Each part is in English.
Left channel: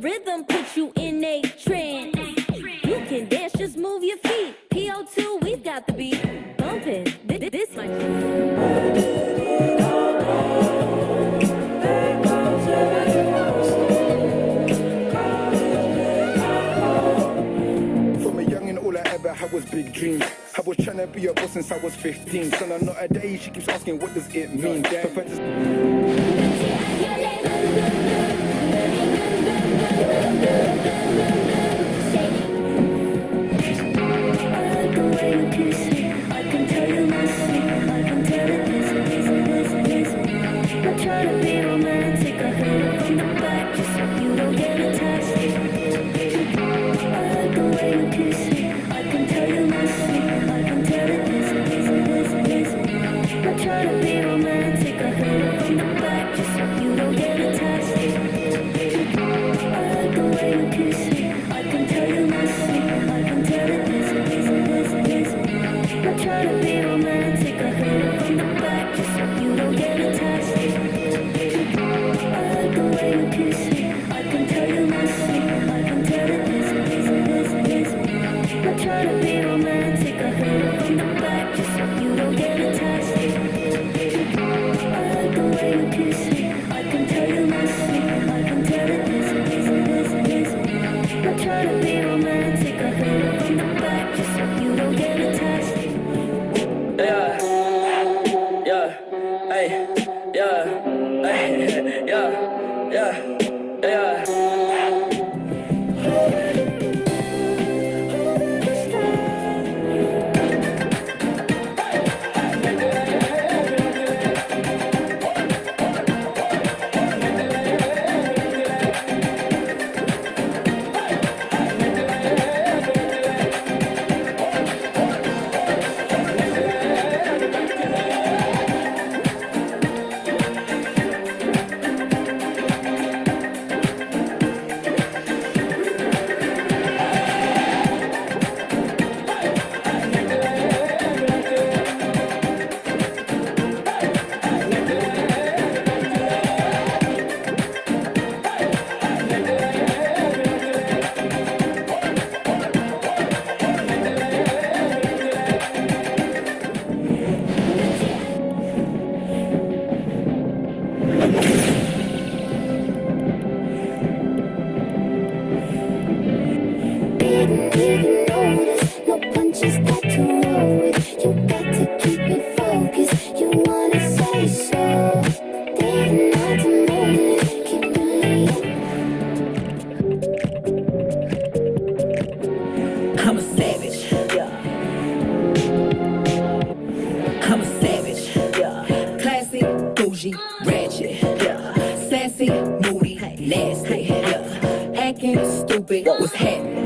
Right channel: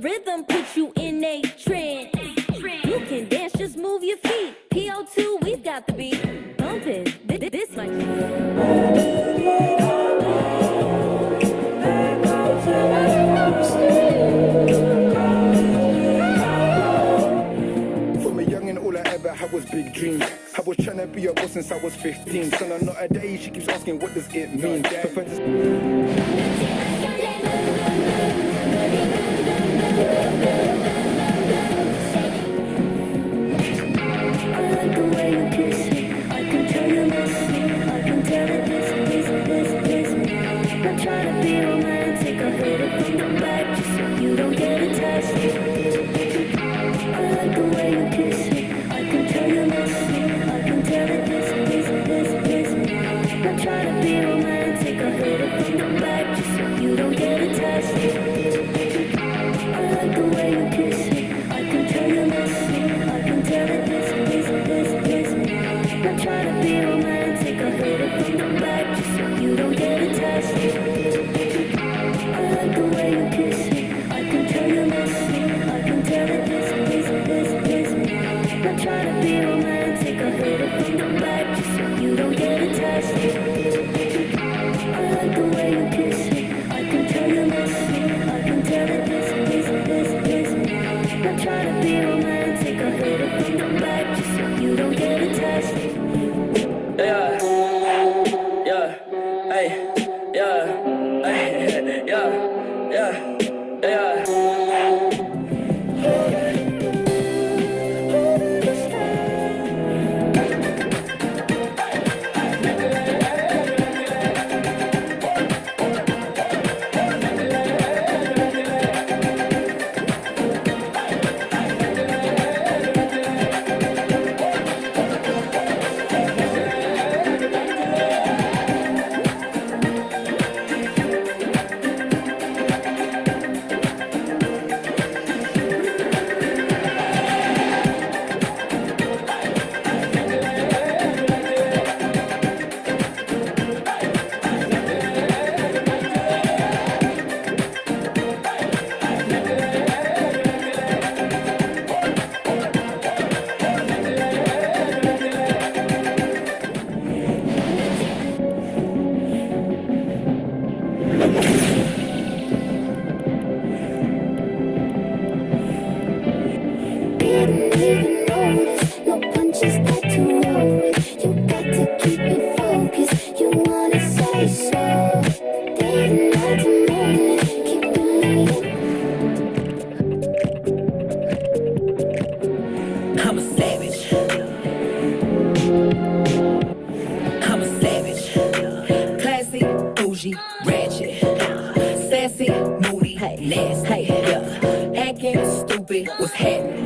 rhythm put you in a trance. You can dance, just move your feet. PO2, we've got the beat bumping. This might. From a young and all I ever had was big dreams. I was trying to be a boss since I was 15. So now not a day, she keeps asking what does it mean. The way you kiss me, I can tell you miss me. I can tell it this. Not trying to be romantic, I hit it from the back just so you don't get attached. I like the way you kiss me, I can tell you miss me. I can tell it this. Not trying to be romantic, I hit it from the back just so you don't get attached. I like the way you kiss me, I can tell you miss me. I can tell it this. Not trying to be romantic, I hit it from the back just so you don't get attached. I like the way you kiss me, I can tell you miss me. I can tell it this. Not trying to be romantic, I hit it from the back just so you don't get attached. I like the way you kiss me, I can tell you miss me. I can tell it this. Not trying to be romantic, I hit it from the back just so you don't get attached. Yeah, hey, yeah. Didn't even notice, no punches got to roll with. You got to keep me focused, you wanna say so. Didn't have to moment, keeping me I'm a savage. I'm a savage. Classy, bougie, ratchet. Sassy, moody, nasty. Acting stupid, what's happening?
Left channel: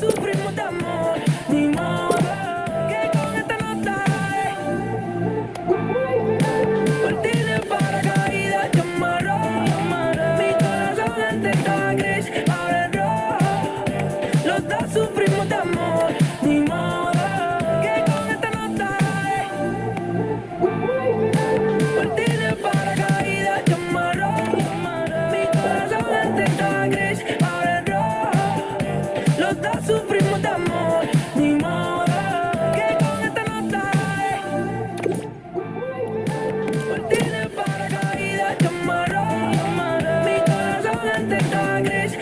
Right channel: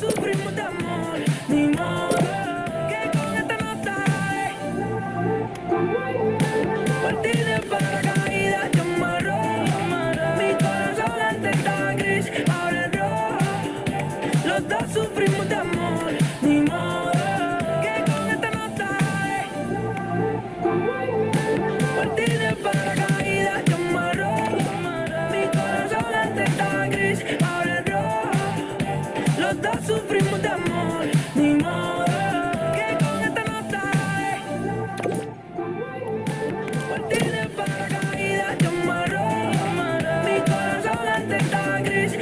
dos sufrimos de amor, ni modo, que con esta nota partir en paracaídas, yo amarro, mi corazón antes estaba gris, ahora es rojo, los dos sufrimos de amor, ni modo, que con esta nota partir en paracaídas, yo amarro, mi corazón antes estaba gris, ahora es rojo, los dos sufrimos de amor, ni modo, que con esta nota partir en paracaídas, yo amarro, mi corazón antes estaba gris.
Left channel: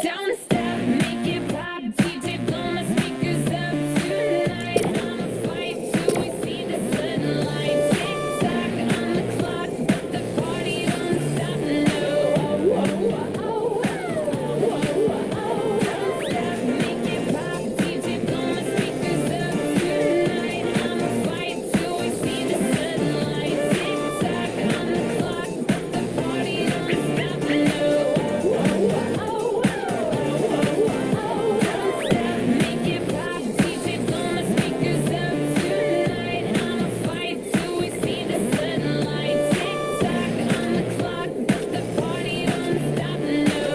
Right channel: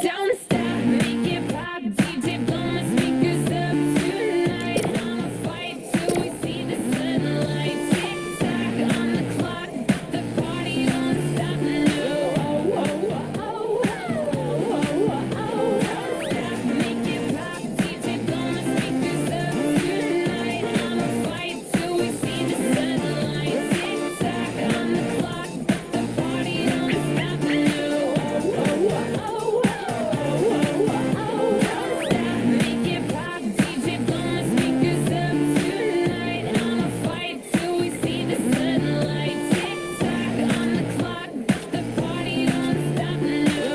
Don't stop, make it pop, DJ blow my speakers up tonight. I'ma fight till we see the sunlight. Tick tock on the clock, but the party don't stop. No. Don't stop, make it pop, DJ blow my speakers up tonight. I'ma fight till we see the sunlight. Tick tock on the clock, but the party don't stop. No. Make it pop, DJ blow my speakers up tonight. I'ma fight till we see the sunlight. Tick tock on the clock, but the party don't stop. No.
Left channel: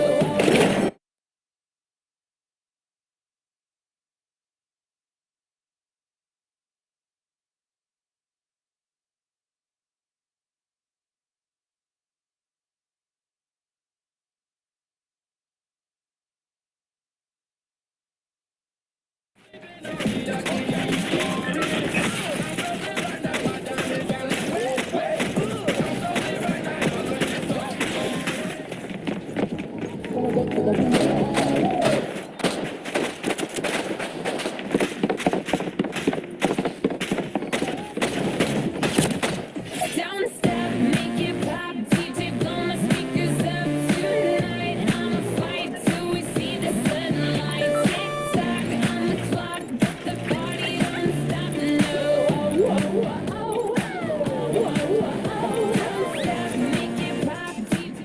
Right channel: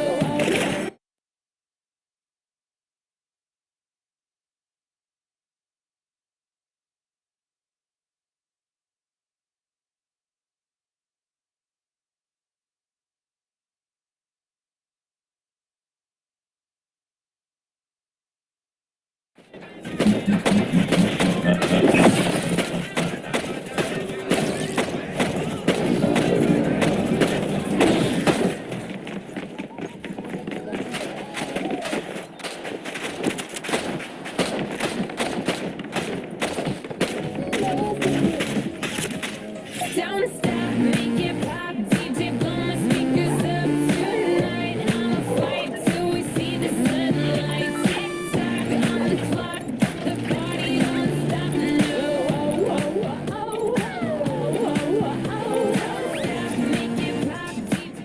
Don't stop, make it pop, DJ blow my speakers up tonight. I'ma fight till we see the sunlight. Tick tock on the clock, but the party don't stop. No. Don't stop, make it pop, DJ.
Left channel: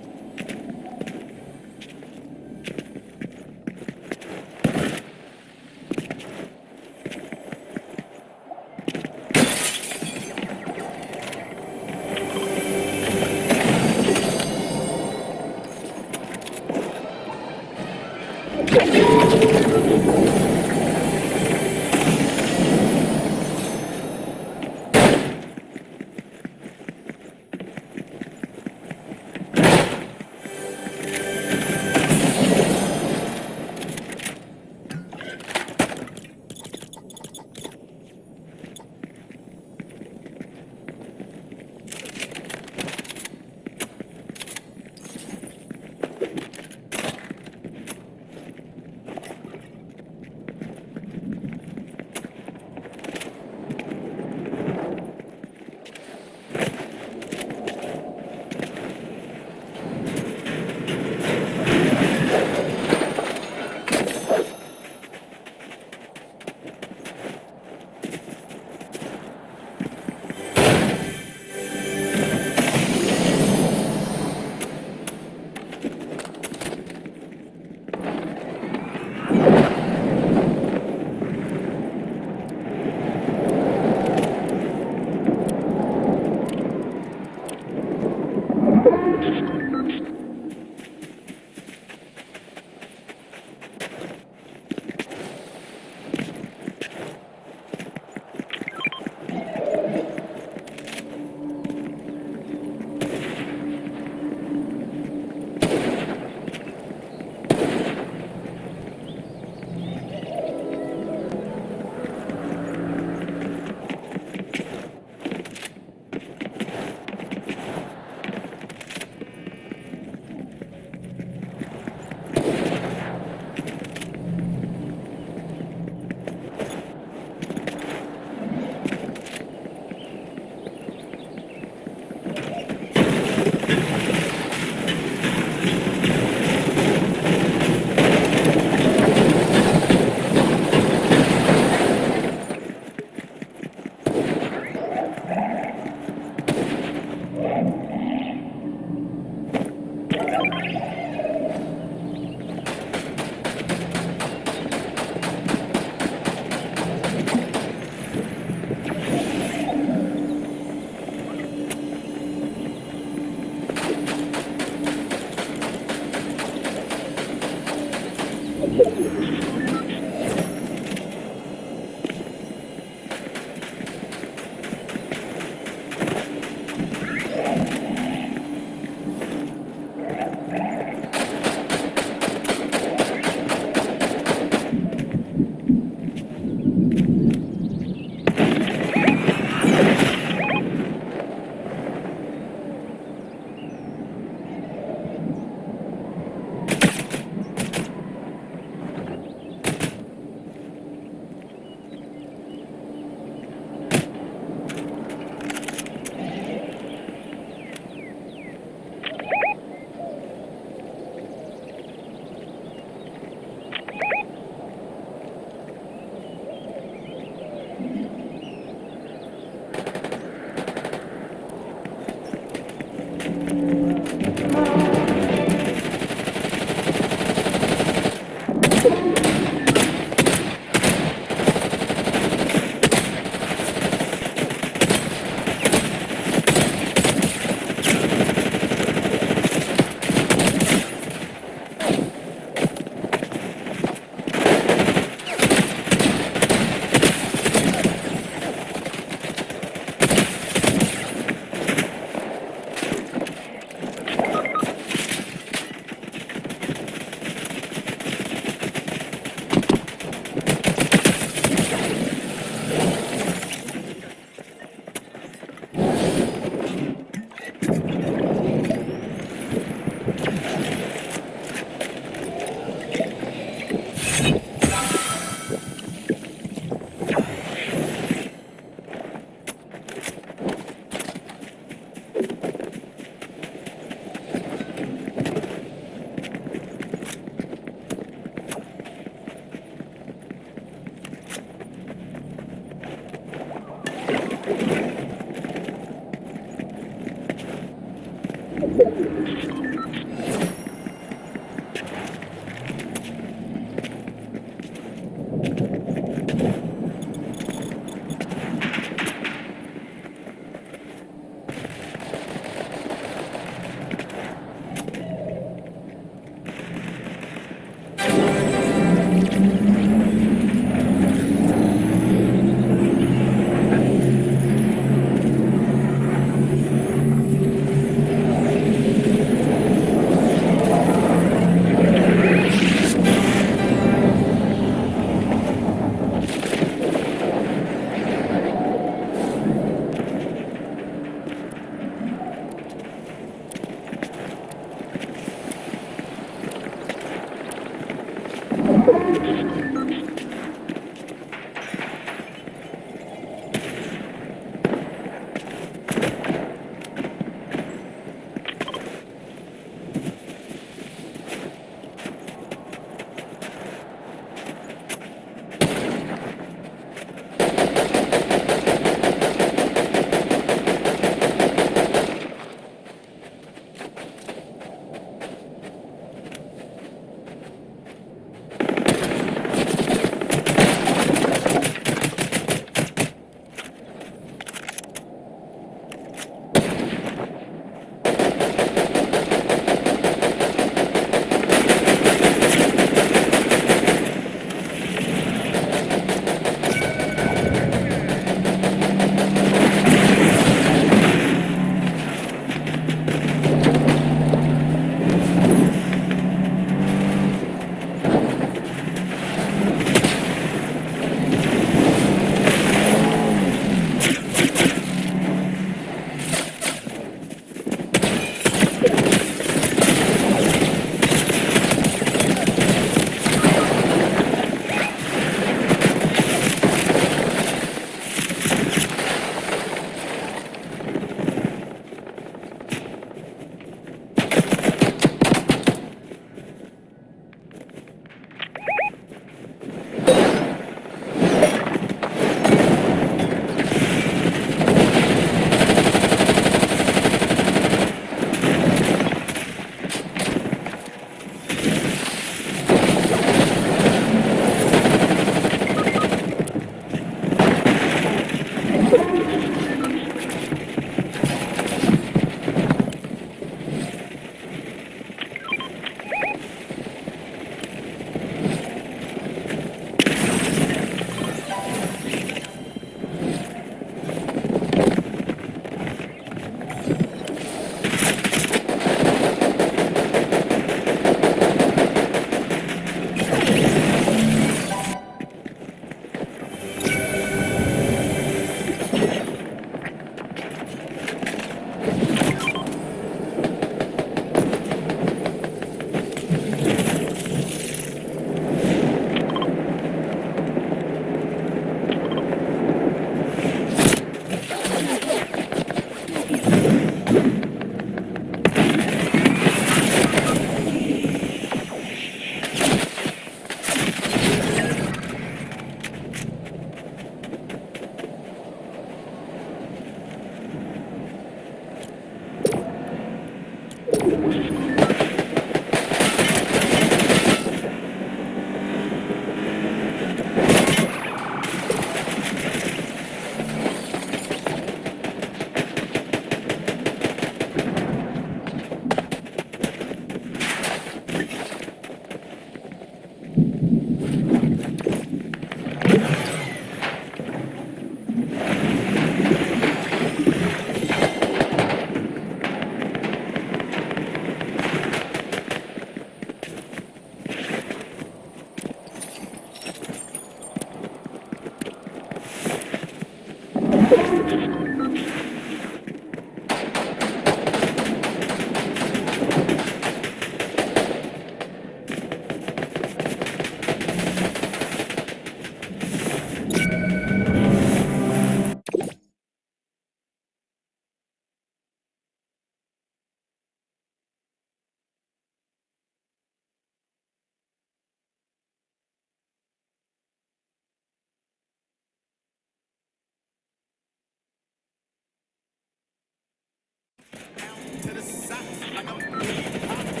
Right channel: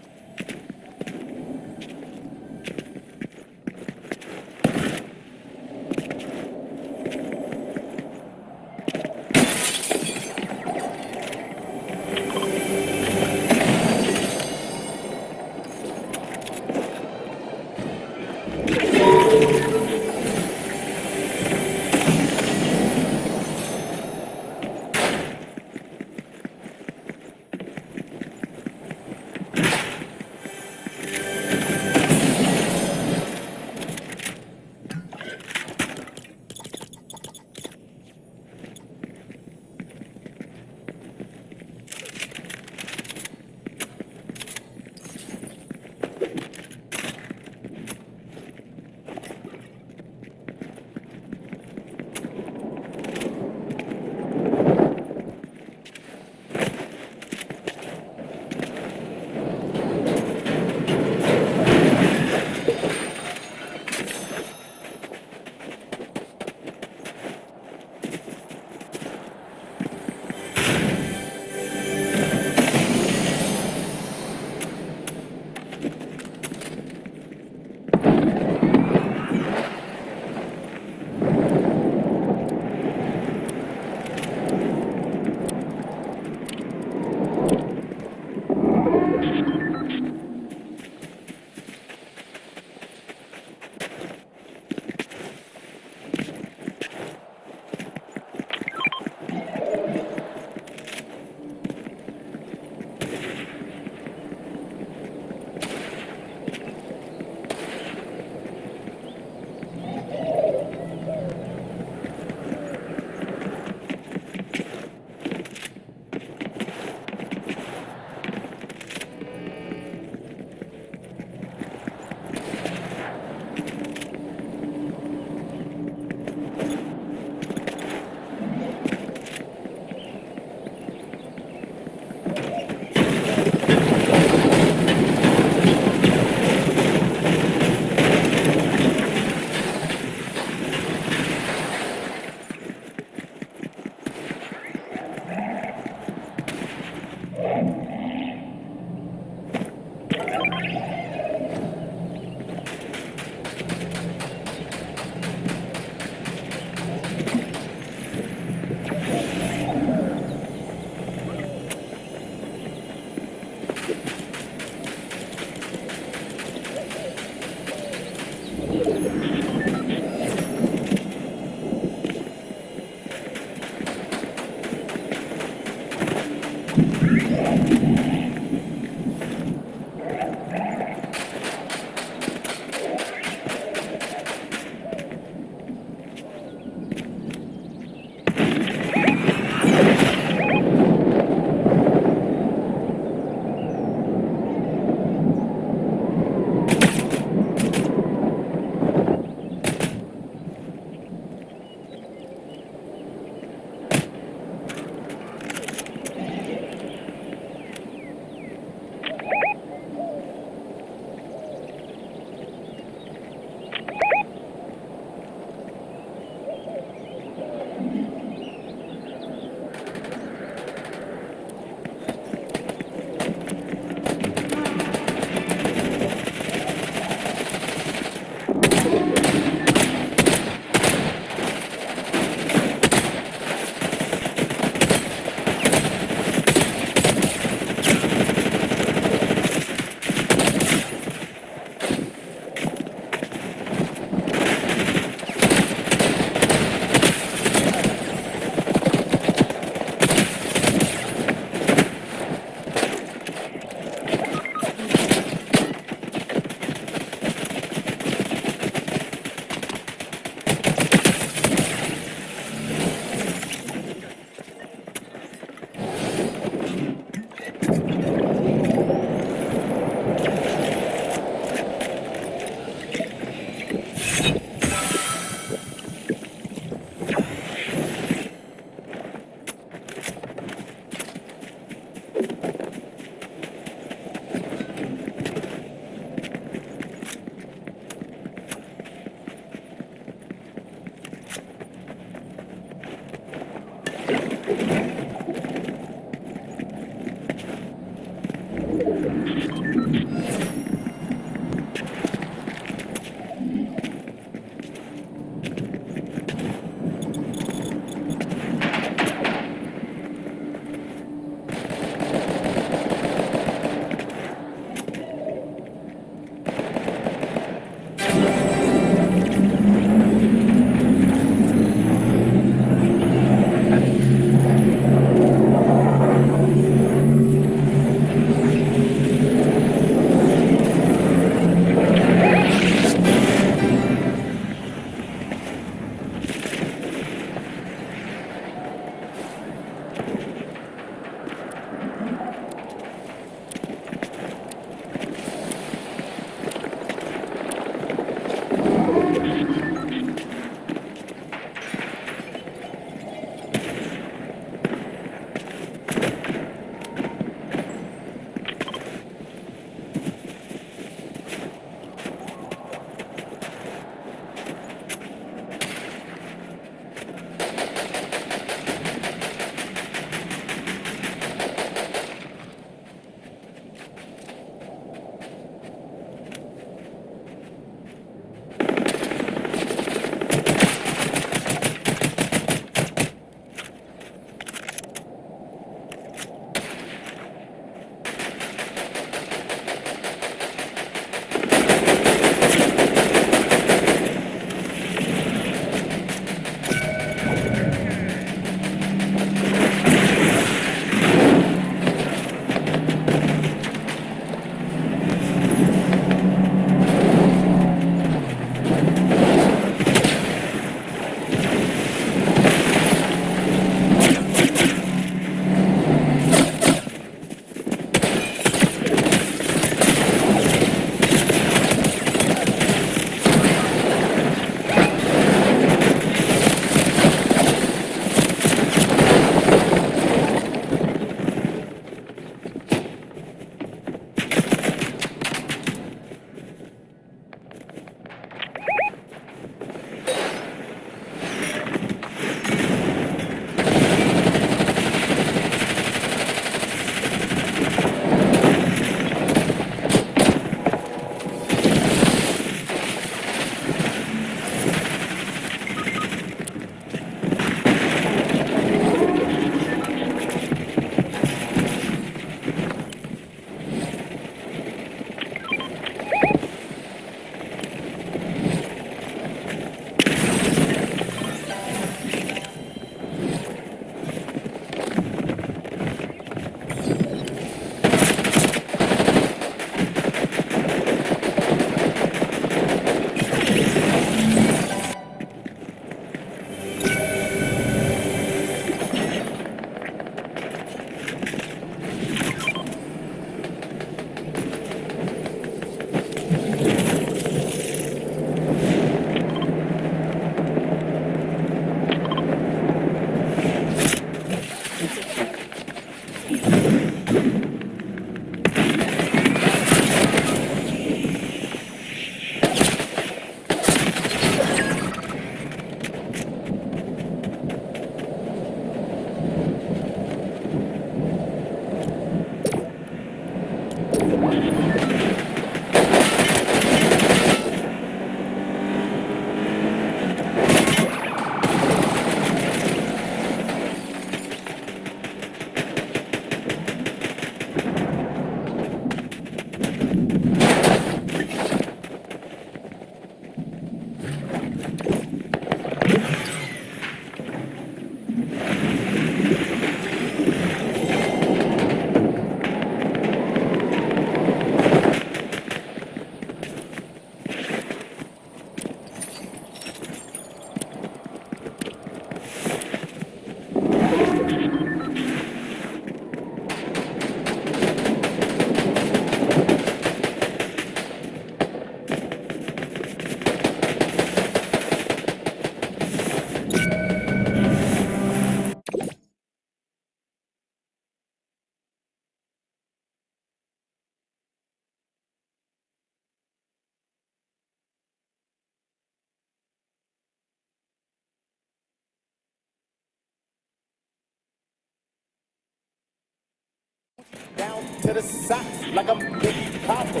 To the socks like I'm Big Papa.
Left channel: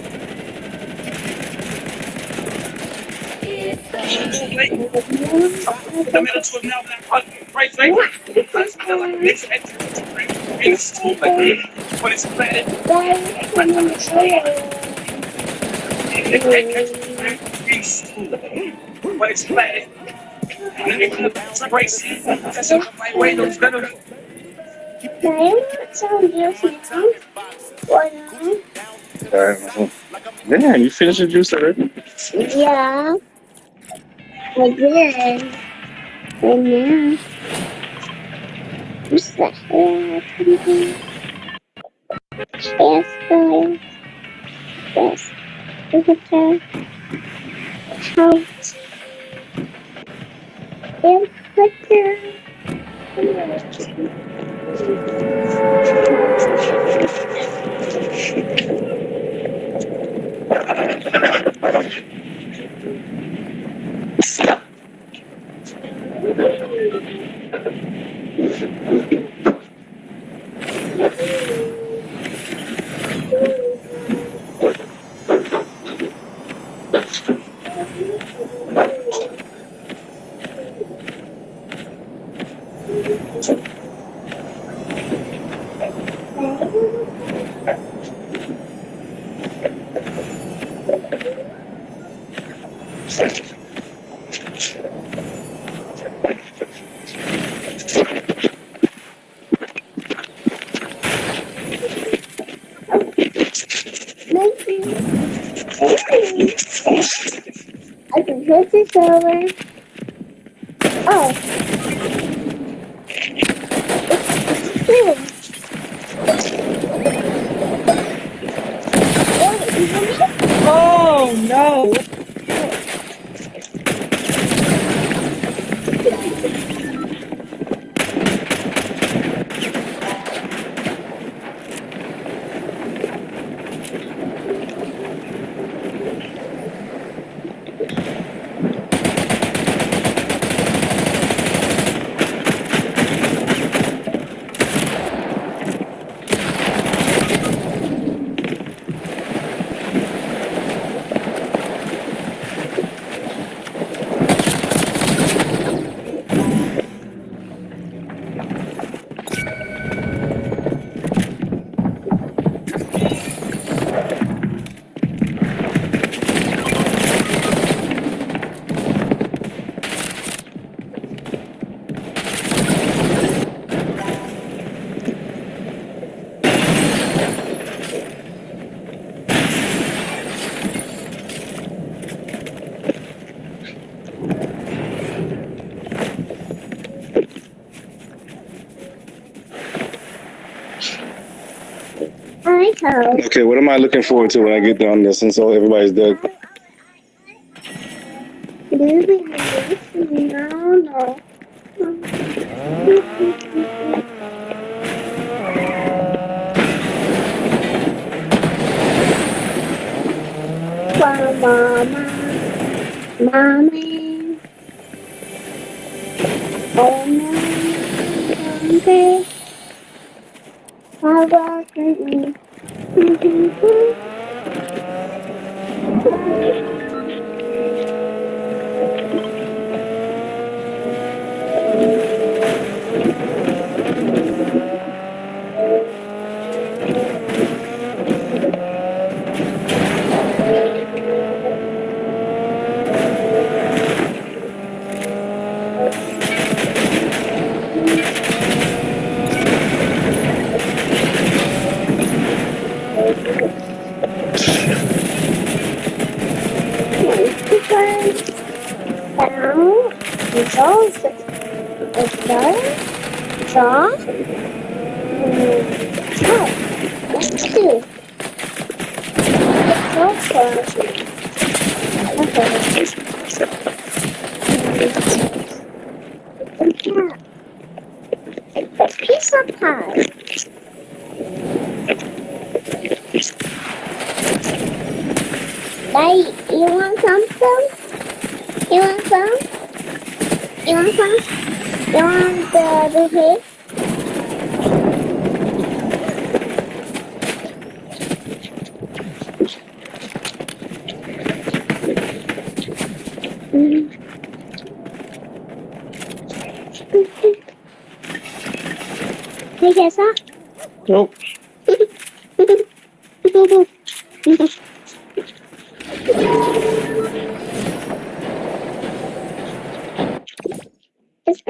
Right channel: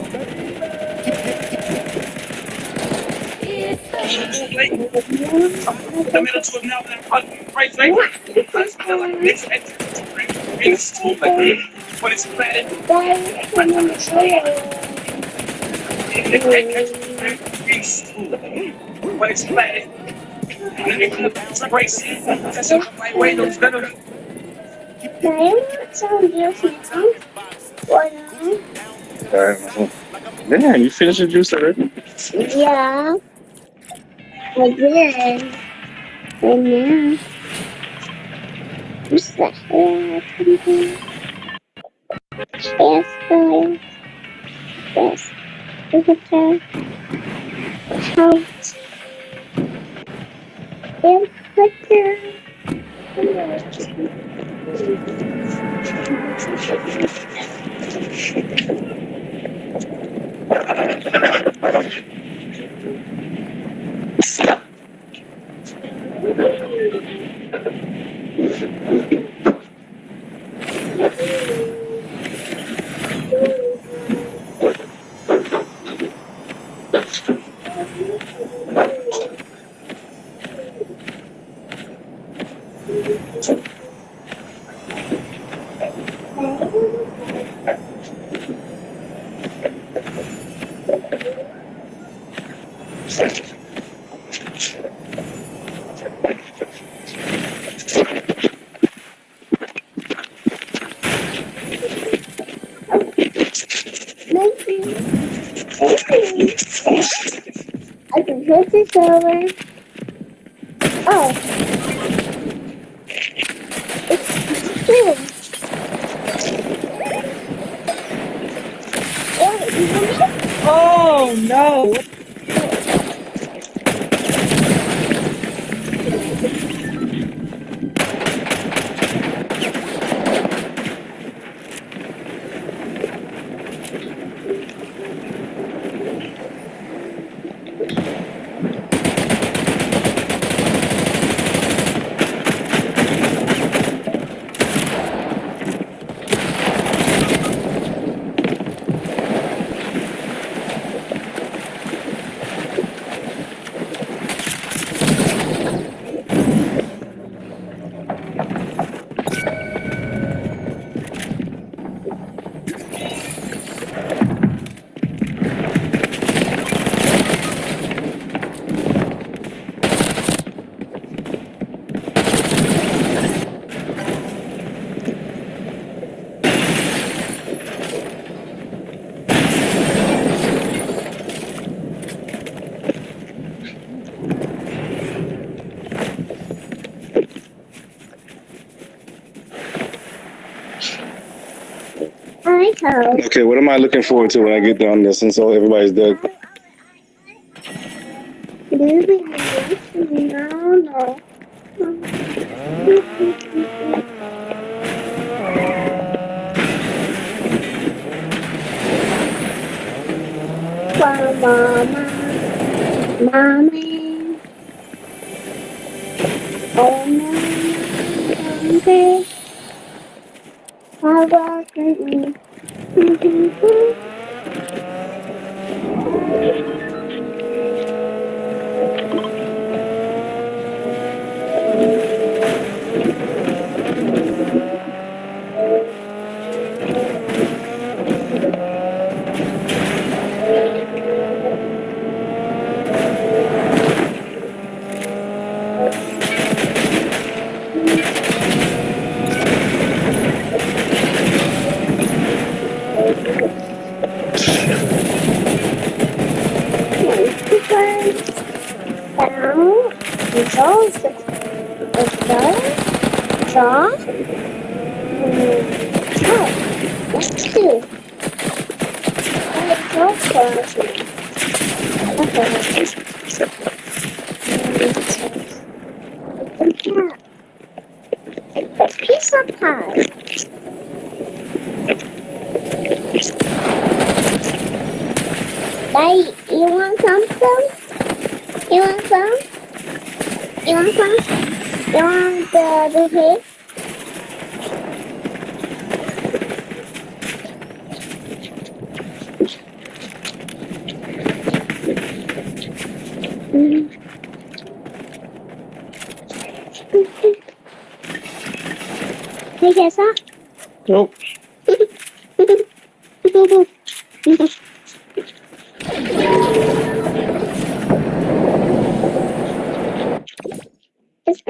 The middle to him now, right, because I like this it's too late, but it's bad. But it's bad. It's crazy. That's my way. Those better. Yeah, you finished your juice already? Yeah, I did. And now, what's the hell? Yes, guys. Yes. Visitor. House. And Twitter. I can put this over. Oh, it's true. Oh no! I hope. Okay, what am I looking forward to when I get done this since everybody's dead? No. Mama, mommy, oh no, okay. How about me? Piece of pie. Daddy, you want something? You want some? You want some? You want the cake? Can you guess that? Nope. It's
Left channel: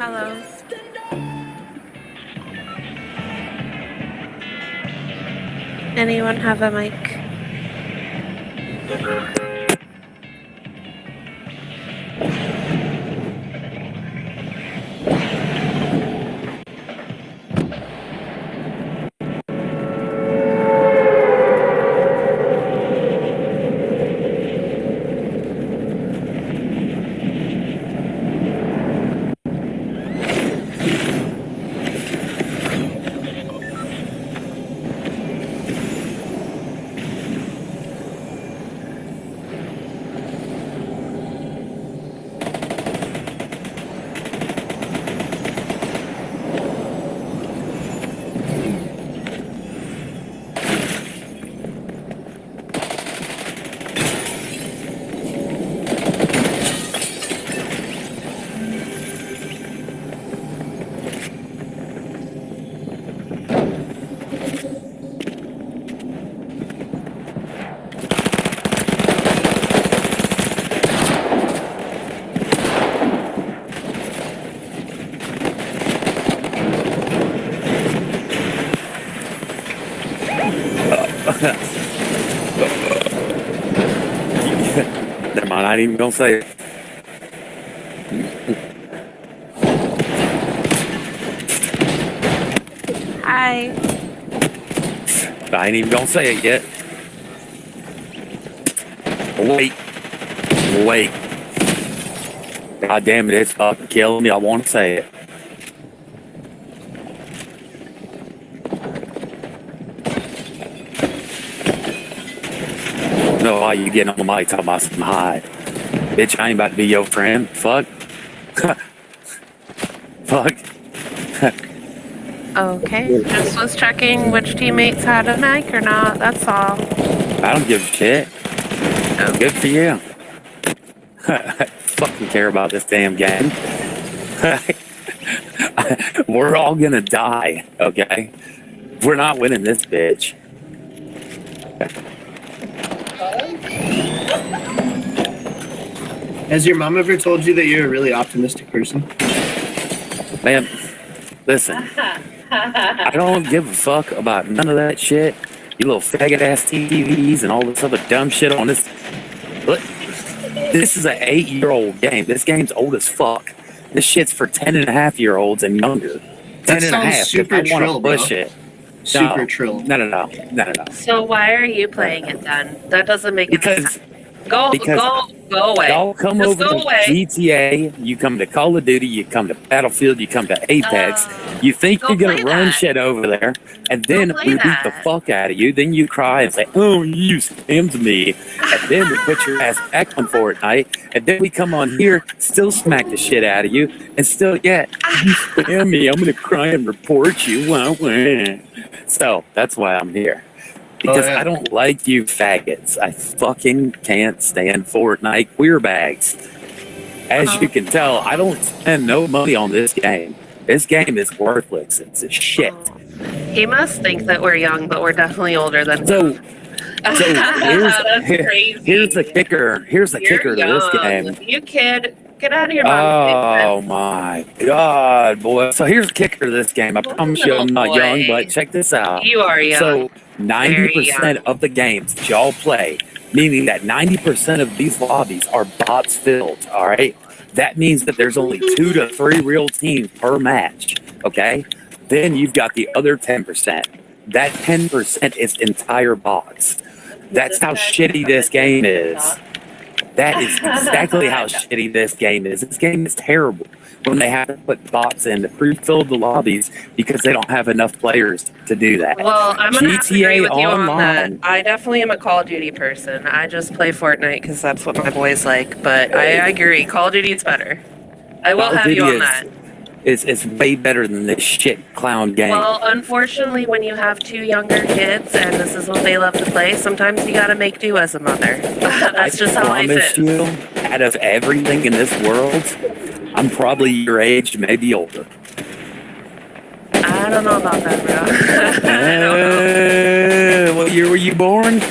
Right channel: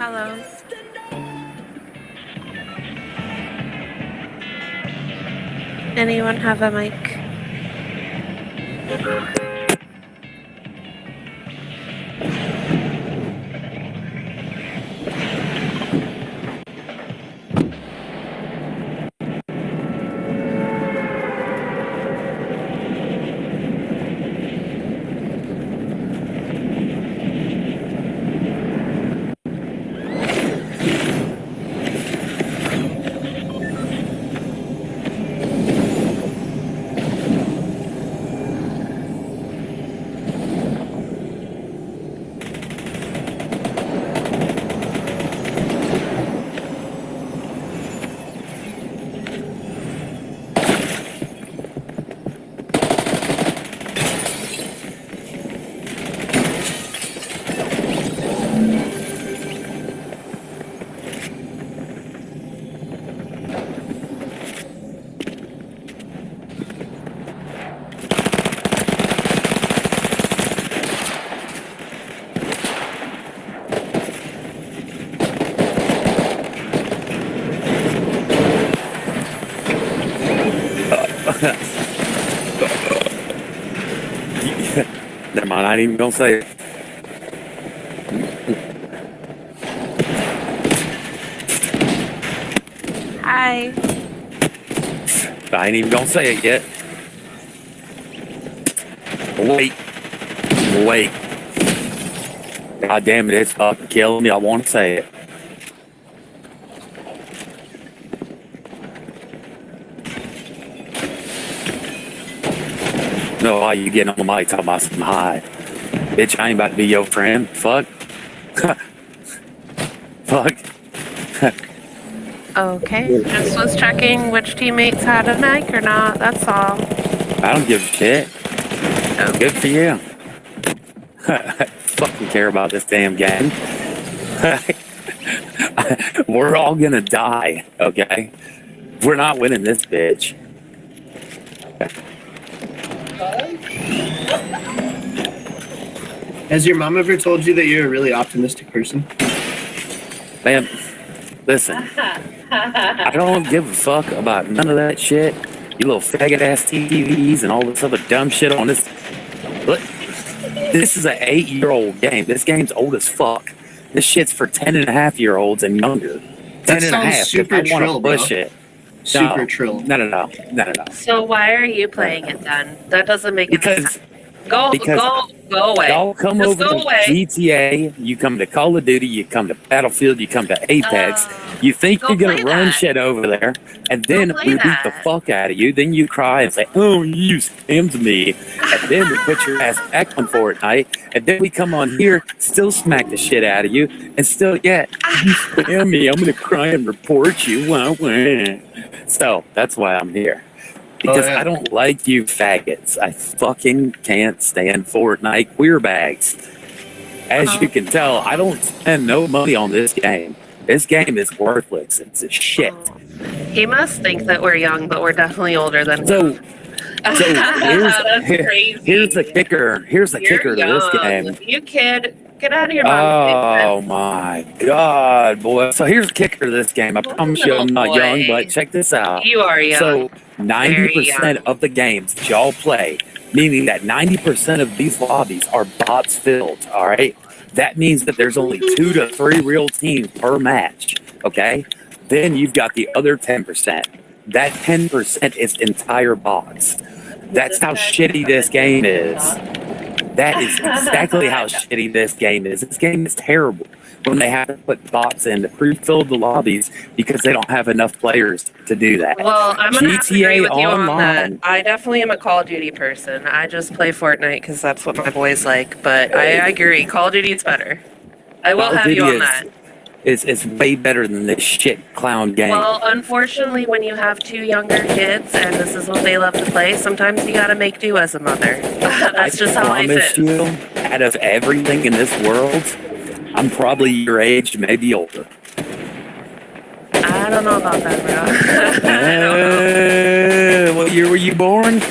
Hello. Anyone have a mic? Never mind, I ain't even gonna say it. Hi. I ain't even gonna say it yet. Wait. God damn it, it's fucking killing me. I want to say it. No, why you getting on the mic talking about some high? Bitch, I ain't about to be your friend. Fuck. Fuck. Okay. Just was checking which teammates had a mic or not. That's all. I don't give a shit. Okay. Good for you. Fucking care about this damn game. We're all gonna die, okay? We're not winning this bitch. Has your mom ever told you that you're a really optimistic person? Man, listen. I don't give a fuck about none of that shit. You little faggot ass TVs and all this other dumb shit on this. Look, this is an 8-year-old game. This game's old as fuck. This shit's for 10.5-year-olds and younger. 10 and a half. Super I want trill, to bro. push it. Super trill. No. So why are you playing it then? That doesn't make any sense. Go away. Y'all come Just over go to away. GTA, you come to Call of Duty, you come to Battlefield, you come to Apex. You think go you're going play to run that. shit over there, and then play we beat the that. fuck out of you. Then you cry and say, oh, you spammed me. And then we put your ass back on Fortnite, and then we come on here, still smack the shit out of you, and still, yeah, you spam me. I'm going to cry and report you. Wah, wah. So that's why I'm here. Because I don't like you faggots. I fucking can't stand Fortnite queer bags. As you can tell, I don't spend no money on this game. This game is worthless. It's a shit. He must think that we're young, but we're definitely older than So That's crazy. here's the kicker. Here's the kicker to this game. You kid, get out of your mom's Oh my god, boy. So here's the kicker to this game. I promise you I'm not young, but check this out. You are young. So Very 90% young. of the games that y'all play, meaning that 90% of these lobbies are bots filled, all right? That means that there's only 2 to 3 real teams per match, okay? Then you've got the other 10%. That 10% is entire bots. That's how shitty this game is. That is exactly how shitty this game is. This game is terrible when they have to put bots in to pre-fill the lobbies because they don't have enough players to do that. Well, I'm going to have to agree with you on Online. that. I definitely am a Call of Duty person. I just play Fortnite because that's what my boys like. But I agree. Call of Duty is better. I will Call of have you Duty on is- that. It's way better than this shit clown game. Well, unfortunately, when you have 2 younger kids and this is what they love to play, sometimes you got to make do as a mother. That's just how life promise is. you, out of everything in this world, I'm probably your age, maybe older. I don't know about that, bro. I don't know. What year were you born?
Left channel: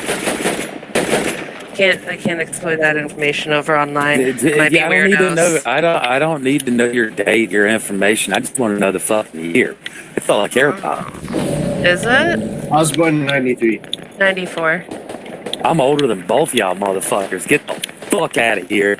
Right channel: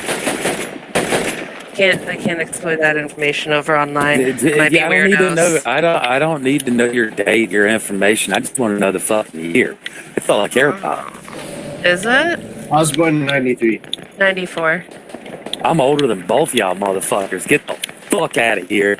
I can't exploit that information over online. Might be I don't need to weirdos. know. I don't need to know your date, your information. I just want to know the fucking year. That's all I care about. Is it? I was born in 93. 94. I'm older than both y'all motherfuckers. Get the fuck out of here.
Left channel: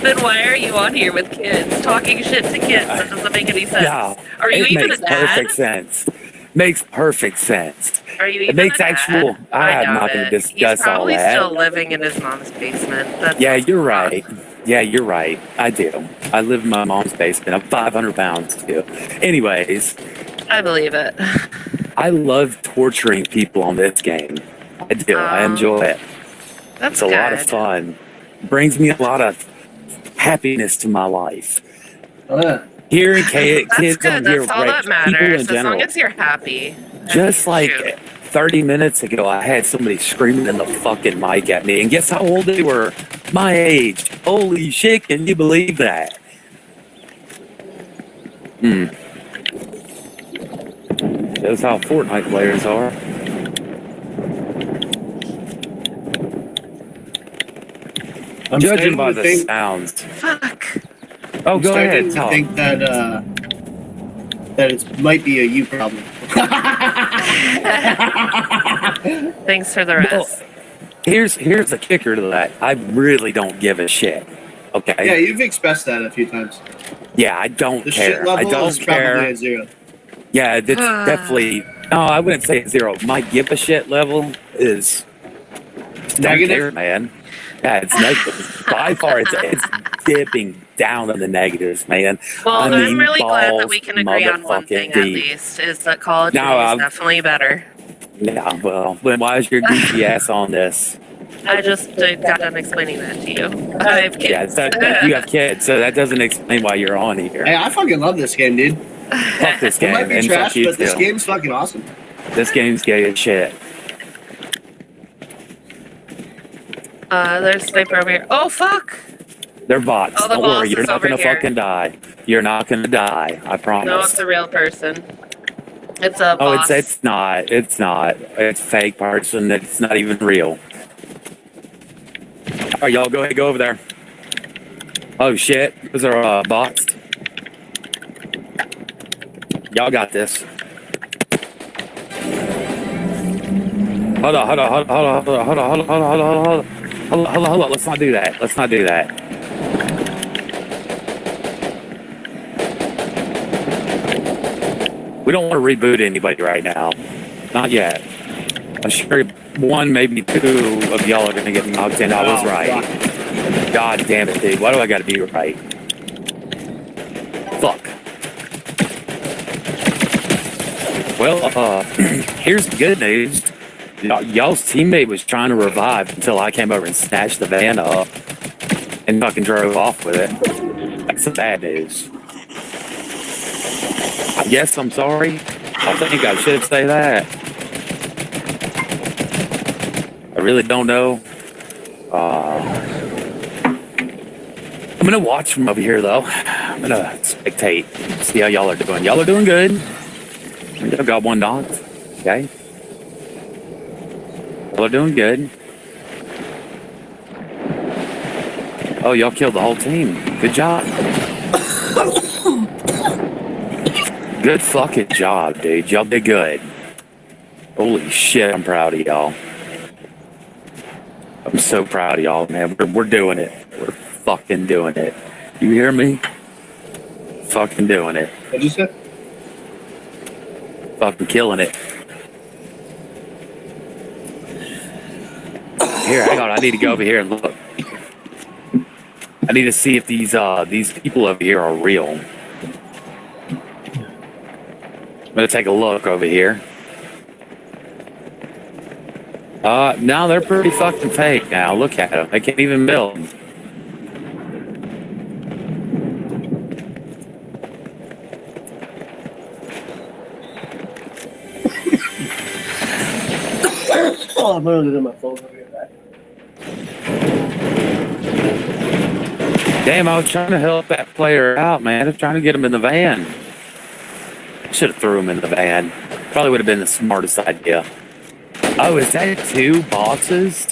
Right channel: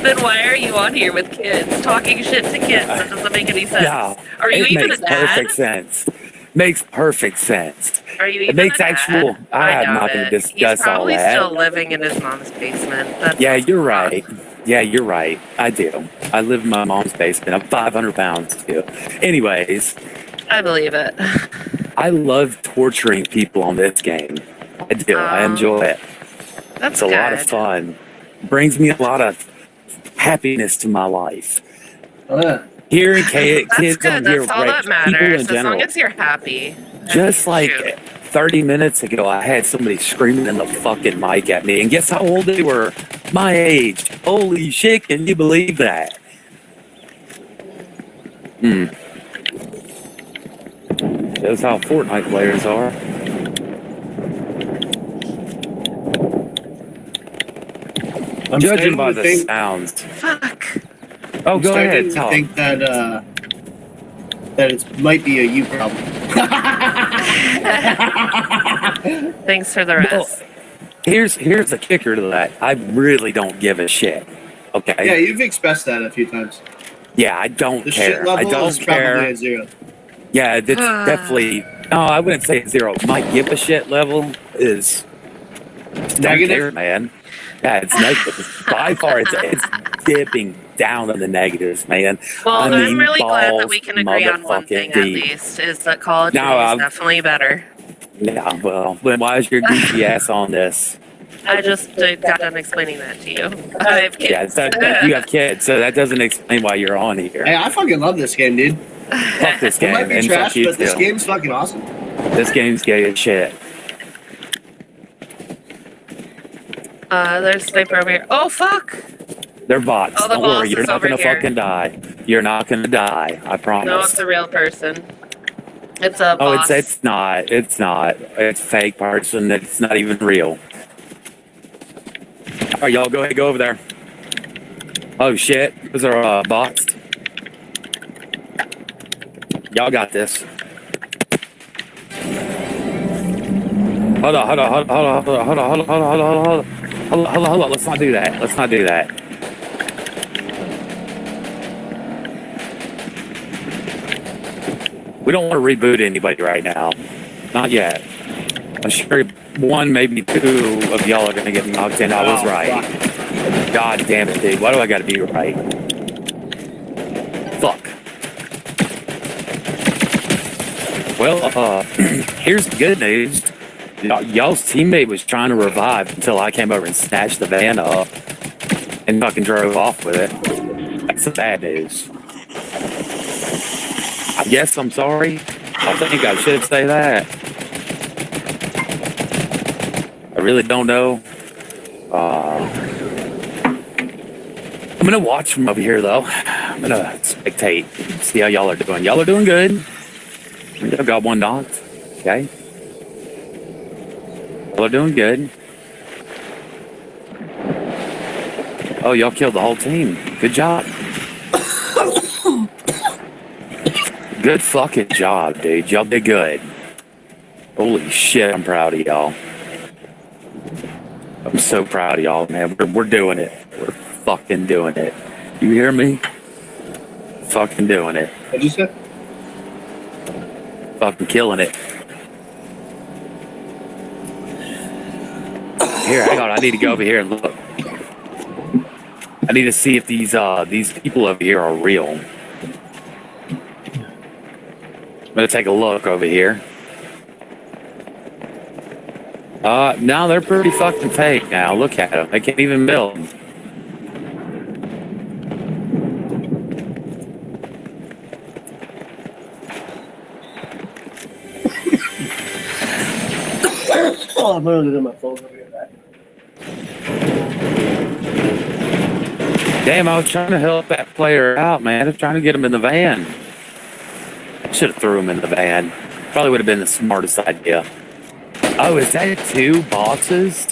Then why are you on here with kids? Talking shit to kids? That doesn't make any sense. Yeah, Are you it even a makes dad? perfect sense. Makes perfect sense. Are you It even makes a dad? actual. I'm doubt not going it. to discuss He's probably all that. still living in his mom's basement. That's Yeah, you're right. Yeah, you're right. I do. I live in my mom's basement. I'm 500 pounds too. Anyways, I believe it. I love torturing people on this game. I do. I enjoy it. That's It's a lot of good. fun. Brings me a lot of happiness to my life. Oh, Hearing That's kids good. on here, That's all that people matters. in As general. long as you're happy. Just like Shoot. 30 minutes ago, I had somebody screaming in the fucking mic at me. And guess how old they were? My age. Holy shit, can you believe that? Shows how Fortnite players are. I'm Judging starting by to the think, sounds. Fuck. Oh, I'm go starting ahead. to Talk. think that it might be a you problem. Thanks for the rest. Well, here's the kicker to that. I really don't give a shit. Okay. Yeah, you've expressed that a few times. Yeah, I don't The shit care. I level don't is probably care. a 0. Yeah, it's definitely. No, I wouldn't say 0. My give a shit level is don't Negative? care, man. Yeah, it's negative. By far, it's dipping down in the negatives, man. Well, I I'm mean, really glad that we balls can agree on one thing motherfucking at deep. least, is that Call of No, Duty is I'm- definitely better. Yeah, well, then why is your goofy ass on this? I just got done explaining that to you. I have kids. Yeah, you have kids, so that doesn't explain why you're on here. Hey, I fucking love this game, dude. Fuck this It game, might be and trash, fuck you but this too. game's fucking awesome. This game's gay as shit. There's a sniper over here. Oh, fuck! They're bots. Oh, the Don't worry, boss you're is not over gonna here. fucking die. You're not gonna die. I promise. No, it's a real person. It's a Oh, boss. it's not. It's not. It's a fake person. It's not even real. All right, y'all go ahead, go over there. Oh shit, those are bots. Y'all got this. Hold on. Let's not do that. Let's not do that. We don't want to reboot anybody right now. Not yet. I'm sure one, maybe two of y'all are going to get knocked in. I was right. God damn it, dude. Why do I got to be right? Fuck. Well, here's the good news. Y'all's teammate was trying to revive until I came over and snatched the van up and fucking drove off with it. That's the bad news. I guess I'm sorry. I think I should say that. I really don't know. I'm gonna watch from over here though. I'm gonna spectate, see how y'all are doing. Y'all are doing good. I've got one knocked. Okay. Y'all are doing good. Oh, y'all killed the whole team. Good job. Good fucking job, dude. Y'all did good. Holy shit, I'm proud of y'all. I'm so proud of y'all, man. We're doing it. We're fucking doing it. You hear me? Fucking doing it. What'd you say? Fucking killing it. Here, hang on. I need to go over here and look. I need to see if these people over here are real. I'm gonna take a look over here. No, they're pretty fucking fake now. Look at them. They can't even build. Oh, I'm gonna do my phone over here. Damn, I was trying to help that player out, man. I was trying to get him in the van. Should have threw him in the van. Probably would have been the smartest idea. Oh, is that 2 bosses?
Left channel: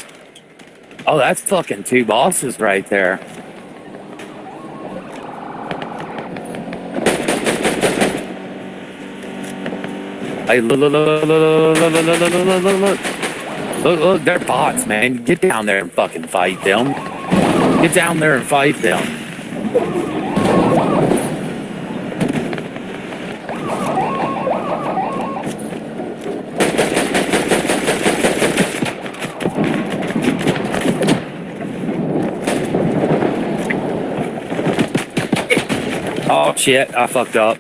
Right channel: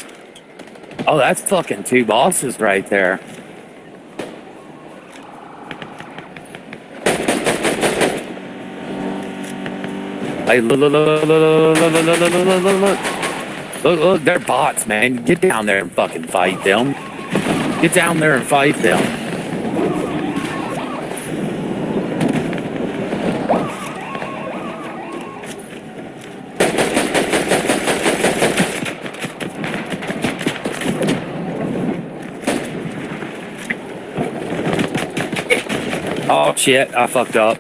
Oh, that's fucking 2 bosses right there. Hey, look, they're bots, man. Get down there and fucking fight them. Get down there and fight them. Oh shit, I fucked up.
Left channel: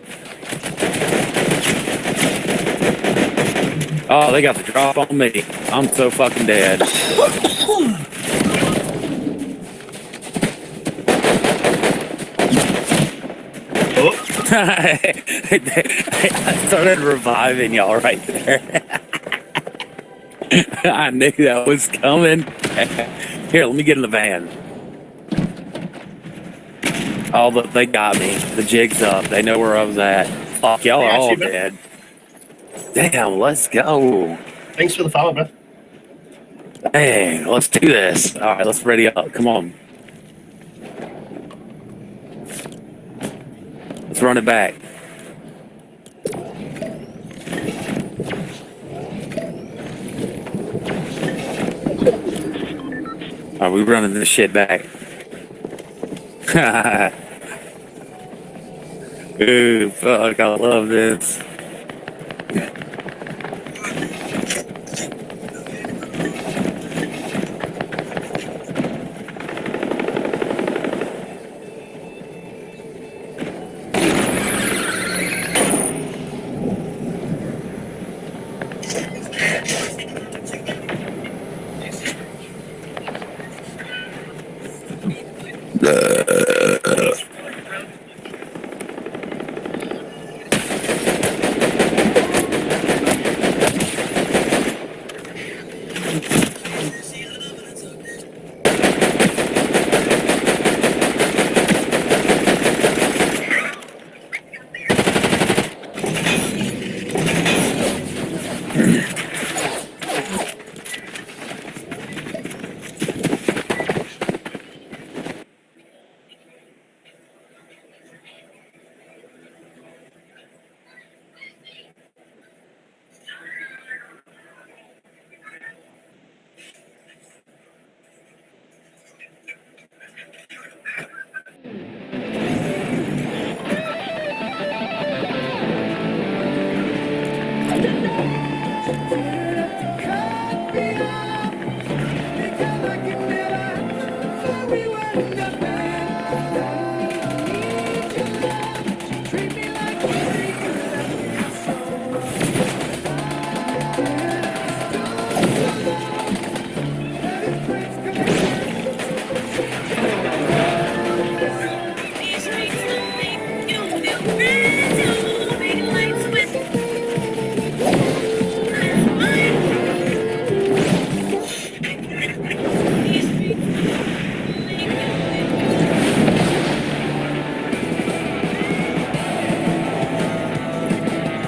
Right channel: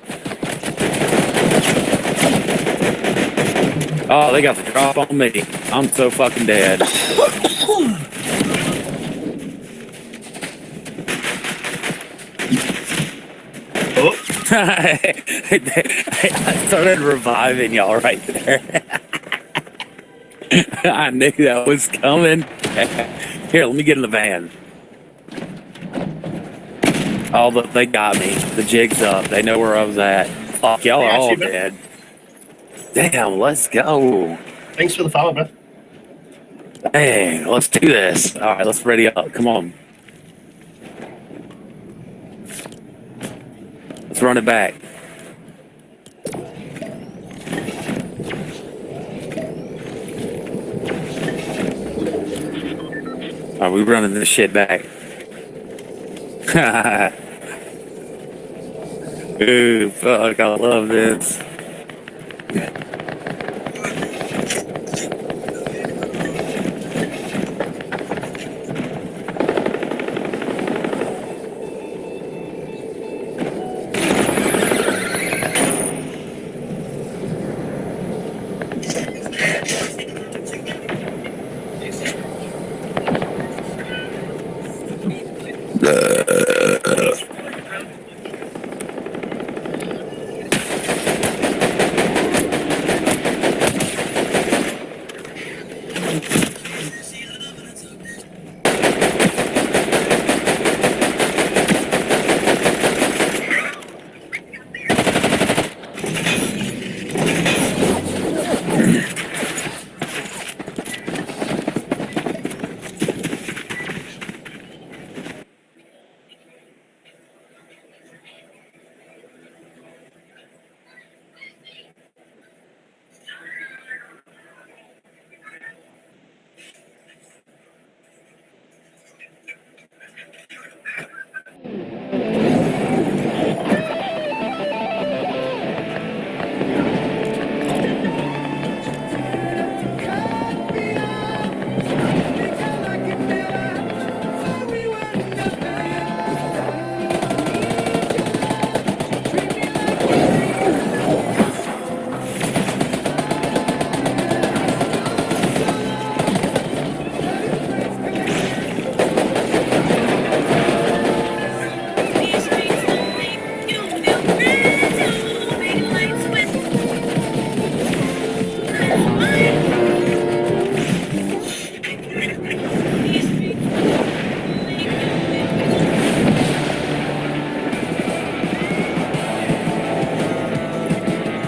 Oh, they got the drop on me. I'm so fucking dead. I started reviving y'all right there. I knew that was coming. Here, let me get in the van. Oh, look, they got me. The jig's up. They know where I was at. Fuck, y'all are all dead. Damn, let's go. Thanks for the follow, man. Dang, let's do this. All right, let's ready up. Come on. Let's run it back. All right, we're running this shit back. Ooh, fuck, I love this.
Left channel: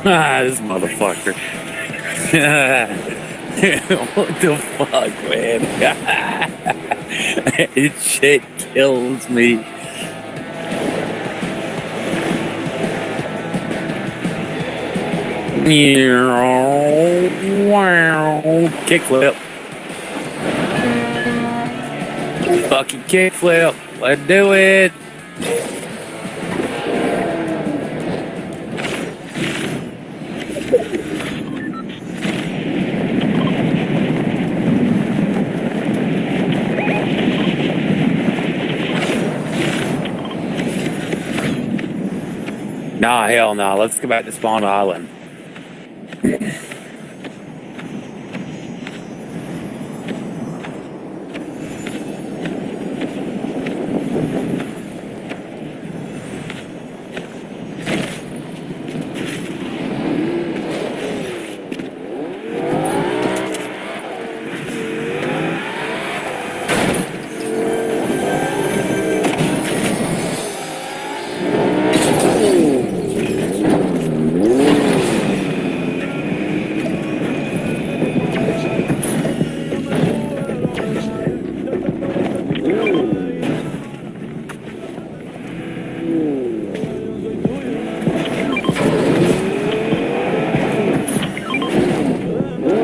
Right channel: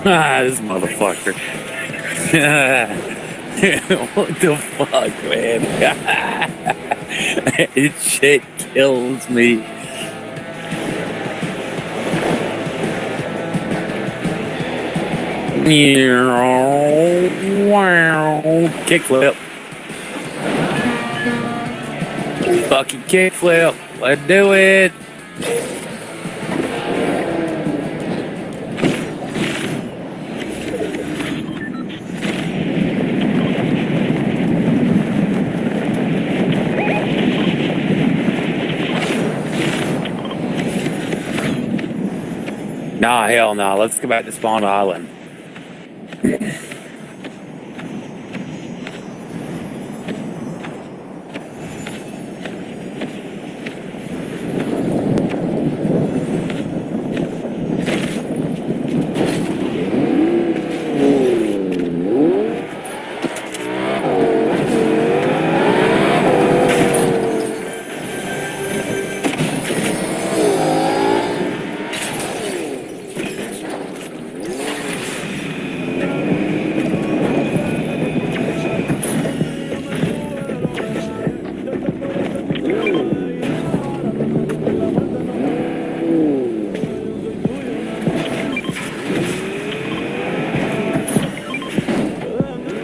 This motherfucker. What the fuck, man? It shit kills me. Wow. Kickflip. Fucking kickflip. Let's do it. Nah, hell no. Let's go back to Spawn Island.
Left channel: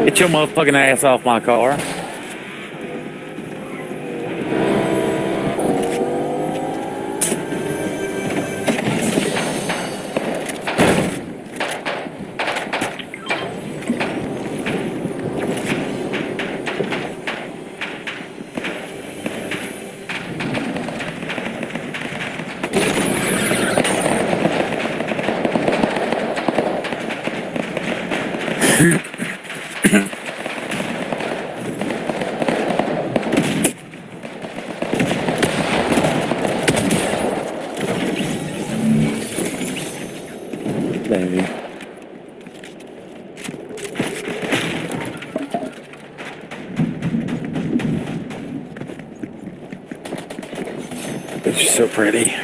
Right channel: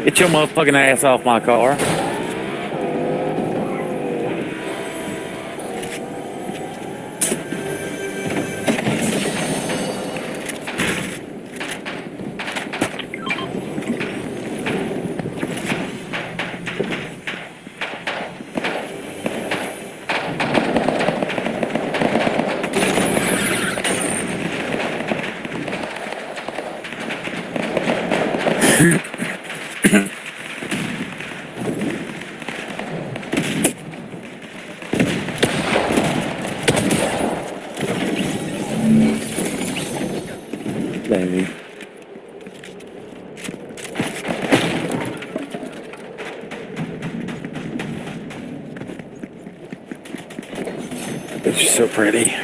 Get your motherfucking ass off my car. Baby. You're so pretty.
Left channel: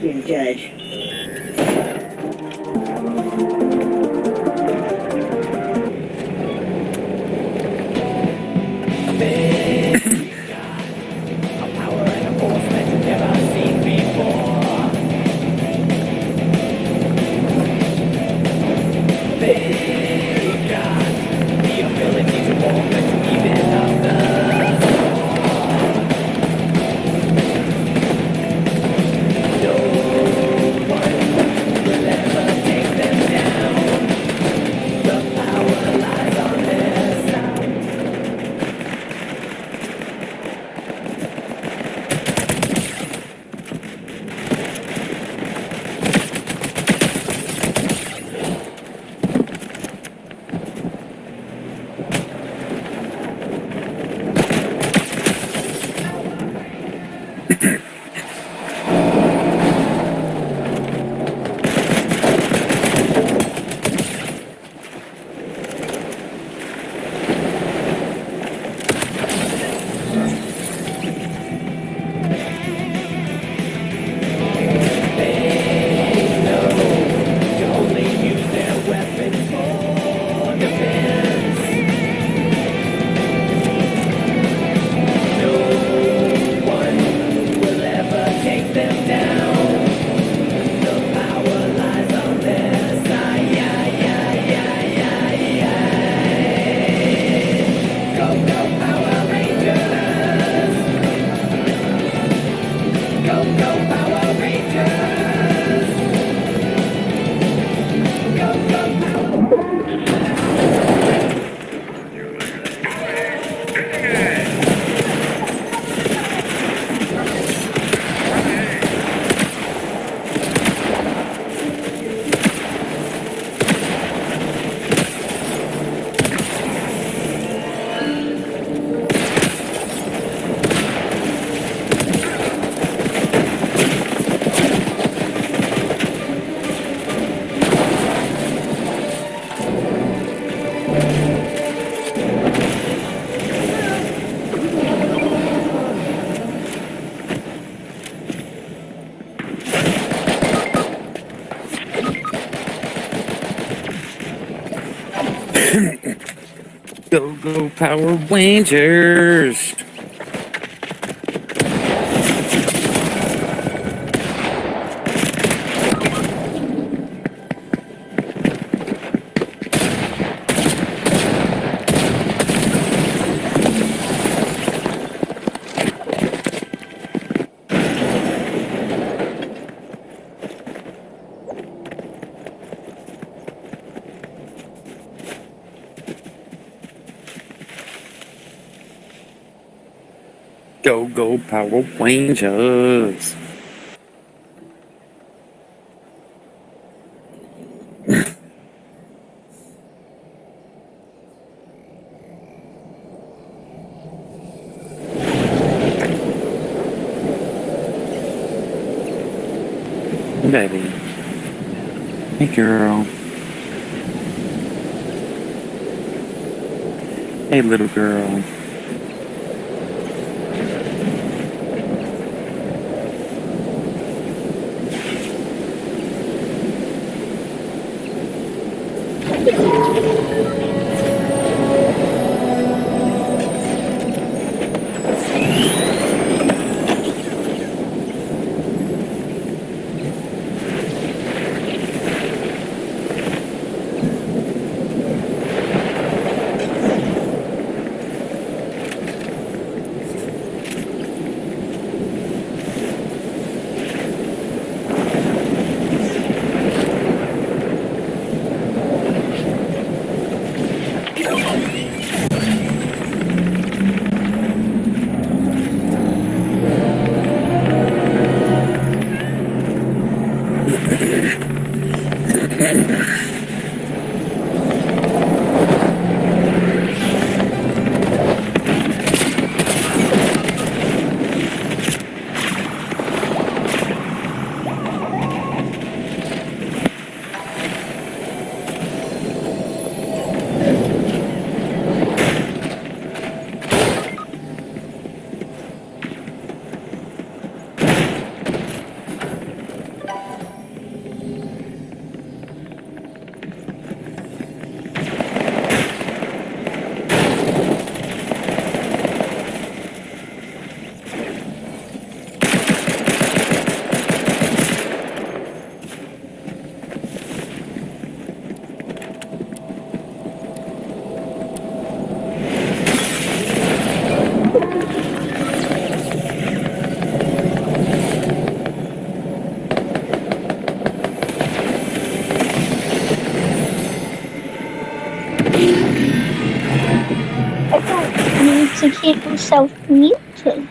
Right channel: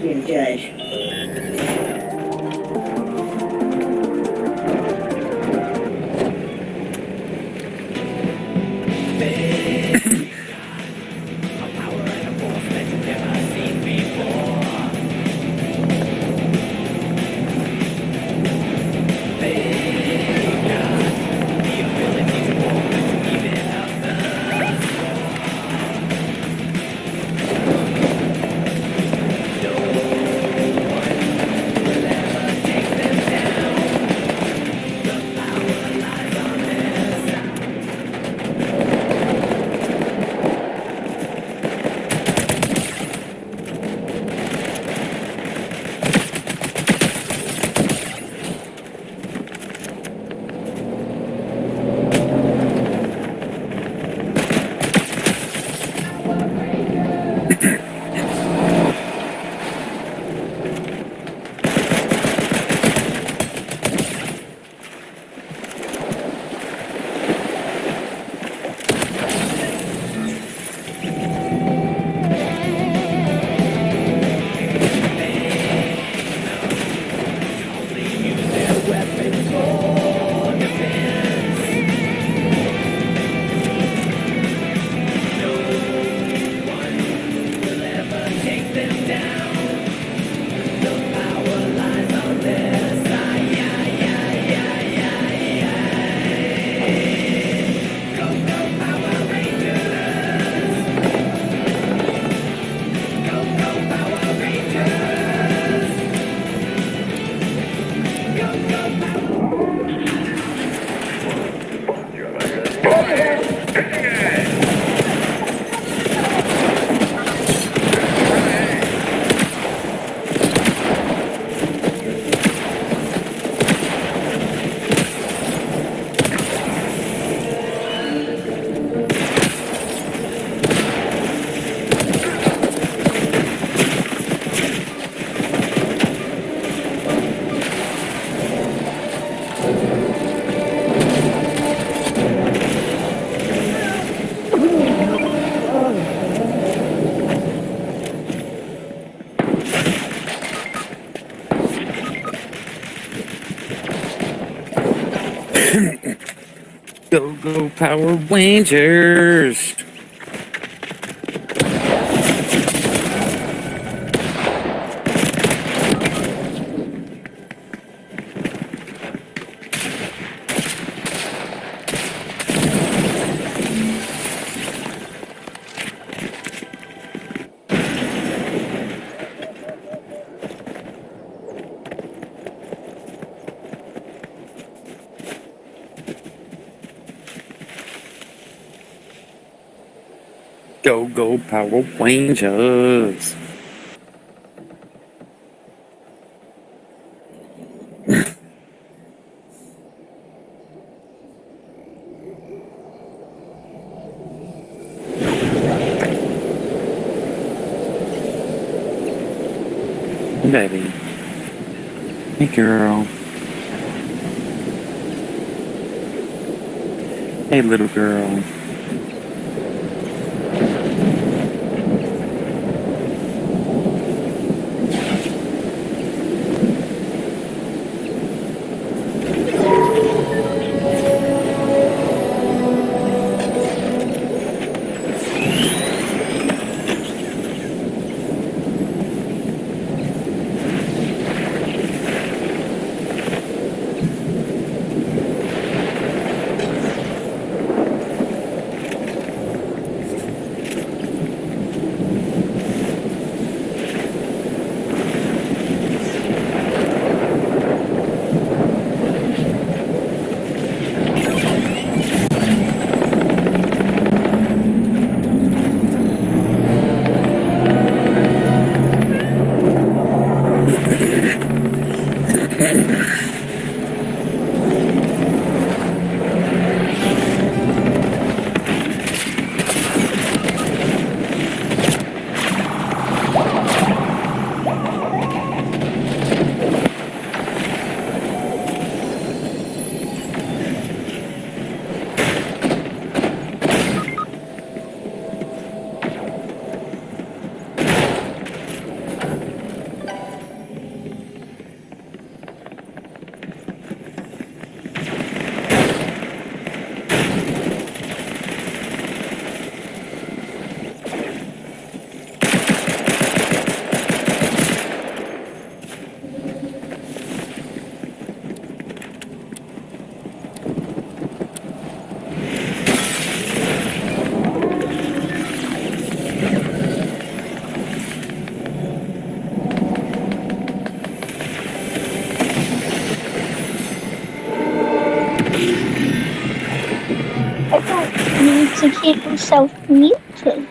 Being judged. Go, go, Power Rangers! Go, go, Power Rangers! Baby. Hey, girl. Hey, little girl. Need to keep yourself muted.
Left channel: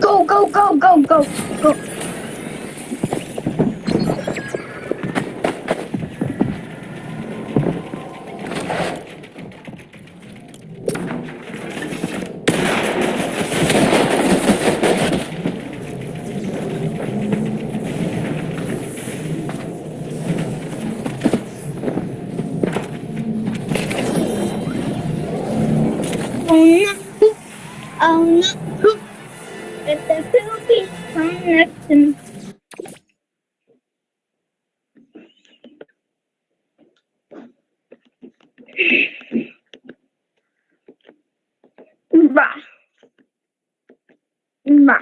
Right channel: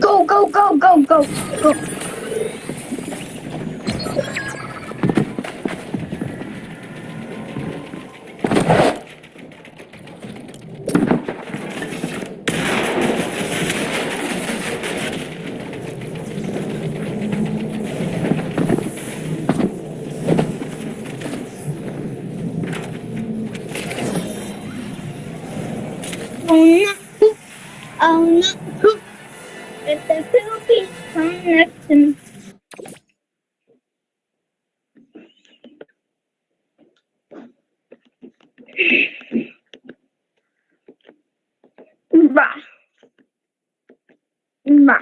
Go, go, go, go, go, go. Oh no. Oh no. It's the Philippines come next to me. Va. Va.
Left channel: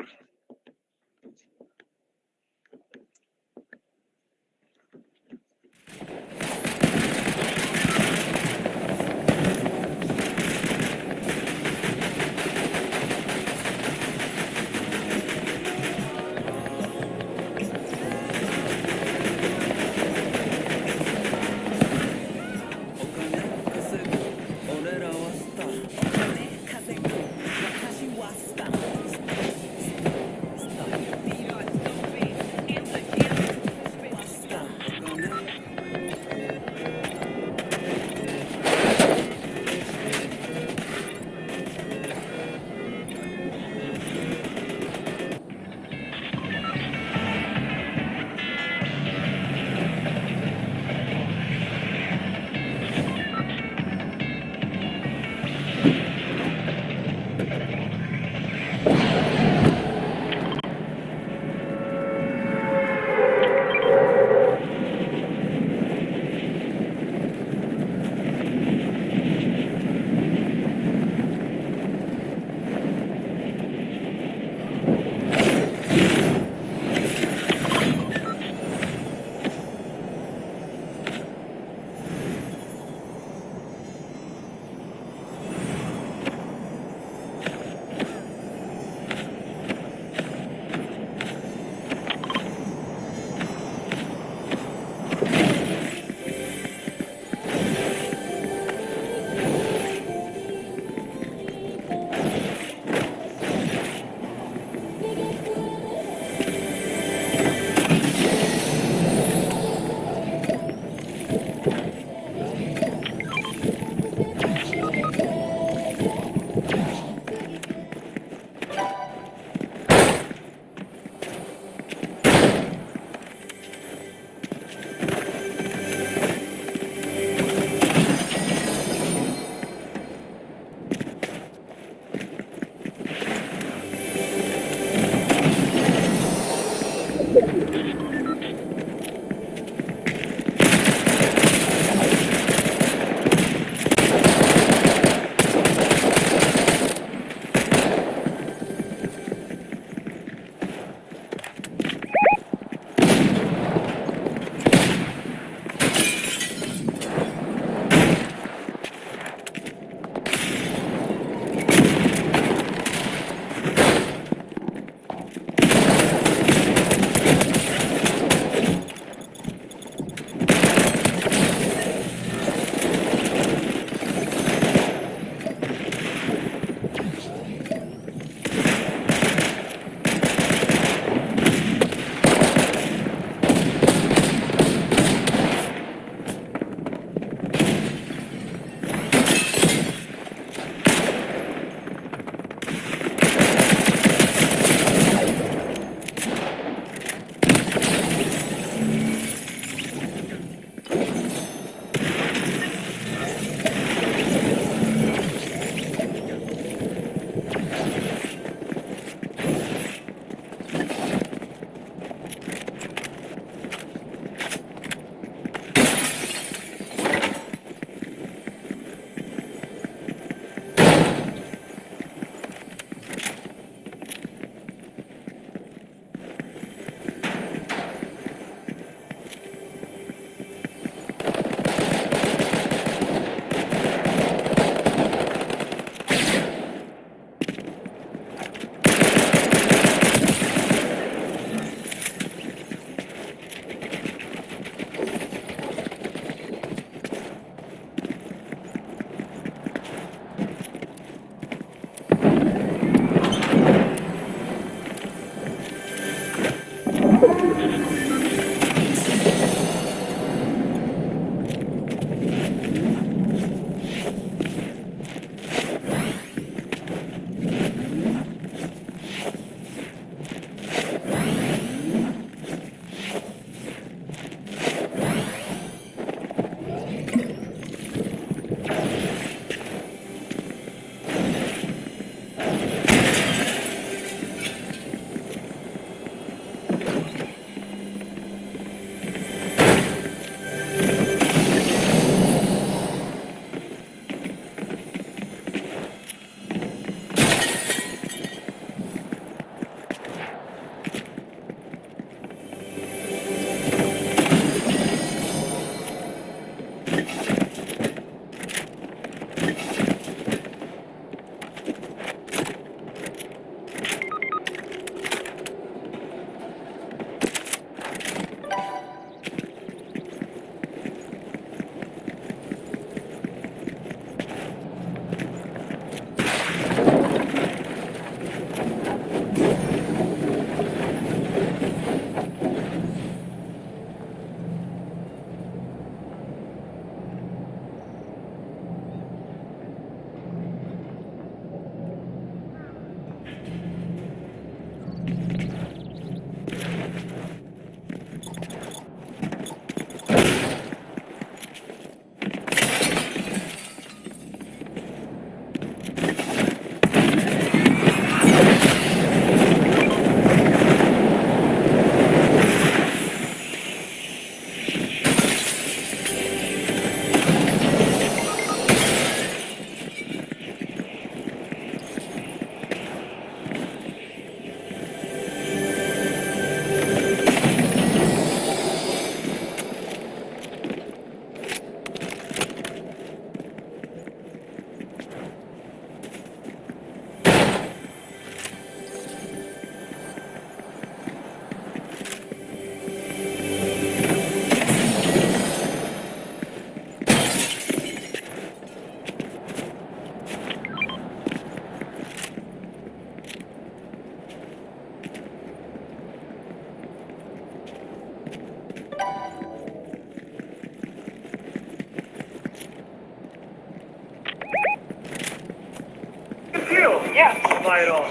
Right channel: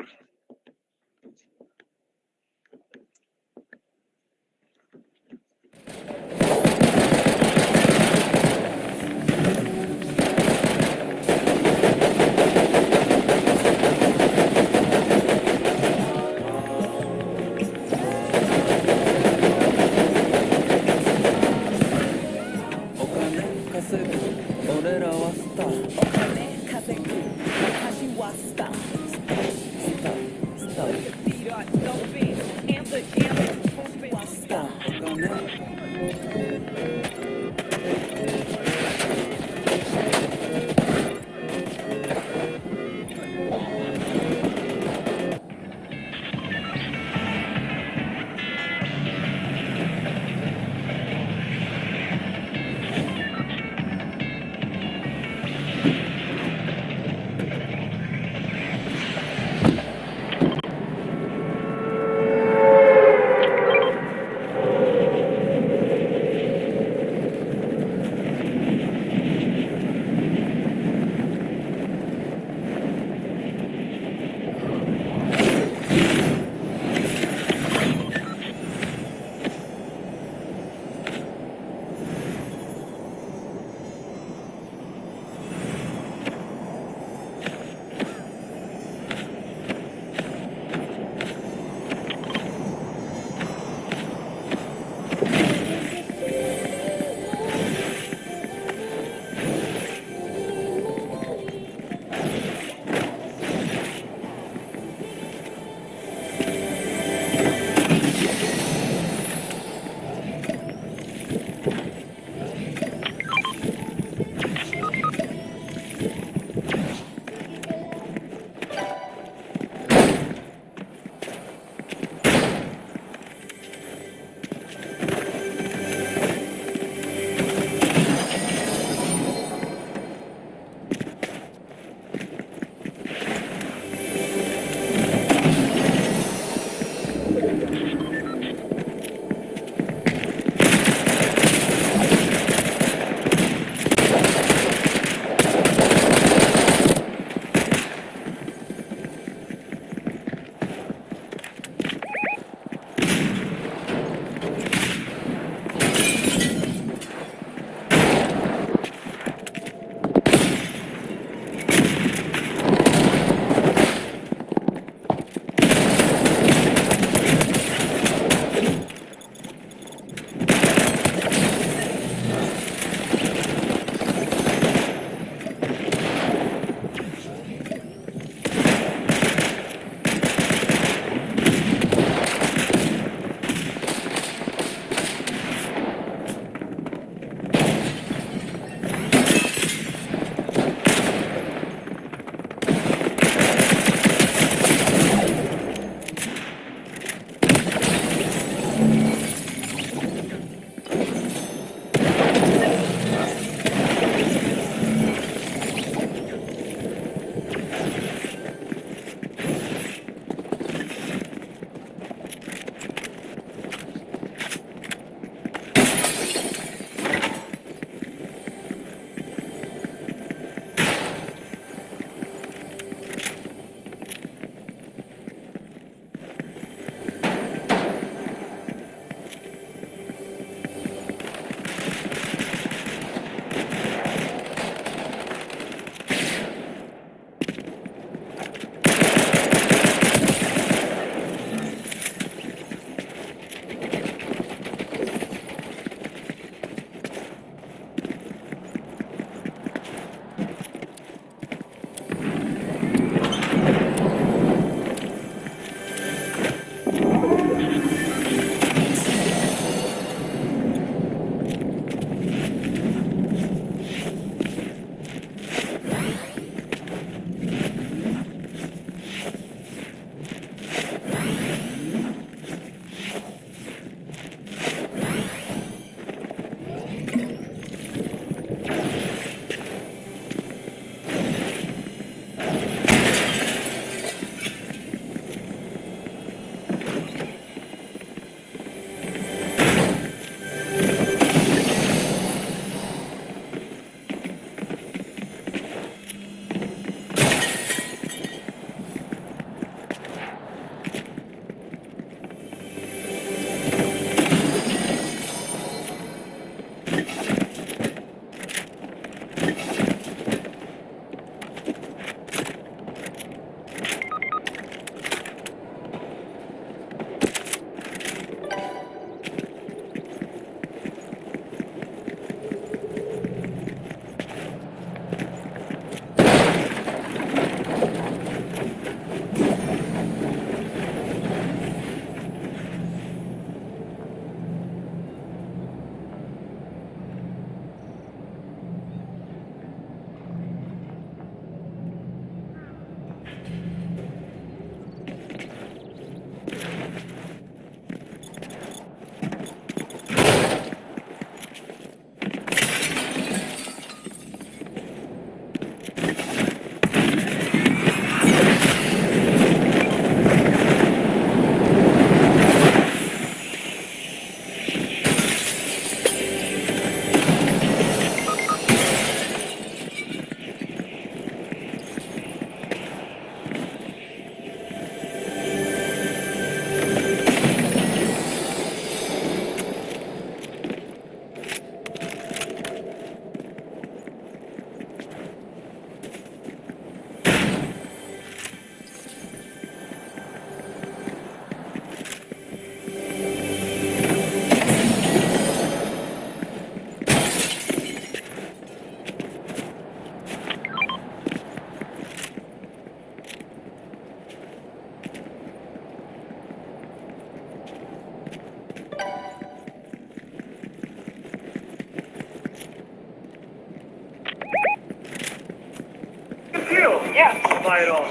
Yeah. Buy it all.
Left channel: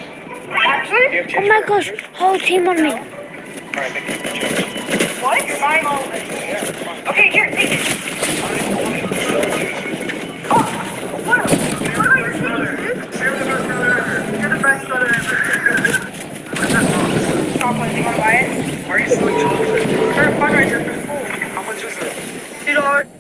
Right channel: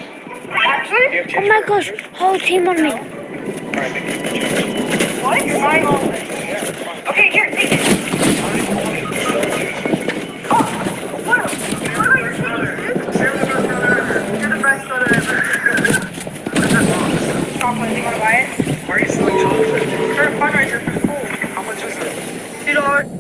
Actually? Oh my gosh, whole team on me. Alright, thank you. What? You're buying all of this? Yeah. Okay, here, take it. I don't even want it. Oh, what about your tickets, dude? You're the best brother ever. You're the best brother ever. What is that box? Chocolate, you wanna buy it? Why are you selling chocolate? For a fundraiser for school. How much is it? $2.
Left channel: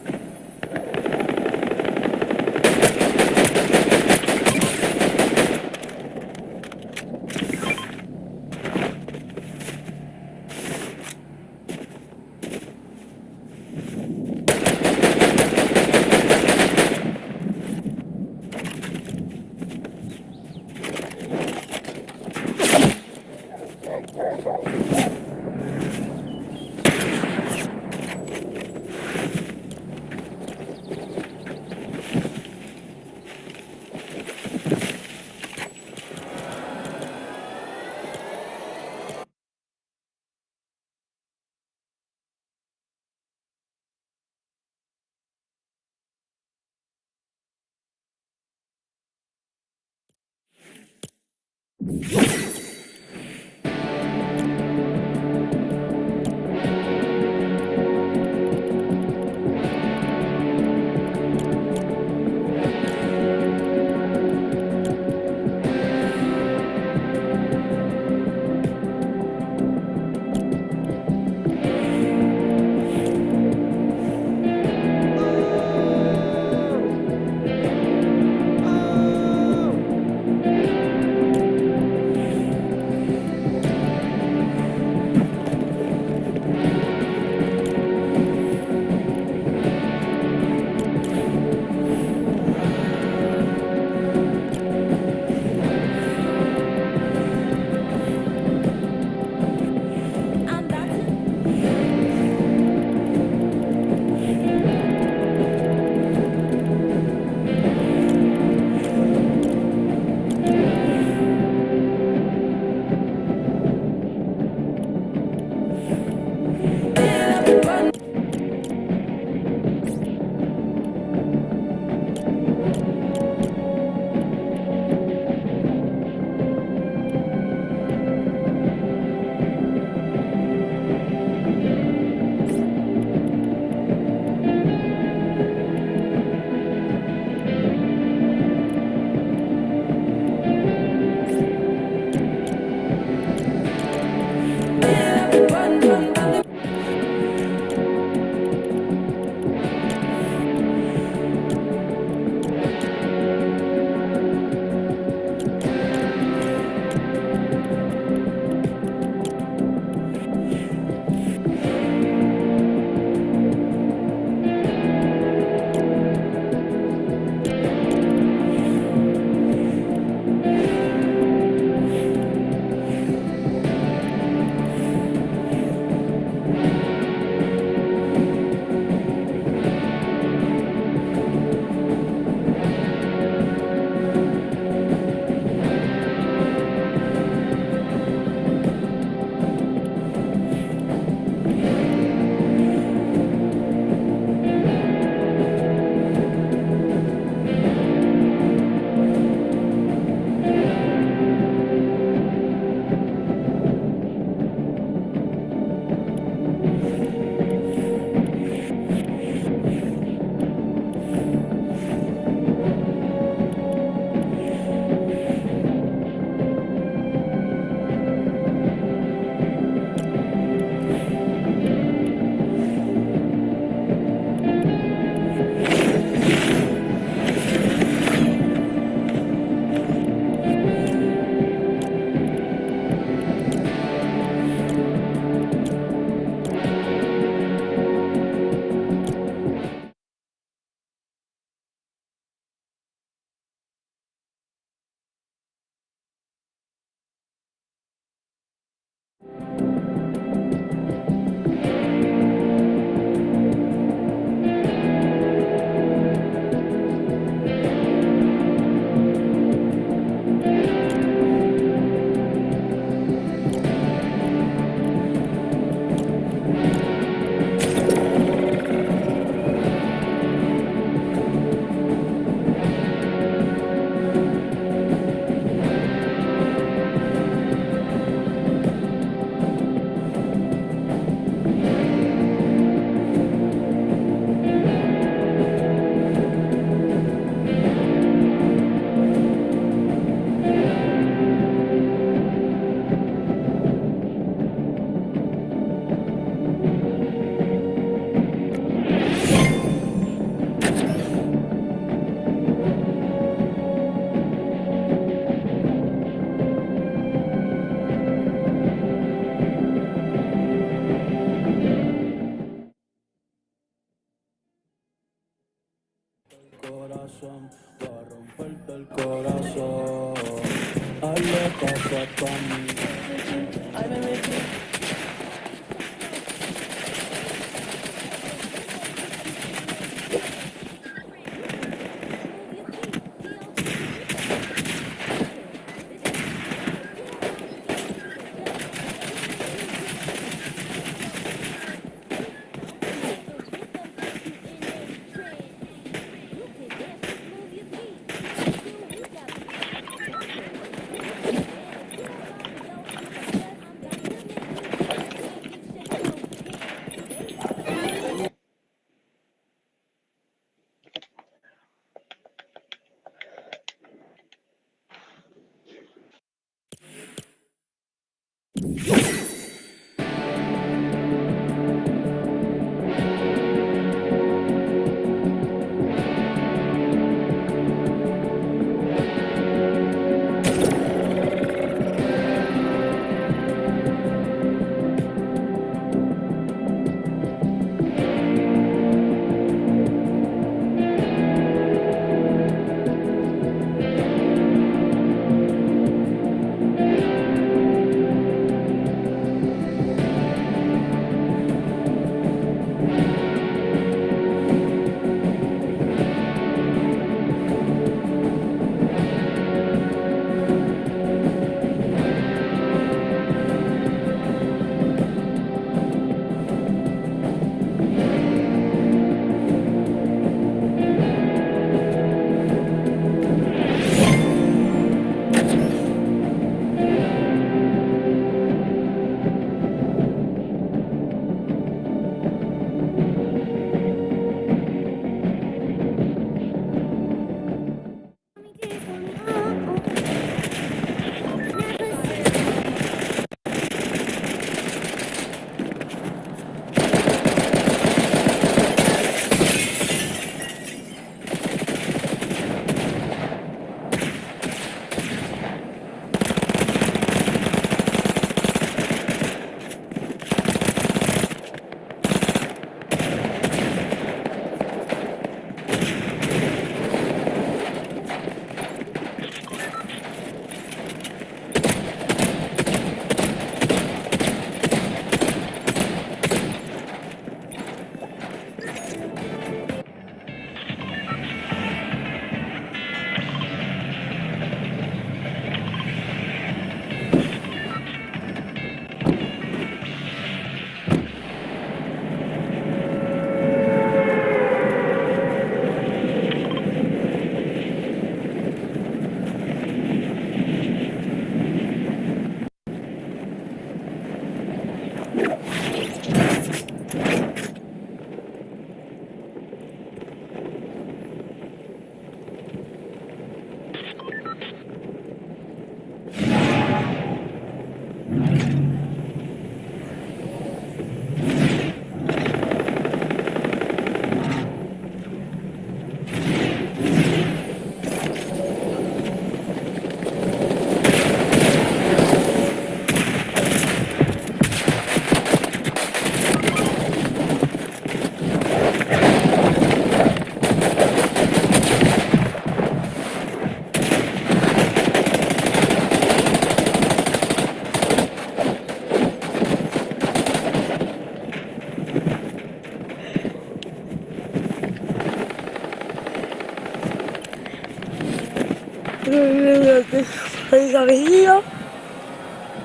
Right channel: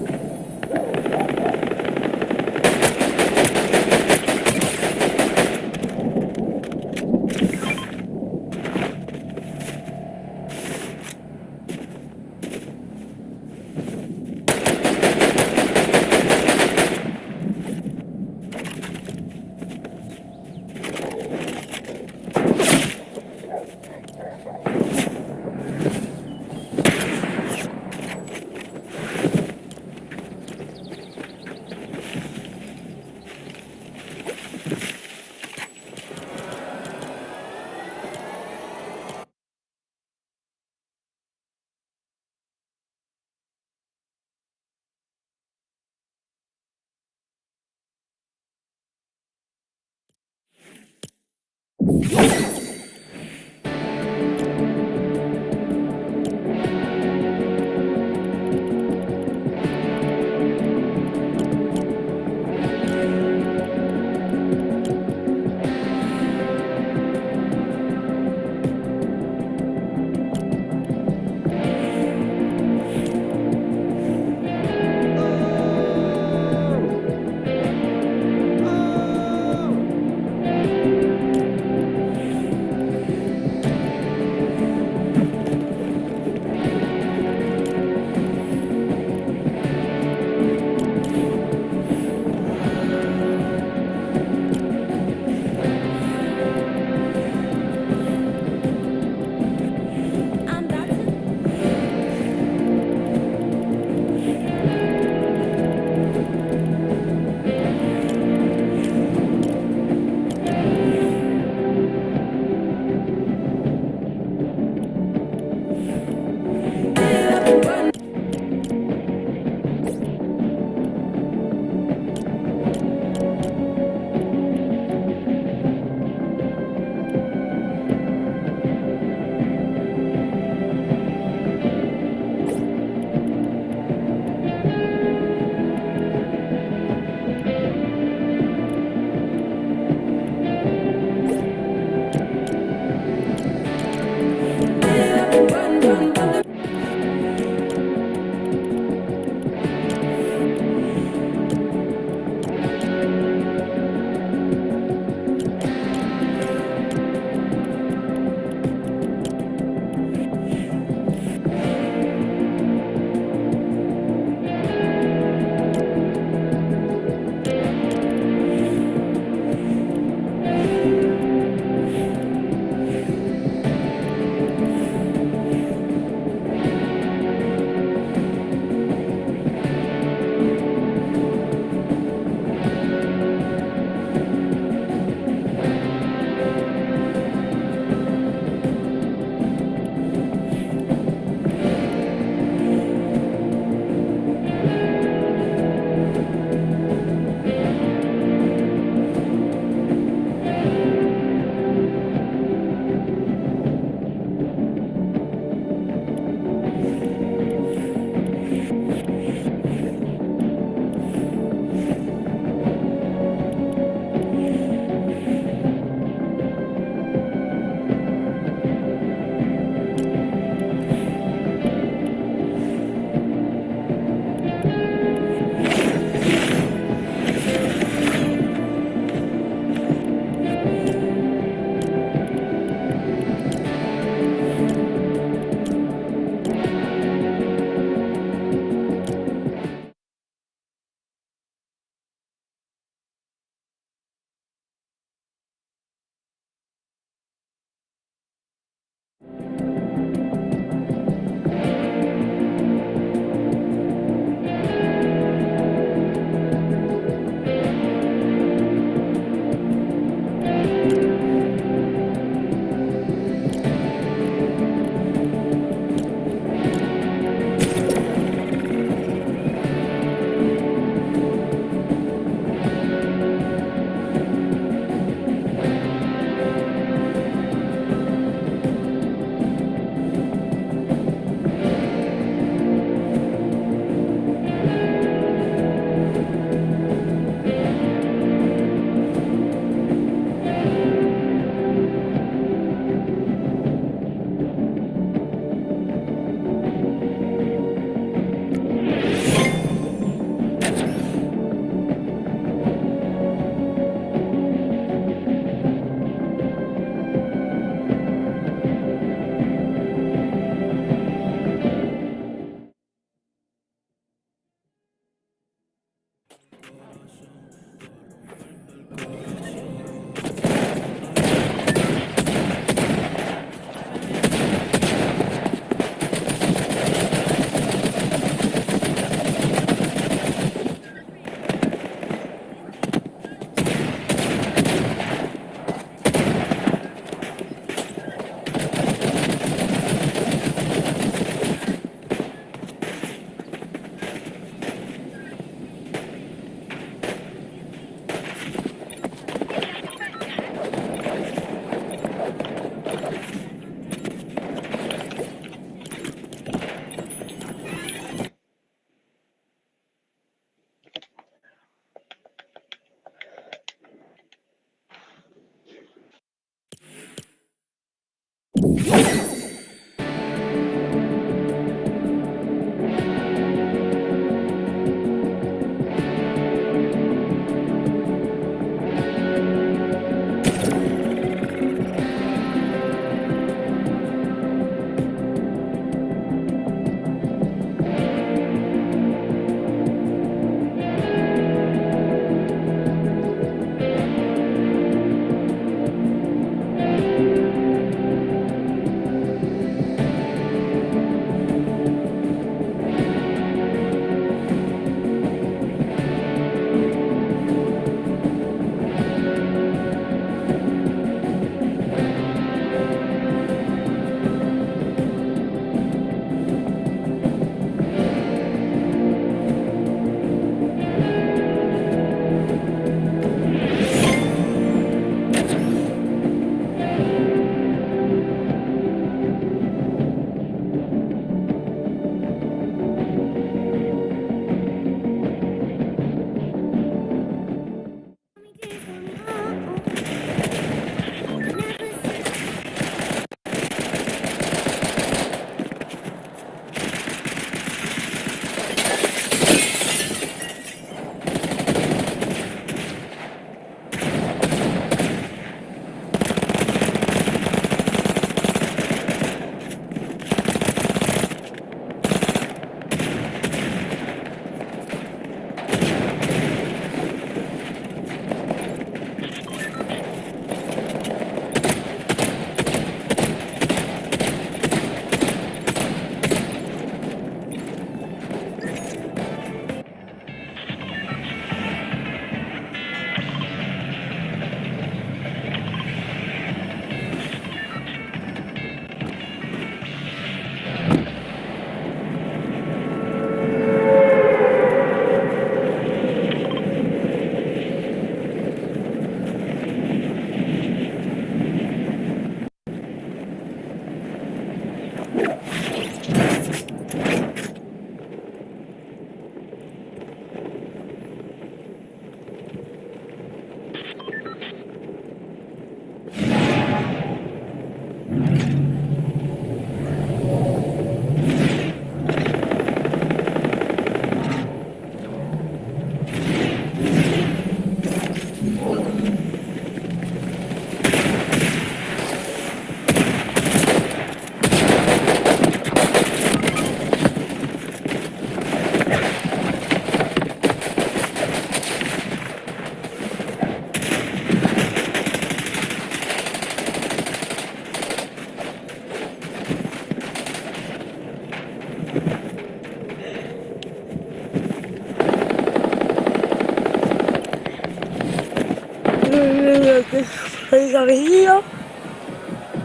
Cabello,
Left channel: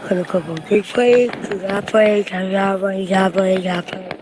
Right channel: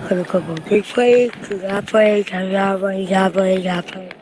pero como que fue, ya fue, ya fue, ya fue, ya fue.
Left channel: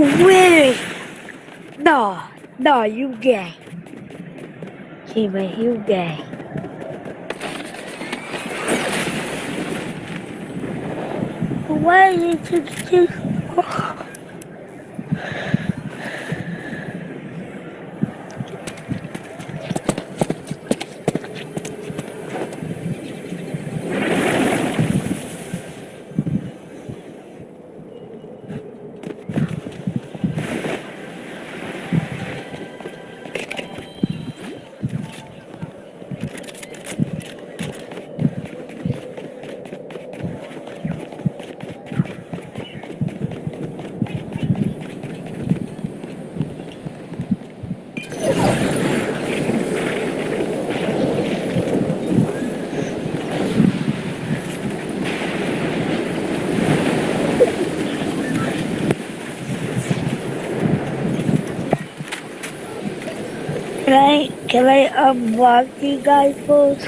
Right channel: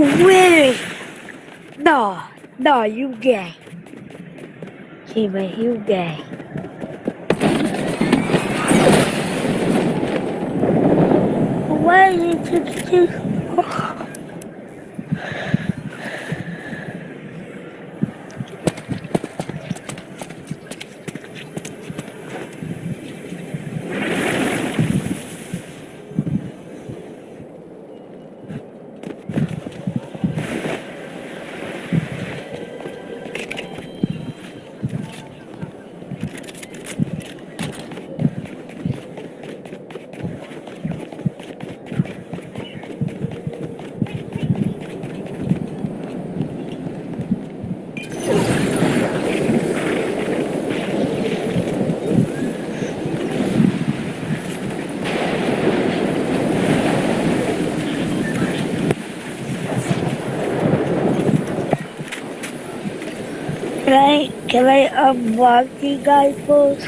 Really? No, no, you gay. Jimmy, you gay. Why did you do? Can I unblock you guys first?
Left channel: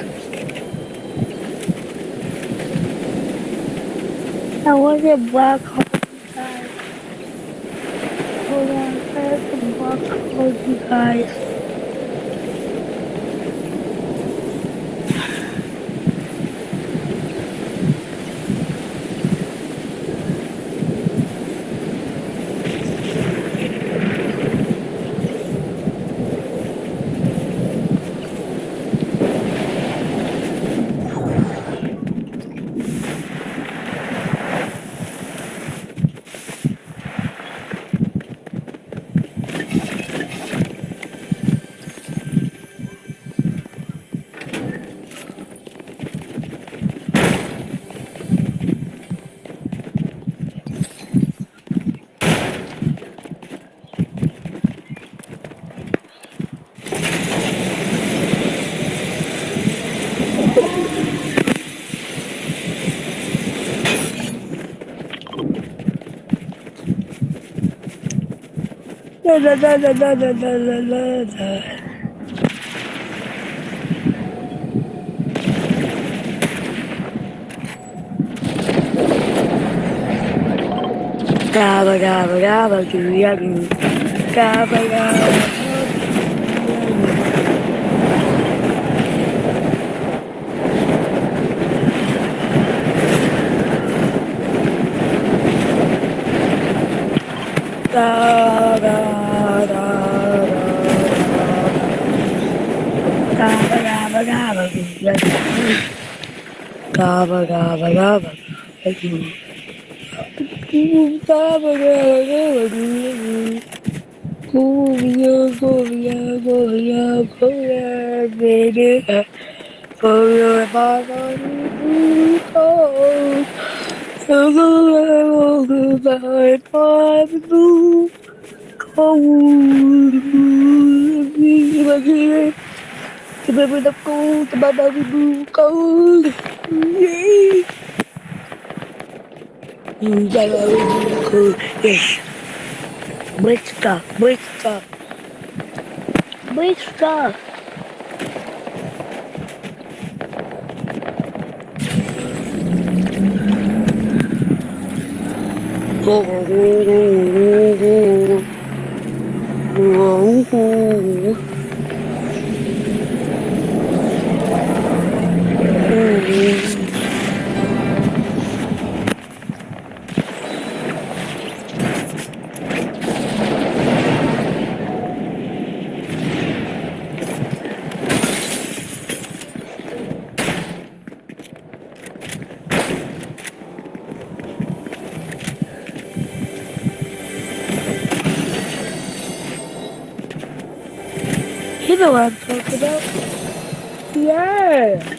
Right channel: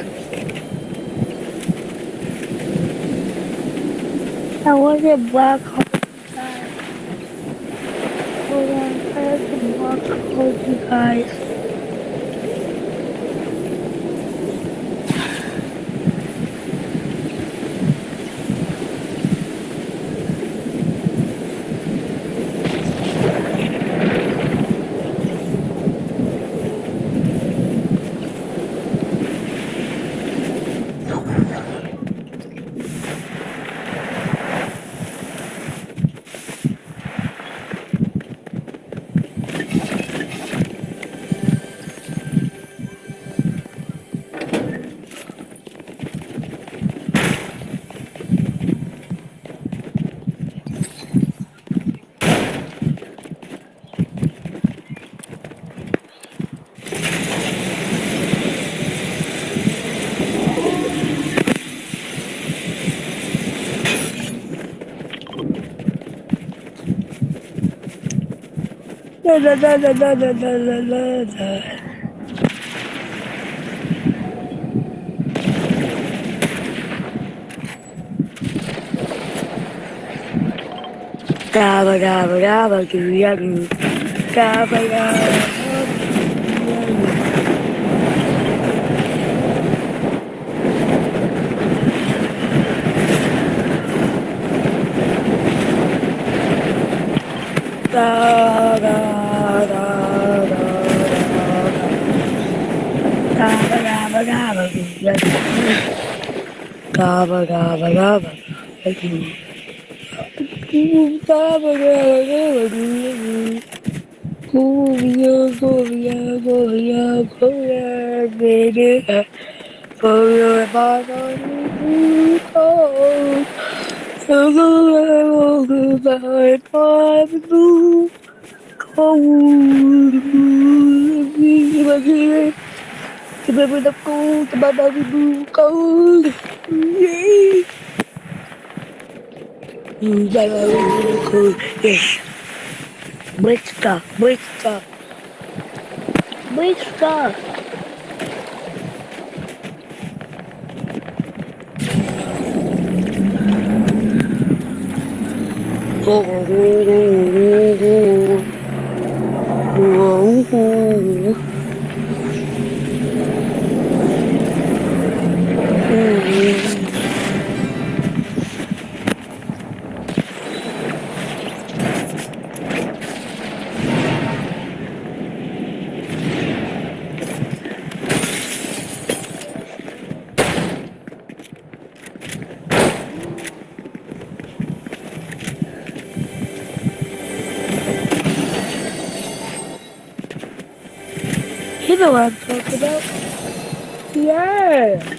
I want to block all you guys. Hold on, I have to block all you guys. La la la la la la la la la. Gabba gabba gabba goo ya goo. Gabba gabba. Da da da da da. Gabba gabba gabba goo ya goo. Gabba gabba gabba ya goo. Gabba gabba gabba goo ya goo. Go ya, baby. For your body cold. So go goodbye, my cold. Remember the cold, my baby cold. Cold. Yes. Brisca. You know what I'm talking about? Yeah.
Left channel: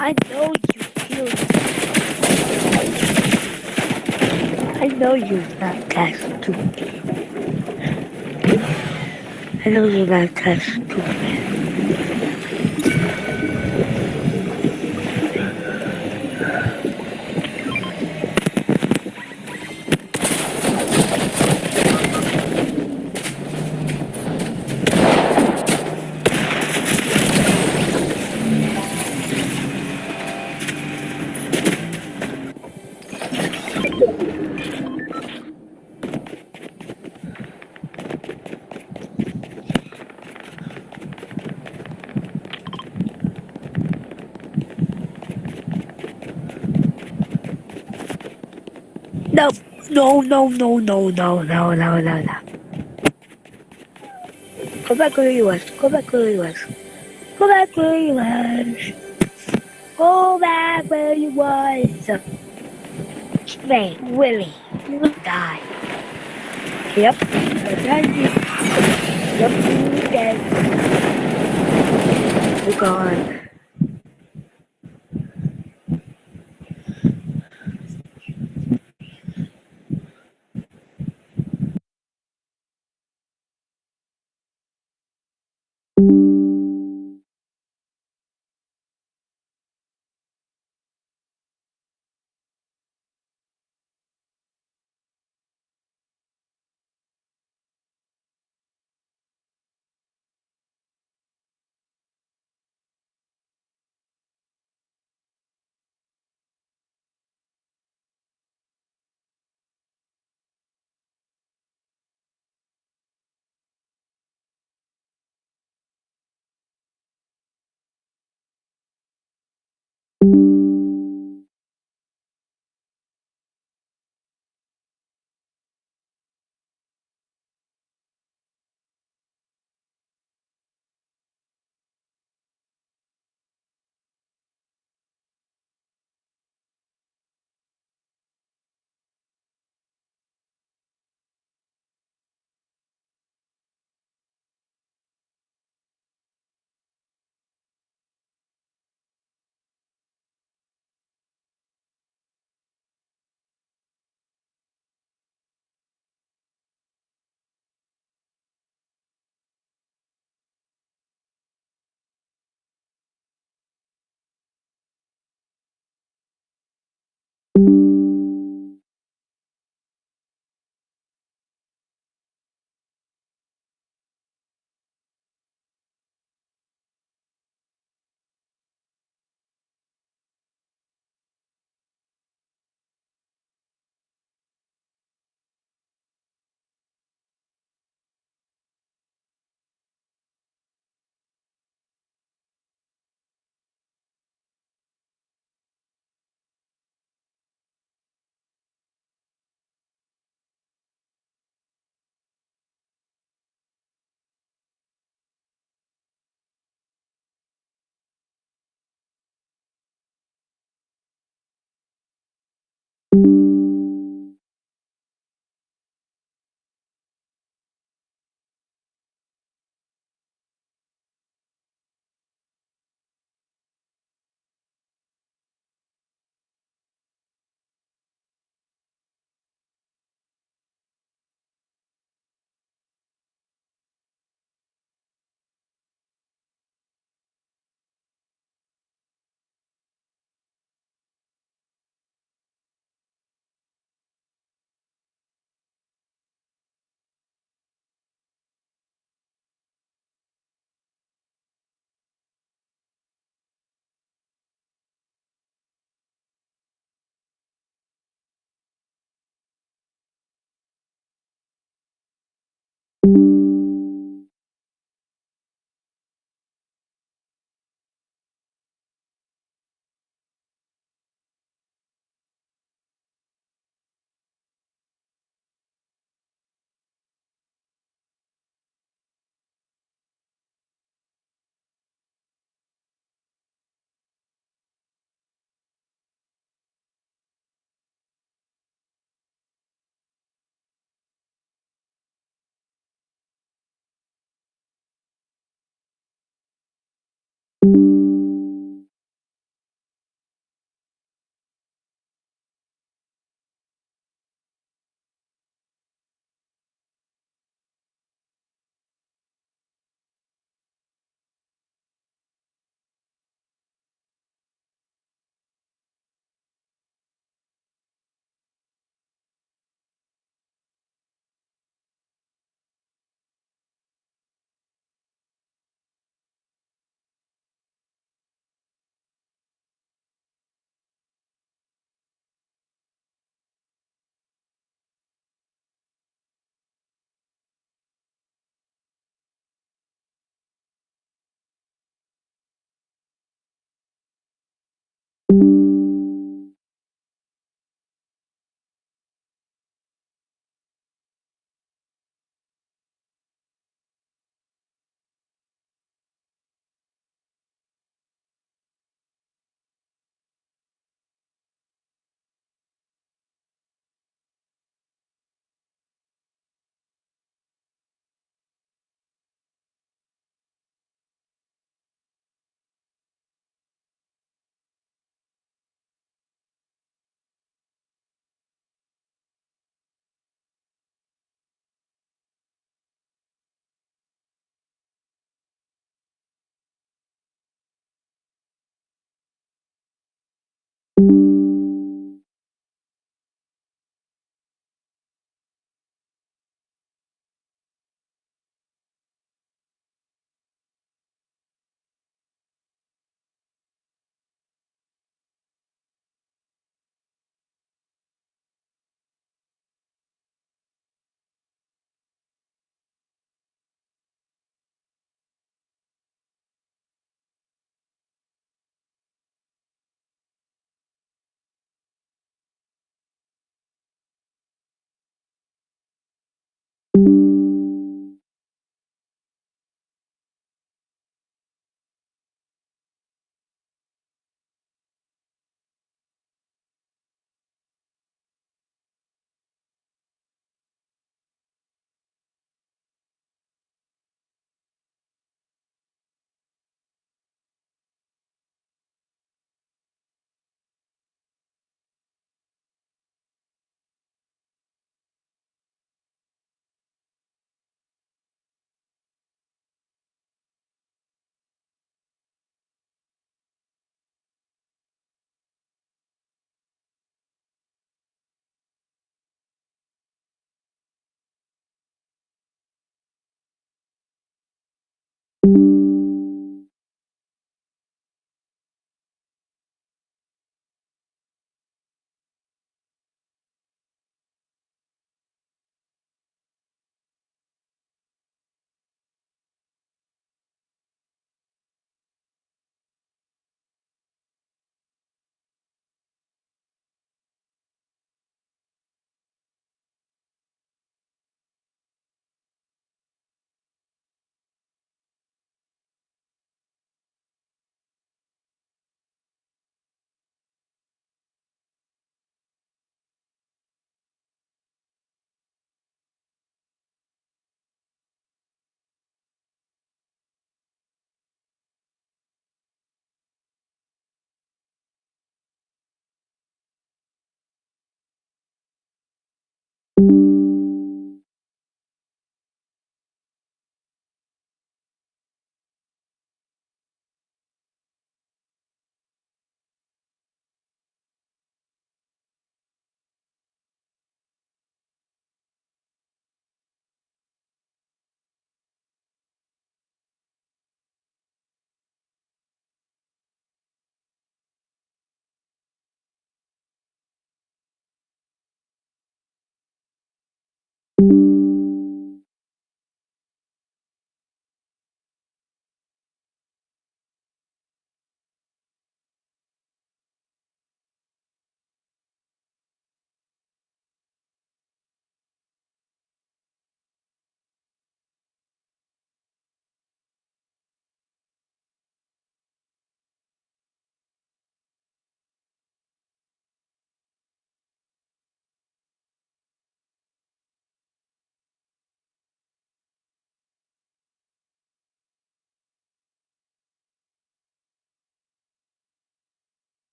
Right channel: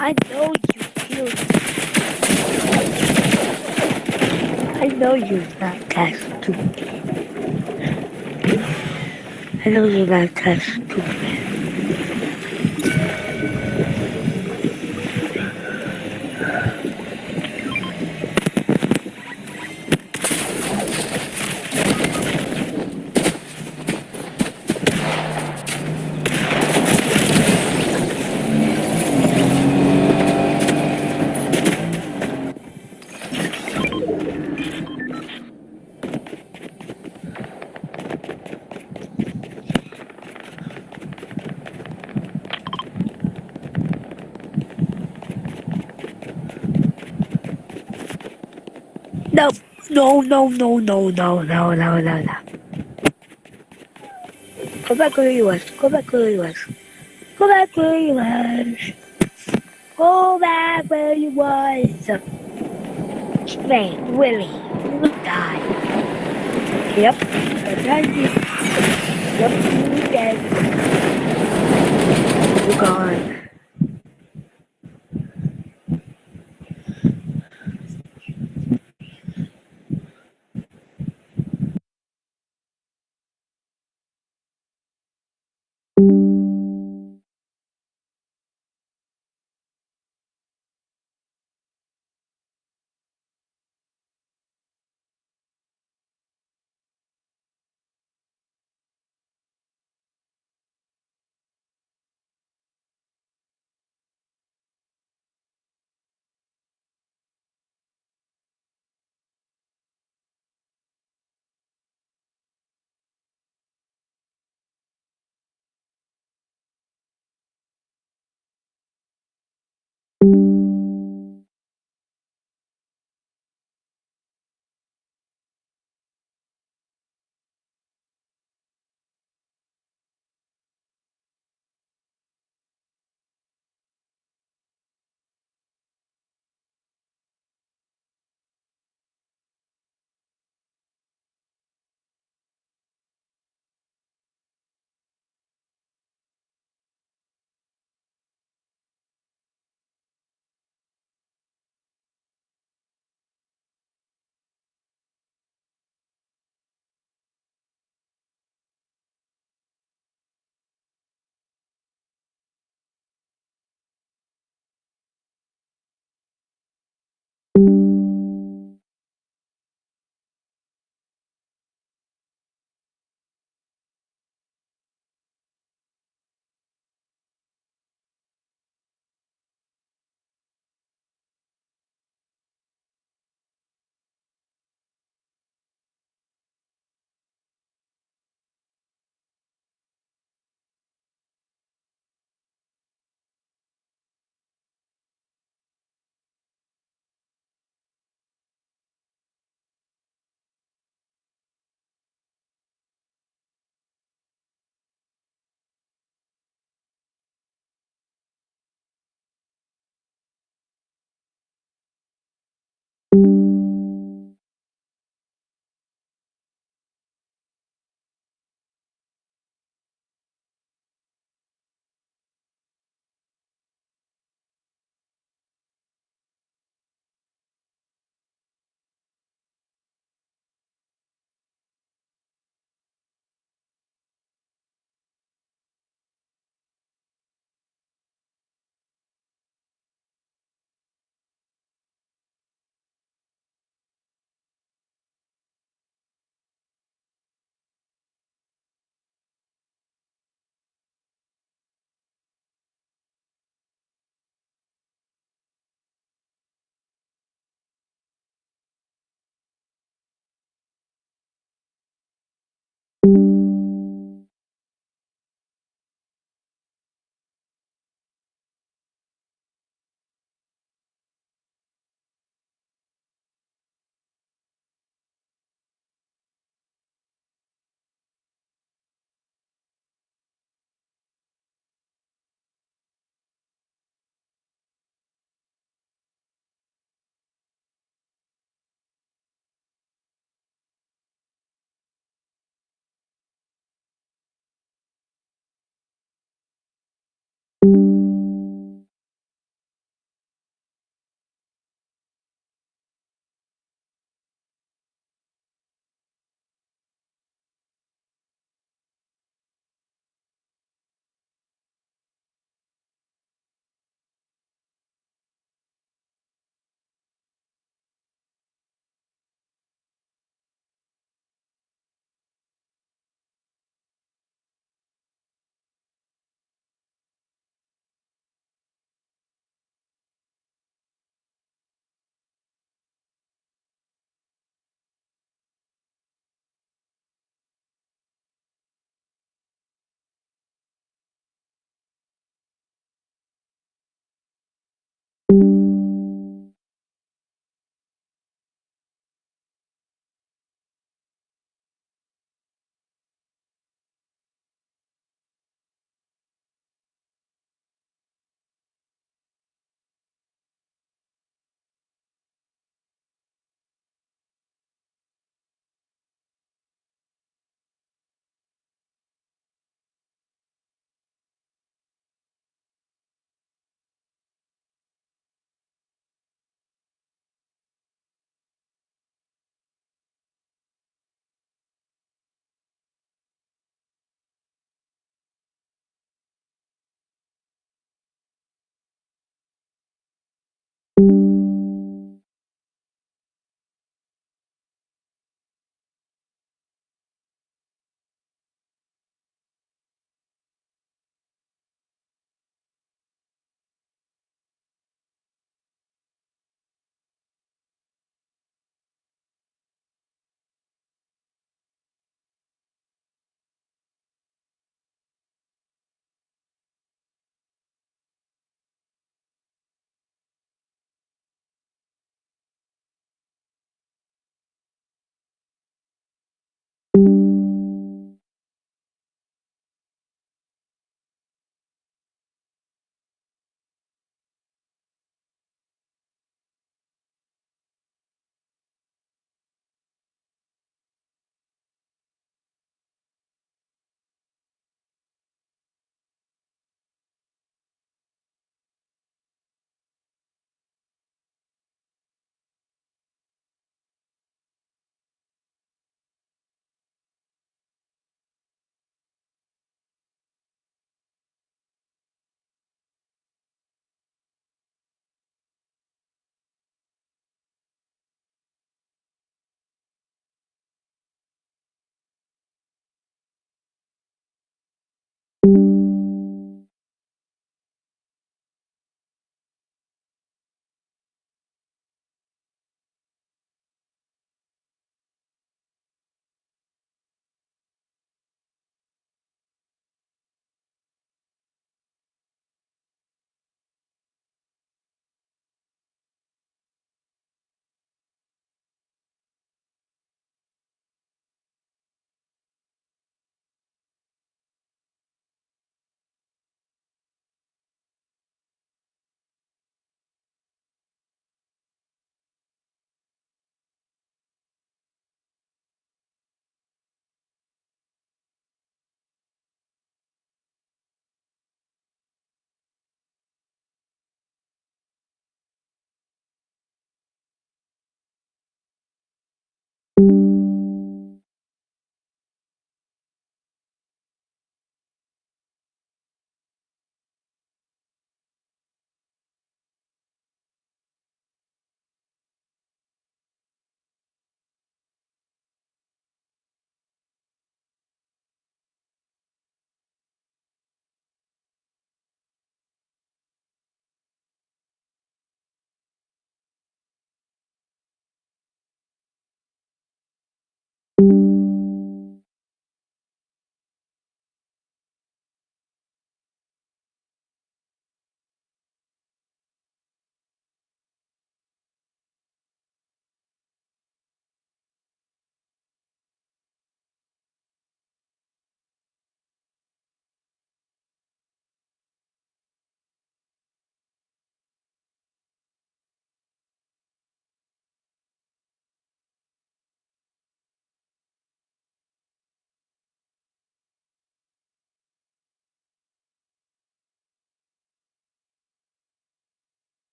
I know you killed me. I know you're not that stupid. I know you're not that stupid. No, no, no, no, no, no, no, no, no, no. Go back where you was. Go back where you was. Go back where you was. Go back where you was. Hey, Willie, you died. Yep, that's right. Yep, you dead. You're gone.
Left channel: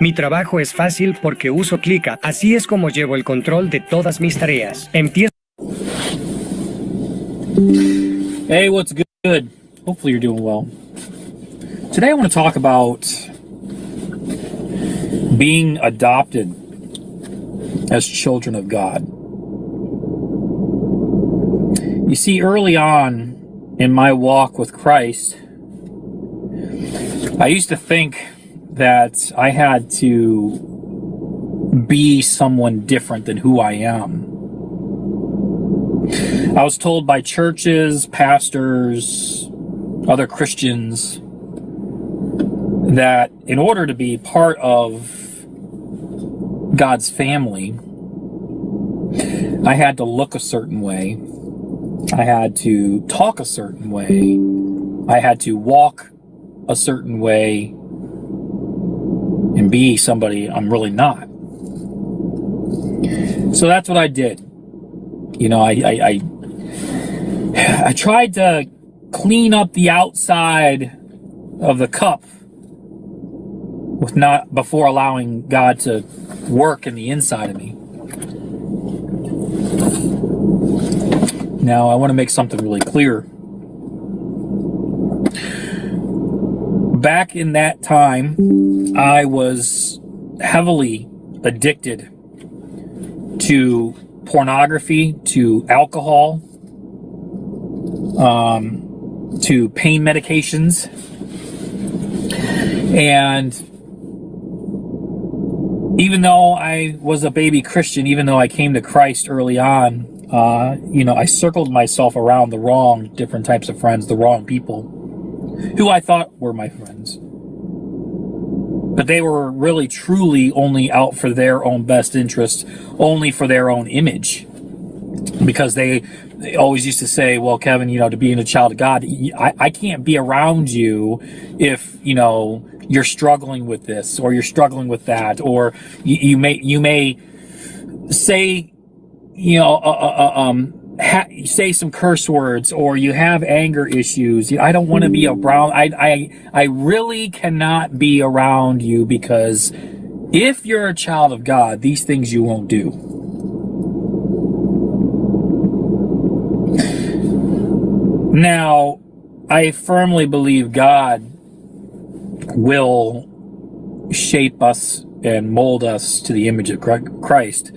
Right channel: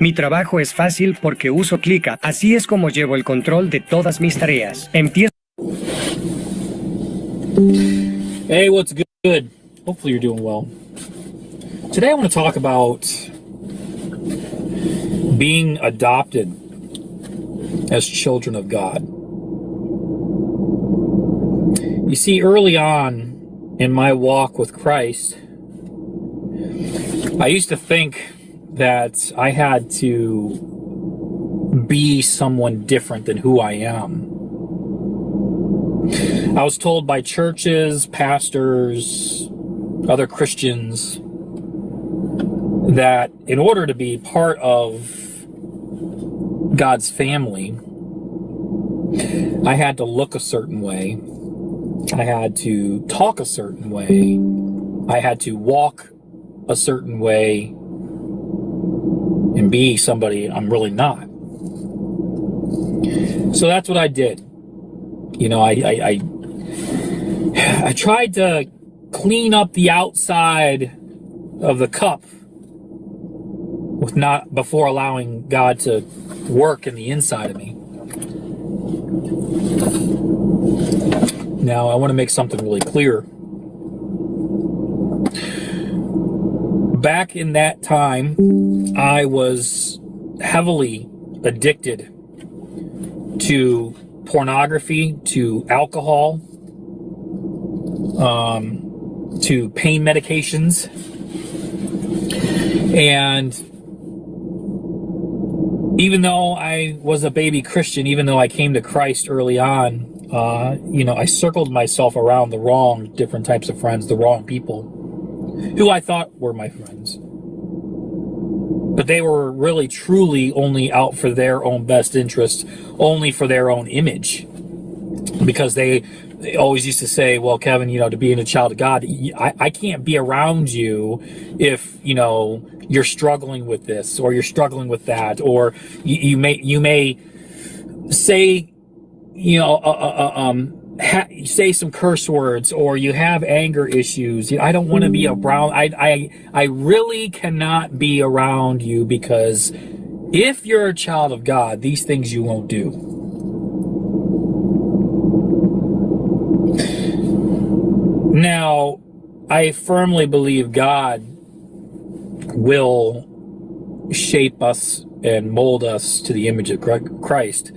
Mi trabajo es fácil porque uso Clica. Así es como llevo el control de todas mis tareas. Empiezo. Hey, what's good? Hopefully you're doing well. Today I want to talk about being adopted as children of God. You see, early on in my walk with Christ, I used to think that I had to be someone different than who I am. I was told by churches, pastors, other Christians that in order to be part of God's family, I had to look a certain way. I had to talk a certain way. I had to walk a certain way and be somebody I'm really not. So that's what I did. You know, I tried to clean up the outside of the cup before allowing God to work in the inside of me. Now, I want to make something really clear. Back in that time, I was heavily addicted to pornography, to alcohol, to pain medications. And even though I was a baby Christian, even though I came to Christ early on, I circled myself around the wrong different types of friends, the wrong people who I thought were my friends. But they were really, truly only out for their own best interest, only for their own image. Because they always used to say, well, Kevin, to being a child of God, I can't be around you if, you're struggling with this or you're struggling with that, or you may say, say some curse words, or you have anger issues. I don't want to be around. I really cannot be around you, because if you're a child of God, these things you won't do. Now, I firmly believe God will shape us and mold us to the image of Christ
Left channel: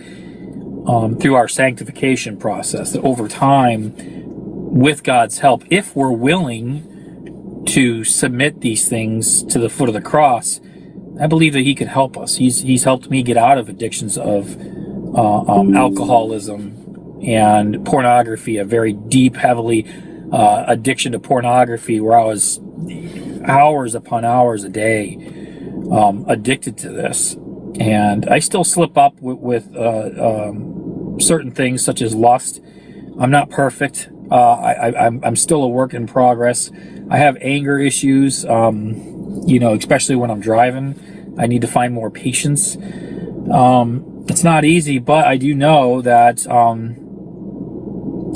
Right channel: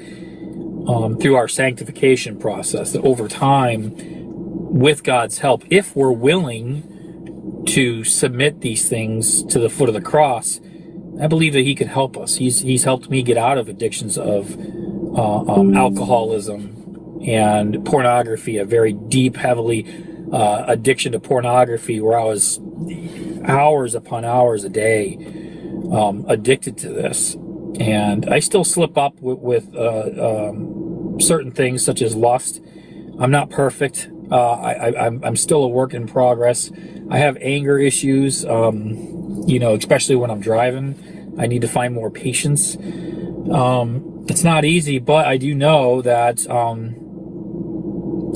through our sanctification process, that over time, with God's help, if we're willing to submit these things to the foot of the cross, I believe that He can help us. He's helped me get out of addictions of alcoholism and pornography, a very deep, heavily addiction to pornography, where I was hours upon hours a day addicted to this. And I still slip up with certain things such as lust. I'm not perfect. I'm still a work in progress. I have anger issues, especially when I'm driving. I need to find more patience. It's not easy, but I do know that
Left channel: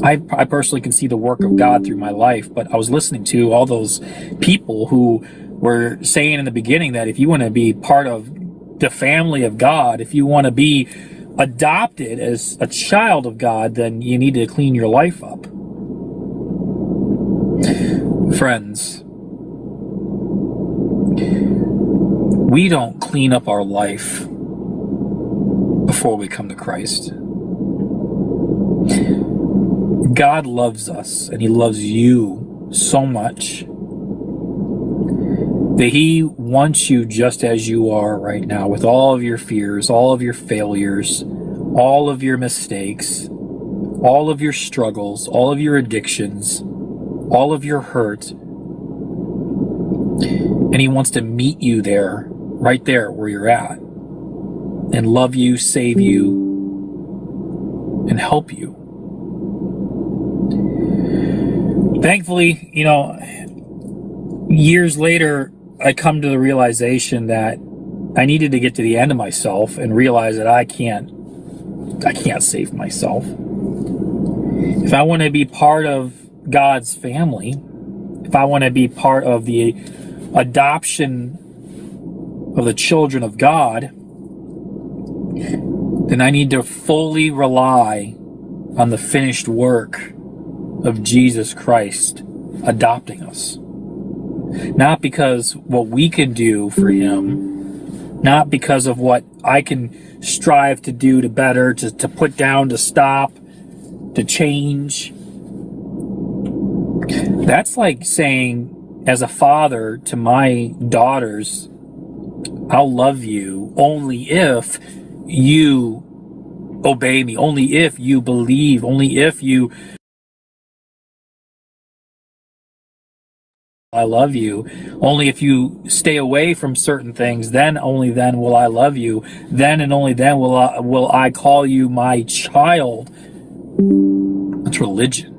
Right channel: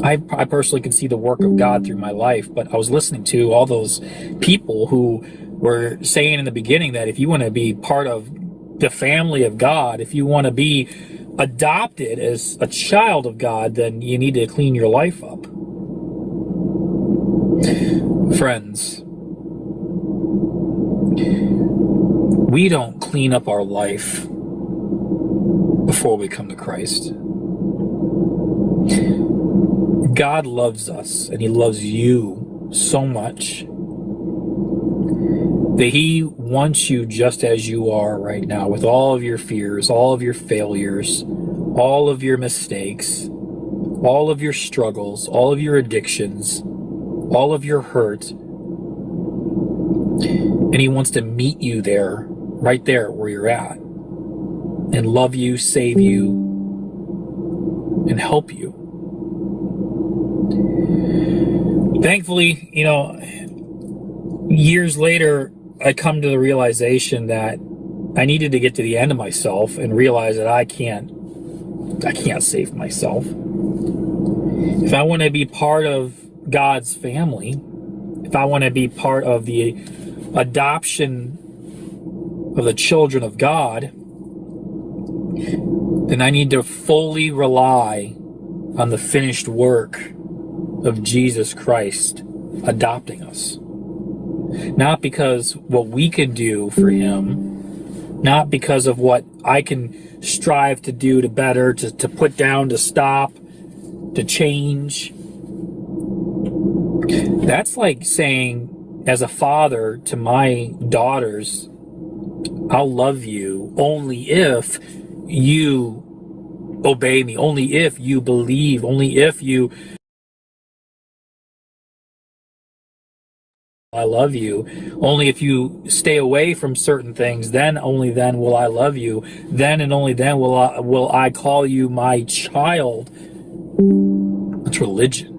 I personally can see the work of God through my life. But I was listening to all those people who were saying in the beginning that if you want to be part of the family of God, if you want to be adopted as a child of God, then you need to clean your life up. Friends, we don't clean up our life before we come to Christ. God loves us, and He loves you so much that He wants you just as you are right now, with all of your fears, all of your failures, all of your mistakes, all of your struggles, all of your addictions, all of your hurt. And he wants to meet you there, right there where you're at, and love you, save you, and help you. Thankfully, years later, I come to the realization that I needed to get to the end of myself and realize that I can't save myself. If I want to be part of God's family, if I want to be part of the adoption of the children of God, then I need to fully rely on the finished work of Jesus Christ adopting us. Not because what we can do for him, not because of what I can strive to do to better, to put down, to stop, to change. That's like saying, as a father to my daughters, I'll love you only if you obey me, only if you believe, only if you I love you, only if you stay away from certain things, then only then will I love you, then and only then will I call you my child. That's religion.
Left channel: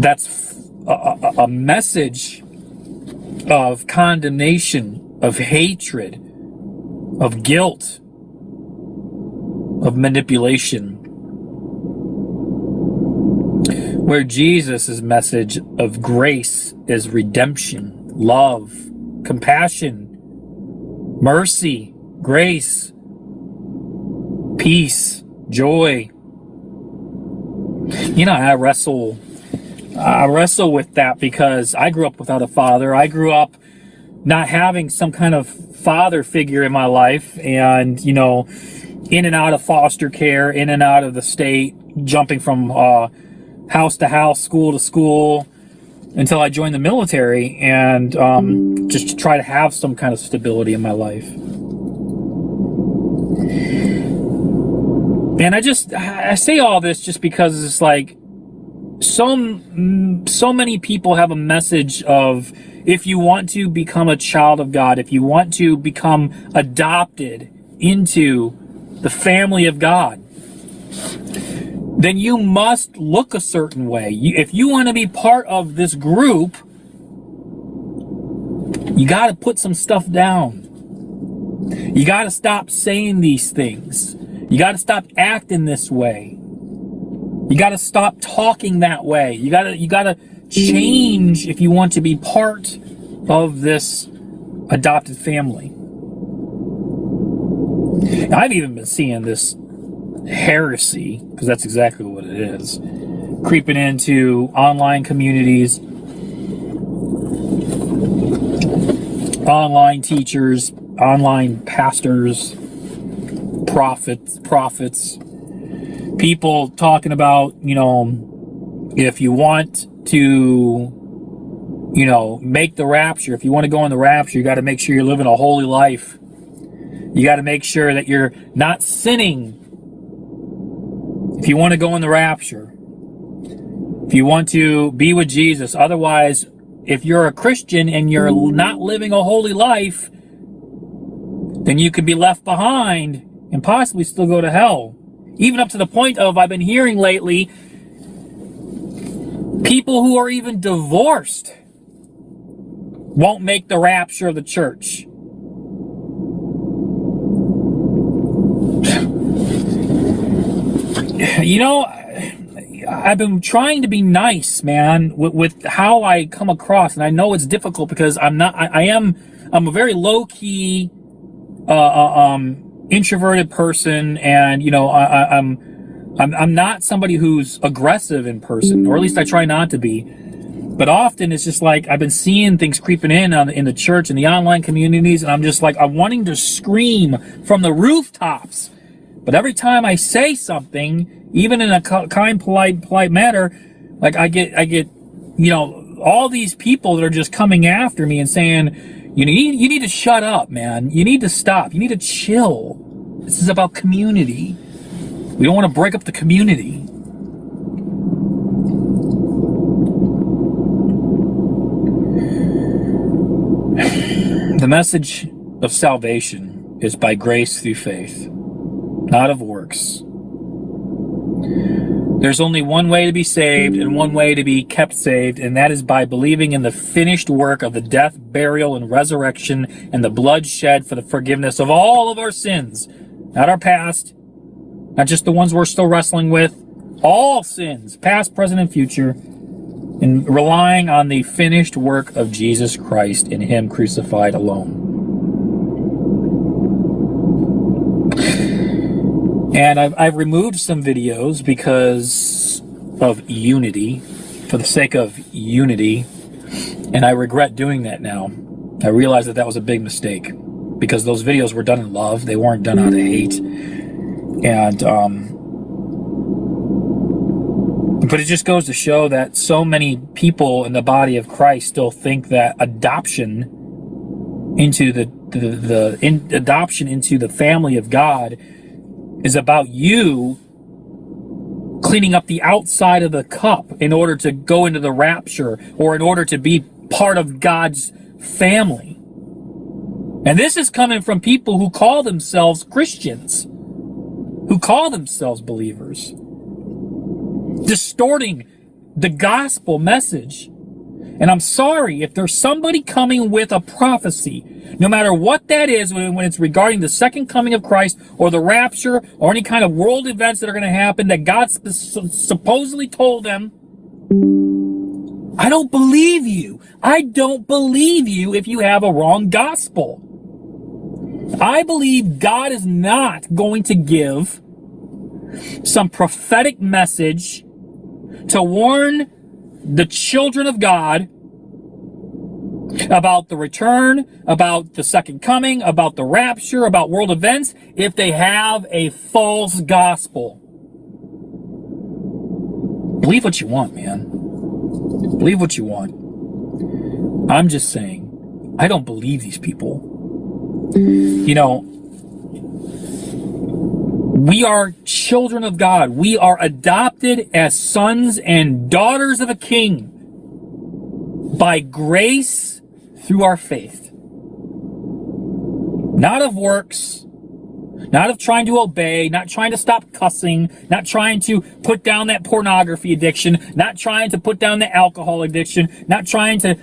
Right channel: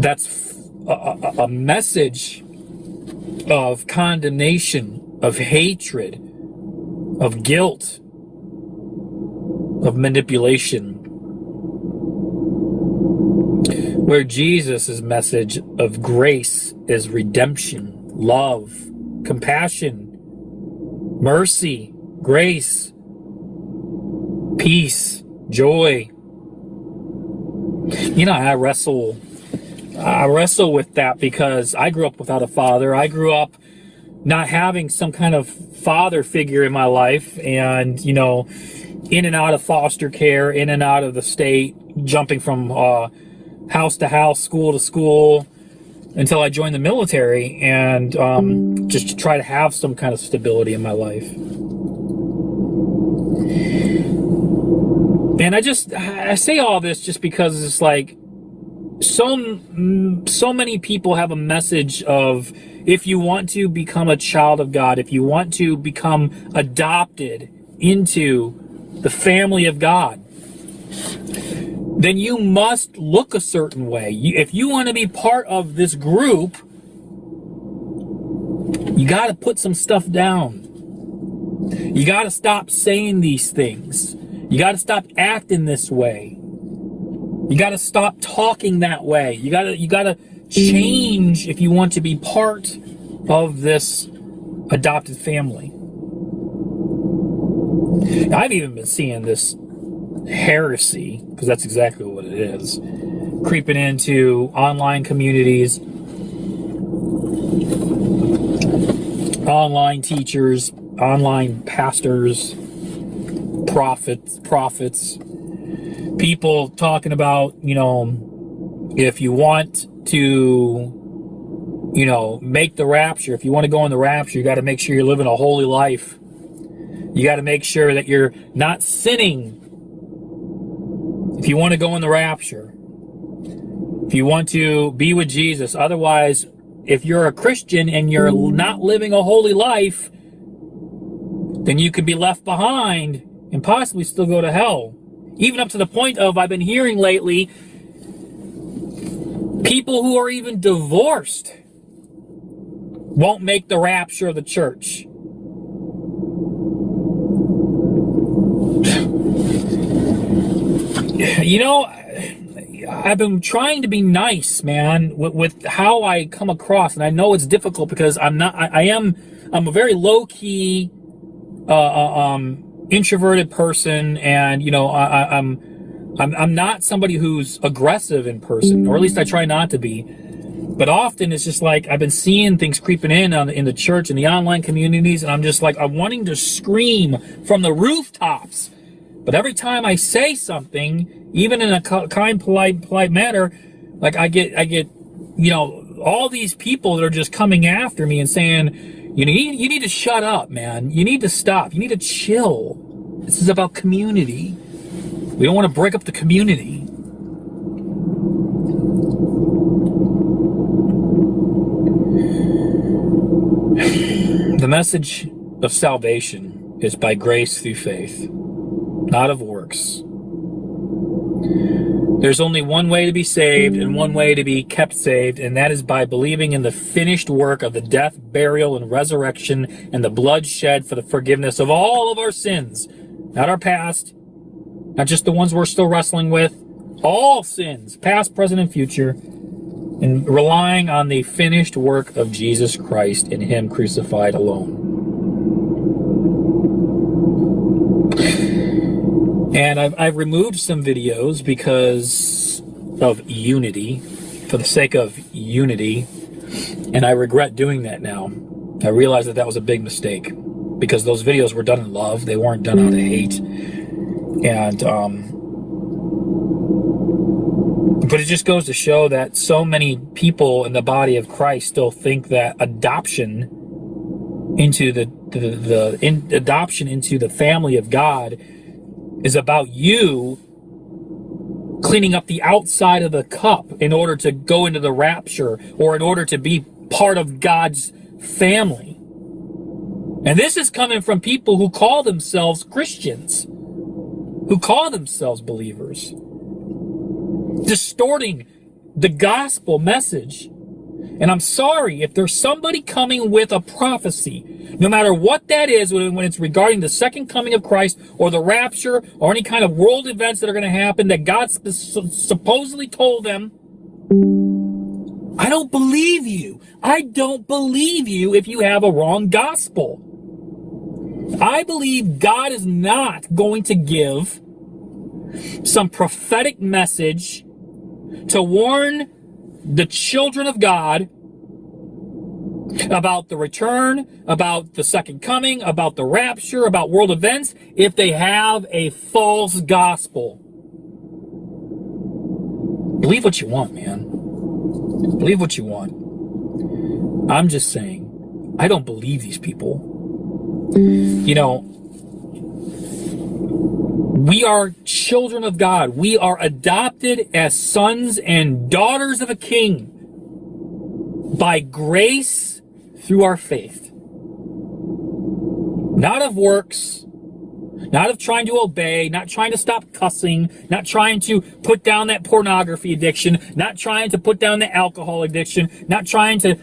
That's a message of condemnation, of hatred, of guilt, of manipulation. Where Jesus' message of grace is redemption, love, compassion, mercy, grace, peace, joy. I wrestle with that because I grew up without a father. I grew up not having some kind of father figure in my life, and in and out of foster care, in and out of the state, jumping from house to house, school to school, until I joined the military, and just to try to have some kind of stability in my life. And I say all this just because it's like so many people have a message of, if you want to become a child of God, if you want to become adopted into the family of God, then you must look a certain way. If you want to be part of this group, you got to put some stuff down. You got to stop saying these things. You got to stop acting this way. You got to stop talking that way. You got to change if you want to be part of this adopted family. I've even been seeing this heresy, because that's exactly what it is, creeping into online communities, online teachers, online pastors, prophets, people talking about, if you want to, make the rapture, if you want to go in the rapture, you got to make sure you're living a holy life. You got to make sure that you're not sinning. If you want to go in the rapture, if you want to be with Jesus, otherwise, if you're a Christian and you're not living a holy life, then you could be left behind and possibly still go to hell. Even up to the point of, I've been hearing lately, people who are even divorced won't make the rapture of the church. I've been trying to be nice, man, with how I come across, and I know it's difficult because I'm a very low key, introverted person, and I'm not somebody who's aggressive in person, or at least I try not to be. But often it's just like I've been seeing things creeping in the church and the online communities, and I'm just like, I'm wanting to scream from the rooftops. But every time I say something, even in a kind, polite manner, like I get, all these people that are just coming after me and saying, you need to shut up, man. You need to stop. You need to chill. This is about community. We don't want to break up the community. The message of salvation is by grace through faith, not of works. There's only one way to be saved and one way to be kept saved, and that is by believing in the finished work of the death, burial, and resurrection, and the blood shed for the forgiveness of all of our sins. Not our past, not just the ones we're still wrestling with, all sins, past, present, and future, and relying on the finished work of Jesus Christ and Him crucified alone. And I've removed some videos because of unity, for the sake of unity, and I regret doing that now. I realize that that was a big mistake because those videos were done in love. They weren't done out of hate. And, but it just goes to show that so many people in the body of Christ still think that adoption into adoption into the family of God is about you cleaning up the outside of the cup in order to go into the rapture or in order to be part of God's family. And this is coming from people who call themselves Christians, who call themselves believers, distorting the gospel message. And I'm sorry if there's somebody coming with a prophecy, no matter what that is, when it's regarding the second coming of Christ or the rapture or any kind of world events that are going to happen that God supposedly told them, I don't believe you. I don't believe you if you have a wrong gospel. I believe God is not going to give some prophetic message to warn the children of God about the return, about the second coming, about the rapture, about world events, if they have a false gospel. Believe what you want, man. Believe what you want. I'm just saying, I don't believe these people. You know, we are children of God. We are adopted as sons and daughters of a king by grace through our faith. Not of works, not of trying to obey, not trying to stop cussing, not trying to put down that pornography addiction, not trying to put down the alcohol addiction, not trying to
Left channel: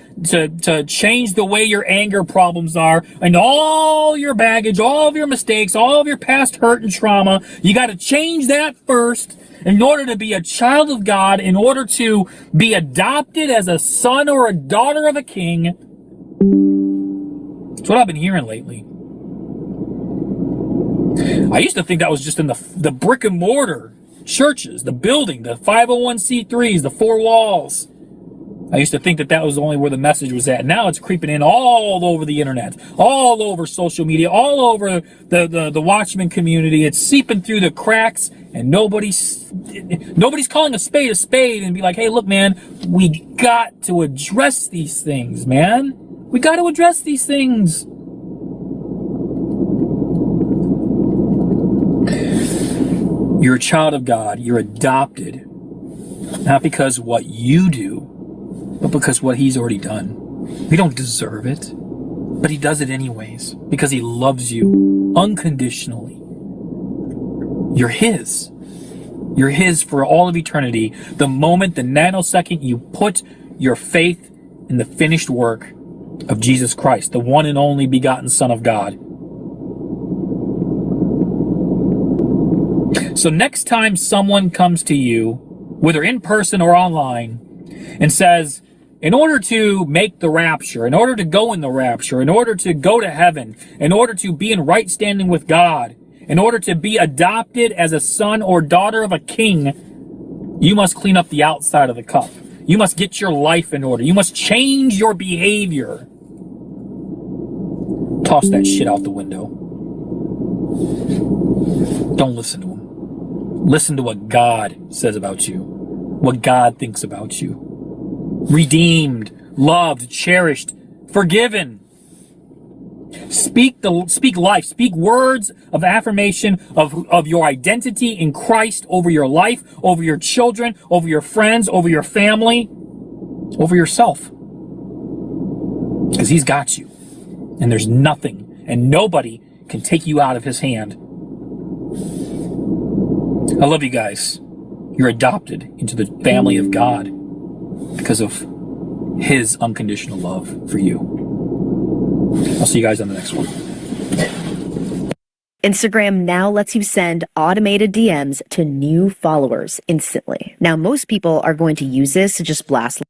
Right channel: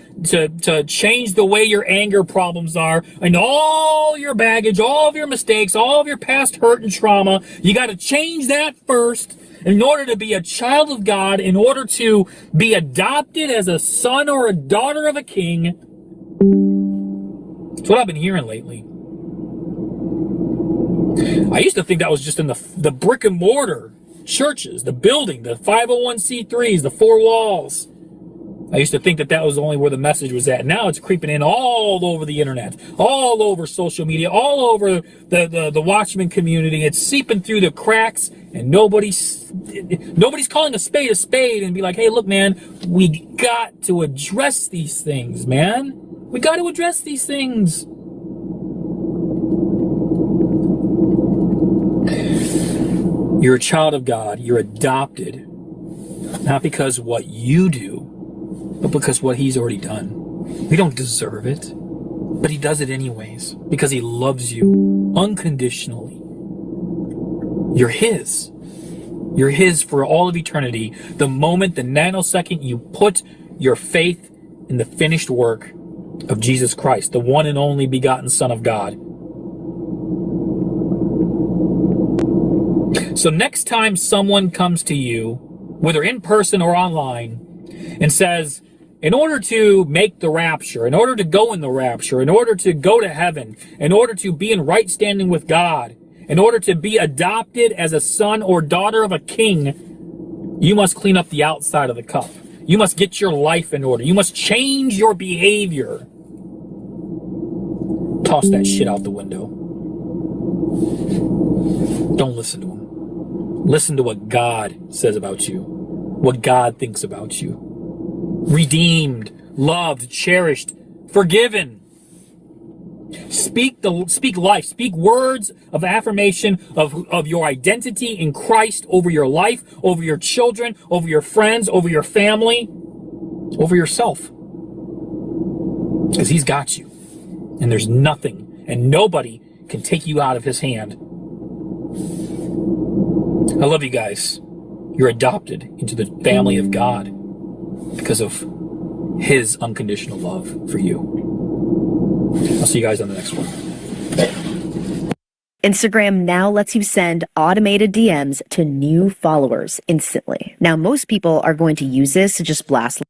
change the way your anger problems are, and all your baggage, all of your mistakes, all of your past hurt and trauma. You got to change that first in order to be a child of God, in order to be adopted as a son or a daughter of a king. That's what I've been hearing lately. I used to think that was just in the brick and mortar churches, the building, the 501c3s, the four walls. I used to think that that was only where the message was at. Now it's creeping in all over the internet, all over social media, all over the Watchman community. It's seeping through the cracks, and nobody's calling a spade and be like, hey, look, man, we got to address these things, man. We got to address these things. You're a child of God. You're adopted, not because of what you do, but because what He's already done. We don't deserve it, but He does it anyways because He loves you unconditionally. You're His. You're His for all of eternity. The moment, the nanosecond you put your faith in the finished work of Jesus Christ, the one and only begotten Son of God. So next time someone comes to you, whether in person or online, and says, in order to make the rapture, in order to go in the rapture, in order to go to heaven, in order to be in right standing with God, in order to be adopted as a son or daughter of a king, you must clean up the outside of the cup. You must get your life in order. You must change your behavior. Toss that shit out the window. Don't listen to him. Listen to what God says about you, what God thinks about you. Redeemed, loved, cherished, forgiven. Speak life. Speak words of affirmation of your identity in Christ over your life, over your children, over your friends, over your family, over yourself. Because he's got you. And there's nothing and nobody can take you out of his hand. I love you guys. You're adopted into the family of God because of his unconditional love for you. I'll see you guys on the next one. Instagram now lets you send automated DMs to new followers instantly. Now, most people are going to use this to just blast.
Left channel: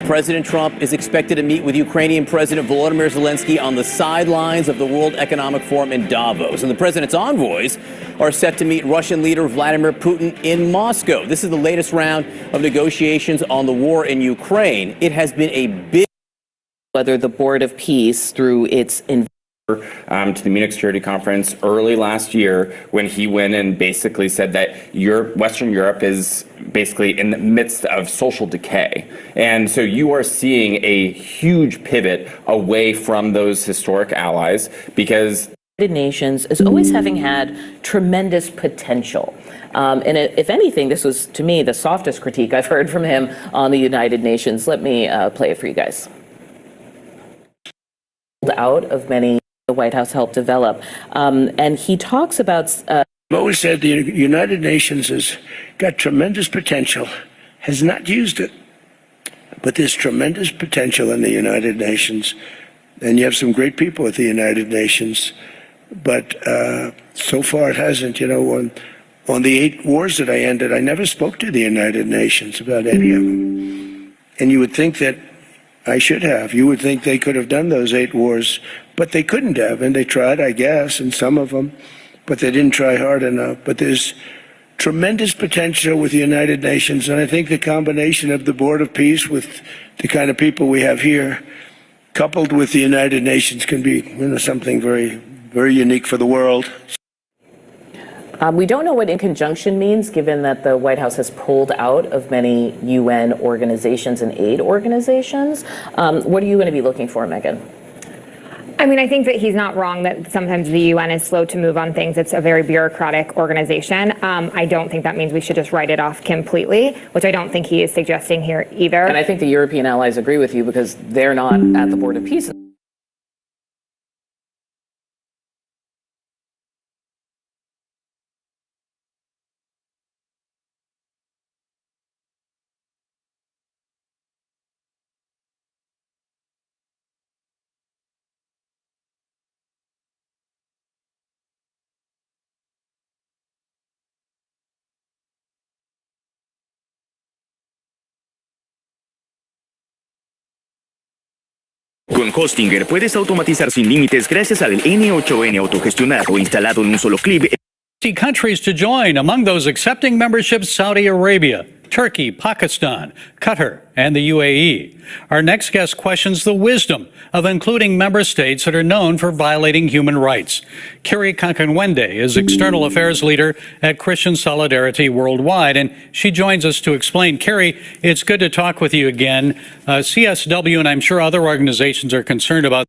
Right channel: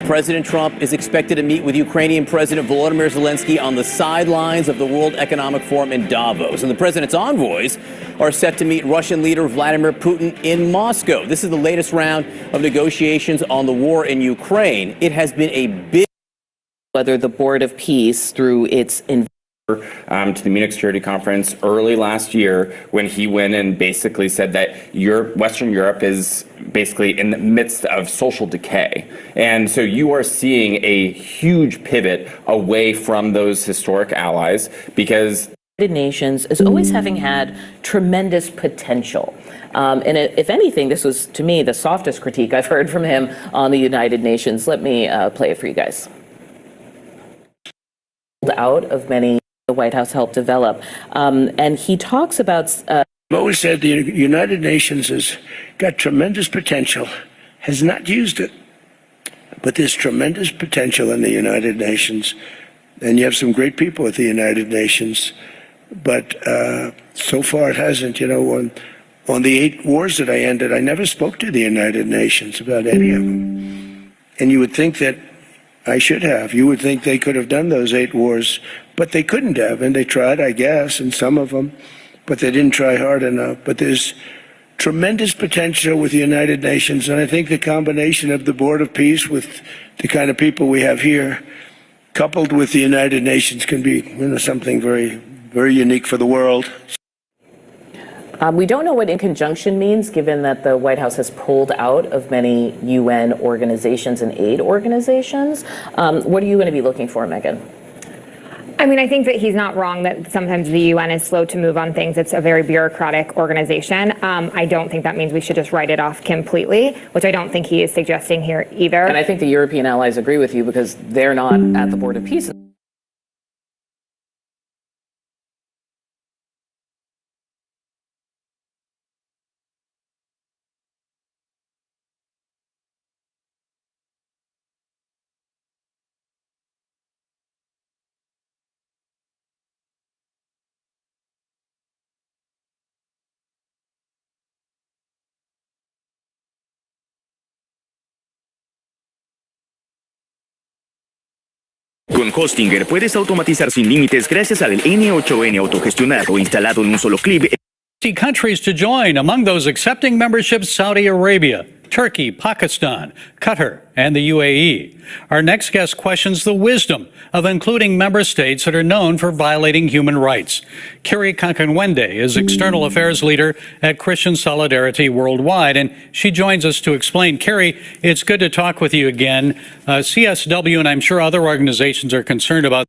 President Trump is expected to meet with Ukrainian President Volodymyr Zelensky on the sidelines of the World Economic Forum in Davos. And the president's envoys are set to meet Russian leader Vladimir Putin in Moscow. This is the latest round of negotiations on the war in Ukraine. It has been a big... Whether the Board of Peace, through its to the Munich Security Conference early last year, when he went and basically said that Western Europe is basically in the midst of social decay. And so you are seeing a huge pivot away from those historic allies because the United Nations is always having had tremendous potential. And if anything, this was, to me, the softest critique I've heard from him on the United Nations. Let me play it for you guys. Out of many the White House helped develop. And he talks about... I've always said the United Nations has got tremendous potential, has not used it. But there's tremendous potential in the United Nations. And you have some great people at the United Nations. But so far it hasn't. You know, on the 8 wars that I ended, I never spoke to the United Nations about any of them. And you would think that I should have. You would think they could have done those 8 wars, but they couldn't have. And they tried, I guess, in some of them, but they didn't try hard enough. But there's tremendous potential with the United Nations. And I think the combination of the Board of Peace with the kind of people we have here, coupled with the United Nations, can be, you know, something very, very unique for the world. We don't know what in conjunction means, given that the White House has pulled out of many UN organizations and aid organizations. What are you going to be looking for, Megan? I mean, I think that he's not wrong that sometimes the UN is slow to move on things. It's a very bureaucratic organization. I don't think that means we should just write it off completely, which I don't think he is suggesting here either. And I think the European allies agree with you because they're not at the Board of Peace. Con Hostinger puedes automatizar sin límites gracias al N8N autogestionado instalado en un solo clip. Countries to join. Among those accepting membership, Saudi Arabia, Turkey, Pakistan, Qatar, and the UAE. Our next guest questions the wisdom of including member states that are known for violating human rights. Kiri Kankanwende is External Affairs Leader at Christian Solidarity Worldwide, and she joins us to explain. Kiri, it's good to talk with you again. CSW, and I'm sure other organizations are concerned about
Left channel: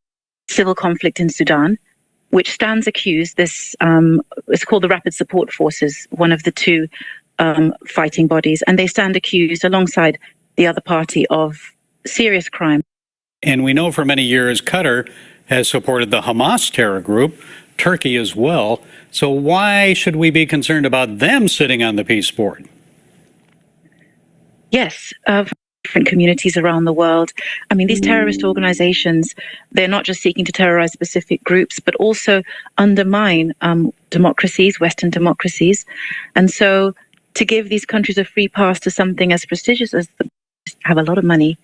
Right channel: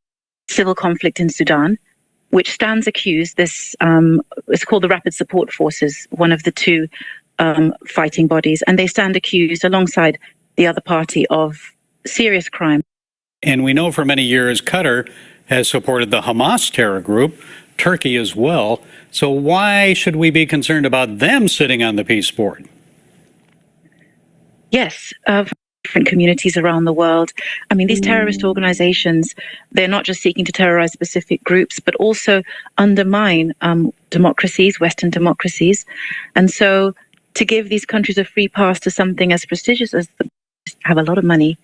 civil conflict in Sudan, which stands accused. This is called the Rapid Support Forces, one of the two fighting bodies, and they stand accused alongside the other party of serious crime. And we know for many years Qatar has supported the Hamas terror group, Turkey as well. So why should we be concerned about them sitting on the peace board? Yes, different communities around the world. I mean, these terrorist organizations, they're not just seeking to terrorize specific groups, but also undermine democracies, Western democracies. And so to give these countries a free pass to something as prestigious as have a lot of money.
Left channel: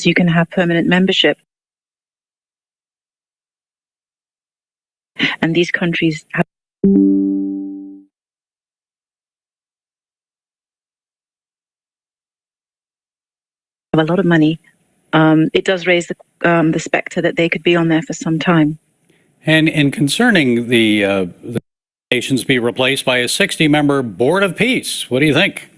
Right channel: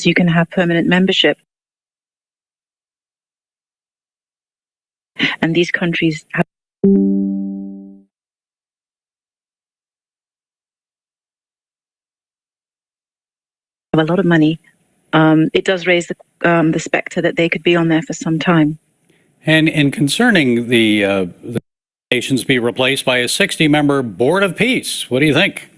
So you can have permanent membership. And these countries have a lot of money. It does raise the specter that they could be on there for some time. And concerning the nations be replaced by a 60-member Board of Peace, what do you think?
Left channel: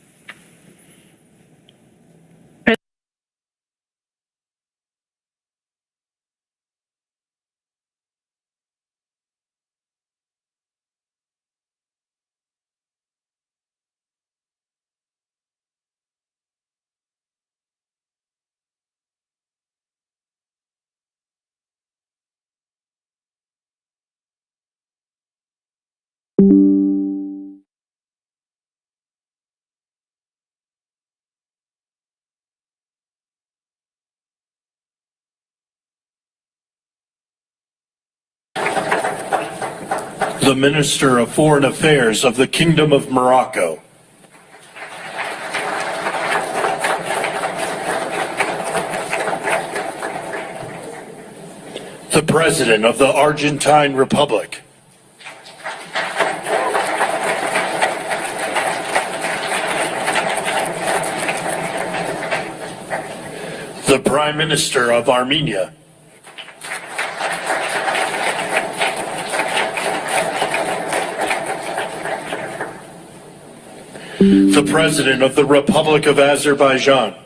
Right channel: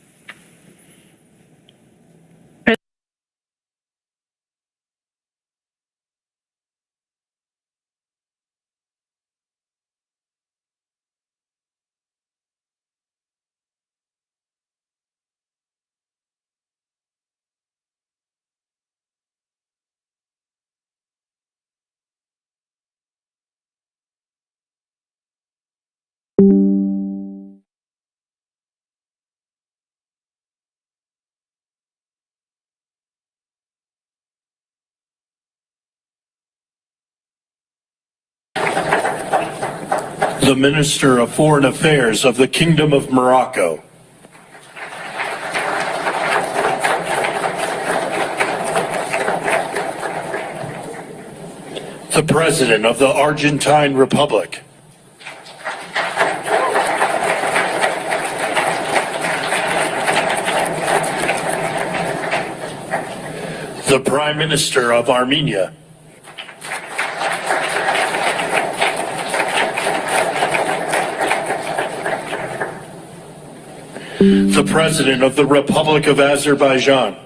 The Minister of Foreign Affairs of the Kingdom of Morocco. The President of the Argentine Republic. The Prime Minister of Armenia. The President of the Republic of Azerbaijan.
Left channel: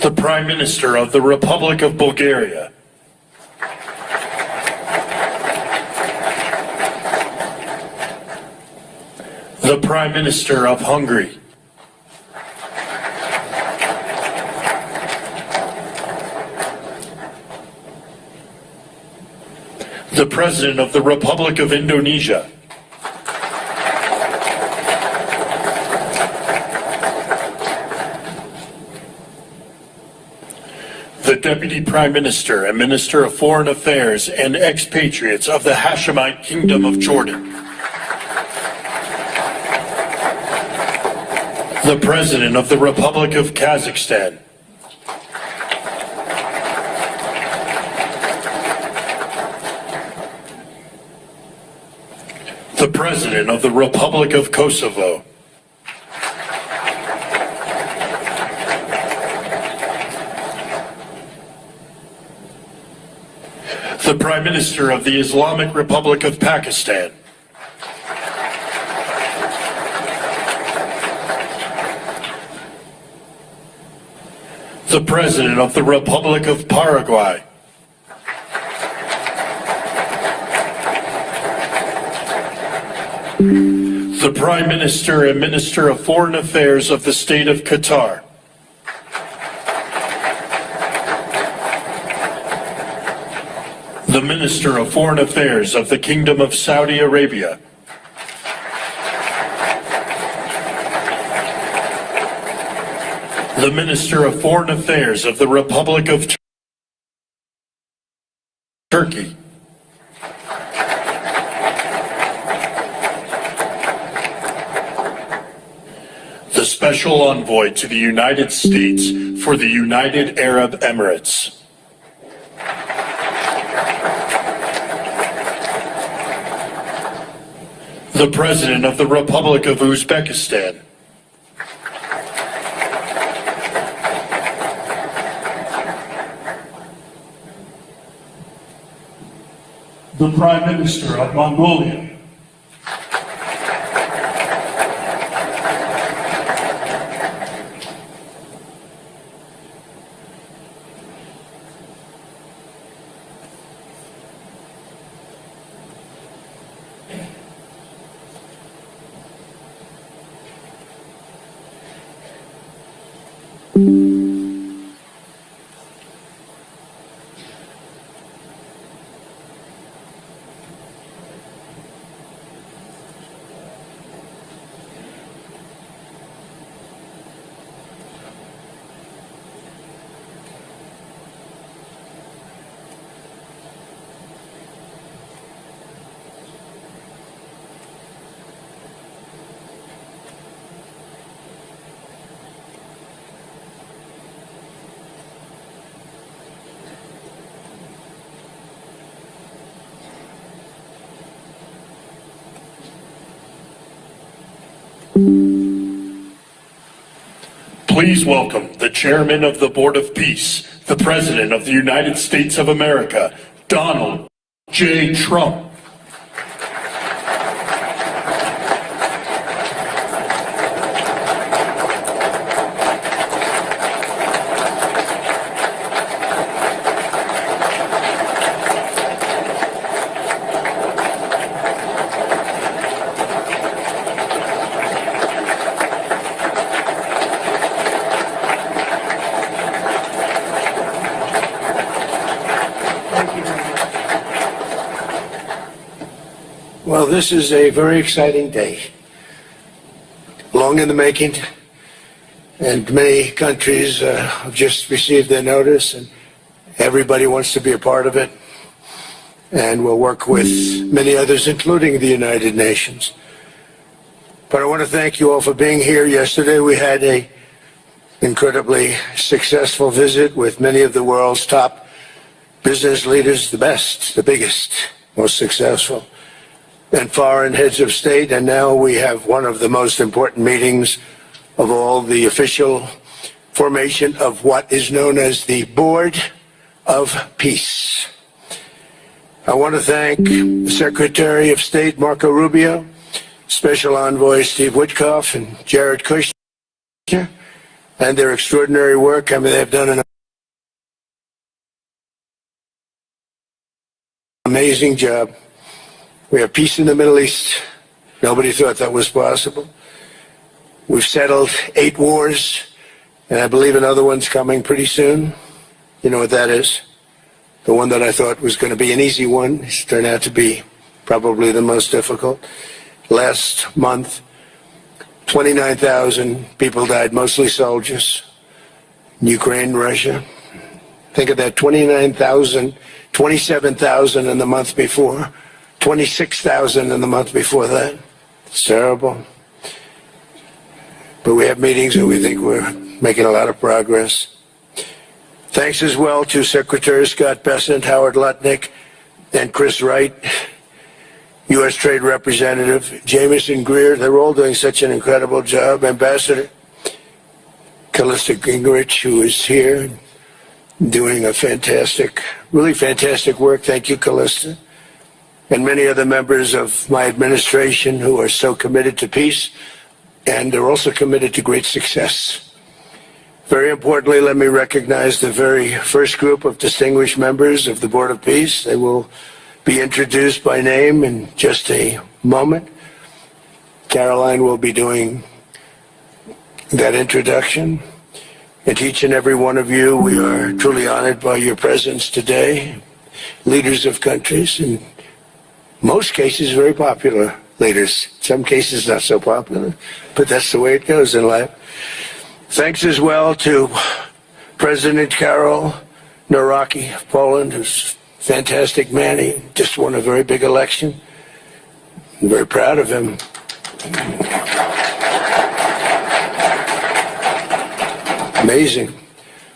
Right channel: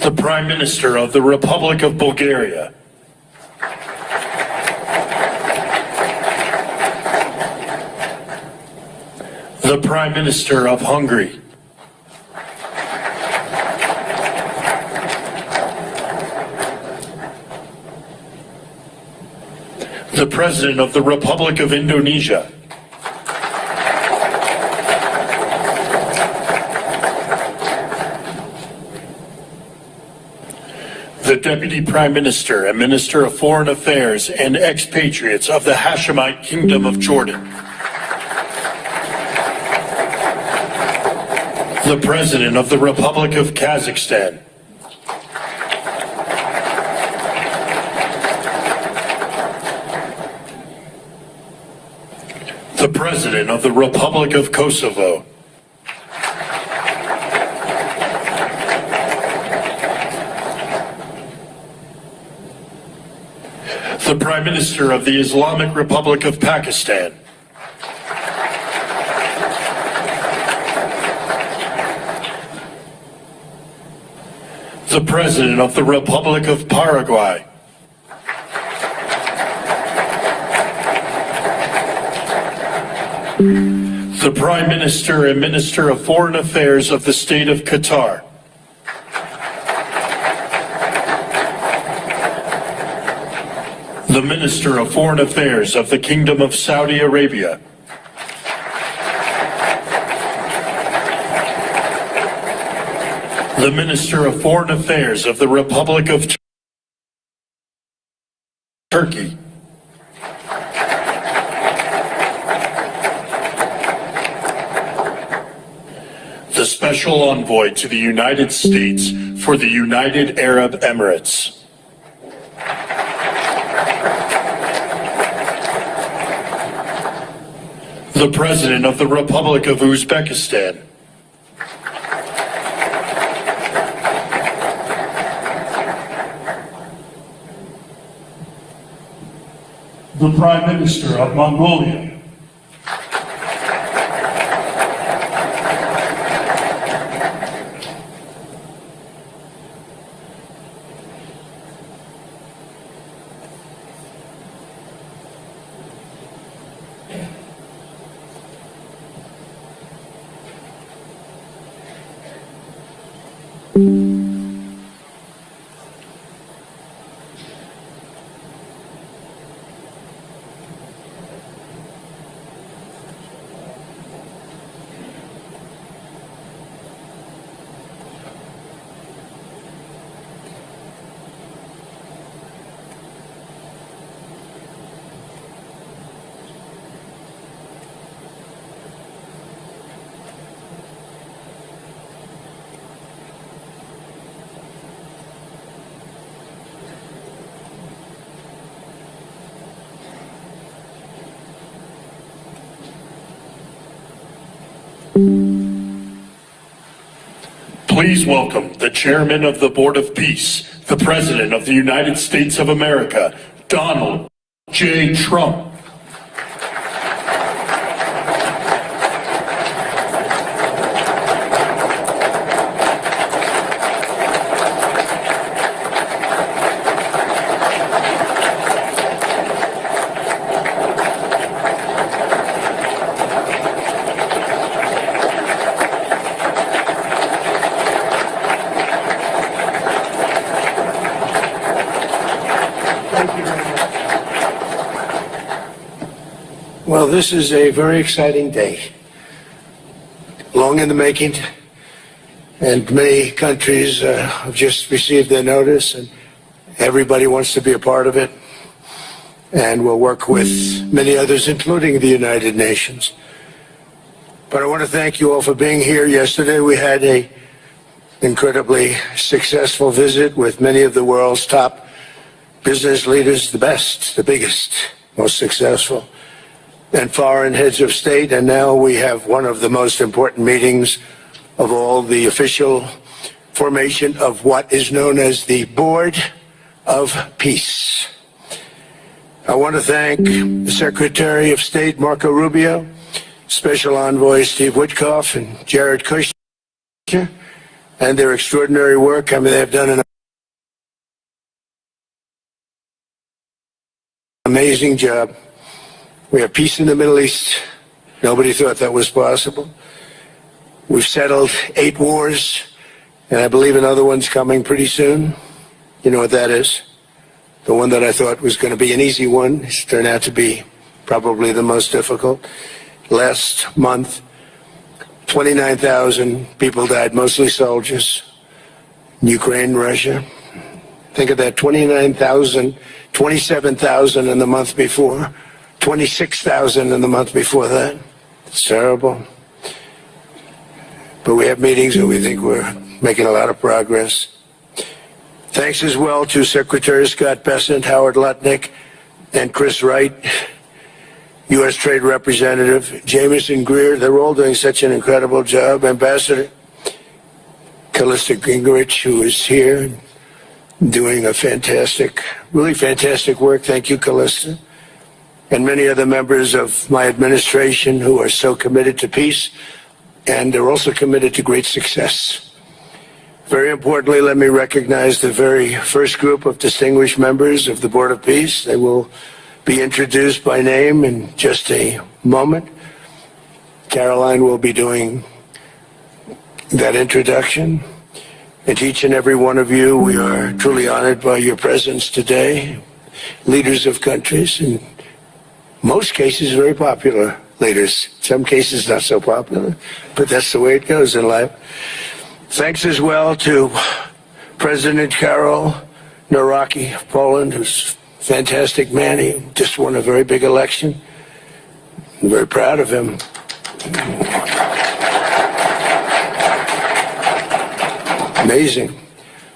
The Prime Minister of the Republic of Bulgaria. The Prime Minister of Hungary. The President of the Republic of Indonesia. The Deputy Prime Minister and Minister of Foreign Affairs and expatriates of the Hashemite Kingdom of Jordan. The President of the Republic of Kazakhstan. The President of the Republic of Kosovo. The Prime Minister of the Islamic Republic of Pakistan. The President of the Republic of Paraguay. The Prime Minister and Minister of Foreign Affairs of the State of Qatar. The Minister of Foreign Affairs of the Kingdom of Saudi Arabia. The Minister of Foreign Affairs of the Republic of Turkey. The Special Envoy to the United States for the United Arab Emirates. The President of the Republic of Uzbekistan. The Prime Minister of Mongolia. Please welcome the Chairman of the Board of Peace, the President of the United States of America, Donald J. Trump. Well, this is a very exciting day. Long in the making, and many countries have just received their notice, and everybody wants to be a part of it. And we'll work with many others, including the United Nations. But I want to thank you all for being here. Yesterday we had an incredibly successful visit with many of the world's top business leaders, the best, the biggest, most successful, and foreign heads of state. And now we have one of the most important meetings of all, the official formation of what is known as the Board of Peace. I want to thank the Secretary of State, Marco Rubio, Special Envoy Steve Witkoff, and Jared Kushner, and their extraordinary work. I mean, they've done an amazing job. We have peace in the Middle East. Nobody thought that was possible. We've settled 8 wars, and I believe another one's coming pretty soon. You know what that is? The one that I thought was going to be an easy one has turned out to be probably the most difficult. Last month, 29,000 people died, mostly soldiers, in Ukraine, Russia. Think of that, 29,000, 27,000 in the month before. 26,000 in the month before that. It's terrible. But we have meetings and we think we're making a lot of progress. Thanks as well to Secretary Scott Bessent, Howard Lutnick, and Chris Wright, U.S. Trade Representative Jamieson Greer. They're all doing such an incredible job. Ambassador Callista Gingrich, who is here, doing a fantastic, really fantastic work. Thank you, Callista. And many of the members of my administration who are so committed to peace, and they're also committed to great success. Very importantly, let me recognize the very first group of distinguished members of the Board of Peace. They will be introduced by name in just a moment. Caroline will be doing that introduction. And to each and every one of you, we are truly honored by your presence today. Leaders of countries, and most cases very popular leaders, some cases not so popular, but that's the way it goes in life. Thanks as well to President Karol Nawrocki of Poland, who's a fantastic man. He just won a very big election. I'm very proud of him. Amazing.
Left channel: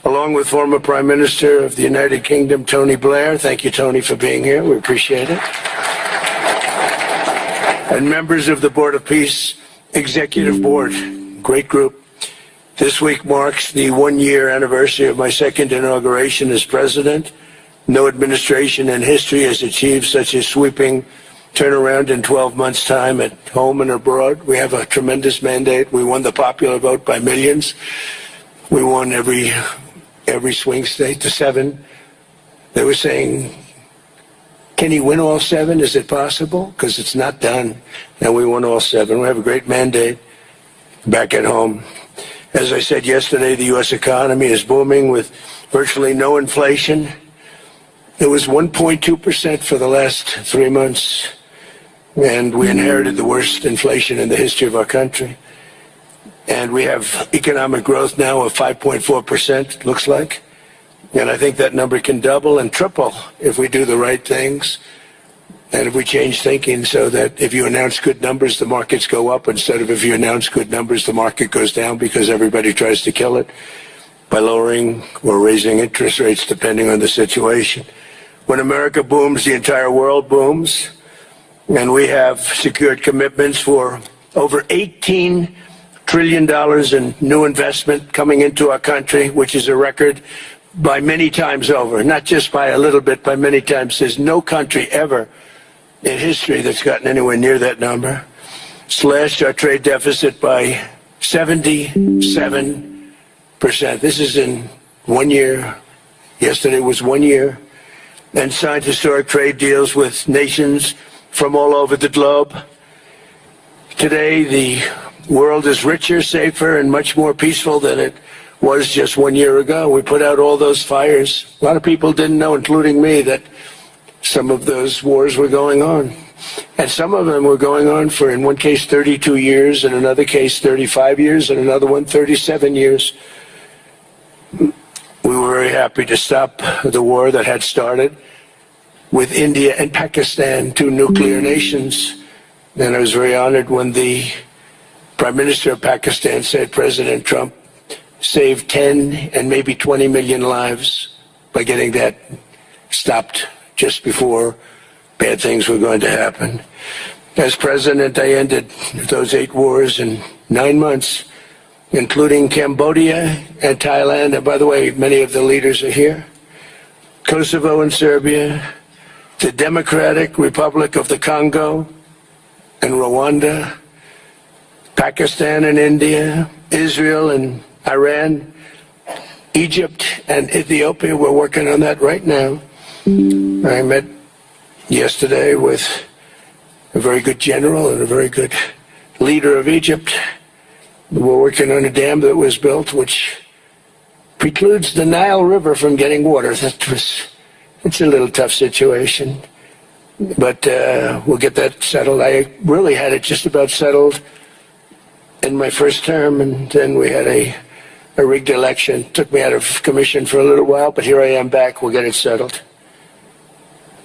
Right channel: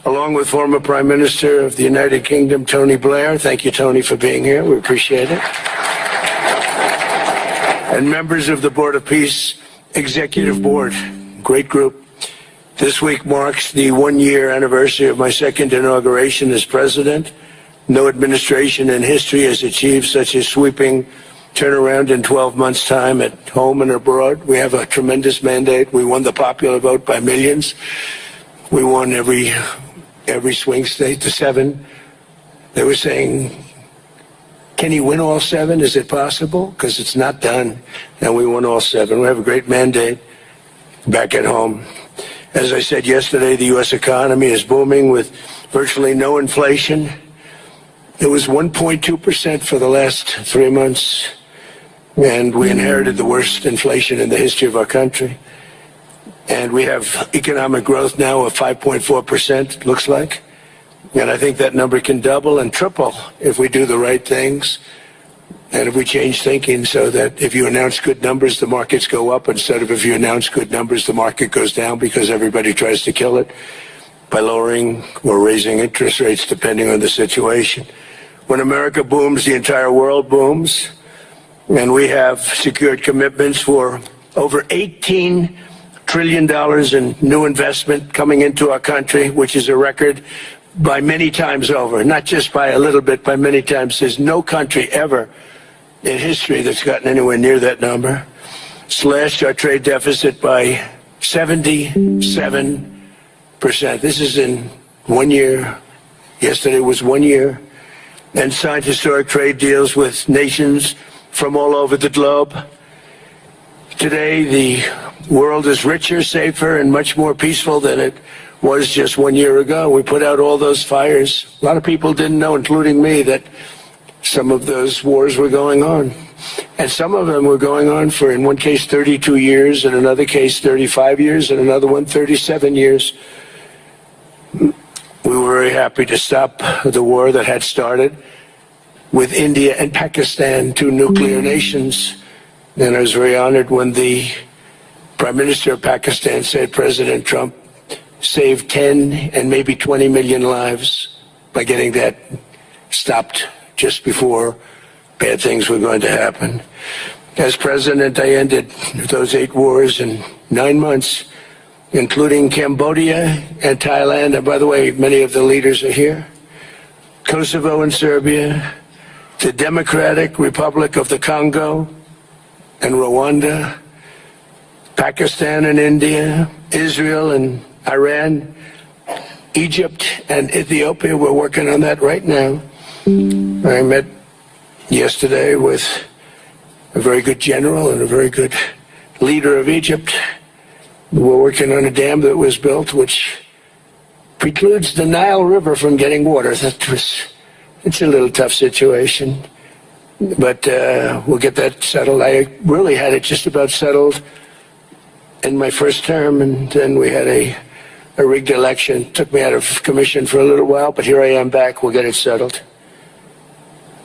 Along with former Prime Minister of the United Kingdom, Tony Blair. Thank you, Tony, for being here. We appreciate it. And members of the Board of Peace Executive Board, great group. This week marks the 1-year anniversary of my second inauguration as president. No administration in history has achieved such a sweeping turnaround in 12 months' time at home and abroad. We have a tremendous mandate. We won the popular vote by millions. We won every swing state, the 7. They were saying, can he win all 7? Is it possible? Because it's not done. And we won all 7. We have a great mandate back at home. As I said yesterday, the U.S. economy is booming with virtually no inflation. It was 1.2% for the last 3 months, and we inherited the worst inflation in the history of our country. And we have economic growth now of 5.4%, looks like. And I think that number can double and triple if we do the right things and if we change thinking so that if you announce good numbers, the markets go up instead of if you announce good numbers, the market goes down because everybody tries to kill it by lowering or raising interest rates depending on the situation. When America booms, the entire world booms. And we have secured commitments for over $18 trillion in new investment coming into our country, which is a record by many times over, not just by a little bit, by many times. There's no country ever in history that's gotten anywhere near that number. Slashed our trade deficit by 77%. This is in 1 year. Yesterday was 1 year. And signed historic trade deals with nations from all over the globe. Today, the world is richer, safer, and much more peaceful than it was just 1 year ago. We put out all those fires. A lot of people didn't know, including me, that some of those wars were going on. And some of them were going on for, in one case, 32 years, in another case, 35 years, and another one, 37 years. We were very happy to stop the war that had started with India and Pakistan, two nuclear nations. And I was very honored when the Prime Minister of Pakistan said President Trump saved 10 and maybe 20 million lives by getting that stopped just before bad things were going to happen. As president, I ended those 8 wars in 9 months, including Cambodia and Thailand. And by the way, many of the leaders are here. Kosovo and Serbia, the Democratic Republic of the Congo and Rwanda, Pakistan and India, Israel and Iran, Egypt and Ethiopia. We're working on that right now. I met yesterday with a very good general and a very good leader of Egypt. We're working on a dam that was built which precludes the Nile River from getting water. It's a little tough situation, but we'll get that settled. I really had it just about settled in my first term, and then we had a rigged election. It took me out of commission for a little while, but here I am back. We'll get it settled.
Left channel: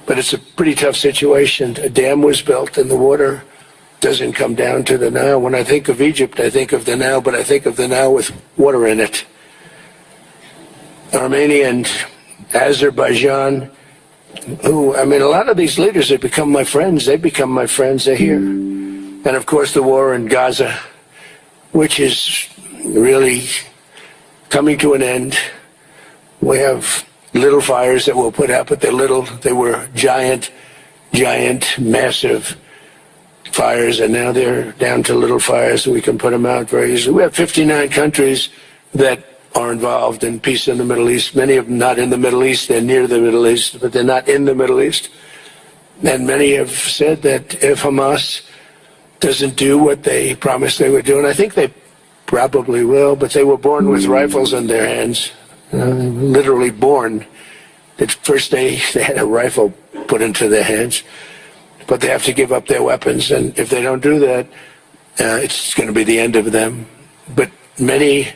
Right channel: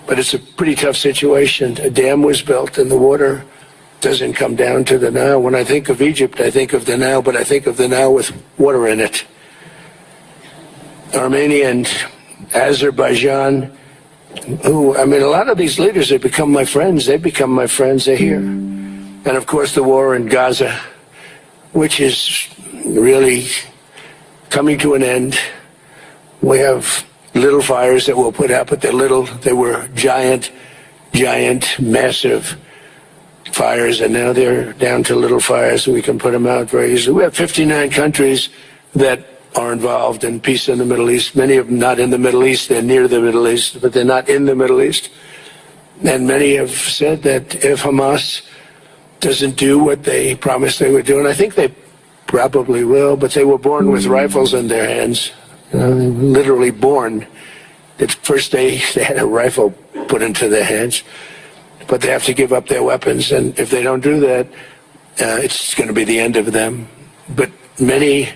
But it's a pretty tough situation. A dam was built, and the water doesn't come down to the Nile. When I think of Egypt, I think of the Nile, but I think of the Nile with water in it. Armenia and Azerbaijan, who, I mean, a lot of these leaders have become my friends. They become my friends. They're here. And, of course, the war in Gaza, which is really coming to an end. We have little fires that we'll put out, but they're little. They were giant, massive fires, and now they're down to little fires, so we can put them out very easily. We have 59 countries that are involved in peace in the Middle East. Many of them not in the Middle East. They're near the Middle East, but they're not in the Middle East. And many have said that if Hamas doesn't do what they promised they would do, and I think they probably will, but they were born with rifles in their hands, literally born. At first they had a rifle put into their hands, but they have to give up their weapons, and if they don't do that, it's going to be the end of them. But many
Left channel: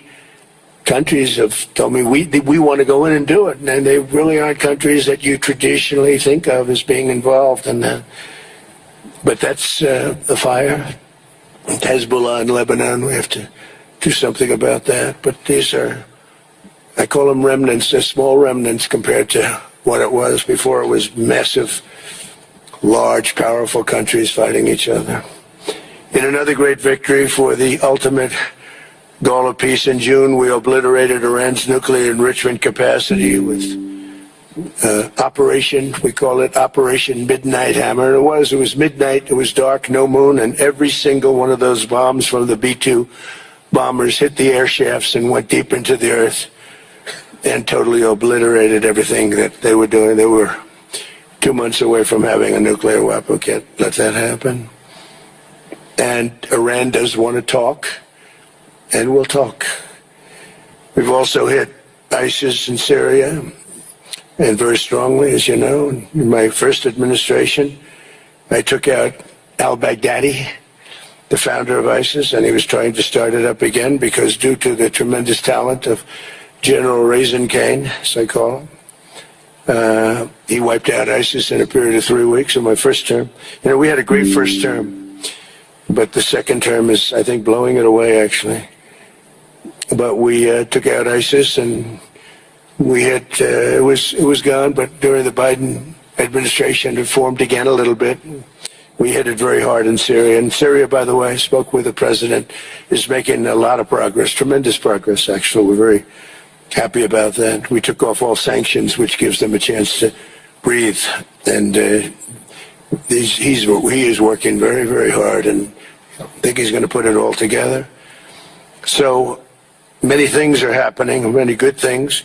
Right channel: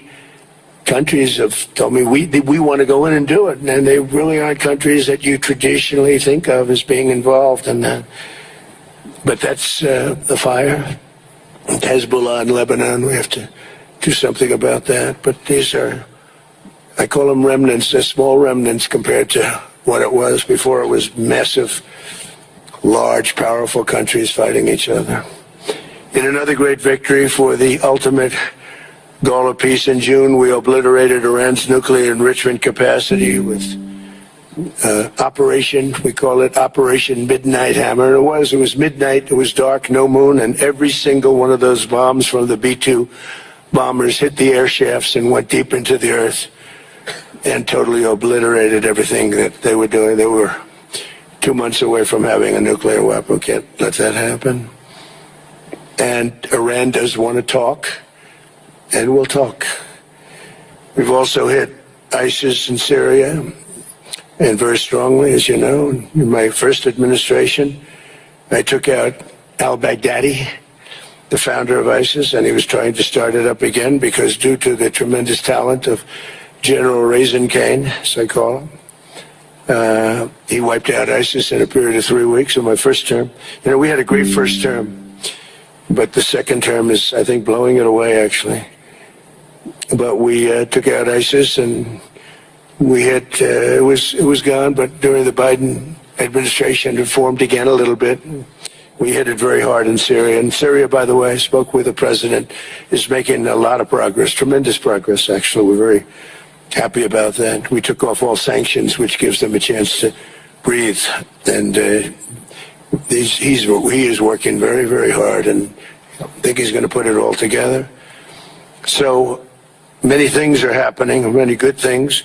countries have told me we want to go in and do it, and they really aren't countries that you traditionally think of as being involved in that. But that's a fire. Hezbollah in Lebanon, we have to do something about that. But these are, I call them remnants. They're small remnants compared to what it was before. It was massive, large, powerful countries fighting each other. In another great victory for the ultimate goal of peace in June, we obliterated Iran's nuclear enrichment capacity with Operation, we call it Operation Midnight Hammer. It was midnight, it was dark, no moon, and every single one of those bombs from the B-2 bombers hit the air shafts and went deep into the earth and totally obliterated everything that they were doing. They were 2 months away from having a nuclear weapon. We can't let that happen. And Iran does want to talk, and we'll talk. We've also hit ISIS in Syria, and very strongly, as you know. In my first administration, I took out al-Baghdadi, the founder of ISIS, and he was trying to start it up again because due to the tremendous talent of General Raisin Kane, as I call him, he wiped out ISIS in a period of 3 weeks in my first term. You know, we had a great first term, but the second term is, I think, blowing it away, actually. But we took out ISIS, and we hit, it was gone, but during the Biden administration, it formed again a little bit. We hit it very hard in Syria. And Syria, by the way, I spoke with the president, is making a lot of progress, tremendous progress, actually. We're very happy about that. We took off all sanctions, which gives them a chance to breathe. And he is working very, very hard, and I think he's going to put it all together. So many things are happening, many good things.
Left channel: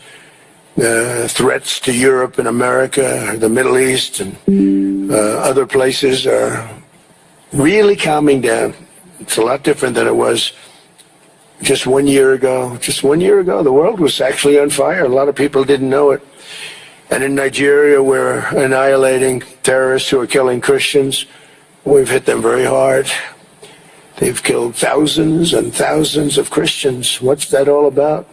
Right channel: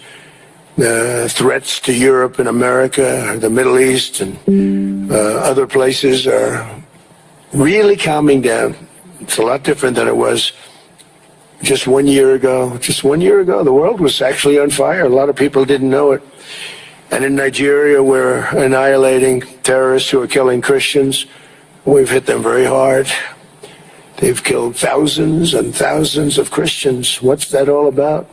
Threats to Europe and America, the Middle East, and other places are really calming down. It's a lot different than it was just 1 year ago. Just 1 year ago, the world was actually on fire. A lot of people didn't know it. And in Nigeria, we're annihilating terrorists who are killing Christians. We've hit them very hard. They've killed thousands and thousands of Christians. What's that all about?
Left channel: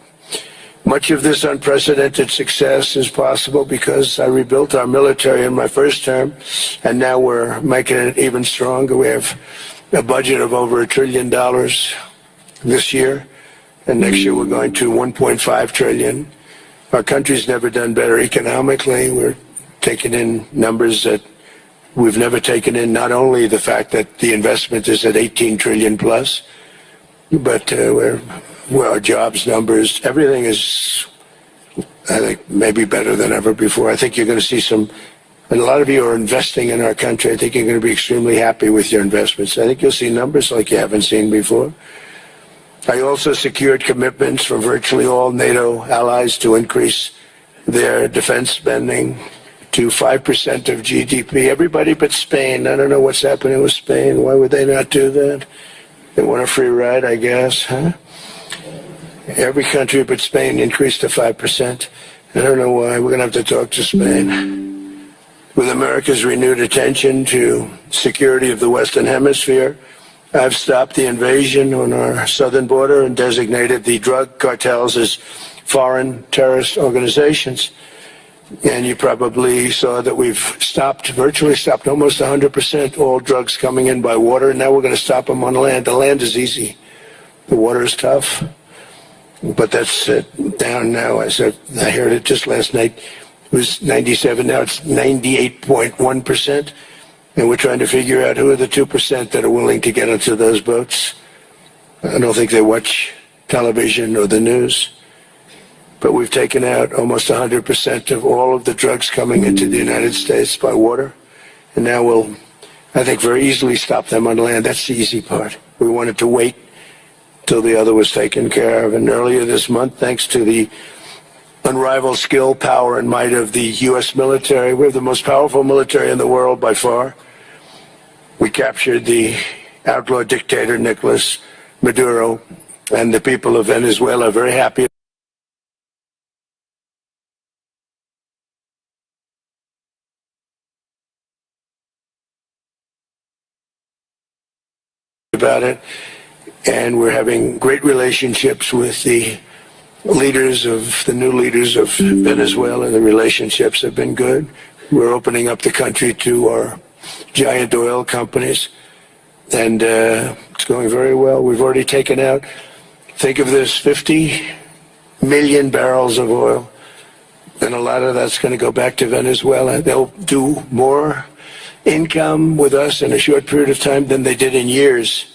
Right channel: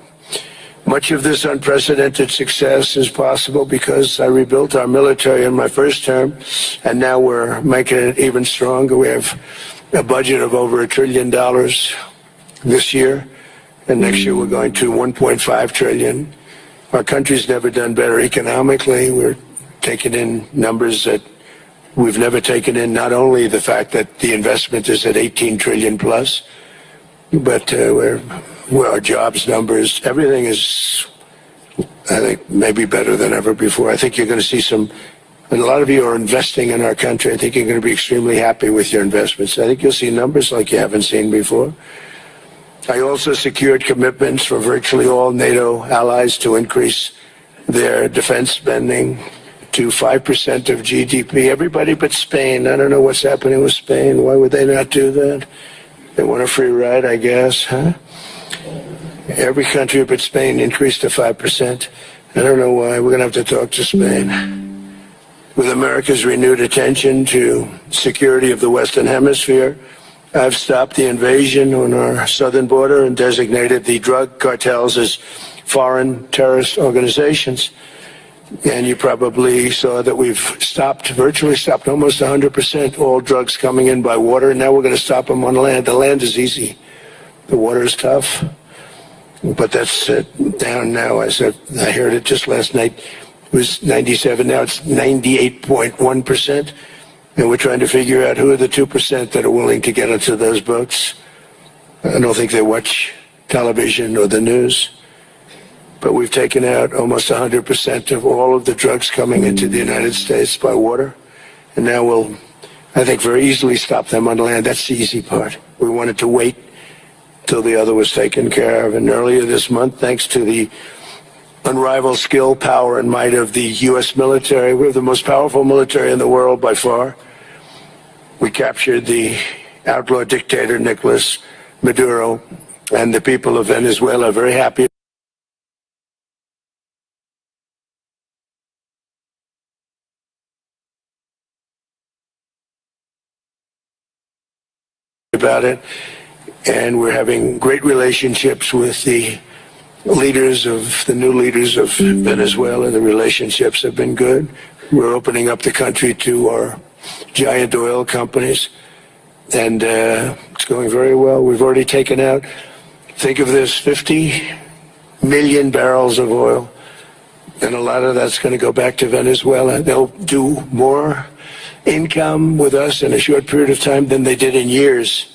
Much of this unprecedented success is possible because I rebuilt our military in my first term, and now we're making it even stronger. We have a budget of over $1 trillion this year, and next year we're going to $1.5 trillion. Our country's never done better economically. We're taking in numbers that we've never taken in, not only the fact that the investment is at 18 trillion plus, but where our jobs numbers, everything is, I think, maybe better than ever before. I think you're going to see and a lot of you are investing in our country. I think you're going to be extremely happy with your investments. I think you'll see numbers like you haven't seen before. I also secured commitments from virtually all NATO allies to increase their defense spending to 5% of GDP. Everybody but Spain. I don't know what's happening with Spain. Why would they not do that? They want a free ride, I guess, huh? Every country but Spain increased to 5%. I don't know why. We're going to have to talk to Spain. With America's renewed attention to security of the Western Hemisphere, I've stopped the invasion on our southern border and designated the drug cartels as foreign terrorist organizations. And you probably saw that we've virtually stopped almost 100% all drugs coming in by water. And now we're going to stop them on land. The land is easy. The water is tough. But that's down now. I heard it just last night. It was 97. Now it's 98.1%. And we're trying to figure out who are the 2% that are willing to get into those boats. I don't think they watch television or the news. But we've taken out almost 100% of all of the drugs coming into the United States by water. And now we'll, I think, very easily stop them on land. That's the easy part. We wanted to wait till the other was taken care of. And earlier this month, thanks to the unrivaled skill, power, and might of the U.S. military, we have the most powerful military in the world by far. We captured the outlaw dictator, Nicolas Maduro, and the people of Venezuela are very happy about it. And we're having great relationships with the new leaders of Venezuela. The relationships have been good. We're opening up the country to our giant oil companies, and it's going very well. We've already taken out, think of this, 50 million barrels of oil, and a lot of that's going to go back to Venezuela. They'll do more income with us in a short period of time than they did in years,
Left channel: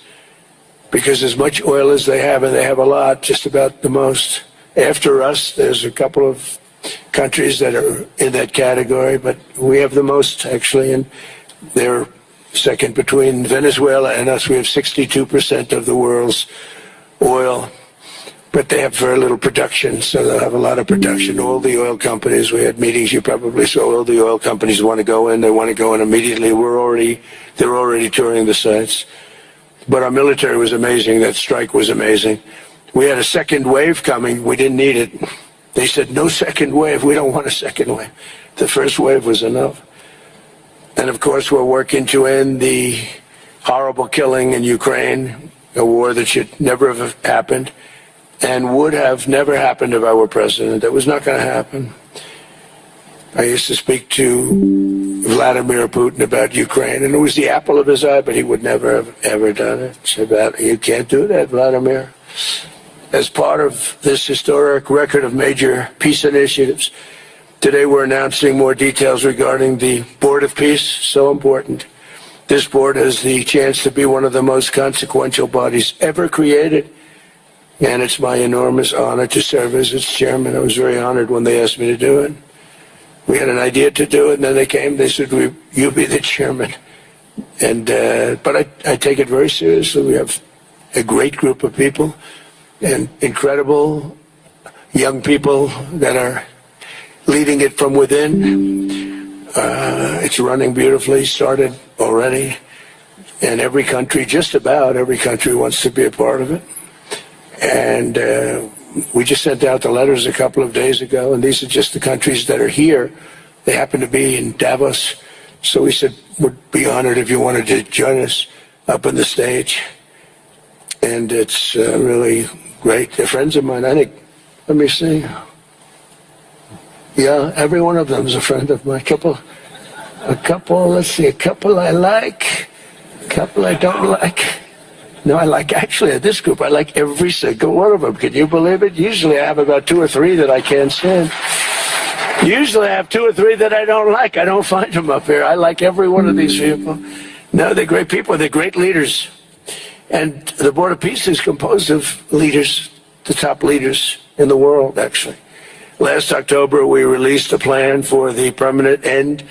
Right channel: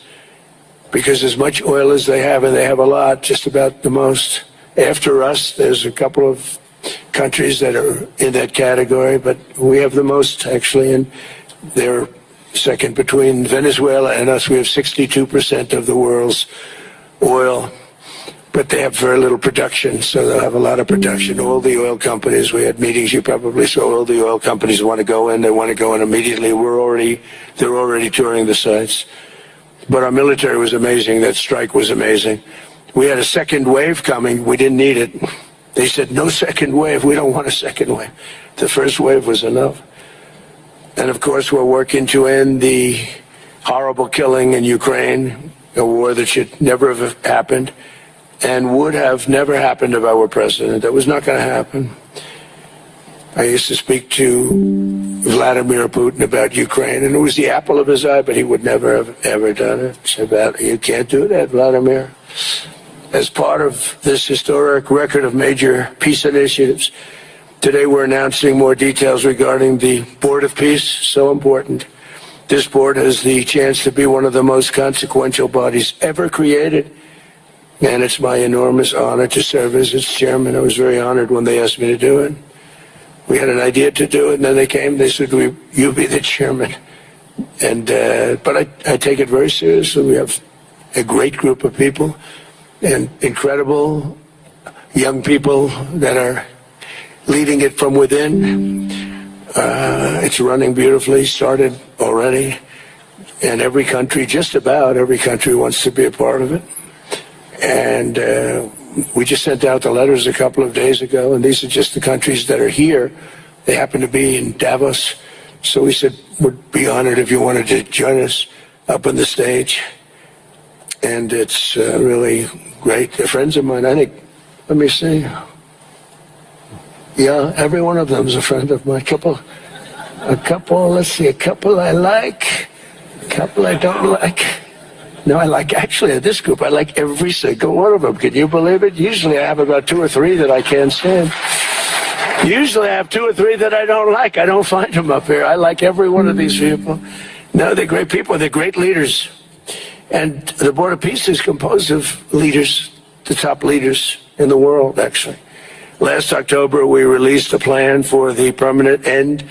because as much oil as they have, and they have a lot, just about the most. After us, there's a couple of countries that are in that category, but we have the most, actually, and they're second between Venezuela and us. We have 62% of the world's oil, but they have very little production, so they'll have a lot of production. All the oil companies, we had meetings, you probably saw, all the oil companies want to go in, they want to go in immediately. They're already touring the sites. But our military was amazing. That strike was amazing. We had a second wave coming. We didn't need it. They said, no second wave. We don't want a second wave. The first wave was enough. And, of course, we're working to end the horrible killing in Ukraine, a war that should never have happened and would have never happened if I were president. That was not going to happen. I used to speak to Vladimir Putin about Ukraine, and it was the apple of his eye, but he would never have ever done it. It's about, you can't do that, Vladimir. As part of this historic record of major peace initiatives, today we're announcing more details regarding the Board of Peace, so important. This board has the chance to be one of the most consequential bodies ever created, and it's my enormous honor to serve as its chairman. I was very honored when they asked me to do it. We had an idea to do it, and then they came. They said, "You be the chairman." And but I take it very seriously. We have a great group of people, and incredible young people that are leading it from within. It's running beautifully. Started already, and every country, just about every country, wants to be a part of it. And we just sent out the letters a couple of days ago, and these are just the countries that are here. They happen to be in Davos. So we said, we'd be honored if you wanted to join us up on the stage. And it's really great. They're friends of mine, I think. Let me see. Yeah, every one of them is a friend of mine. A couple I like, a couple I don't like. No, I like, actually, this group, I like every single one of them. Can you believe it? Usually I have about 2 or 3 that I can't stand. Usually I have 2 or 3 that I don't like. I don't find them up here. I like every one of these people. No, they're great people. They're great leaders. And the Board of Peace is composed of leaders, the top leaders in the world, actually. Last October, we released a plan for the permanent end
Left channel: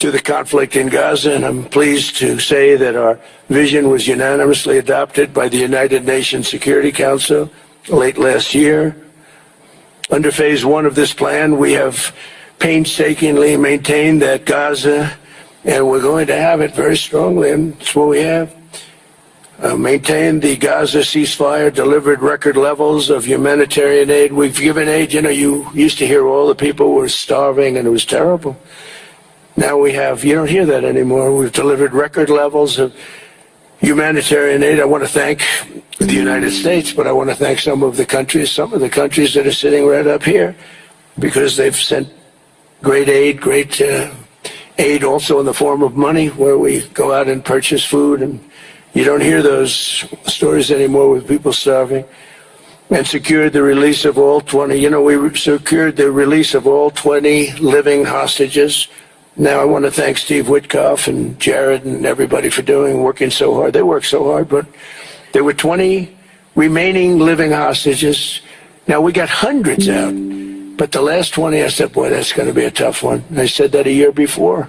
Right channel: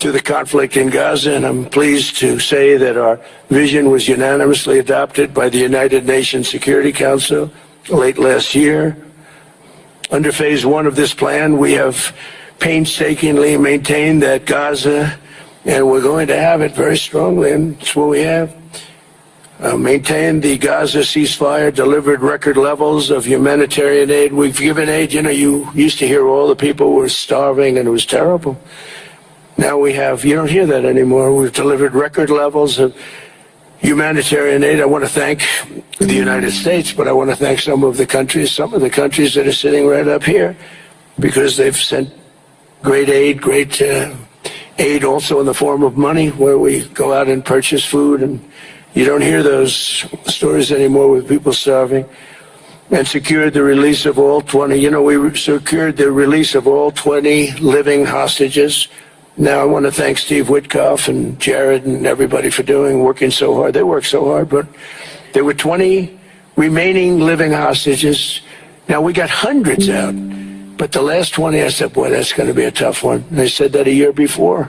to the conflict in Gaza, and I'm pleased to say that our vision was unanimously adopted by the United Nations Security Council late last year. Under phase 1 of this plan, we have painstakingly maintained that Gaza, and we're going to have it very strongly, and that's what we have, maintained the Gaza ceasefire, delivered record levels of humanitarian aid. We've given aid, you used to hear all the people who were starving, and it was terrible. Now we have, you don't hear that anymore. We've delivered record levels of humanitarian aid. I want to thank the United States, but I want to thank some of the countries that are sitting right up here, because they've sent great aid also in the form of money, where we go out and purchase food, and you don't hear those stories anymore with people starving. And secured the release of all 20, we secured the release of all 20 living hostages. Now I want to thank Steve Witkoff and Jared and everybody for working so hard. They worked so hard, but there were 20 remaining living hostages. Now we got hundreds out, but the last 20, I said, boy, that's going to be a tough one. I said that a year before,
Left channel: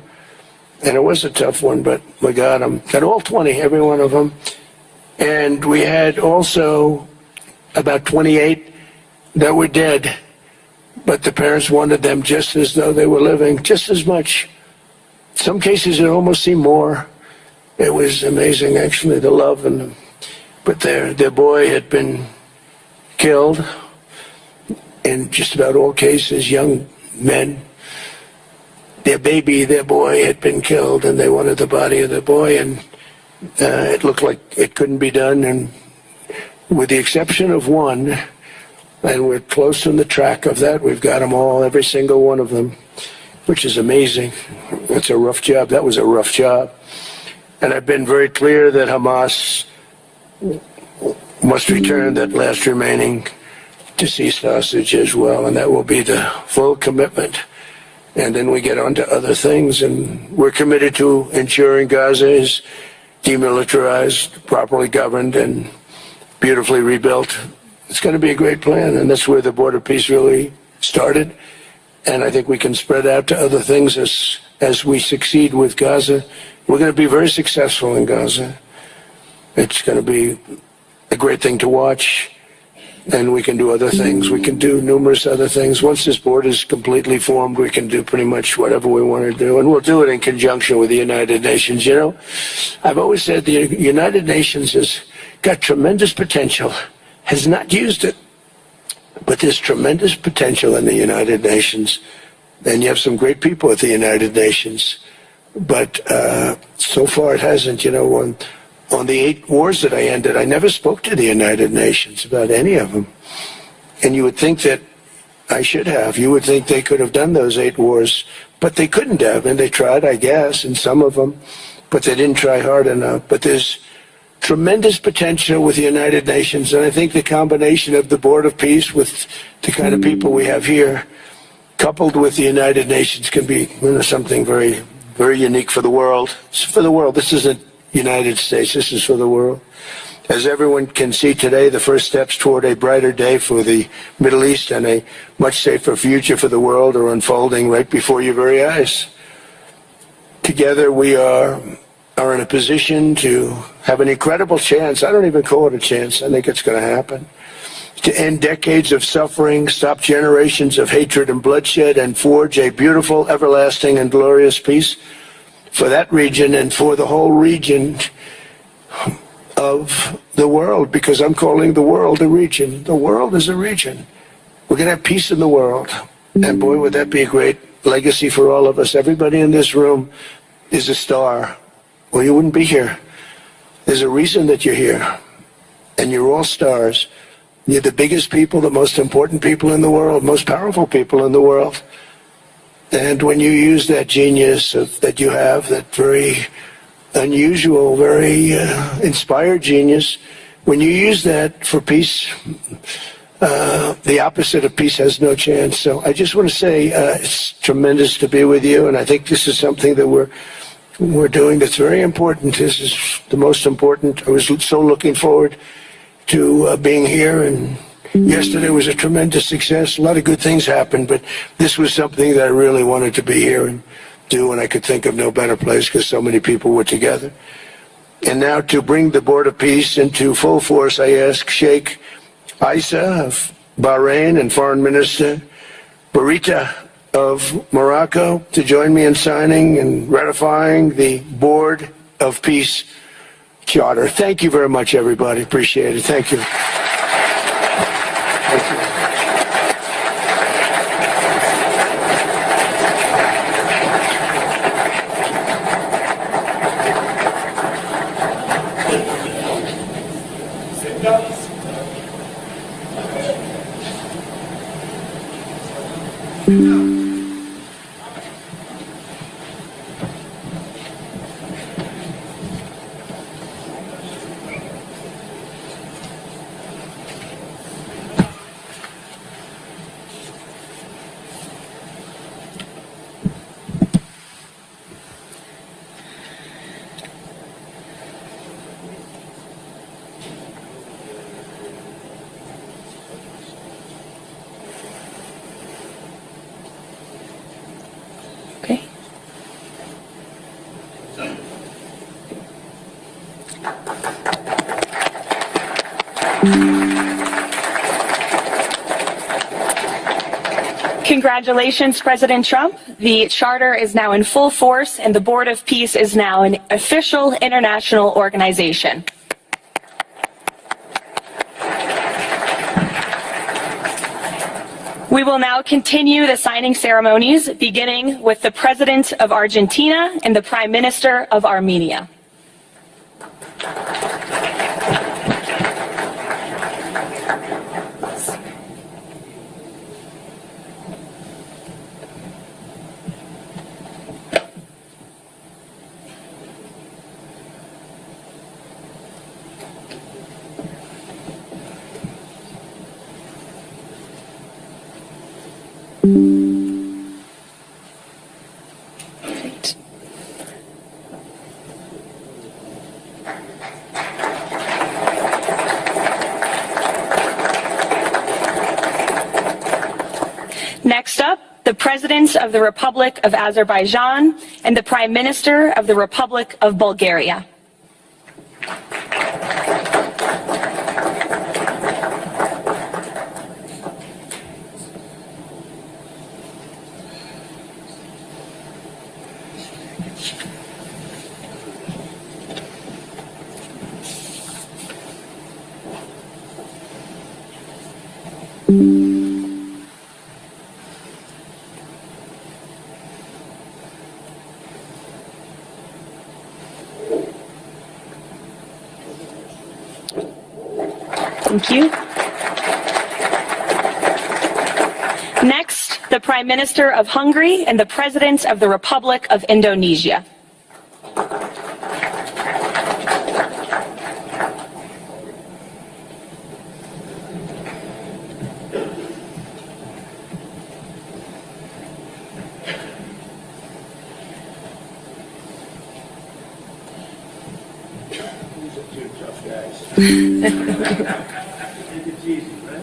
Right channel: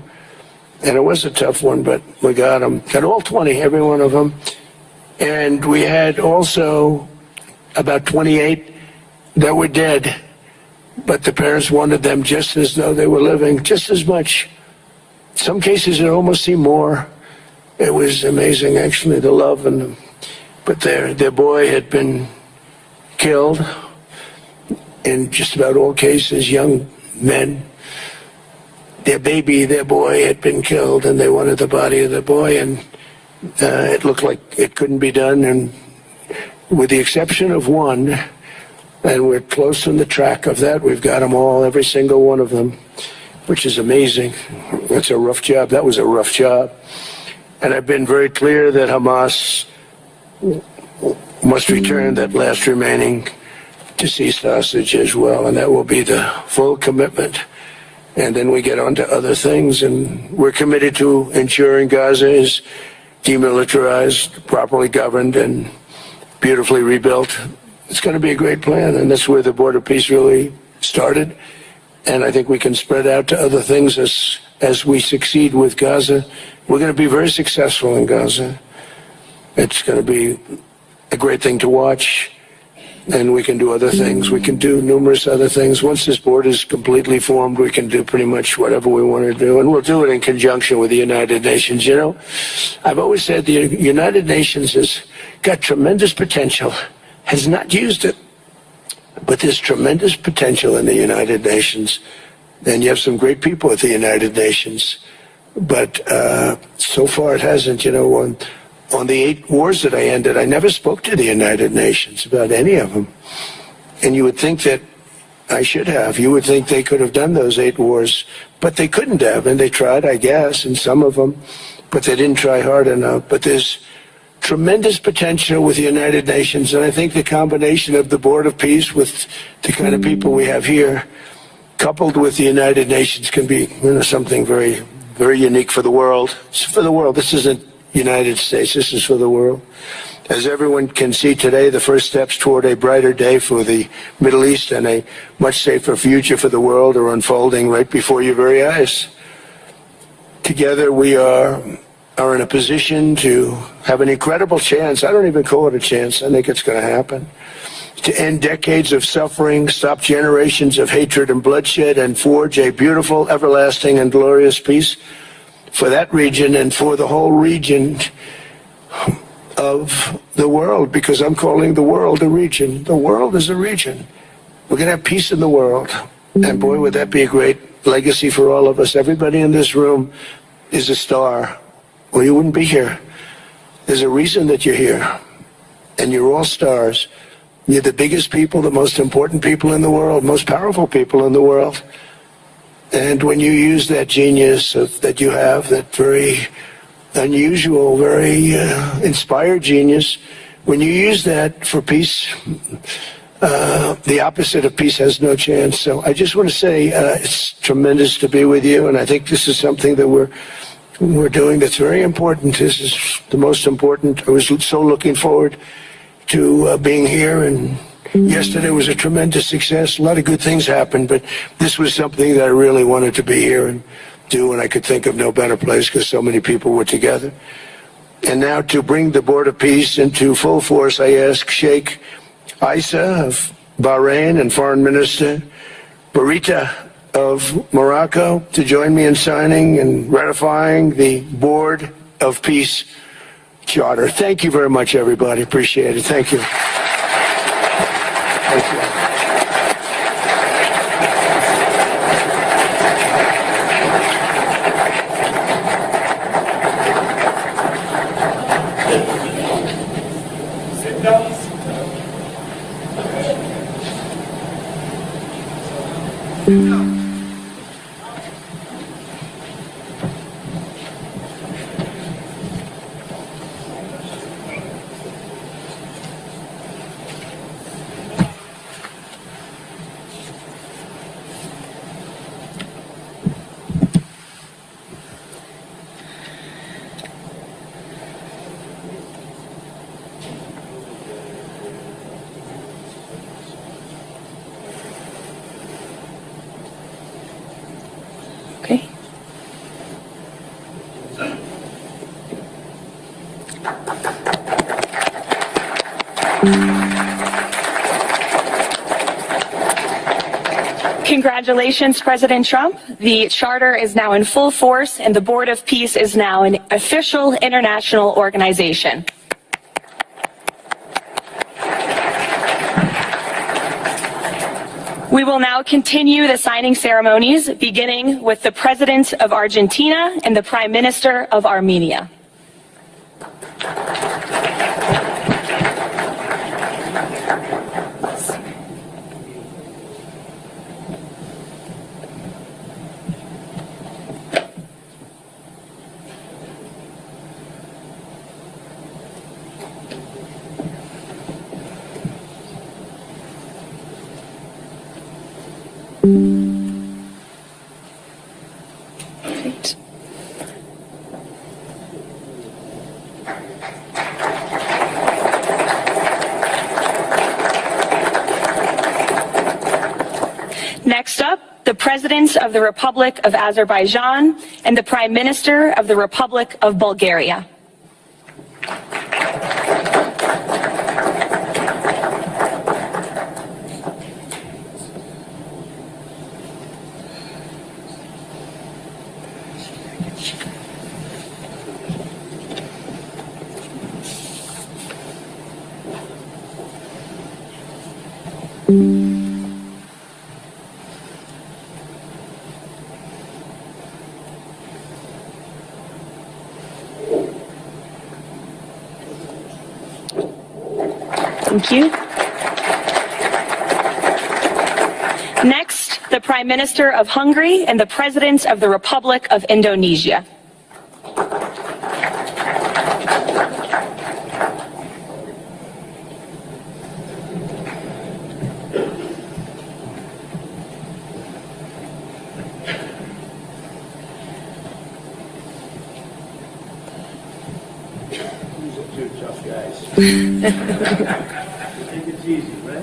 and it was a tough one, but we got them. Got all 20, every one of them. And we had also about 28 that were dead, but the parents wanted them just as though they were living, just as much. Some cases it almost seemed more. It was amazing, actually, the love. But their boy had been killed in just about all cases, young men. Their boy had been killed, and they wanted the body of the boy, and it looked like it couldn't be done. And with the exception of one, and we're close on the track of that. We've got them all, every single one of them, which is amazing. That's a rough job. That was a rough job. And I've been very clear that Hamas must return that last remaining deceased hostage as well, and that will be the full commitment. And then we get on to other things, and we're committed to ensuring Gaza is demilitarized, properly governed, and beautifully rebuilt. It's going to be a great plan, and that's where the Board of Peace really started. And I think we can spread out to other things as we succeed with Gaza. We're going to be very successful in Gaza. It's going to be a great thing to watch, and we can do other things. We can do numerous other things. Once this board is completely formed, we can do pretty much whatever we want to do, and we'll do it in conjunction with the United Nations. I've always said the United Nations has got tremendous potential, has not used it. But there's tremendous potential in the United Nations, and you have some great people at the United Nations. But so far it hasn't. You know, on the 8 wars that I ended, I never spoke to the United Nations about any of them. And you would think that I should have. You would think they could have done those 8 wars, but they couldn't have, and they tried, I guess, in some of them, but they didn't try hard enough. But there's tremendous potential with the United Nations, and I think the combination of the Board of Peace with the kind of people we have here, coupled with the United Nations, can be, you know, something very, very unique for the world. It's for the world. This isn't United States. This is for the world. As everyone can see today, the first steps toward a brighter day for the Middle East and a much safer future for the world are unfolding right before your very eyes. Together we are in a position to have an incredible chance. I don't even call it a chance. I think it's going to happen. To end decades of suffering, stop generations of hatred and bloodshed, and forge a beautiful, everlasting, and glorious peace for that region and for the whole region of the world, because I'm calling the world a region. The world is a region. We're going to have peace in the world. And boy, would that be a great legacy for all of us. Everybody in this room is a star, or you wouldn't be here. There's a reason that you're here, and you're all stars. You're the biggest people, the most important people in the world, most powerful people in the world. And when you use that genius that you have, that very unusual, very inspired genius, when you use that for peace, the opposite of peace has no chance. So I just want to say it's tremendous to be with you, and I think this is something that we're doing that's very important. This is the most important. I was so looking forward to being here, and yesterday was a tremendous success. A lot of good things happened, but this was something that I really wanted to be here and do, and I could think of no better place because so many people were together. And now to bring the Board of Peace into full force, I ask Sheikh Isa of Bahrain and Foreign Minister Barita of Morocco to join me in signing and ratifying the Board of Peace Charter. Thank you very much, everybody. Appreciate it. Thank you. Okay. Congratulations, President Trump. The charter is now in full force, and the Board of Peace is now an official international organization. We will now continue the signing ceremonies, beginning with the President of Argentina and the Prime Minister of Armenia. Great. Next up, the President of the Republic of Azerbaijan and the Prime Minister of the Republic of Bulgaria. you. Next, the Prime Minister of Hungary and the President of the Republic of Indonesia. Tough guys. It's easy, right?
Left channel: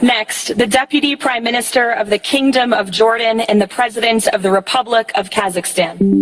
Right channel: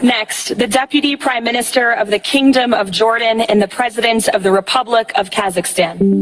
Next, the Deputy Prime Minister of the Kingdom of Jordan and the President of the Republic of Kazakhstan.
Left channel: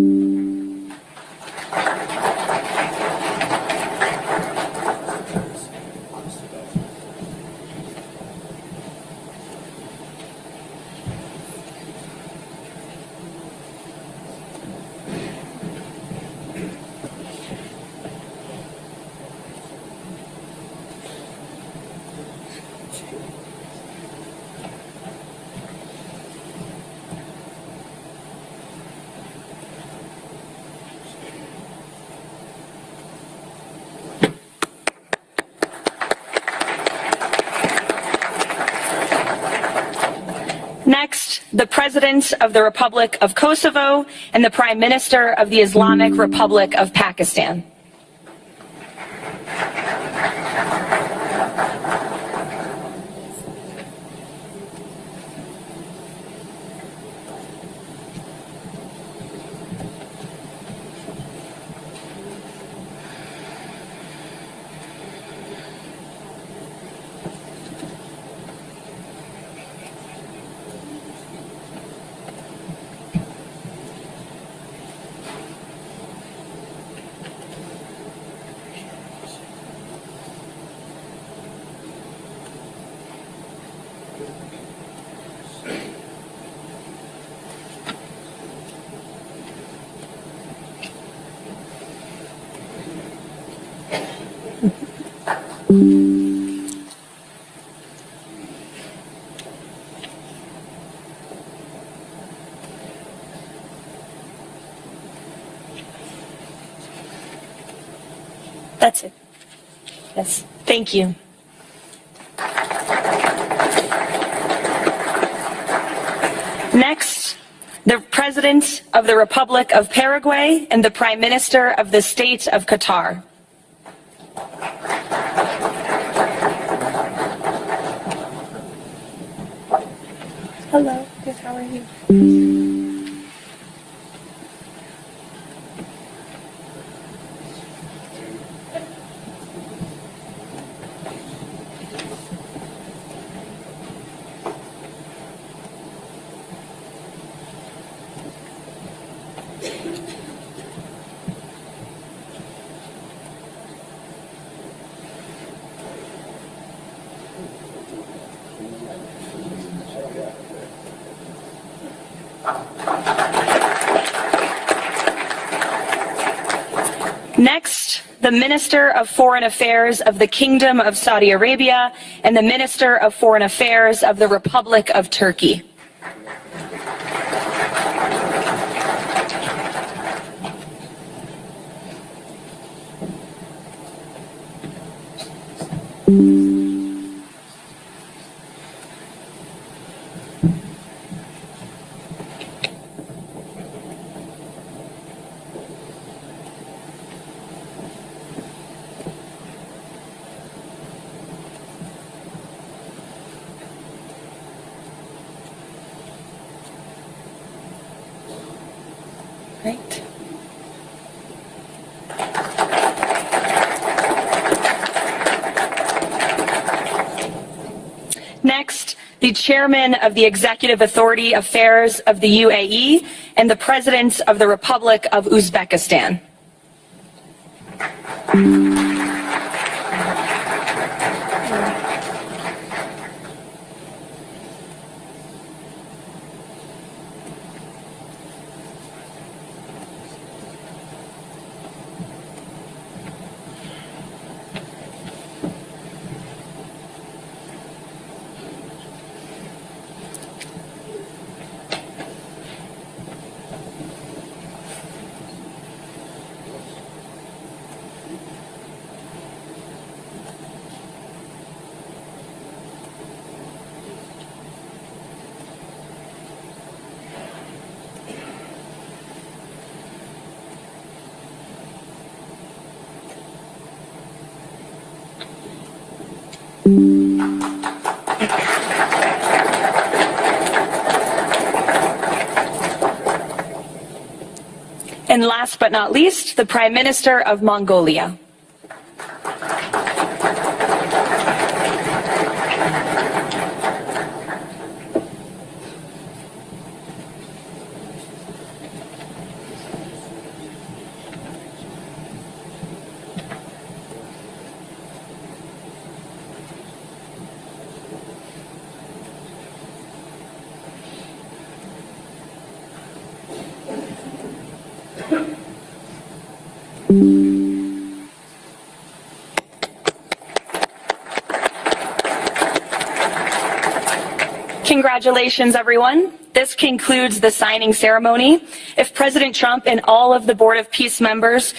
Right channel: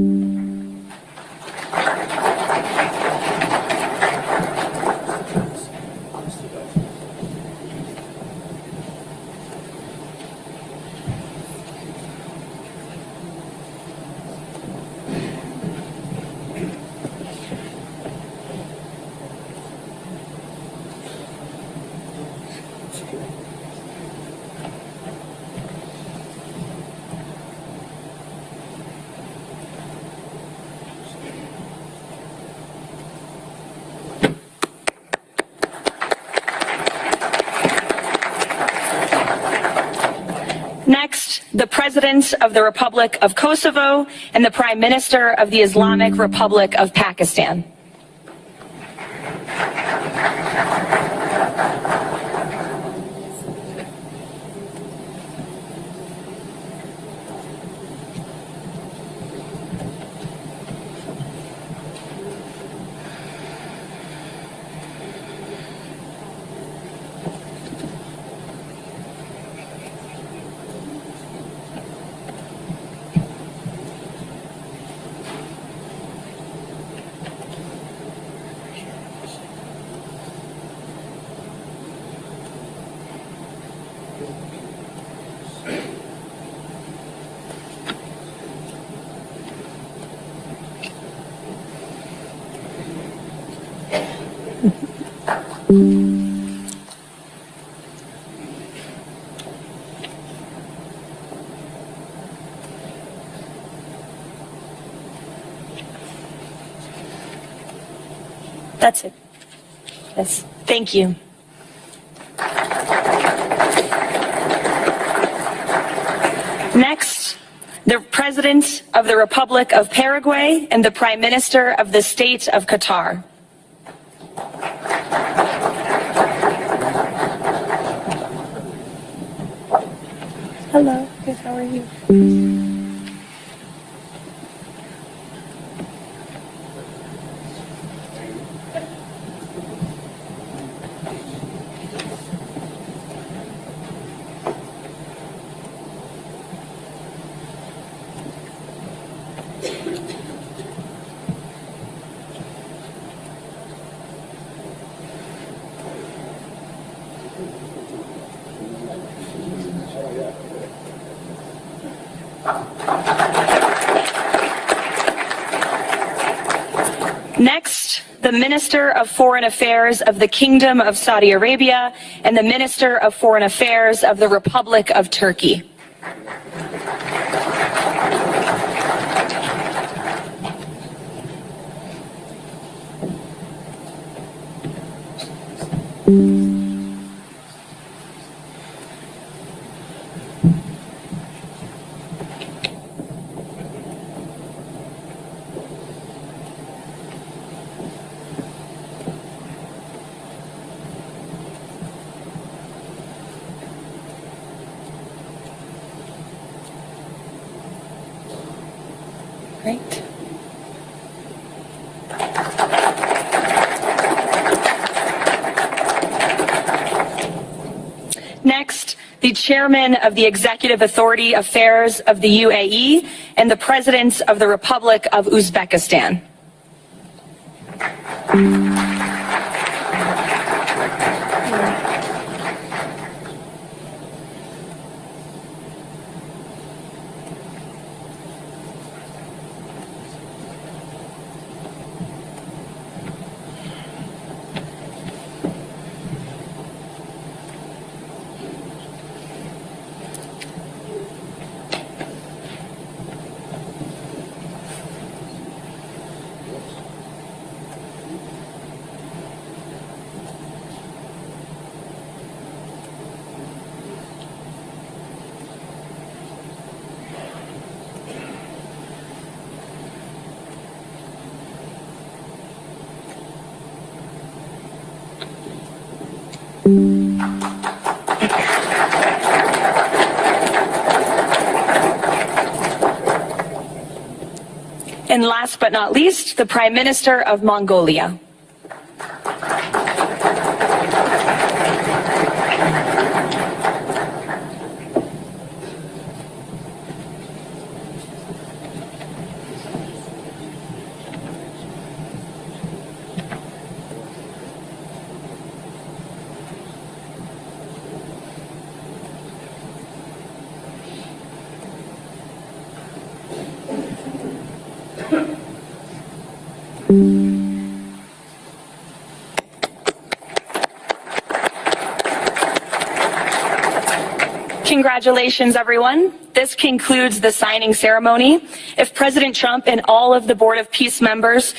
Next, the President of the Republic of Kosovo and the Prime Minister of the Islamic Republic of Pakistan. That's it. Yes. Thank you. Next, the President of the Republic of Paraguay and the Prime Minister of the State of Qatar. Hello, how are you? Next, the Minister of Foreign Affairs of the Kingdom of Saudi Arabia and the Minister of Foreign Affairs of the Republic of Turkey. Great. Next, the Chairman of the Executive Authority Affairs of the UAE and the President of the Republic of Uzbekistan. And last but not least, the Prime Minister of Mongolia. Congratulations, everyone. This concludes the signing ceremony. If President Trump and all of the Board of Peace members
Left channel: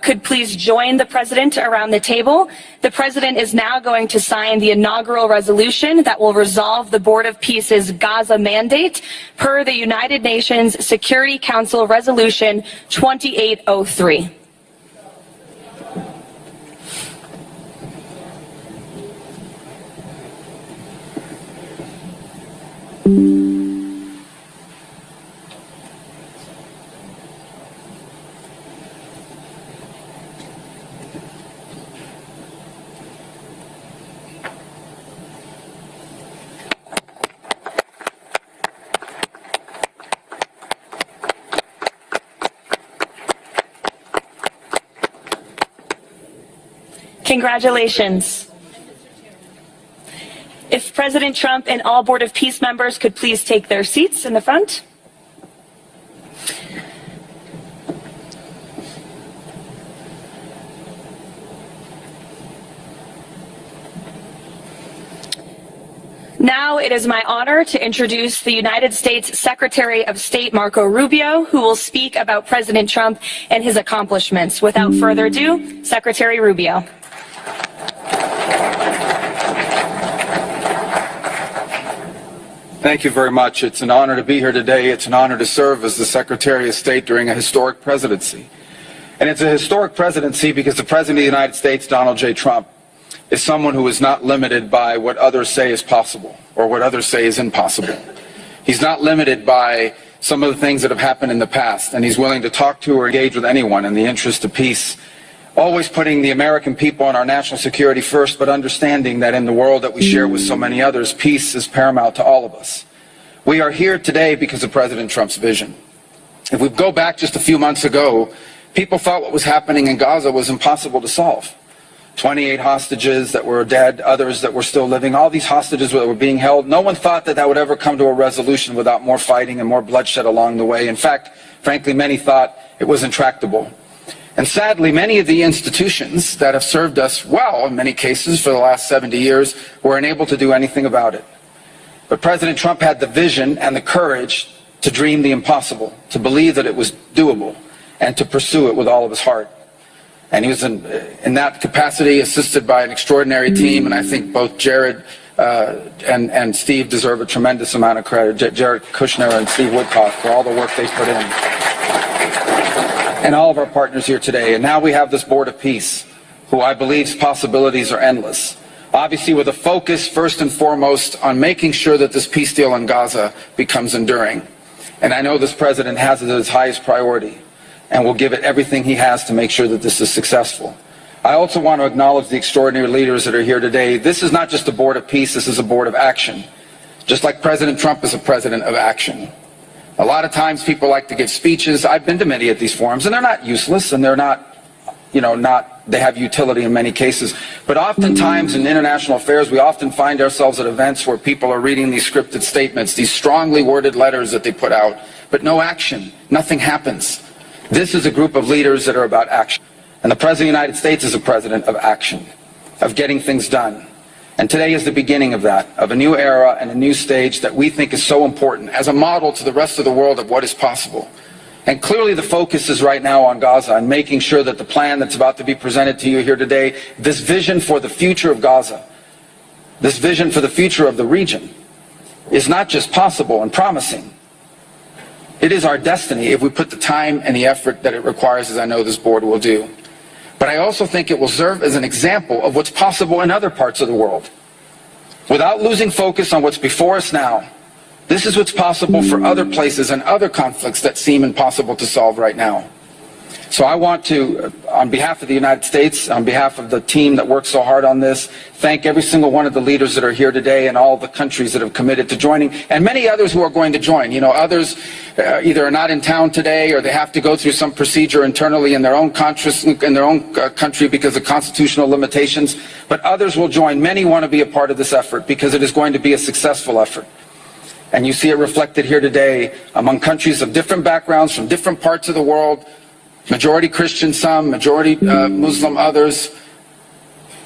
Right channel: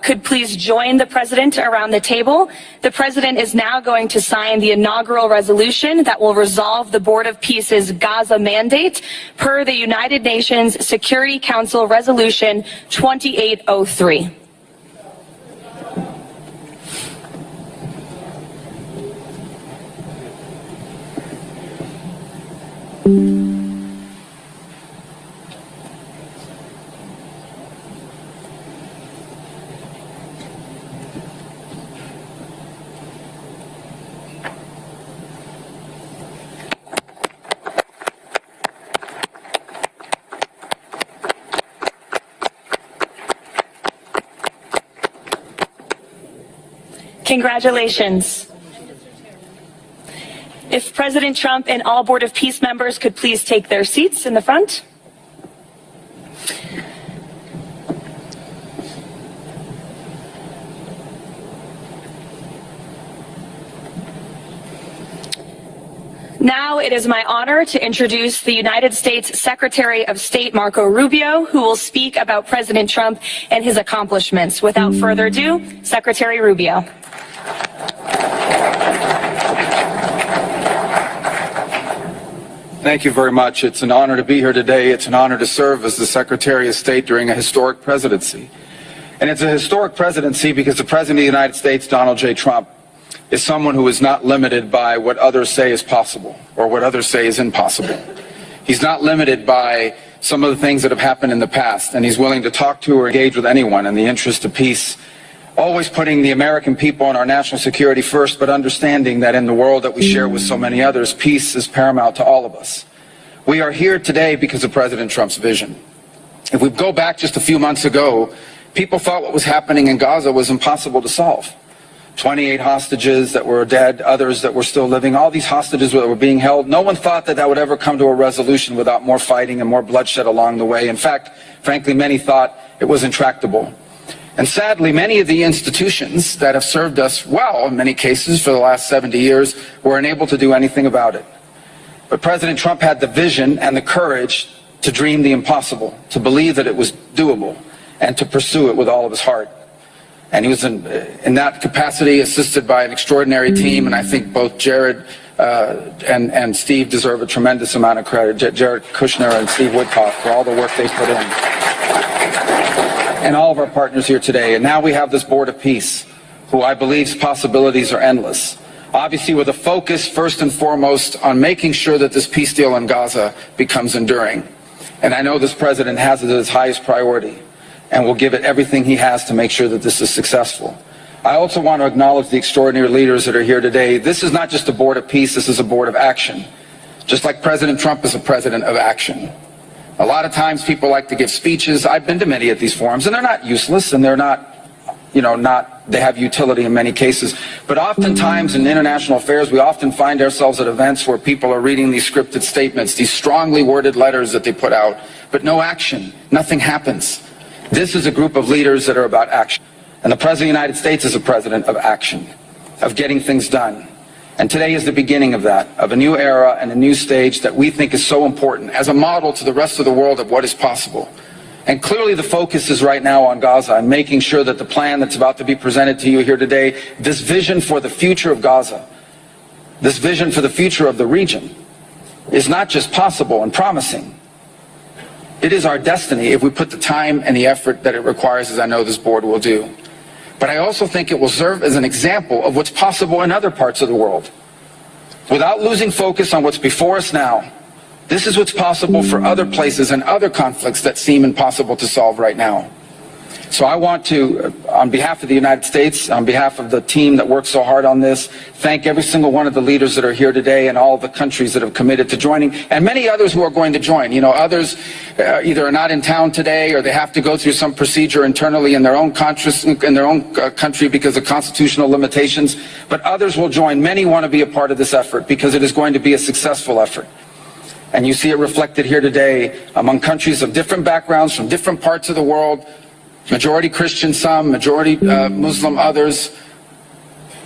could please join the President around the table. The President is now going to sign the inaugural resolution that will resolve the Board of Peace's Gaza mandate per the United Nations Security Council Resolution 2803. Congratulations. If President Trump and all Board of Peace members could please take their seats in the front. Now it is my honor to introduce the United States Secretary of State Marco Rubio, who will speak about President Trump and his accomplishments. Without further ado, Secretary Rubio. Thank you very much. It's an honor to be here today. It's an honor to serve as the Secretary of State during a historic presidency. And it's a historic presidency because the President of the United States, Donald J. Trump, is someone who is not limited by what others say is possible or what others say is impossible. He's not limited by some of the things that have happened in the past, and he's willing to talk to or engage with anyone in the interest of peace, always putting the American people and our national security first, but understanding that in the world that we share with so many others, peace is paramount to all of us. We are here today because of President Trump's vision. If we go back just a few months ago, people thought what was happening in Gaza was impossible to solve. 28 hostages that were dead, others that were still living, all these hostages that were being held. No one thought that that would ever come to a resolution without more fighting and more bloodshed along the way. In fact, frankly, many thought it was intractable. And sadly, many of the institutions that have served us well, in many cases for the last 70 years, were unable to do anything about it. But President Trump had the vision and the courage to dream the impossible, to believe that it was doable, and to pursue it with all of his heart. And he was in that capacity assisted by an extraordinary team, and I think both Jared and Steve deserve a tremendous amount of credit, Jared Kushner and Steve Woodcock, for all the work they put in. And all of our partners here today. And now we have this Board of Peace, who I believe's possibilities are endless. Obviously with a focus first and foremost on making sure that this peace deal in Gaza becomes enduring. And I know this president has it as his highest priority and will give it everything he has to make sure that this is successful. I also want to acknowledge the extraordinary leaders that are here today. This is not just a Board of Peace, this is a Board of Action. Just like President Trump is a president of action. A lot of times people like to give speeches. I've been to many of these forums, and they're not useless, and they're not, they have utility in many cases. But oftentimes in international affairs, we often find ourselves at events where people are reading these scripted statements, these strongly worded letters that they put out, but no action. Nothing happens. This is a group of leaders that are about action. And the President of the United States is a president of action, of getting things done. And today is the beginning of that, of a new era and a new stage that we think is so important as a model to the rest of the world of what is possible. And clearly the focus is right now on Gaza and making sure that the plan that's about to be presented to you here today, this vision for the future of Gaza, this vision for the future of the region, is not just possible and promising. It is our destiny if we put the time and the effort that it requires, as I know this board will do. But I also think it will serve as an example of what's possible in other parts of the world. Without losing focus on what's before us now, this is what's possible for other places and other conflicts that seem impossible to solve right now. So I want to, on behalf of the United States, on behalf of the team that worked so hard on this, thank every single one of the leaders that are here today and all of the countries that have committed to joining, and many others who are going to join. You know, others either are not in town today or they have to go through some procedure internally in their own country because of constitutional limitations, but others will join. Many want to be a part of this effort because it is going to be a successful effort. And you see it reflected here today among countries of different backgrounds from different parts of the world, majority Christian some, majority Muslim others,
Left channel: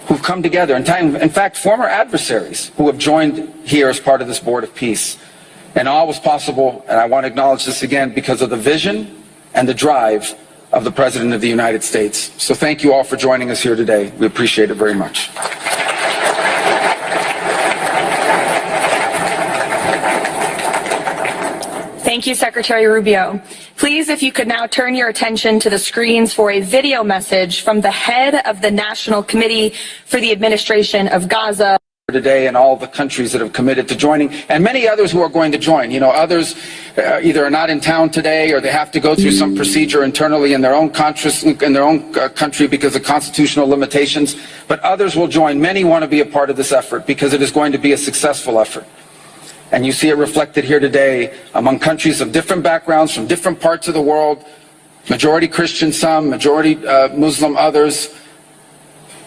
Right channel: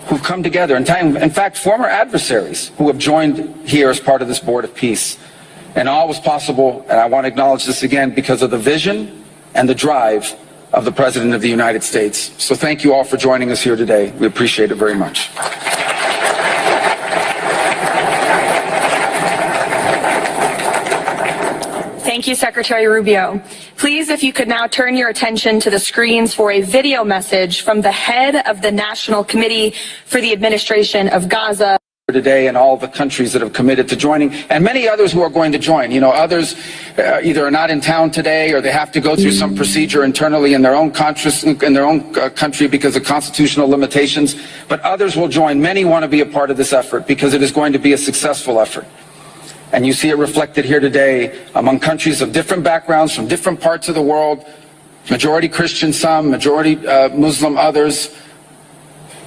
who've come together. In fact, former adversaries who have joined here as part of this Board of Peace. And all was possible, and I want to acknowledge this again, because of the vision and the drive of the President of the United States. So thank you all for joining us here today. We appreciate it very much. Thank you, Secretary Rubio. Please, if you could now turn your attention to the screens for a video message from the head of the National Committee for the Administration of Gaza. Today and all of the countries that have committed to joining, and many others who are going to join. You know, others either are not in town today or they have to go through some procedure internally in their own country because of constitutional limitations, but others will join. Many want to be a part of this effort because it is going to be a successful effort. And you see it reflected here today among countries of different backgrounds from different parts of the world, majority Christian some, majority Muslim others,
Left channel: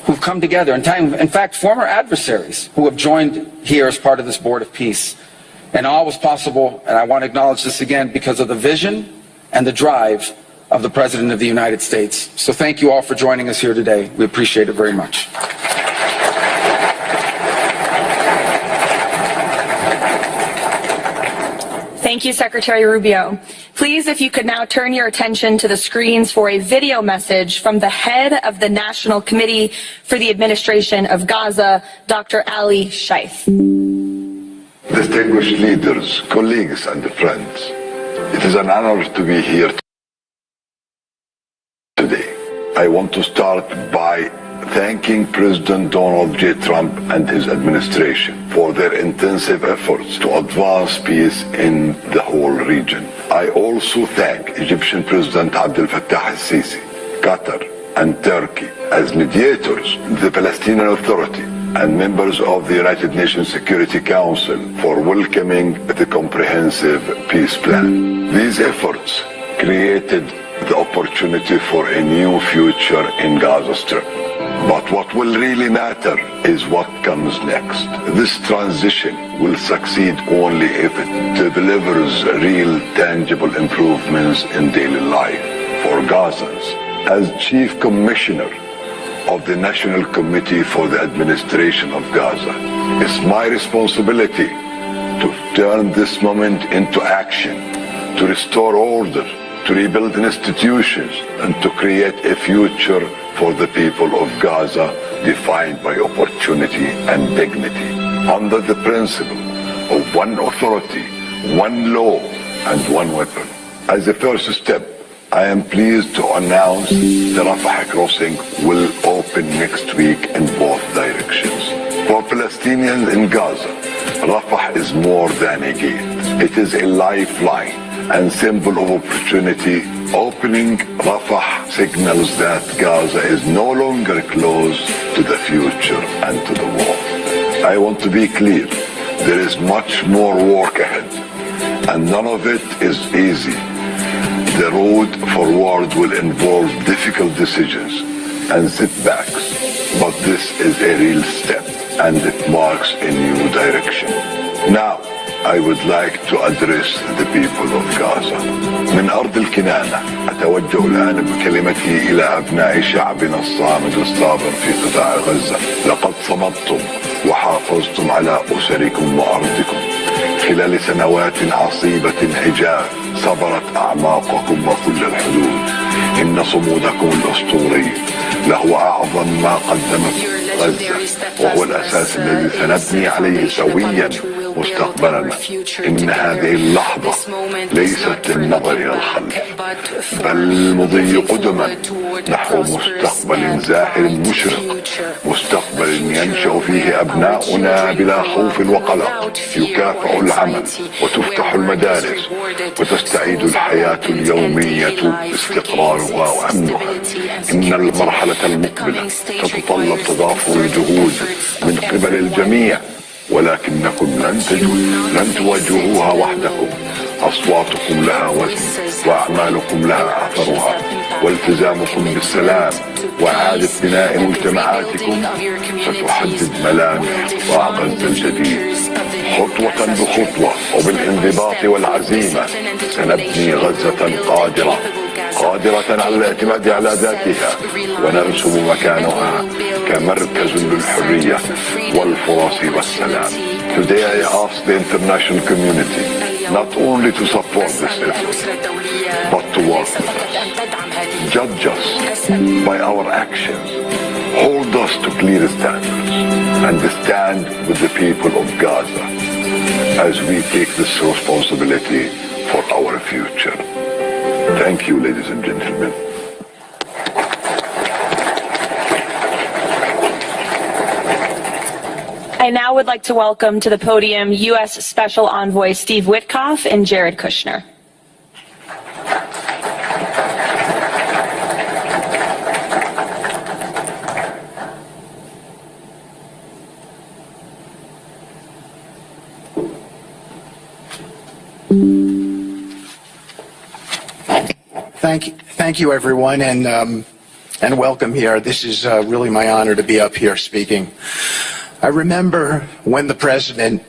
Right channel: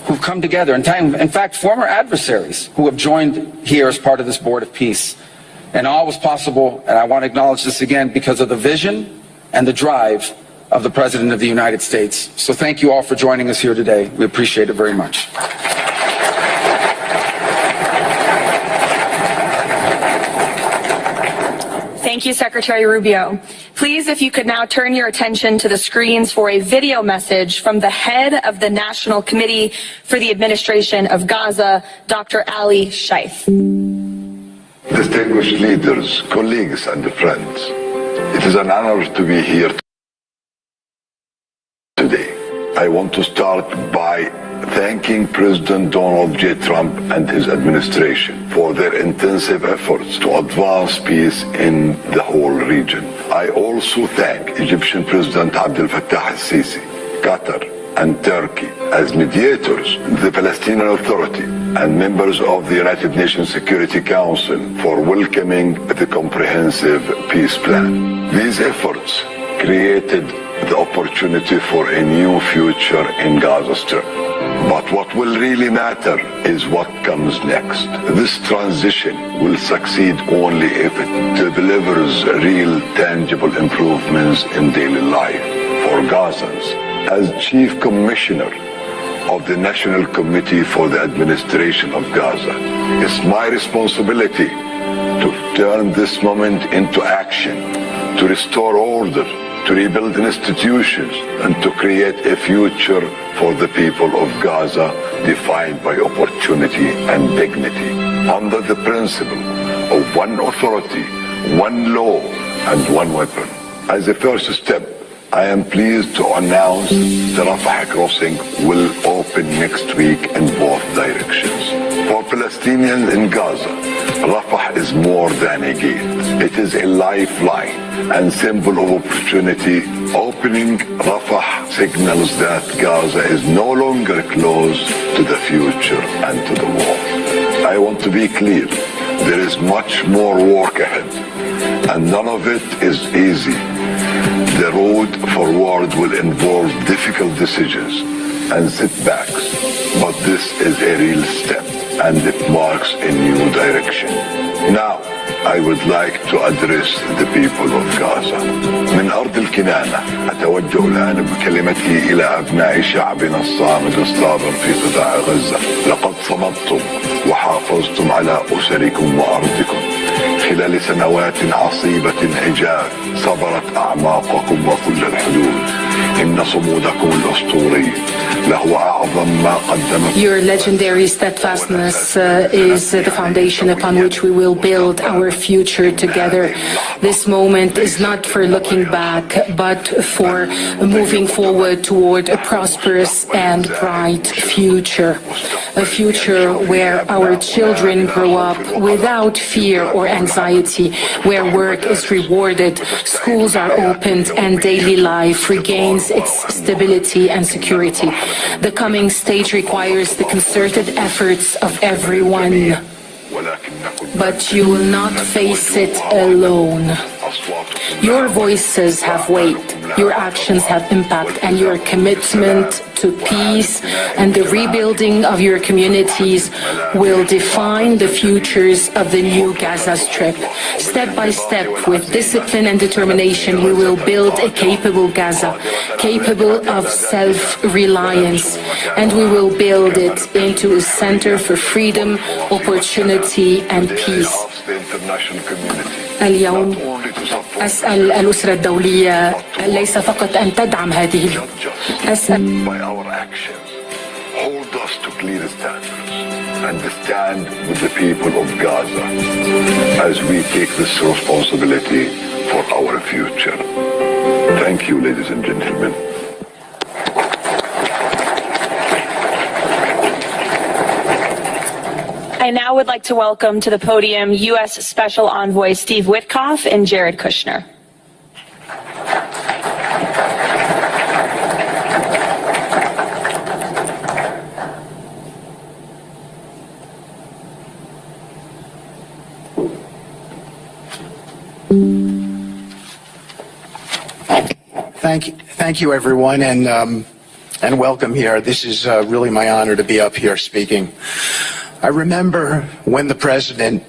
who've come together. In fact, former adversaries who have joined here as part of this Board of Peace. And all was possible, and I want to acknowledge this again, because of the vision and the drive of the President of the United States. So thank you all for joining us here today. We appreciate it very much. Thank you, Secretary Rubio. Please, if you could now turn your attention to the screens for a video message from the head of the National Committee for the Administration of Gaza, Dr. Ali Shaif. Distinguished leaders, colleagues, and friends, it is an honor to be here today. I want to start by thanking President Donald J. Trump and his administration for their intensive efforts to advance peace in the whole region. I also thank Egyptian President Abdel Fattah al-Sisi, Qatar, and Turkey as mediators, the Palestinian Authority, and members of the United Nations Security Council for welcoming the comprehensive peace plan. These efforts created the opportunity for a new future in Gaza Strip. But what will really matter is what comes next. This transition will succeed only if it delivers real, tangible improvements in daily life for Gazans. As Chief Commissioner of the National Committee for the Administration of Gaza, it's my responsibility to turn this moment into action, to restore order, to rebuild institutions, and to create a future for the people of Gaza defined by opportunity and dignity, under the principle of one authority, one law, and one weapon. As a first step, I am pleased to announce the Rafah crossing will open next week in both directions. For Palestinians in Gaza, Rafah is more than a gate. It is a lifeline and symbol of opportunity. Opening Rafah signals that Gaza is no longer closed to the future and to the war. I want to be clear, there is much more work ahead, and none of it is easy. The road forward will involve difficult decisions and setbacks, but this is a real step, and it marks a new direction. Now, I would like to address the people of Gaza. من أرض الكنانة أتوجه الآن بكلمتي إلى أبناء شعبنا الصامد الصابر في قطاع غزة. لقد صمدتم وحافظتم على أسركم وأرضكم خلال سنوات عصيبة عجاف صبرت أعماقكم وكل الحدود. إن صمودكم الأسطوري لهو أعظم ما قدمت Your legendary steadfastness is the foundation upon which we will build our future together. This moment is not for looking back, but for moving forward toward a prosperous and bright future. A future where our children grow up without fear or anxiety, where work is rewarded, schools are opened, and daily life regains its stability and security. The coming stage requires the concerted efforts of everyone. But you will not face it alone. Your voices have weight, your actions have impact, and your commitment to peace and the rebuilding of your communities will define the futures of the new Gaza Strip. Step by step, with discipline and determination, we will build a capable Gaza, capable of self-reliance, and we will build it into a center for freedom, opportunity, and peace. اليوم أسأل الأسرة الدولية ليس فقط أن تدعم هذه أسأل by our actions, hold us to clear standards and stand with the people of Gaza as we take this responsibility for our future. Thank you, ladies and gentlemen. I now would like to welcome to the podium U.S. Special Envoy Steve Witkoff and Jared Kushner. Thank you, everyone, and welcome here. This is really my honor to be up here speaking. I remember when the president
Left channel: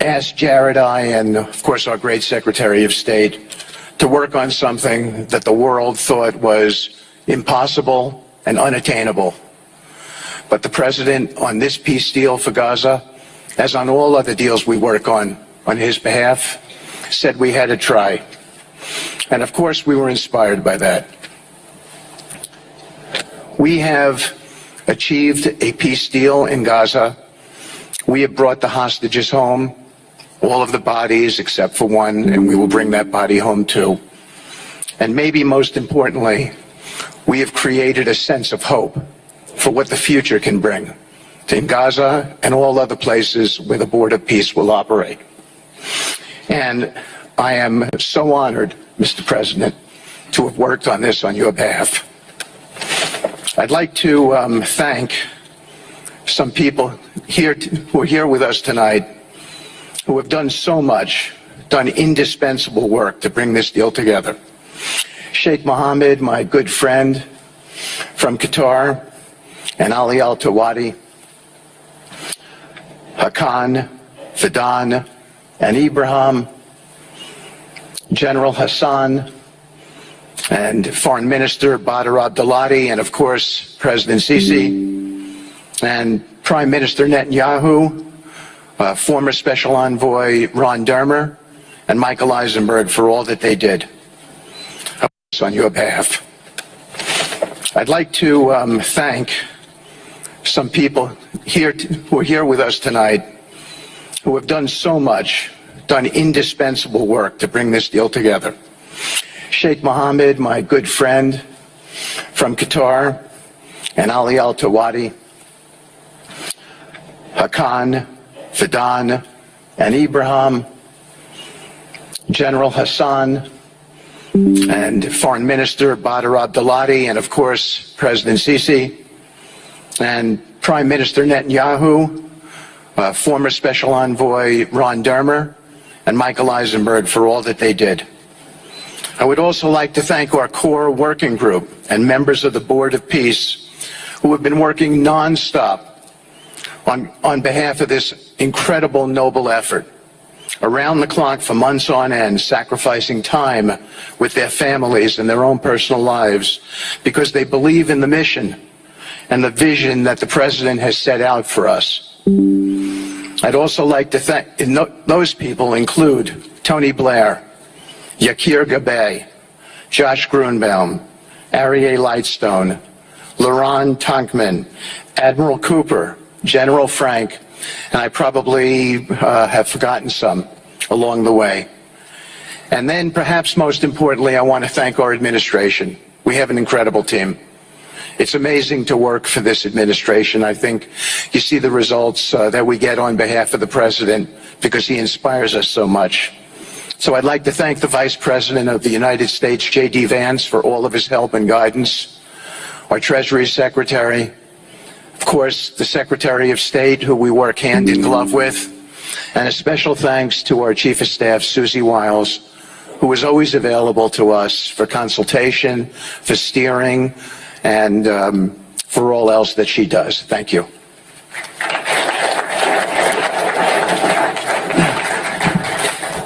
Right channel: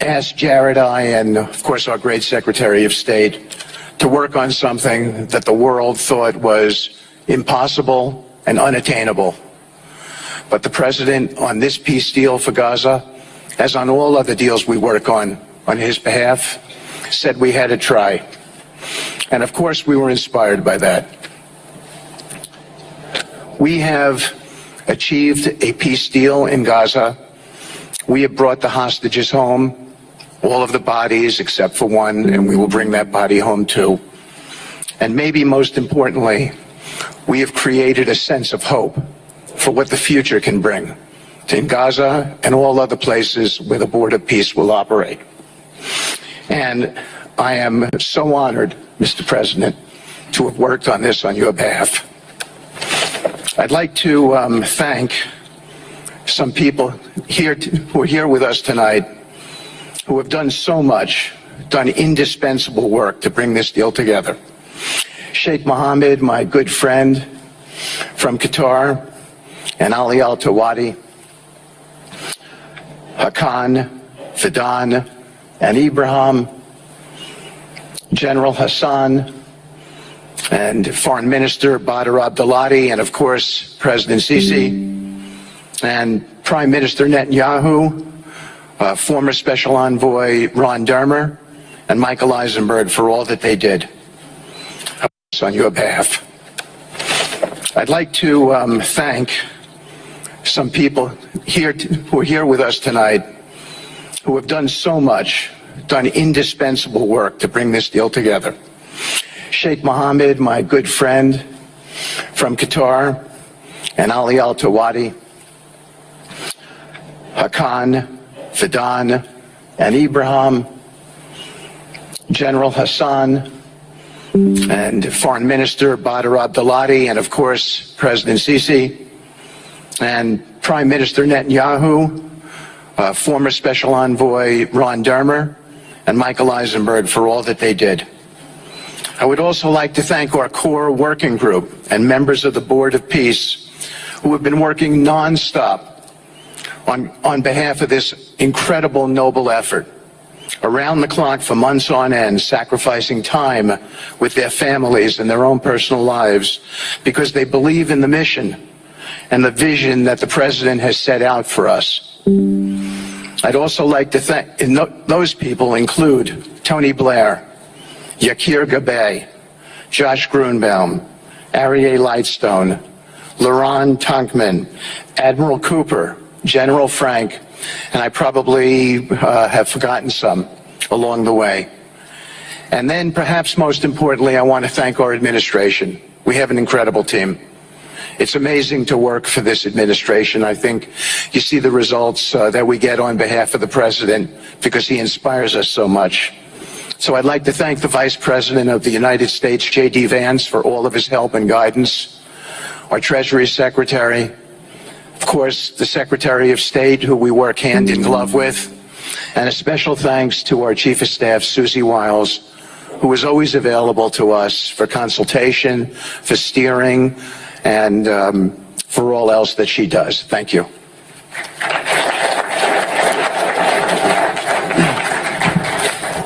asked Jared, and of course our great Secretary of State, to work on something that the world thought was impossible and unattainable. But the president, on this peace deal for Gaza, as on all other deals we work on his behalf, said we had to try. And of course we were inspired by that. We have achieved a peace deal in Gaza. We have brought the hostages home, all of the bodies except for one, and we will bring that body home too. And maybe most importantly, we have created a sense of hope for what the future can bring in Gaza and all other places where the board of peace will operate. And I am so honored, Mr. President, to have worked on this on your behalf. I'd like to thank some people here who are here with us tonight who have done so much, done indispensable work to bring this deal together. Sheikh Mohammed, my good friend from Qatar, and Ali Al-Tawadi, Hakan, Fidan, and Ibrahim, General Hassan, and Foreign Minister Badr Abdulati, and of course, President Sisi, and Prime Minister Netanyahu, former Special Envoy Ron Dermer, and Michael Eisenberg for all that they did on your behalf. I'd like to thank some people here who are here with us tonight who have done so much, done indispensable work to bring this deal together. Sheikh Mohammed, my good friend from Qatar, and Ali Al-Tawadi, Hakan, Fidan, and Ibrahim, General Hassan, and Foreign Minister Badr Abdulati, and of course, President Sisi, and Prime Minister Netanyahu, former Special Envoy Ron Dermer, and Michael Eisenberg for all that they did. I would also like to thank our core working group and members of the Board of Peace who have been working nonstop on behalf of this incredible, noble effort, around the clock for months on end, sacrificing time with their families and their own personal lives because they believe in the mission and the vision that the President has set out for us. I'd also like to thank, those people include Tony Blair, Yakir Gabay, Josh Grunbaum, Aryeh Lightstone, Laron Tonkman, Admiral Cooper, General Frank, and I probably have forgotten some along the way. And then perhaps most importantly, I want to thank our administration. We have an incredible team. It's amazing to work for this administration. I think you see the results that we get on behalf of the president because he inspires us so much. So I'd like to thank the Vice President of the United States, J.D. Vance, for all of his help and guidance, our Treasury Secretary, of course, the Secretary of State, who we work hand in glove with, and a special thanks to our Chief of Staff, Susie Wiles, who is always available to us for consultation, for steering, and for all else that she does. Thank you.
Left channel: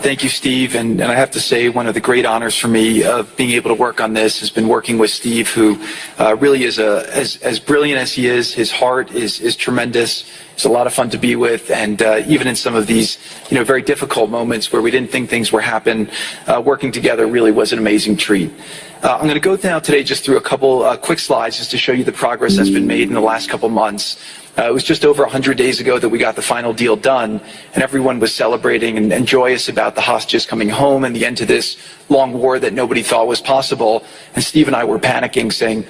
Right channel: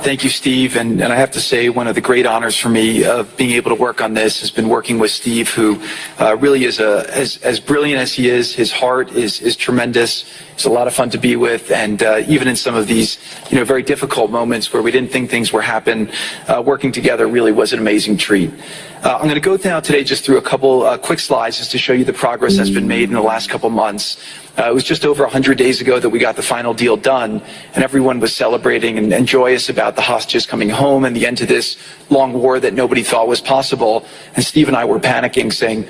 Thank you, Steve. And I have to say, one of the great honors for me of being able to work on this has been working with Steve, who really is as brilliant as he is. His heart is tremendous. It's a lot of fun to be with. And even in some of these, very difficult moments where we didn't think things were happening, working together really was an amazing treat. I'm going to go now today just through a couple quick slides just to show you the progress that's been made in the last couple months. It was just over 100 days ago that we got the final deal done, and everyone was celebrating and joyous about the hostages coming home and the end to this long war that nobody thought was possible. And Steve and I were panicking, saying,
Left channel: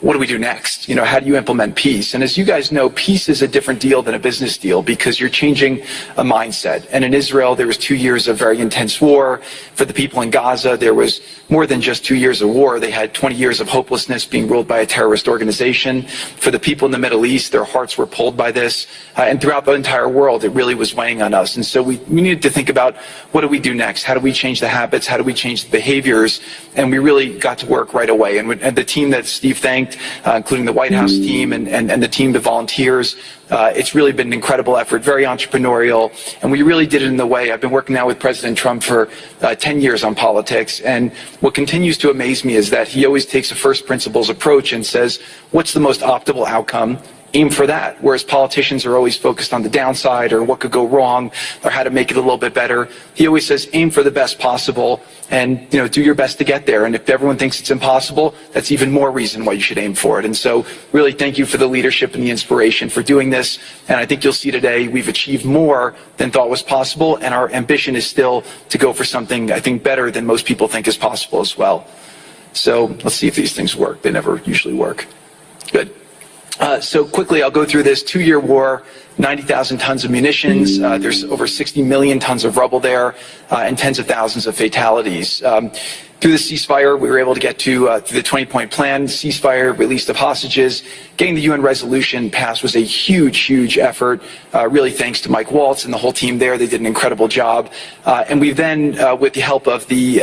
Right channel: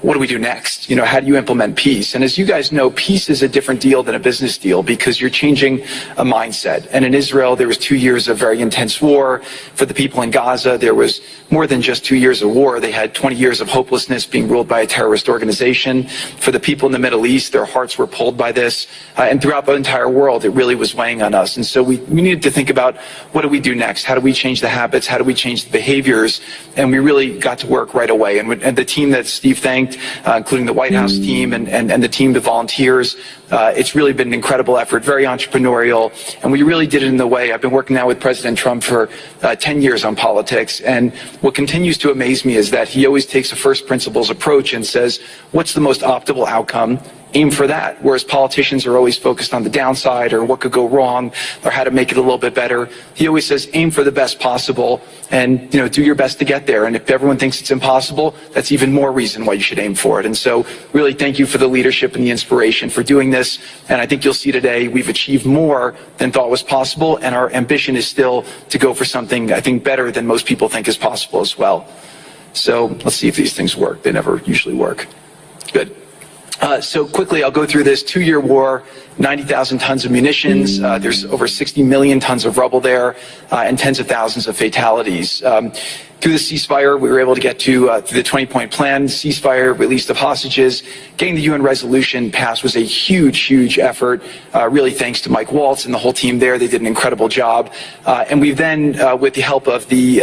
what do we do next? How do you implement peace? And as you guys know, peace is a different deal than a business deal because you're changing a mindset. And in Israel, there was 2 years of very intense war. For the people in Gaza, there was more than just 2 years of war. They had 20 years of hopelessness being ruled by a terrorist organization. For the people in the Middle East, their hearts were pulled by this. And throughout the entire world, it really was weighing on us. And so we needed to think about, what do we do next? How do we change the habits? How do we change the behaviors? And we really got to work right away. And the team that Steve thanked, including the White House team and the team, the volunteers, it's really been an incredible effort, very entrepreneurial, and we really did it in the way. I've been working now with President Trump for 10 years on politics, and what continues to amaze me is that he always takes a first principles approach and says, what's the most optimal outcome? Aim for that. Whereas politicians are always focused on the downside or what could go wrong or how to make it a little bit better. He always says, aim for the best possible and, do your best to get there. And if everyone thinks it's impossible, that's even more reason why you should aim for it. And so really thank you for the leadership and the inspiration for doing this. And I think you'll see today we've achieved more than thought was possible. And our ambition is still to go for something, I think, better than most people think is possible as well. So let's see if these things work. They never usually work. Good. So quickly, I'll go through this 2-year war, 90,000 tons of munitions. There's over 60 million tons of rubble there and tens of thousands of fatalities. Through the ceasefire, we were able to get to the 20-point plan, ceasefire, release of hostages. Getting the UN resolution passed was a huge, huge effort, really thanks to Mike Waltz and the whole team there. They did an incredible job. And we then, with the help of the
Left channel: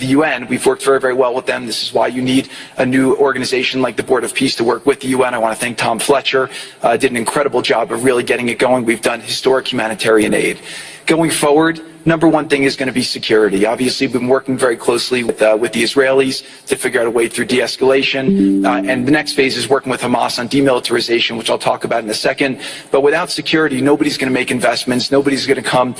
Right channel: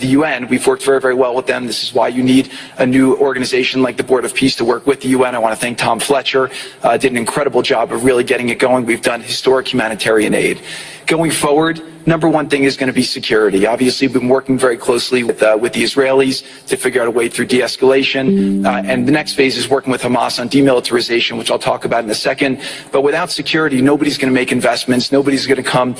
UN, we've worked very, very well with them. This is why you need a new organization like the Board of Peace to work with the UN. I want to thank Tom Fletcher, did an incredible job of really getting it going. We've done historic humanitarian aid. Going forward, number one thing is going to be security. Obviously, we've been working very closely with the Israelis to figure out a way through de-escalation. And the next phase is working with Hamas on demilitarization, which I'll talk about in a second. But without security, nobody's going to make investments. Nobody's going to come,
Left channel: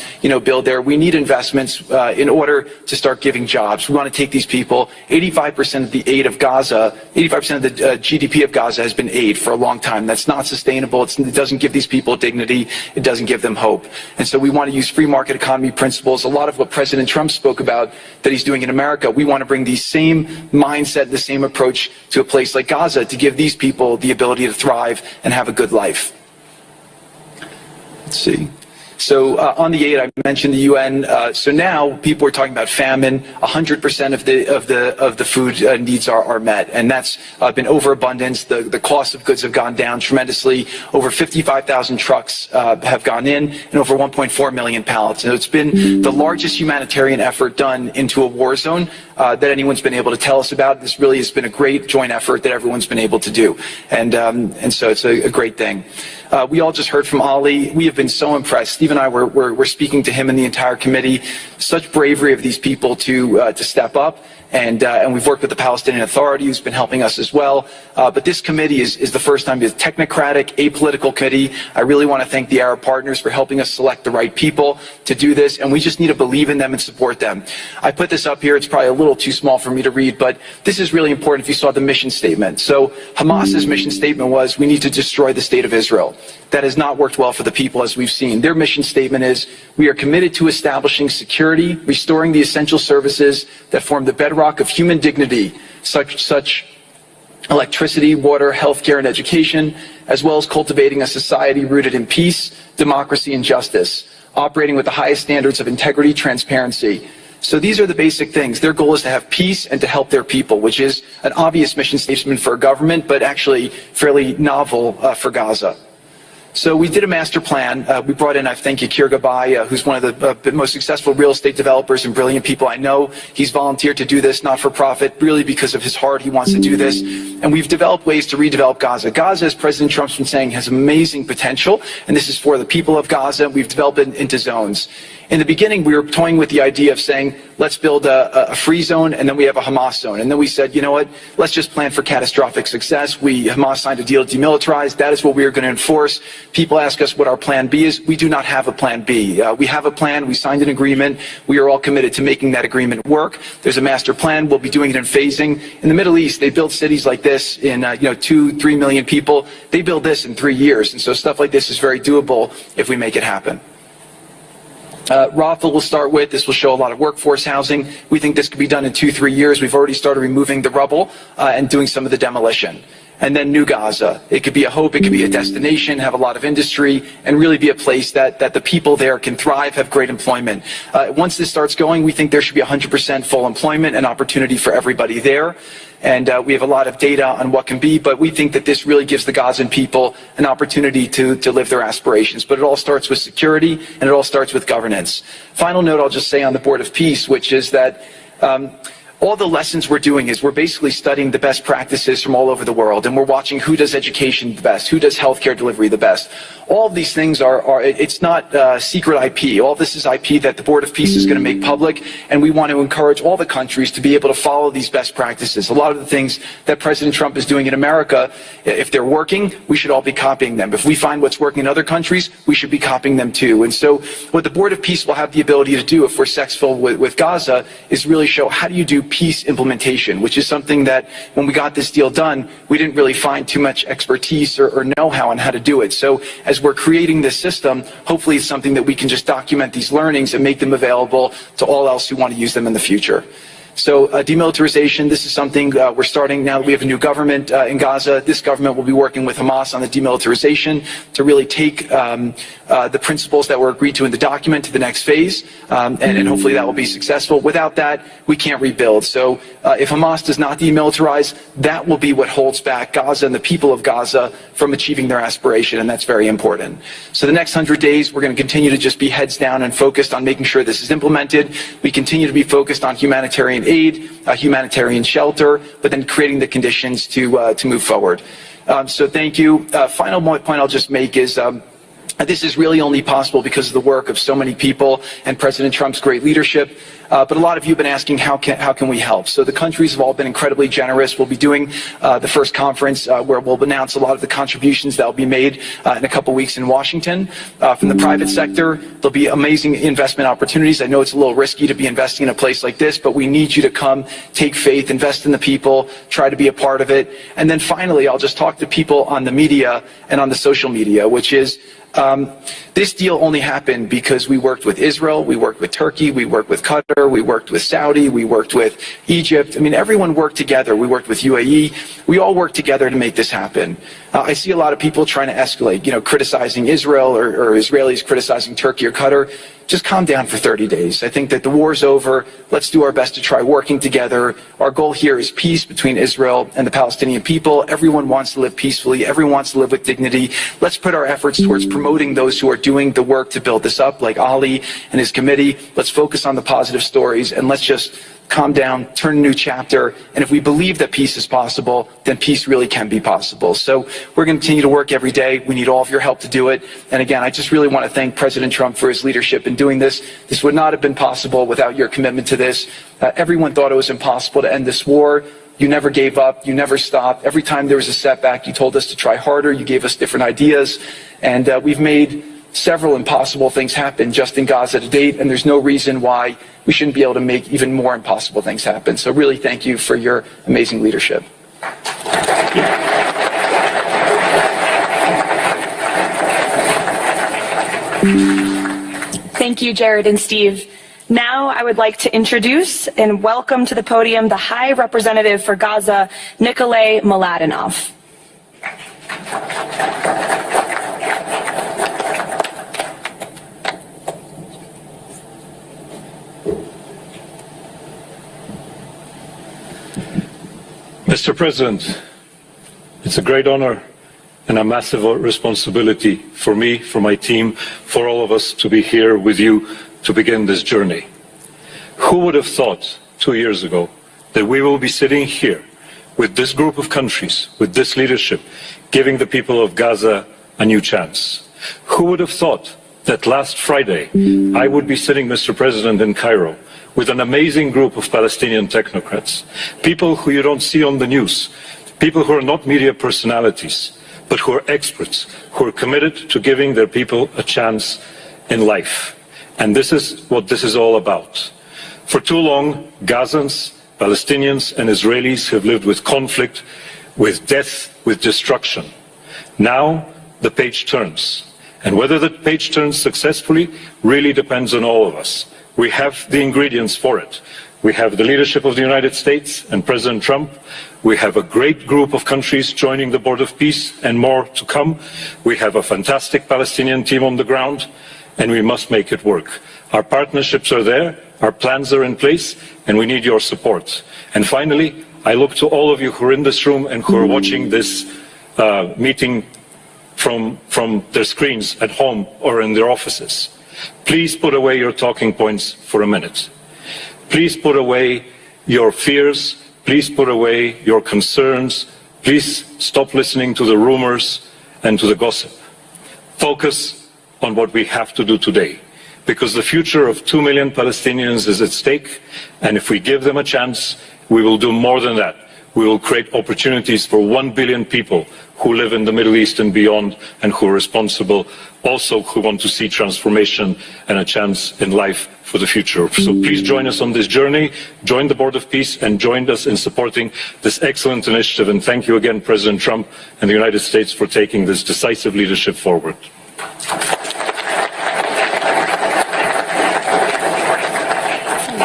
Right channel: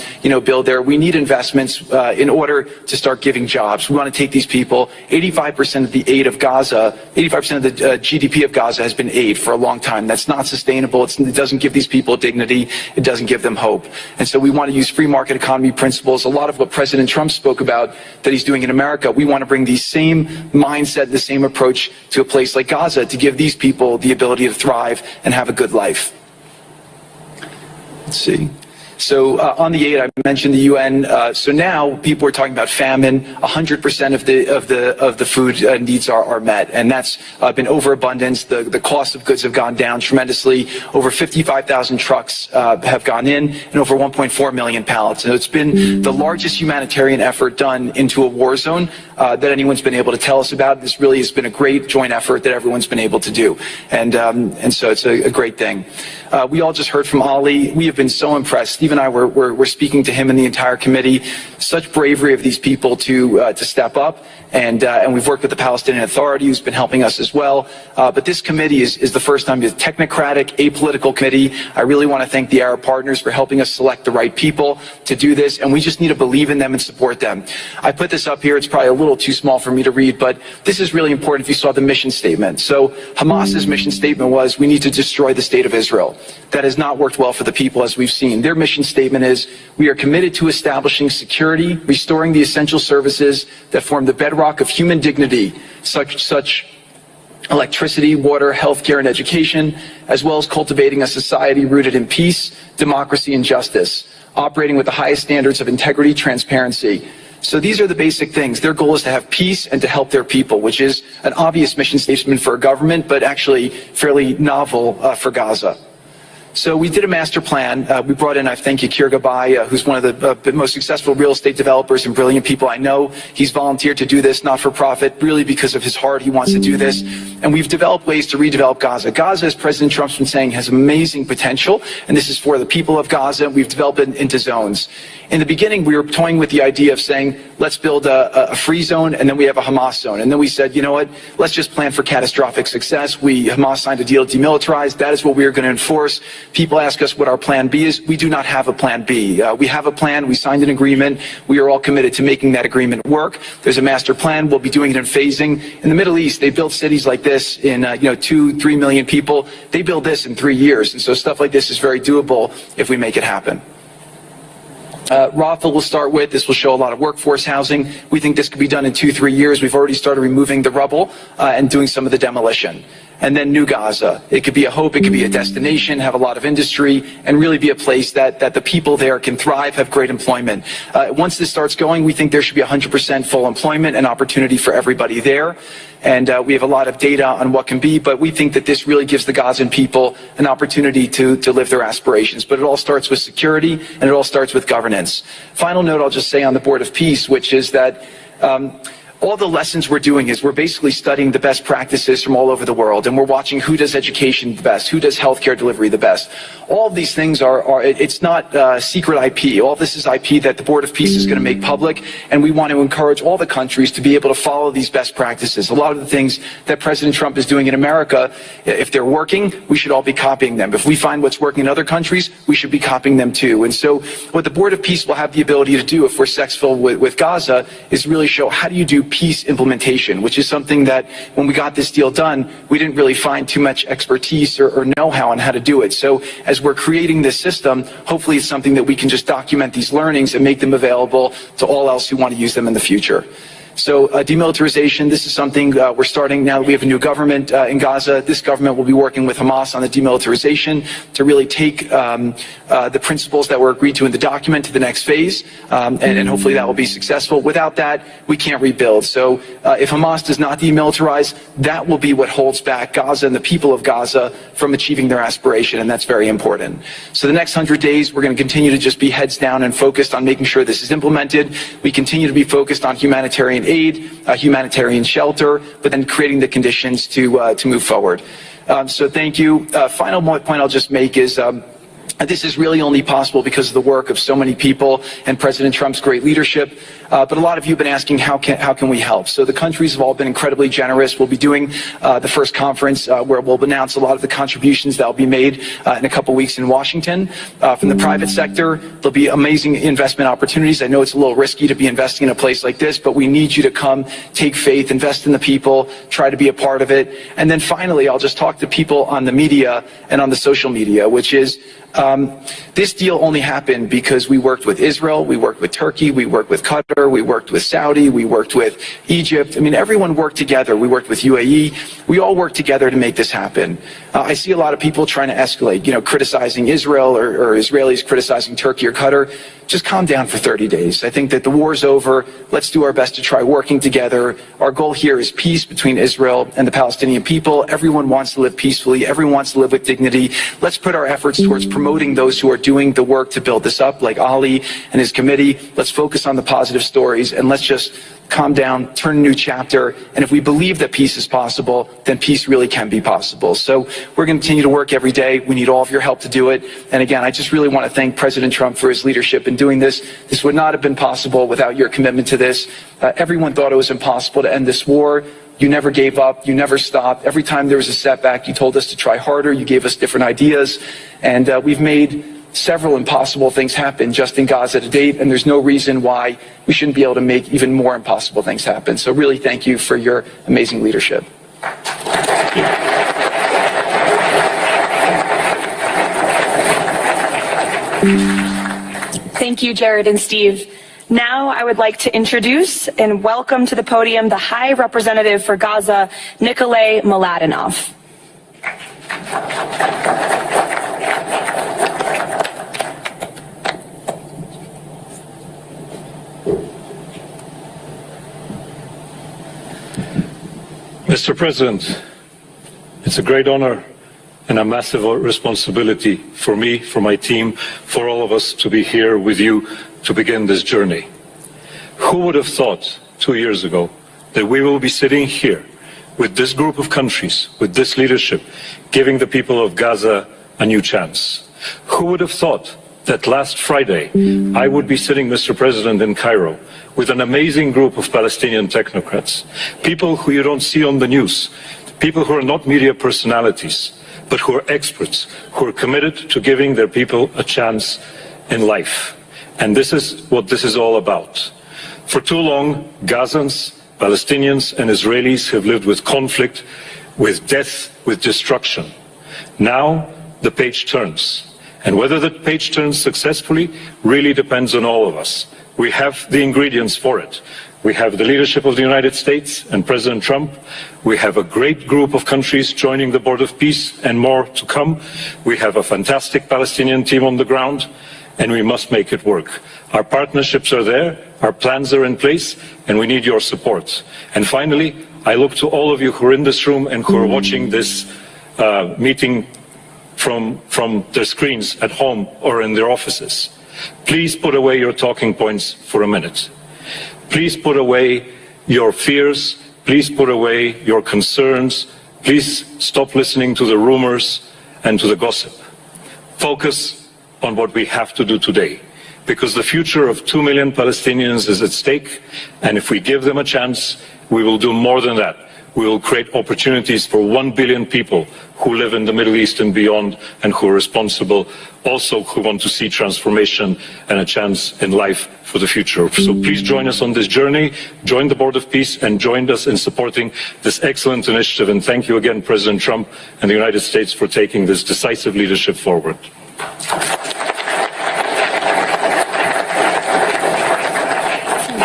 build there. We need investments in order to start giving jobs. We want to take these people. 85% of the aid of Gaza, 85% of the GDP of Gaza has been aid for a long time. That's not sustainable. It doesn't give these people dignity. It doesn't give them hope. And so we want to use free market economy principles. A lot of what President Trump spoke about that he's doing in America, we want to bring the same mindset, the same approach to a place like Gaza to give these people the ability to thrive and have a good life. Let's see. So on the aid, I mentioned the UN. So now people are talking about famine. 100% of the food needs are met, and that's been overabundance. The cost of goods have gone down tremendously. Over 55,000 trucks have gone in, and over 1.4 million pallets. So it's been the largest humanitarian effort done into a war zone that anyone's been able to tell us about. This really has been a great joint effort that everyone's been able to do, and so it's a great thing. We all just heard from Ali. We have been so impressed. Steve and I were speaking to him and the entire committee. Such bravery of these people to step up. And we've worked with the Palestinian Authority, who's been helping us as well. But this committee is the first time it's a technocratic, apolitical committee. I really want to thank the Arab partners for helping us select the right people to do this, and we just need to believe in them and support them. I put this up here. It's probably a little too small for me to read, but this is really important if you saw the mission statement. So Hamas's mission statement was, we need to destroy the state of Israel. That has not worked well for the people, as we've seen. Their mission statement is, we are committed to establishing security, restoring the essential services that form the bedrock of human dignity, such electricity, water, healthcare, and education, as well as cultivating a society rooted in peace, democracy, and justice, operating with the highest standards of integrity, transparency. So these are the basic things. Their goal is to have peace and to help their people, which is an obvious mission statement for a government, but actually fairly novel for Gaza. So we did a master plan. We brought in, I thank you, Yakir Gabay, who's one of the most successful real estate developers and brilliant people I know. He's volunteered to do this, not for profit, really because of his heart. He wants to do this. And we've developed ways to redevelop Gaza. Gaza, as President Trump's been saying, has amazing potential, and this is for the people of Gaza. We've developed it into zones. In the beginning, we were toying with the idea of saying, let's build a free zone, and then we have a Hamas zone. And then we said, you know what, let's just plan for catastrophic success. Hamas signed a deal to demilitarize. That is what we are going to enforce. People ask us what our plan B is. We do not have a plan B. We have a plan. We signed an agreement. We are all committed to making that agreement work. There's a master plan. We'll be doing it in phasing. In the Middle East, they build cities like this in 2-3 million people. They build this in 3 years. And so stuff like this is very doable if we make it happen. Rothel will start with. This will show a lot of workforce housing. We think this could be done in 2-3 years. We've already started removing the rubble and doing some of the demolition. And then New Gaza. It could be a hope. It could be a destination, have a lot of industry, and really be a place that the people there can thrive, have great employment. Once this starts going, we think there should be 100% full employment and opportunity for everybody there. And we have a lot of data on what can be, but we think that this really gives the Gazan people an opportunity to live their aspirations. But it all starts with security, and it all starts with governance. Final note I'll just say on the Board of Peace, which is that all the lessons we're doing is we're basically studying the best practices from all over the world, and we're watching who does education the best, who does healthcare delivery the best. All of these things it's not secret IP. All this is IP that the Board of Peace is going to make public, and we want to encourage all the countries to be able to follow these best practices. A lot of the things that President Trump is doing in America, if they're working, we should all be copying them. If we find what's working in other countries, we should be copying them too. And so what the Board of Peace will have the ability to do, if we're successful with Gaza, is really show how do you do peace implementation, which is something that when we got this deal done, we didn't really find too much expertise or know-how on how to do it. So as we're creating this system, hopefully it's something that we can just document these learnings and make them available to all else who want to use them in the future. So demilitarization, this is something we're starting now. We have a new government in Gaza. This government will be working with Hamas on the demilitarization to really take the principles that were agreed to in the document to the next phase, and hopefully that will be successful. Without that, we can't rebuild. So if Hamas does not demilitarize, that will be what holds back Gaza and the people of Gaza from achieving their aspiration, and that's very important. So the next 100 days, we're going to continue to just be heads down and focused on making sure this is implemented. We continue to be focused on humanitarian aid, humanitarian shelter, but then creating the conditions to move forward. So thank you. Final point I'll just make is this is really only possible because of the work of so many people and President Trump's great leadership. But a lot of you have been asking, how can we help? So the countries have all been incredibly generous. We'll be doing the first conference where we'll announce a lot of the contributions that will be made in a couple weeks in Washington. From the private sector, there'll be amazing investment opportunities. I know it's a little risky to be investing in a place like this, but we need you to come, take faith, invest in the people, try to be a part of it. And then finally, I'll just talk to people on the media and on the social media, which is this deal only happened because we worked with Israel, we worked with Turkey, we worked with Qatar, we worked with Saudi, we worked with Egypt. I mean, everyone worked together. We worked with UAE. We all worked together to make this happen. I see a lot of people trying to escalate, criticizing Israel or Israelis criticizing Turkey or Qatar. Just calm down for 30 days. I think that the war's over. Let's do our best to try working together. Our goal here is peace between Israel and the Palestinian people. Everyone wants to live peacefully. Everyone wants to live with dignity. Let's put our efforts towards promoting those who are doing the work to build this up, like Ali and his committee. Let's focus on the positive stories, and let's just calm down, turn a new chapter, and if we believe that peace is possible, then peace really can be possible. So we're going to continue to work every day. We need all of your help to do it. And again, I just really want to thank President Trump for his leadership in doing this. This would not have been possible without your commitment to this. Everyone thought it was impossible to end this war. You never gave up. You never stopped. Every time there was a setback, you told us to try harder. You gave us different ideas. And we've made several impossible things happen just in Gaza to date, and there's no reason why we shouldn't be able to make even more impossible things happen. So really thank you for your amazing leadership. Thank you, Jared and Steve. Now I would like to introduce and welcome to the podium the High Representative for Gaza, Nikolay Mladenov. Mr. President, it's a great honor and a massive responsibility for me, for my team, for all of us to be here with you to begin this journey. Who would have thought 2 years ago that we will be sitting here with this group of countries, with this leadership, giving the people of Gaza a new chance? Who would have thought that last Friday I would be sitting, Mr. President, in Cairo with an amazing group of Palestinian technocrats, people who you don't see on the news, people who are not media personalities, but who are experts, who are committed to giving their people a chance in life. And this is what this is all about. For too long, Gazans, Palestinians, and Israelis have lived with conflict, with death, with destruction. Now the page turns. And whether the page turns successfully really depends on all of us. We have the ingredients for it. We have the leadership of the United States and President Trump. We have a great group of countries joining the Board of Peace and more to come. We have a fantastic Palestinian team on the ground, and we must make it work. Our partnerships are there, our plans are in place, and we need your support. And finally, I look to all of you who are in this room and who are watching this meeting from their screens at home or in their offices. Please put away your talking points for a minute. Please put away your fears. Please put away your concerns. Please stop listening to the rumors and to the gossip. Focus on what we have to do today, because the future of 2 million Palestinians is at stake, and if we give them a chance, we will do more than that. We will create opportunities for 1 billion people who live in the Middle East and beyond, and who are responsible, also who want to see transformation and a chance in life for the future. So please join us on this journey, join the Board of Peace, and join us in supporting this excellent initiative. And thank you again, President Trump and the United States, for taking this decisive leadership forward.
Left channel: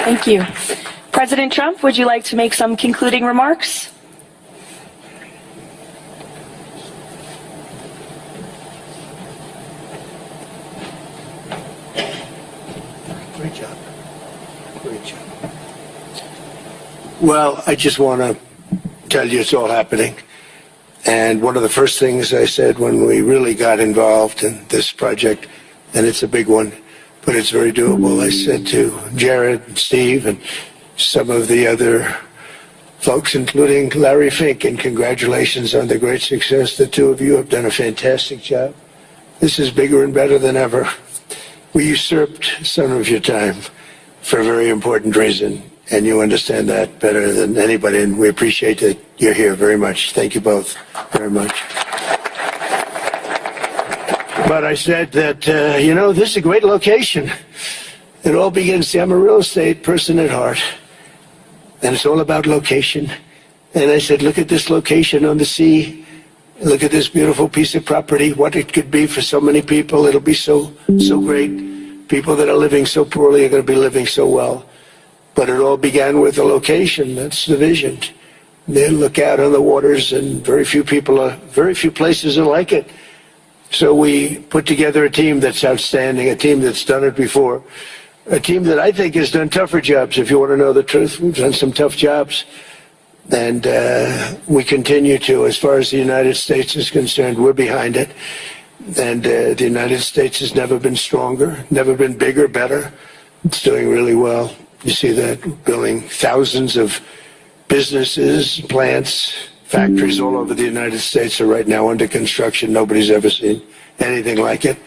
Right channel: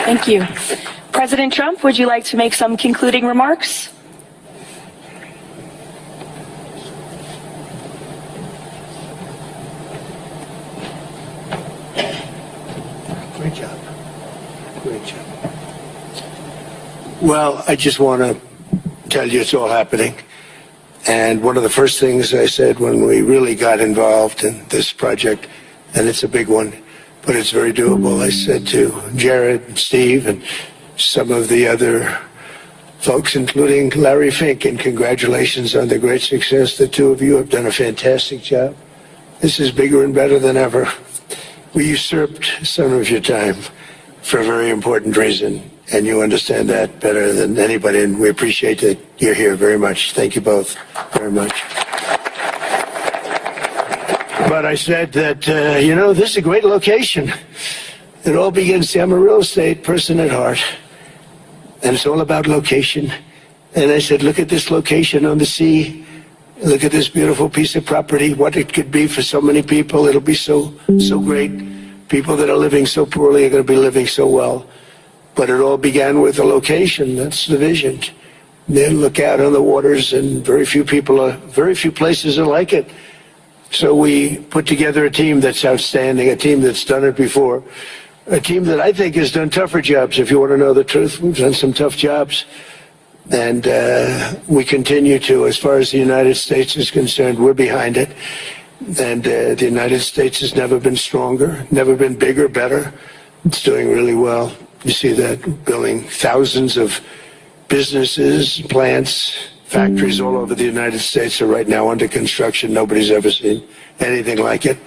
Thank you. President Trump, would you like to make some concluding remarks? Great job. Great job. Well, I just want to tell you it's all happening. And one of the first things I said when we really got involved in this project, and it's a big one, but it's very doable, I said to Jared and Steve and some of the other folks, including Larry Fink, and congratulations on the great success. The two of you have done a fantastic job. This is bigger and better than ever. We usurped some of your time for a very important reason, and you understand that better than anybody, and we appreciate that you're here very much. Thank you both very much. But I said that, this is a great location. It all begins, see, I'm a real estate person at heart, and it's all about location. And I said, look at this location on the sea. Look at this beautiful piece of property, what it could be for so many people. It'll be so great. People that are living so poorly are going to be living so well. But it all began with the location. That's the vision. And then look out on the waters, and very few places are like it. So we put together a team that's outstanding, a team that's done it before, a team that I think has done tougher jobs. If you want to know the truth, we've done some tough jobs. And we continue to, as far as the United States is concerned, we're behind it. And the United States has never been stronger, never been bigger, better. It's doing really well. You see that building thousands of businesses, plants, factories all over the United States are right now under construction. Nobody's ever seen anything like it.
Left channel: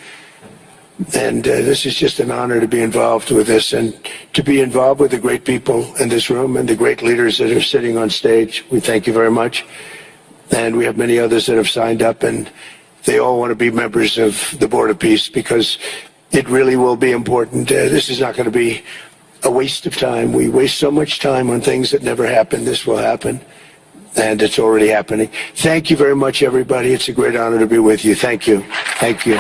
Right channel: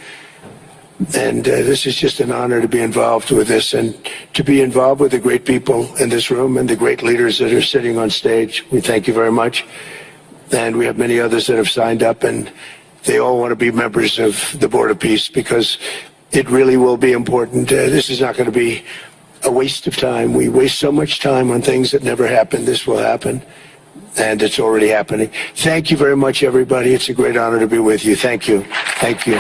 And this is just an honor to be involved with this and to be involved with the great people in this room and the great leaders that are sitting on stage. We thank you very much. And we have many others that have signed up, and they all want to be members of the Board of Peace because it really will be important. This is not going to be a waste of time. We waste so much time on things that never happen. This will happen, and it's already happening. Thank you very much, everybody. It's a great honor to be with you. Thank you. Thank you.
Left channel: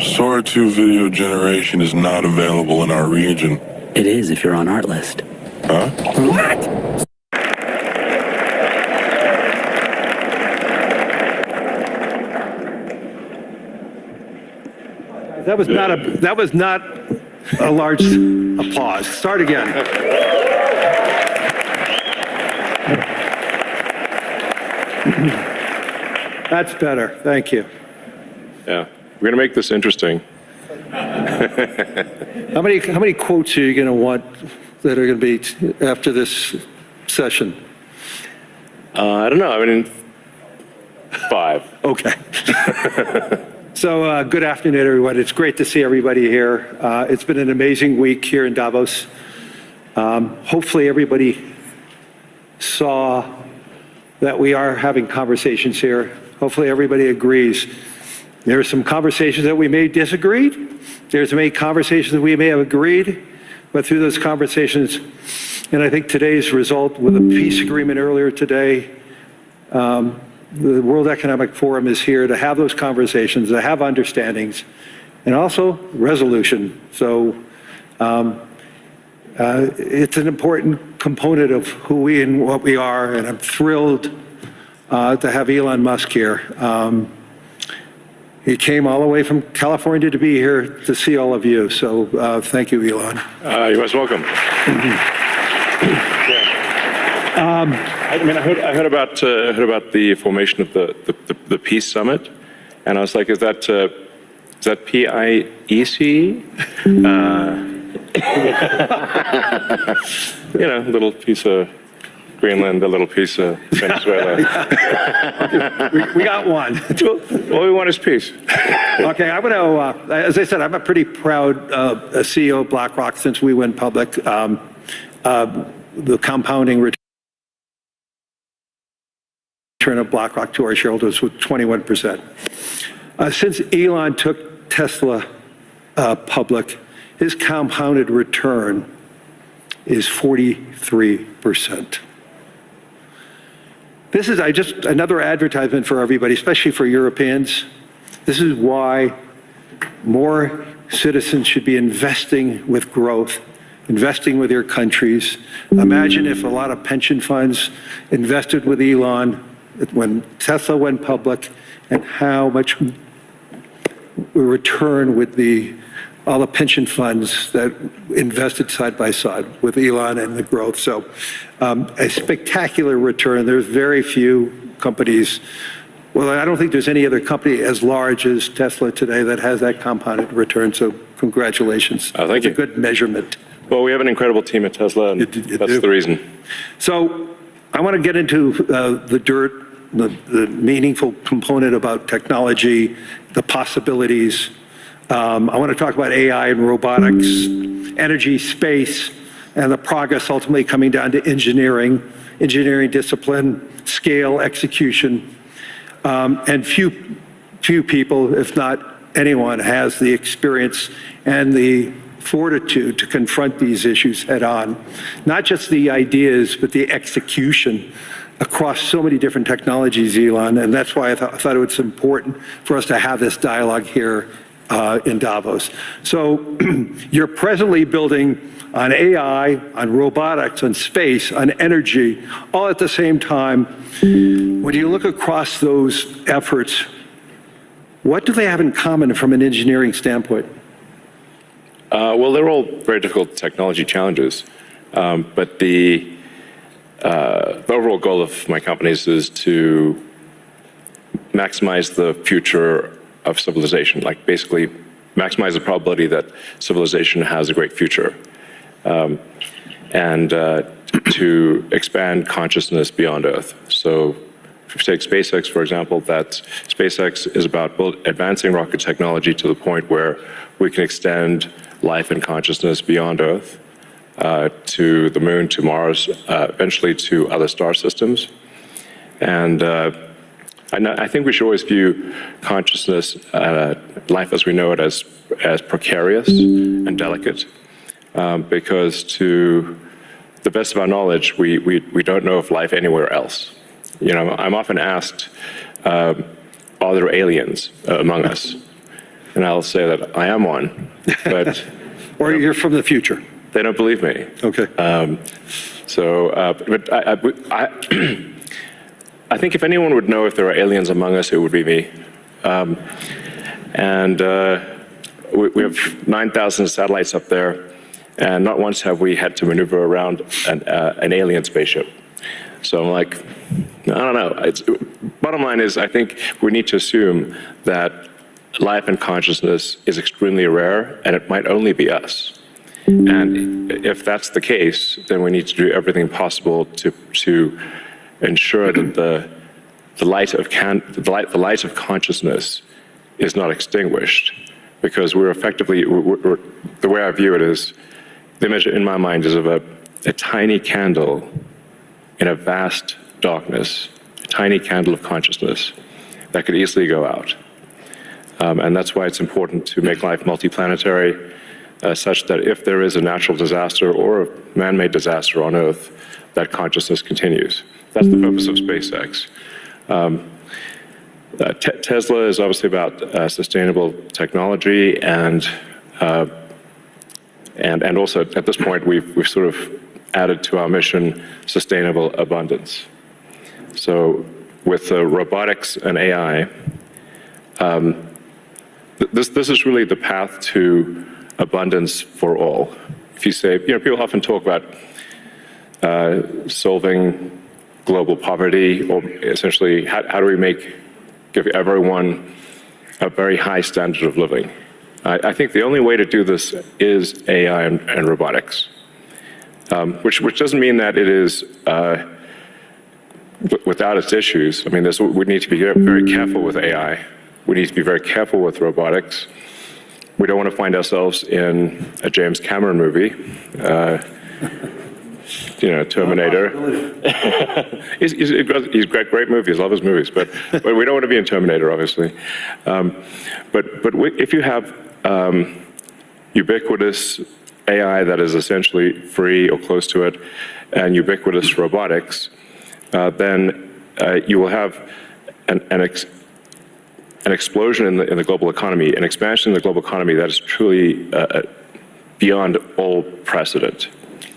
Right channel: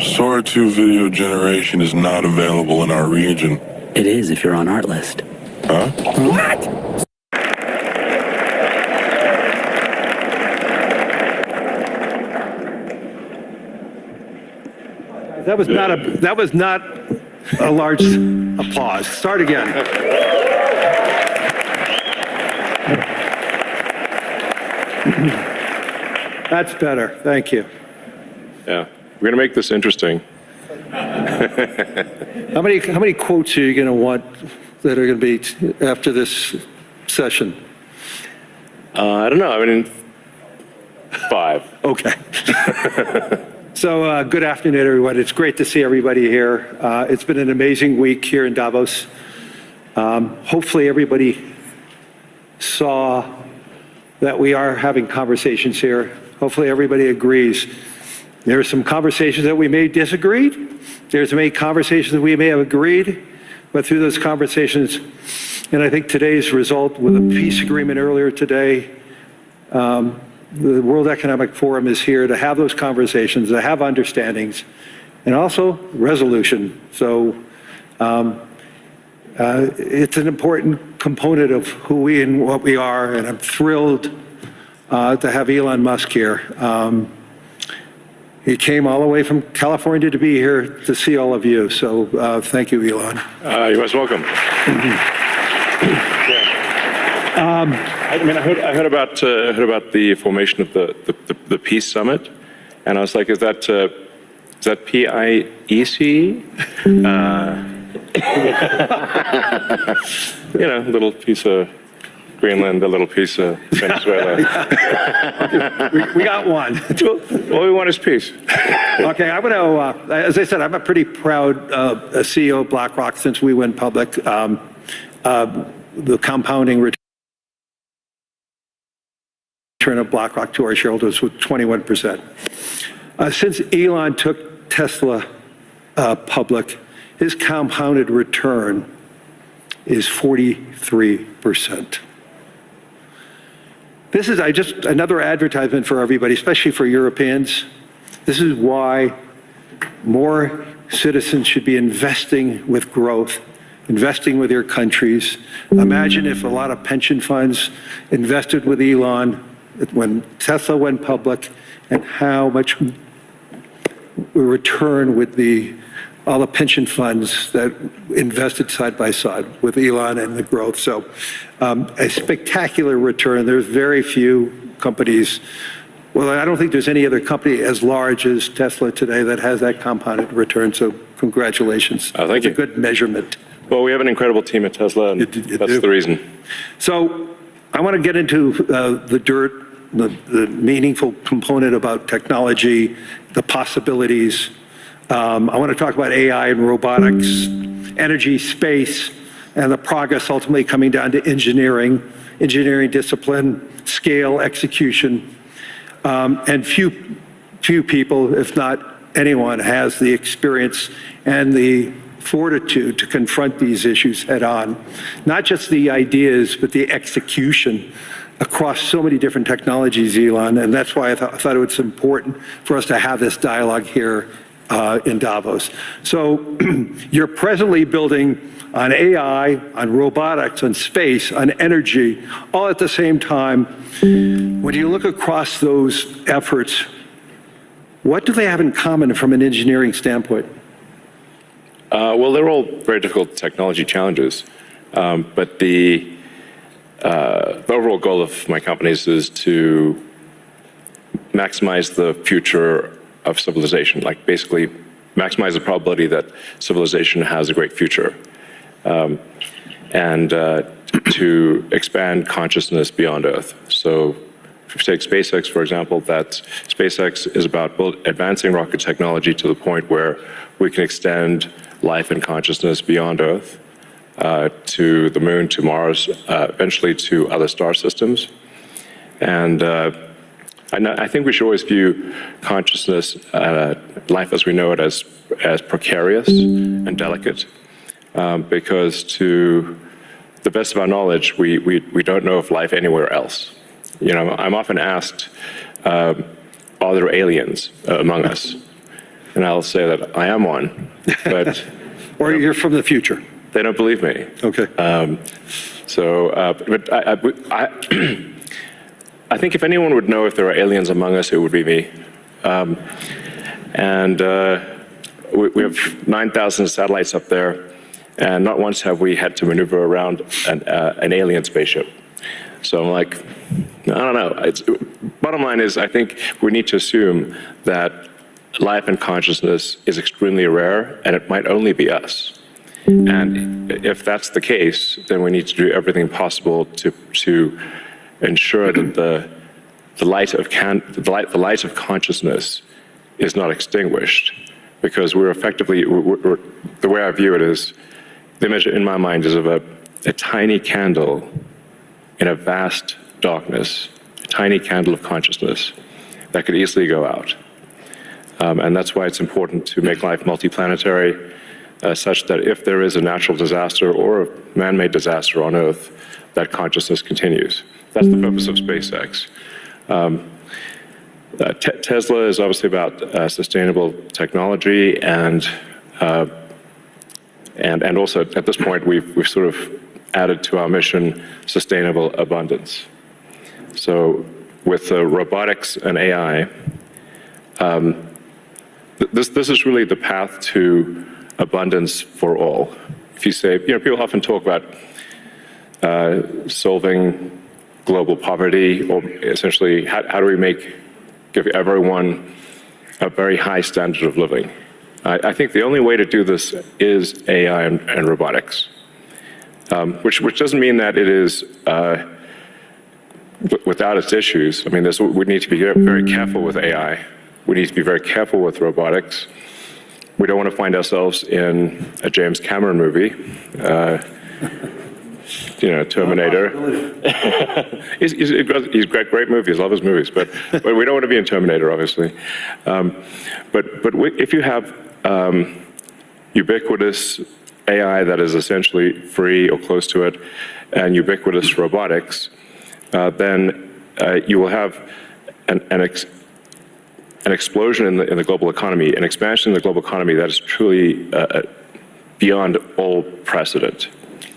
Sora 2 video generation is not available in our region. It is if you're on Artlist. Huh? What? That was not a large applause. Start again. That's better. Thank you. Yeah, we're going to make this interesting. How many quotes are you going to want that are going to be after this session? I don't know. I mean, 5. Okay. So good afternoon, everyone. It's great to see everybody here. It's been an amazing week here in Davos. Hopefully everybody saw that we are having conversations here. Hopefully everybody agrees. There are some conversations that we may disagree. There's many conversations that we may have agreed, but through those conversations, and I think today's result with a peace agreement earlier today, the World Economic Forum is here to have those conversations, to have understandings, and also resolution. So it's an important component of who we and what we are, and I'm thrilled to have Elon Musk here. He came all the way from California to be here to see all of you. So thank you, Elon. You're most welcome. I heard about the formation of the Peace Summit, and I was like, is that PIEC? A little piece of Greenland, a little piece of Venezuela. we got one. All we want is peace. Okay, I'm going to, as I said, I'm a pretty proud CEO of BlackRock since we went public. The compounding return of BlackRock to our shareholders was 21%. Since Elon took Tesla public, his compounded return is 43%. This is just another advertisement for everybody, especially for Europeans. This is why more citizens should be investing with growth, investing with their countries. Imagine if a lot of pension funds invested with Elon when Tesla went public, and how much return with all the pension funds that invested side by side with Elon and the growth. So a spectacular return. There's very few companies. Well, I don't think there's any other company as large as Tesla today that has that compounded return. So congratulations. Oh, thank you. It's a good measurement. Well, we have an incredible team at Tesla, and that's the reason. So I want to get into the dirt, the meaningful component about technology, the possibilities. I want to talk about AI and robotics, energy, space, and the progress ultimately coming down to engineering discipline, scale, execution. And few people, if not anyone, has the experience and the fortitude to confront these issues head on. Not just the ideas, but the execution across so many different technologies, Elon. And that's why I thought it was important for us to have this dialogue here in Davos. So you're presently building on AI, on robotics, on space, on energy, all at the same time. When you look across those efforts, what do they have in common from an engineering standpoint? Well, they're all very difficult technology challenges, but the overall goal of my companies is to maximize the future of civilization, like basically maximize the probability that civilization has a great future, and to expand consciousness beyond Earth. So if you take SpaceX, for example, that SpaceX is about advancing rocket technology to the point where we can extend life and consciousness beyond Earth, to the moon, to Mars, eventually to other star systems. And I think we should always view consciousness, life as we know it, as precarious and delicate, because to the best of our knowledge, we don't know of life anywhere else. You know, I'm often asked, are there aliens among us? And I'll say that I am one, but... Or you're from the future. They don't believe me. Okay. But I think if anyone would know if there are aliens among us, it would be me. We have 9,000 satellites up there, and not once have we had to maneuver around an alien spaceship. So I'm like, I don't know. Bottom line is, I think we need to assume that life and consciousness is extremely rare, and it might only be us. And if that's the case, then we need to do everything possible to ensure that the light of consciousness is not extinguished, because we're effectively, the way I view it is, the image in my mind is of a tiny candle in a vast darkness, a tiny candle of consciousness that could easily go out. And that's why it's important to make life multiplanetary, such that if there is a natural disaster or a man-made disaster on Earth, that consciousness continues. That's the purpose of SpaceX. Tesla is obviously about sustainable technology, and also at this point we've sort of added to our mission sustainable abundance. So with robotics and AI, this is really the path to abundance for all. If you say, people often talk about solving global poverty, or essentially how do we give everyone a very high standard of living. I think the only way to do this is AI and robotics, which doesn't mean that it is without its issues. I mean, we need to be very careful with AI. We need to be very careful with robotics. We don't want to find ourselves in a James Cameron movie. Terminator. he's got great movies. Love his movies, but we don't want to be in Terminator, obviously. But if you have ubiquitous AI that is essentially free or close to it, and ubiquitous robotics, then you will have an explosion in the global economy, an expansion in the global economy that is truly beyond all precedent.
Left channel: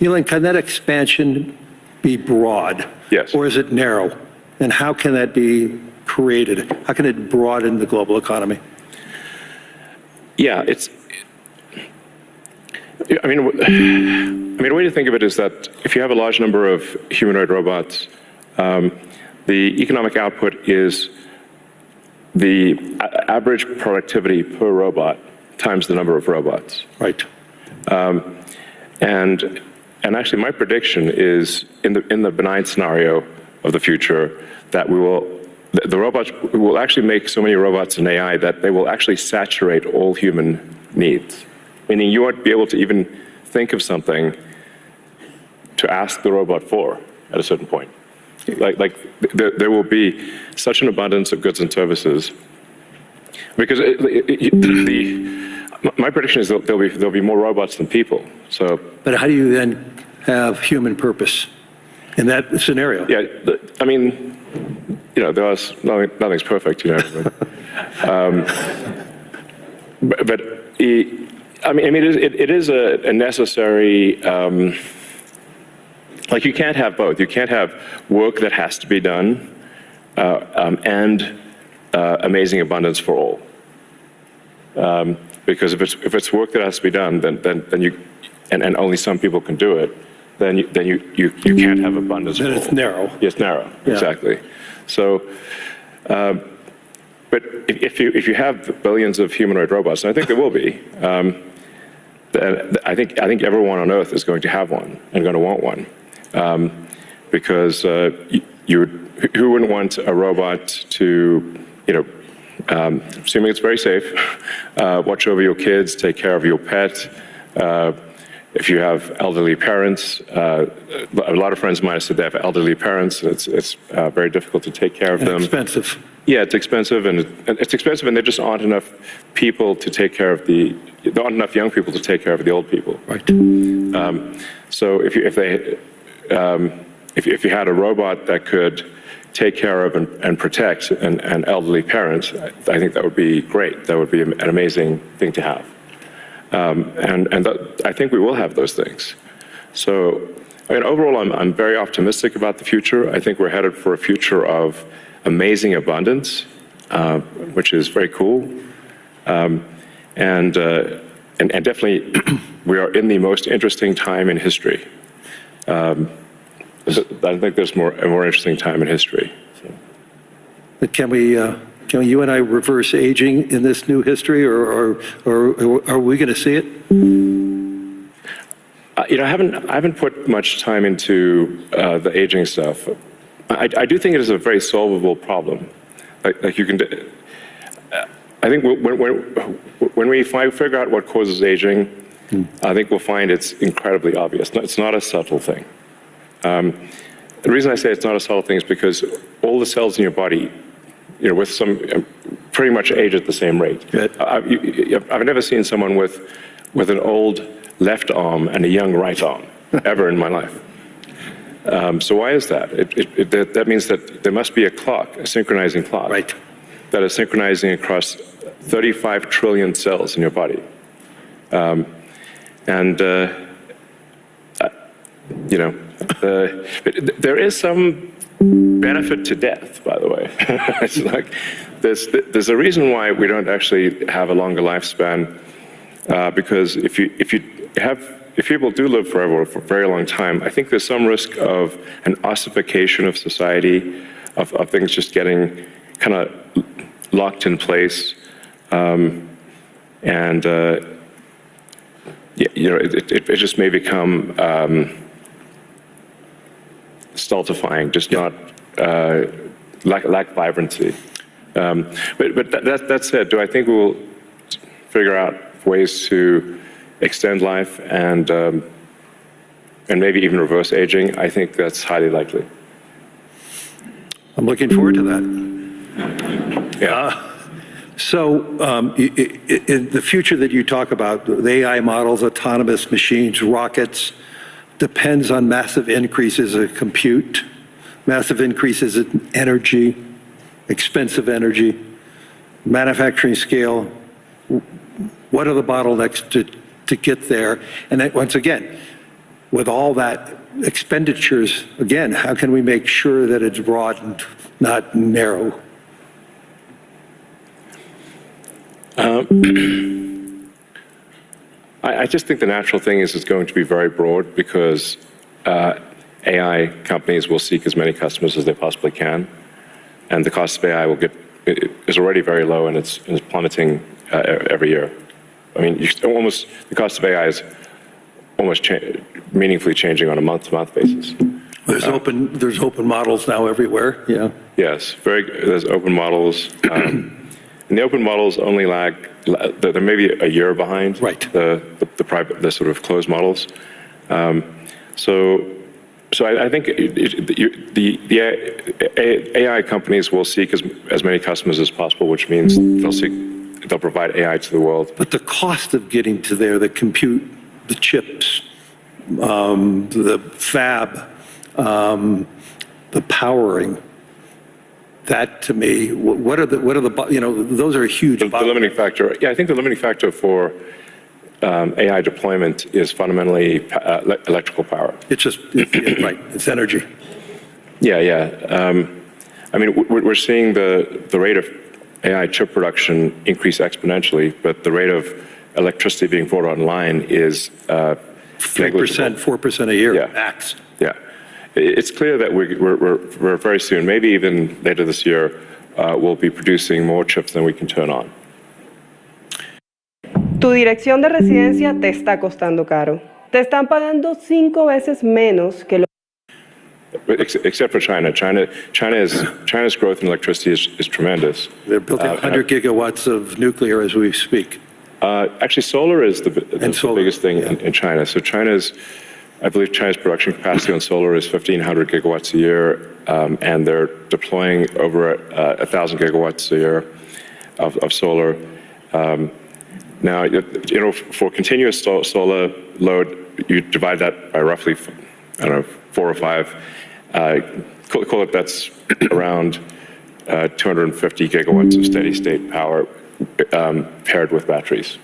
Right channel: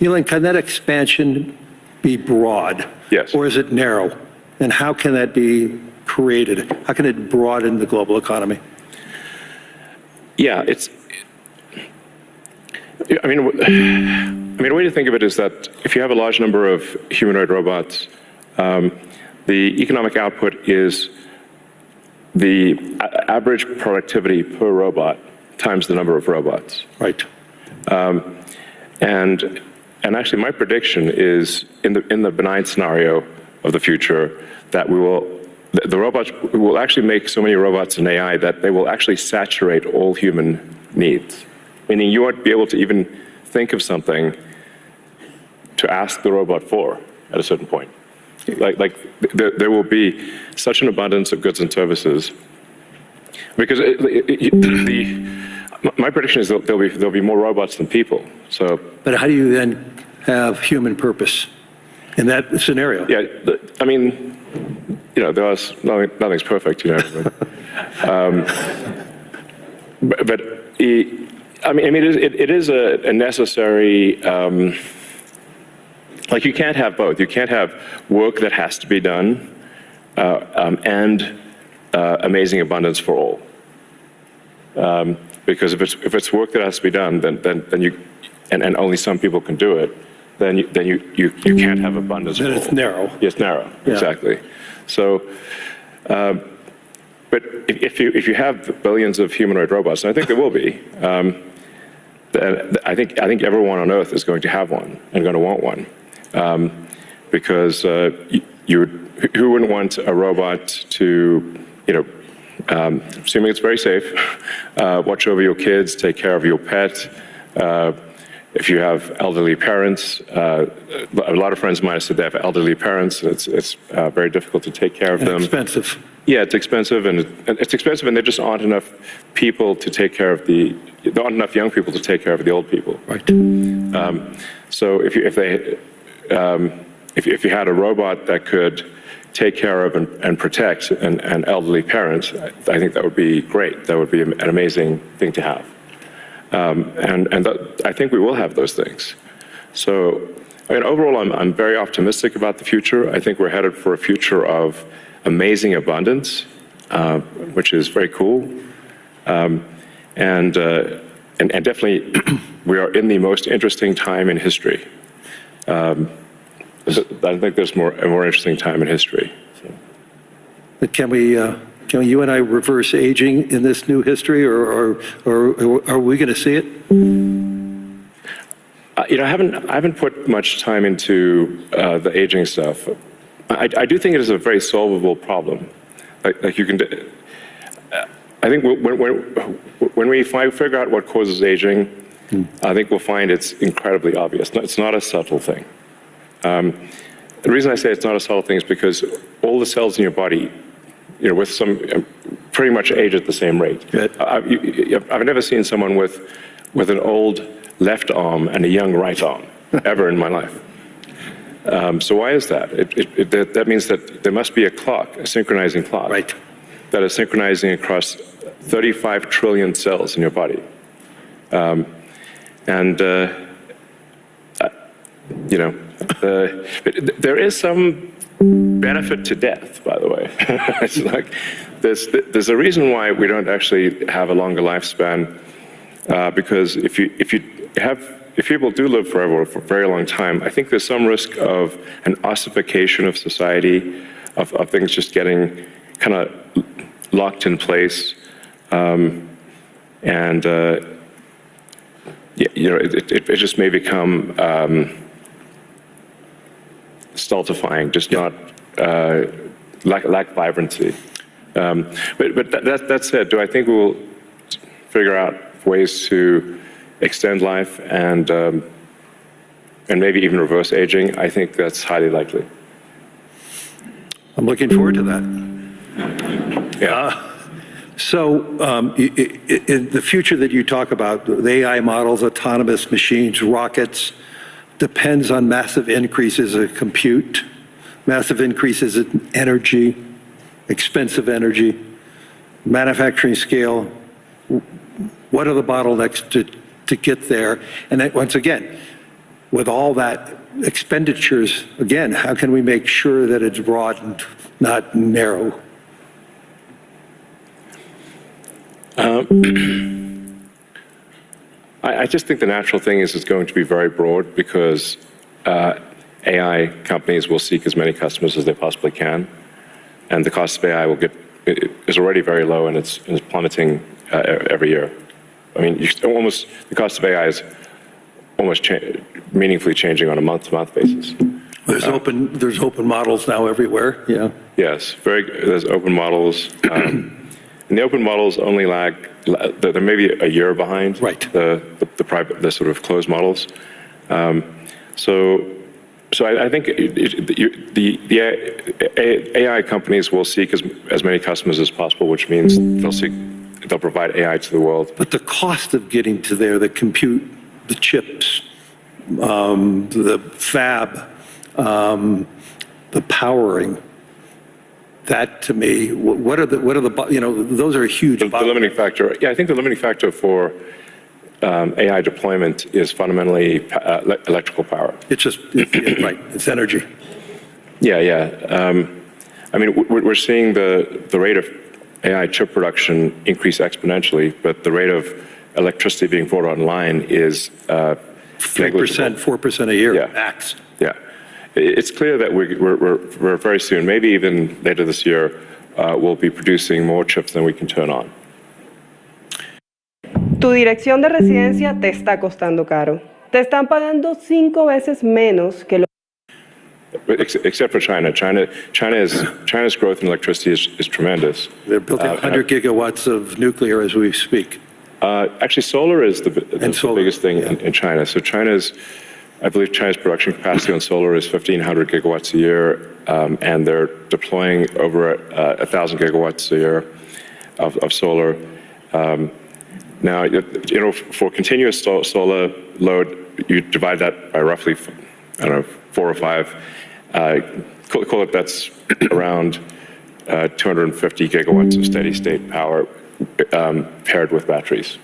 Elon, can that expansion be broad? Yes. Or is it narrow? And how can that be created? How can it broaden the global economy? Yeah, I mean, a way to think of it is that if you have a large number of humanoid robots, the economic output is the average productivity per robot times the number of robots. Right. And actually, my prediction is in the benign scenario of the future that the robots will actually make so many robots and AI that they will actually saturate all human needs. Meaning you won't be able to even think of something to ask the robot for at a certain point. Like there will be such an abundance of goods and services because my prediction is that there'll be more robots than people. So, but how do you then have human purpose in that scenario? Yeah, I mean, nothing's perfect, but it is a necessary. Like you can't have both. You can't have work that has to be done and amazing abundance for all. Because if it's work that has to be done, then you and only some people can do it, then you can't have abundance. Then it's narrow. It's narrow. Yeah. Exactly. So, but if you have billions of humanoid robots, and I think there will be, I think everyone on Earth is going to have one and going to want one, because who wouldn't want a robot to, assuming it's very safe, watch over your kids, take care of your pet. If you have elderly parents, a lot of friends of mine said they have elderly parents. It's very difficult to take care of them. Expensive. Yeah, it's expensive, and there just aren't enough people to take care of there aren't enough young people to take care of the old people. Right. So if you had a robot that could take care of and protect an elderly parent, I think that would be great. That would be an amazing thing to have. I think we will have those things. So, overall, I'm very optimistic about the future. I think we're headed for a future of amazing abundance, which is very cool. And definitely, we are in the most interesting time in history. I think there's a more interesting time in history. So. But can you and I reverse aging in this new history, or are we going to see it? I haven't put much time into the aging stuff. I do think it is a very solvable problem. Like you can. I think when we figure out what causes aging, I think we'll find it's incredibly obvious. It's not a subtle thing. The reason I say it's not a subtle thing is because all the cells in your body, with some pretty much age at the same rate. I've never seen someone with an old left arm and a young right arm ever in my life. So why is that? That means that there must be a clock, a synchronizing clock, right, that is synchronizing across 35 trillion cells in your body. There is some benefit to death, by the way. It's like there's a reason why we don't actually have a longer lifespan, because if people do live forever for a very long time, I think there's some risk of an ossification of society, of things just getting kind of locked in place, it just may become stultifying, just not lack vibrancy. But that said, do I think we'll figure out ways to extend life and and maybe even reverse aging, I think that's highly likely. I'm looking forward to that. Yeah. In the future that you talk about, the AI models, autonomous machines, rockets, depends on massive increases in compute, massive increases in energy, expensive energy, manufacturing scale. What are the bottlenecks to get there? And then, once again, with all that expenditures, again, how can we make sure that it's broad and not narrow? I just think the natural thing is it's going to be very broad because AI companies will seek as many customers as they possibly can, and the cost of AI is already very low and it's plummeting every year. I mean, the cost of AI is almost meaningfully changing on a month-to-month basis. There's open models now everywhere. Yeah. Yes, there's open models. And the open models only lag, they're maybe a year behind the sort of closed models. So I think the AI companies will seek as many customers as possible, which means they'll provide AI to the world. But the cost of getting to there, the compute, the chips, the fab, the powering, that to me, what are the those are huge. The limiting factor, I think the limiting factor for AI deployment is fundamentally electrical power. It's just, right, it's energy. Yeah. I mean, we're seeing the rate of AI chip production increase exponentially, but the rate of electricity being brought online is 4% a year, max. Yeah. It's clear that we're very soon, maybe even later this year, we'll be producing more chips than we can turn on. Tu dirección de residencia te está costando caro. Te están pagando 5 veces menos que lo. Except for China. China's growth in electricity is tremendous. They're building 100 gigawatts of nuclear as we speak. Actually, solar is the biggest thing in China. So I believe China's production capacity on solar is 1,500 gigawatts a year, and they're deploying over 1,000 gigawatts a year of solar. Now, for continuous solar load, you divide that by roughly, 4 or 5. Call it that's around 250 gigawatts of steady state power paired with batteries.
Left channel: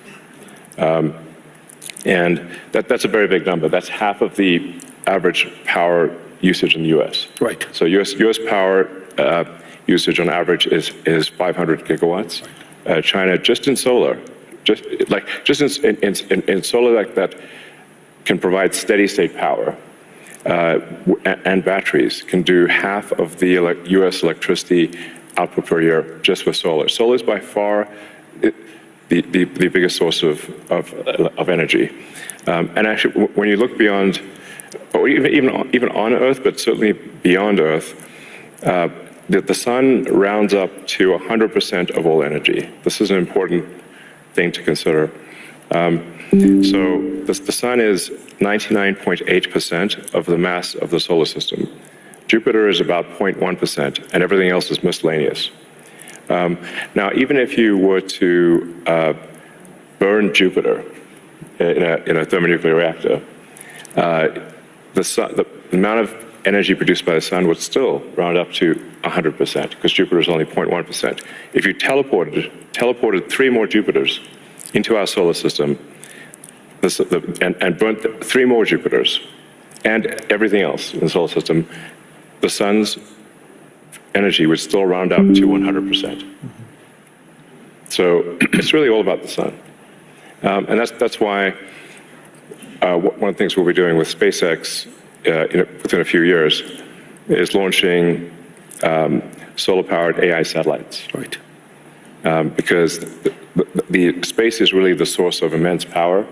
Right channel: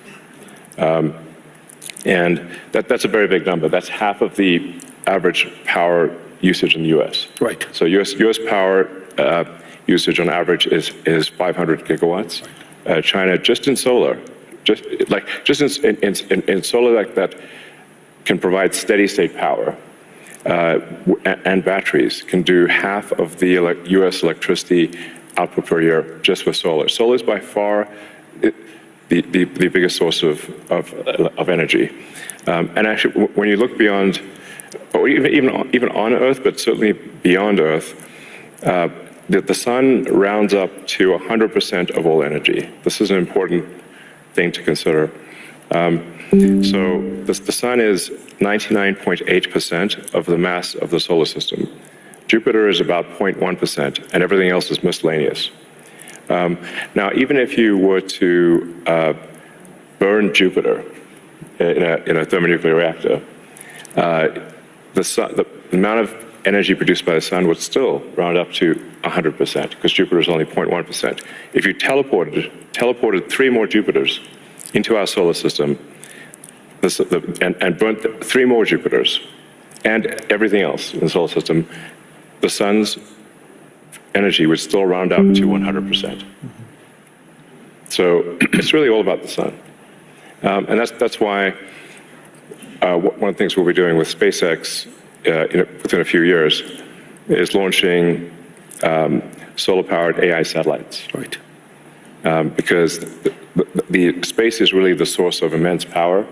And that's a very big number. That's half of the average power usage in the U.S. Right. So U.S. power usage on average is 500 gigawatts. China, just in solar, in solar like that can provide steady state power and batteries can do half of the U.S. electricity output per year just with solar. Solar is by far the biggest source of energy. And actually, when you look beyond, or even on Earth, but certainly beyond Earth, the sun rounds up to 100% of all energy. This is an important thing to consider. So the sun is 99.8% of the mass of the solar system. Jupiter is about 0.1%, and everything else is miscellaneous. Now, even if you were to burn Jupiter in a thermonuclear reactor, the amount of energy produced by the sun would still round up to 100%, because Jupiter is only 0.1%. If you teleported 3 more Jupiters into our solar system, and burnt 3 more Jupiters and everything else in the solar system, the sun's energy would still round up to 100%. So it's really all about the sun. And that's why one of the things we'll be doing with SpaceX within a few years is launching solar-powered AI satellites. Right. Because the space is really the source of immense power,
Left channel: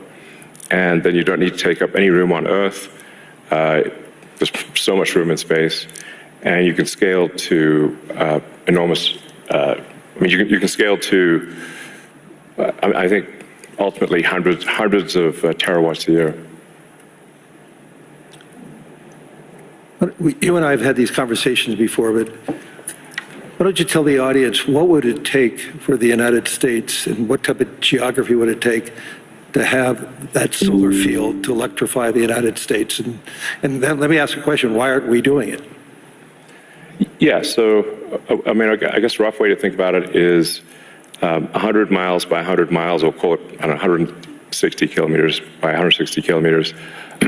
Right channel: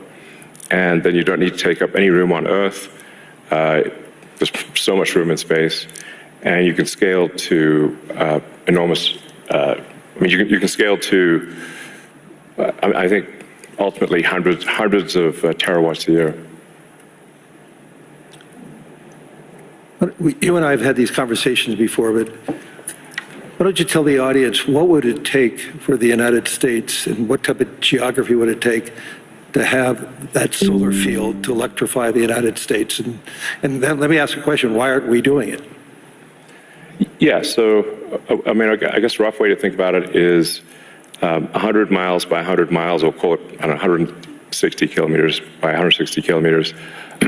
and then you don't need to take up any room on Earth. There's so much room in space, and you can scale to enormous. You can scale to, I think, ultimately hundreds of terawatts a year. you and I have had these conversations before, but why don't you tell the audience what would it take for the United States and what type of geography would it take to have that solar field to electrify the United States? And then let me ask a question, why aren't we doing it? Yeah, so, I mean, I guess a rough way to think about it is 100 miles by 100 miles, or call it, I don't know, 160 kilometers by 160 kilometers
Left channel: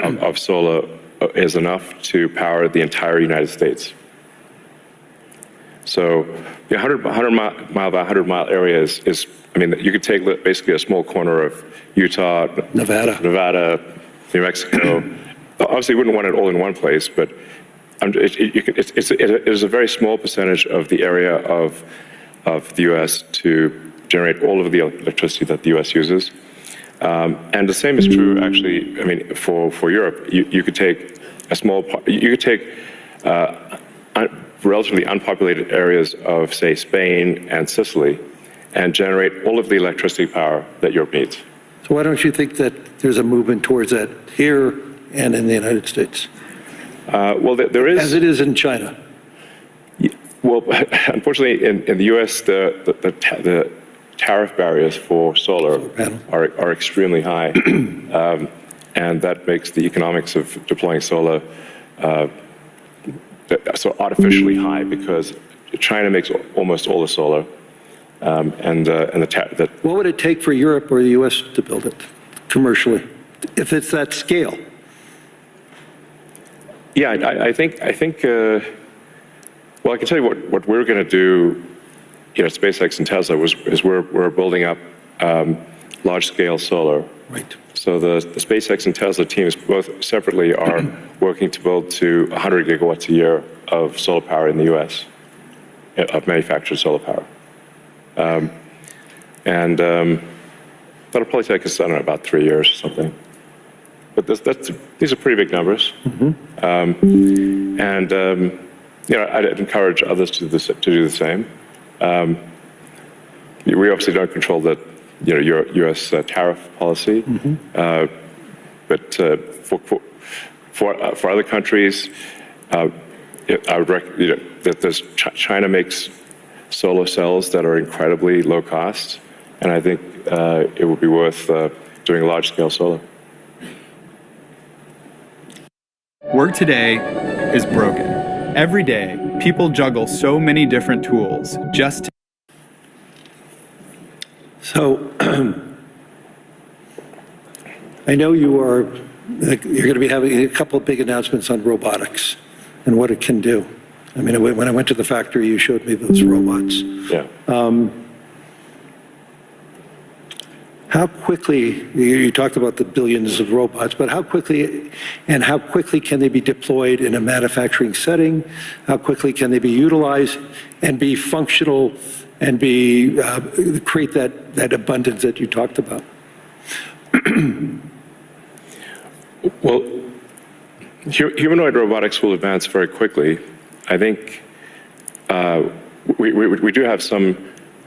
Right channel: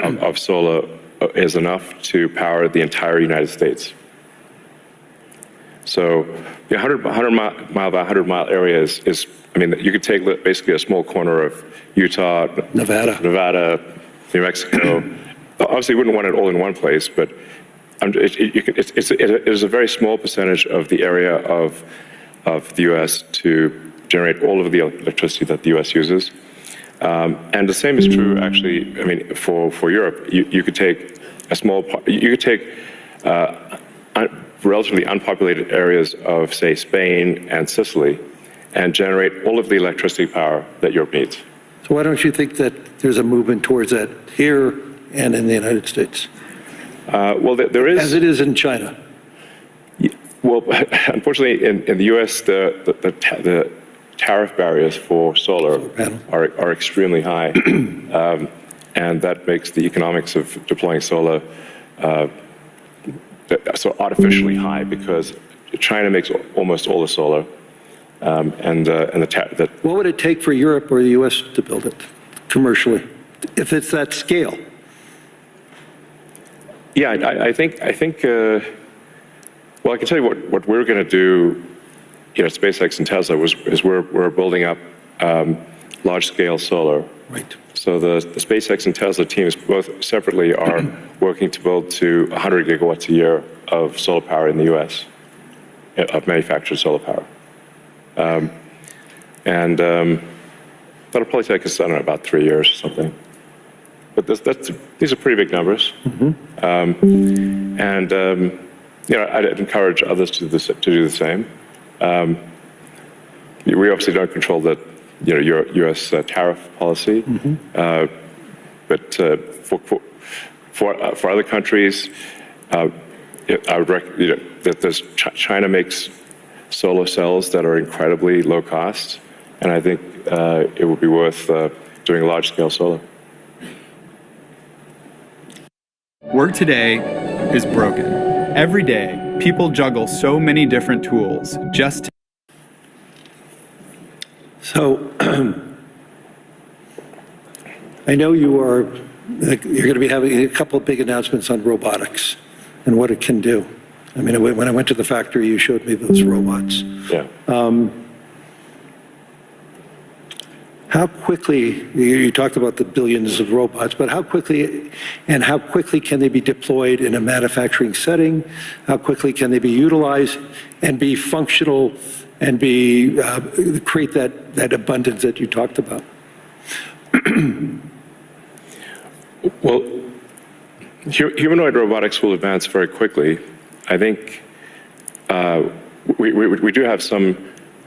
of solar is enough to power the entire United States. So the 100 mile by 100 mile area is, I mean, you could take basically a small corner of Utah, Nevada, New Mexico. Obviously, you wouldn't want it all in one place, but it is a very small percentage of the area of the U.S. to generate all of the electricity that the U.S. uses. And the same is true, actually, I mean, for Europe. You could take a small, you could take relatively unpopulated areas of, say, Spain and Sicily, and generate all of the electricity power that Europe needs. So why don't you think that there's a movement towards that here and in the United States? Well, there is. As it is in China. Well, unfortunately, in the U.S., the tariff barriers for solar are extremely high, and that makes the economics of deploying solar so artificially high, because China makes almost all the solar, What would it take for Europe or the U.S. to build it commercially, if it's that scale? Yeah, I think. Well, I can tell you what we're going to do. You know, SpaceX and Tesla is we're building up large-scale solar. Right. So the SpaceX and Tesla teams both separately are working to build to 100 gigawatts a year of solar power in the U.S. of manufactured solar power, and that'll probably take us, I don't know, about 3 years or something. But these are pretty big numbers, and you know, I'd encourage others to do the same. We obviously don't control the U.S. Tariff policy, but for other countries, I would recommend that China makes solar cells that are incredibly low cost, and I think it would be worth doing large scale solar. Work today is broken. Every day, people juggle so many different tools just to. So, I know you're going to be having a couple of big announcements on robotics and what it can do. I mean, when I went to the factory, you showed me those robots. Yeah. How quickly, you talked about the billions of robots, but how quickly can they be deployed in a manufacturing setting? How quickly can they be utilized and be functional and create that abundance that you talked about? Well, humanoid robotics will advance very quickly. I think we do have some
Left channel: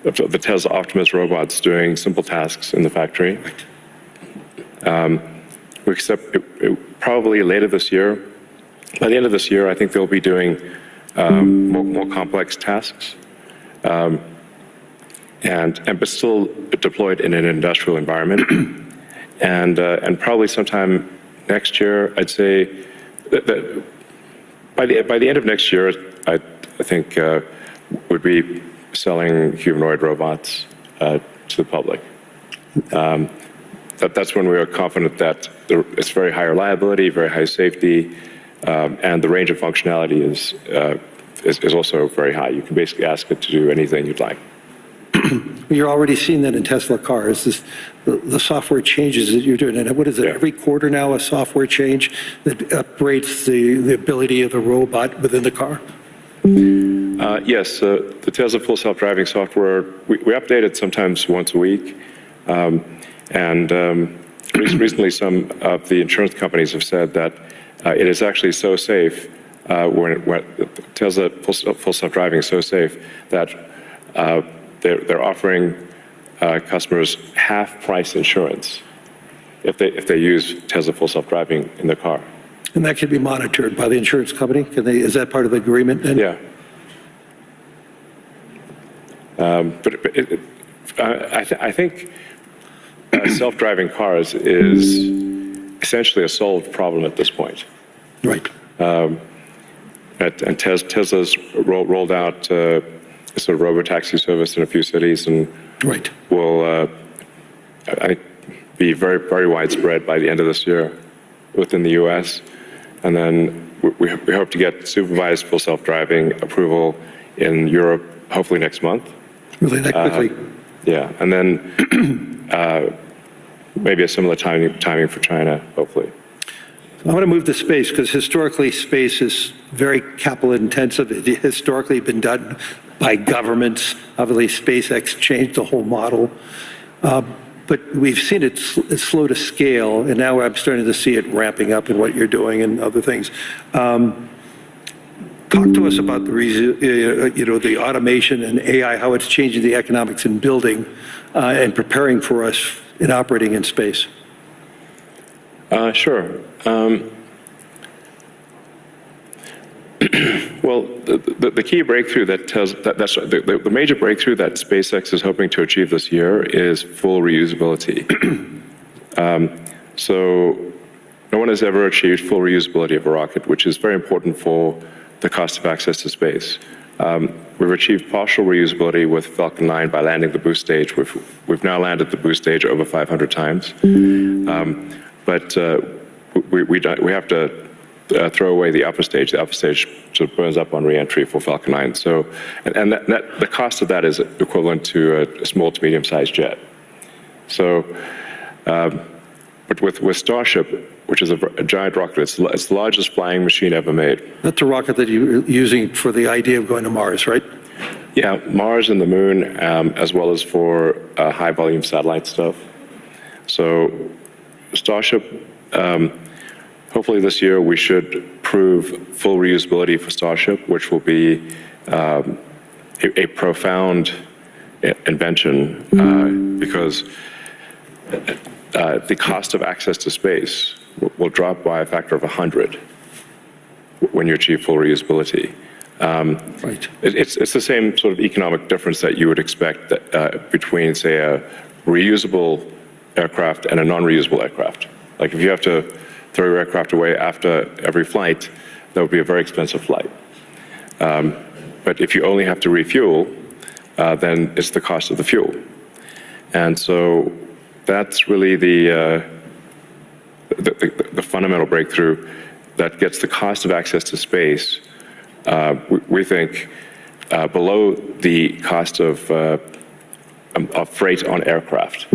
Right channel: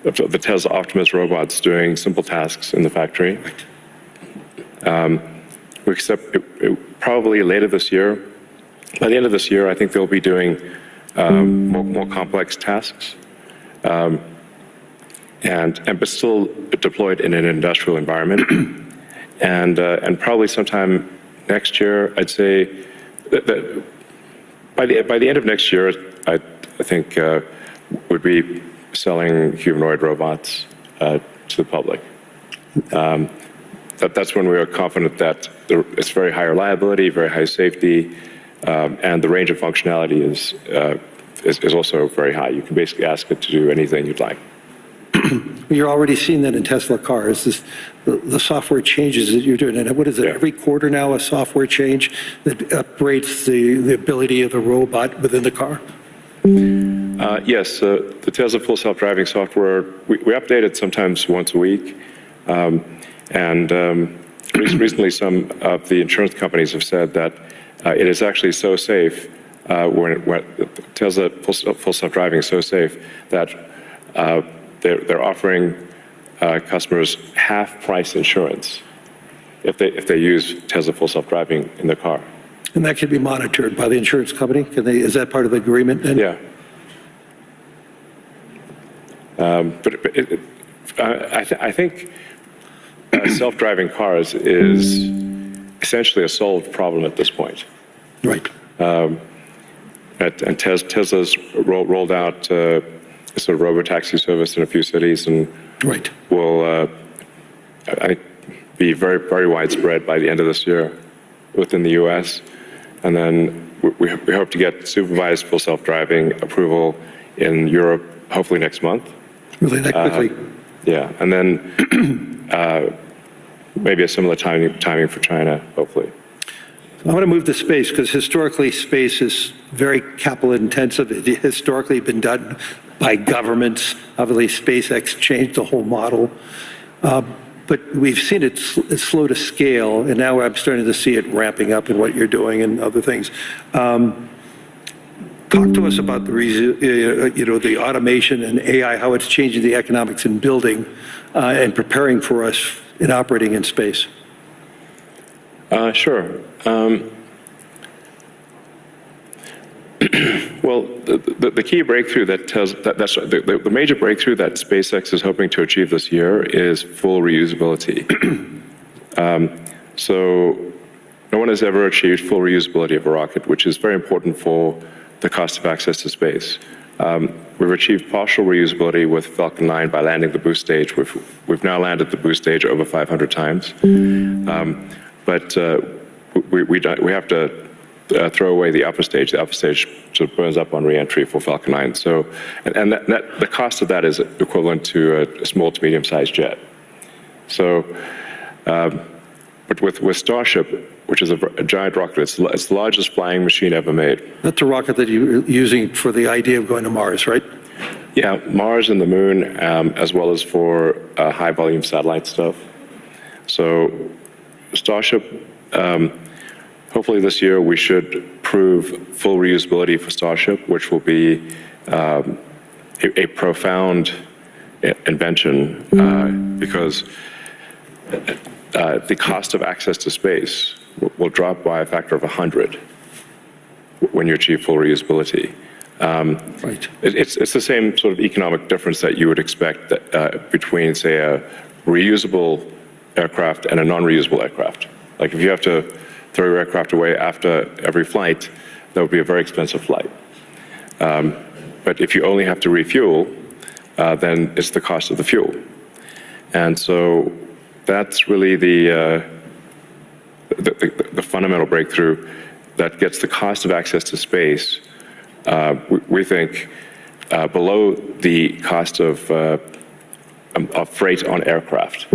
of the Tesla Optimus robots doing simple tasks in the factory. We expect probably later this year. By the end of this year, I think they'll be doing more complex tasks, but still deployed in an industrial environment. And probably sometime next year, I'd say that by the end of next year, I think would be selling humanoid robots to the public. That's when we are confident that it's very high reliability, very high safety, and the range of functionality is also very high. You can basically ask it to do anything you'd like. You're already seeing that in Tesla cars, the software changes that you're doing. And what is it, every quarter now, a software change that upgrades the ability of the robot within the car? Yes, the Tesla Full Self-Driving software, we update it sometimes once a week. Recently, some of the insurance companies have said that it is actually so safe, when Tesla Full Self-Driving is so safe that they're offering customers half-price insurance if they use Tesla Full Self-Driving in their car. And that can be monitored by the insurance company? Is that part of the agreement then? Yeah. I think self-driving cars is essentially a solved problem at this point. Right. And Tesla's rolled out a sort of robotaxi service in a few cities, and right. will I think be very, very widespread by the end of this year within the U.S. And then we hope to get supervised full self-driving approval in Europe hopefully next month. Really that quickly? Yeah, and then maybe a similar timing for China, hopefully. I want to move to space because historically space is very capital intensive. It historically been done by governments. Obviously SpaceX changed the whole model. But we've seen it slow to scale, and now I'm starting to see it ramping up in what you're doing and other things. Talk to us about the automation and AI, how it's changing the economics in building and preparing for us in operating in space. Sure. Well, the key breakthrough the major breakthrough that SpaceX is hoping to achieve this year is full reusability. So no one has ever achieved full reusability of a rocket, which is very important for the cost of access to space. We've achieved partial reusability with Falcon 9 by landing the boost stage. We've now landed the boost stage over 500 times. But we have to throw away the upper stage. The upper stage sort of burns up on re-entry for Falcon 9. So, and the cost of that is equivalent to a small to medium-sized jet. So, but with Starship, which is a giant rocket, it's the largest flying machine ever made. That's a rocket that you're using for the idea of going to Mars, right? Yeah, Mars and the Moon, as well as for high-volume satellite stuff. So, Starship. Hopefully this year we should prove full reusability for Starship, which will be a profound invention because the cost of access to space will drop by a factor of 100 when you achieve full reusability. Right. It's the same sort of economic difference that you would expect between, say, a reusable aircraft and a non-reusable aircraft. Like if you have to throw your aircraft away after every flight, that would be a very expensive flight. But if you only have to refuel, then it's the cost of the fuel. And so that's really the fundamental breakthrough that gets the cost of access to space, we think, below the cost of freight on aircraft.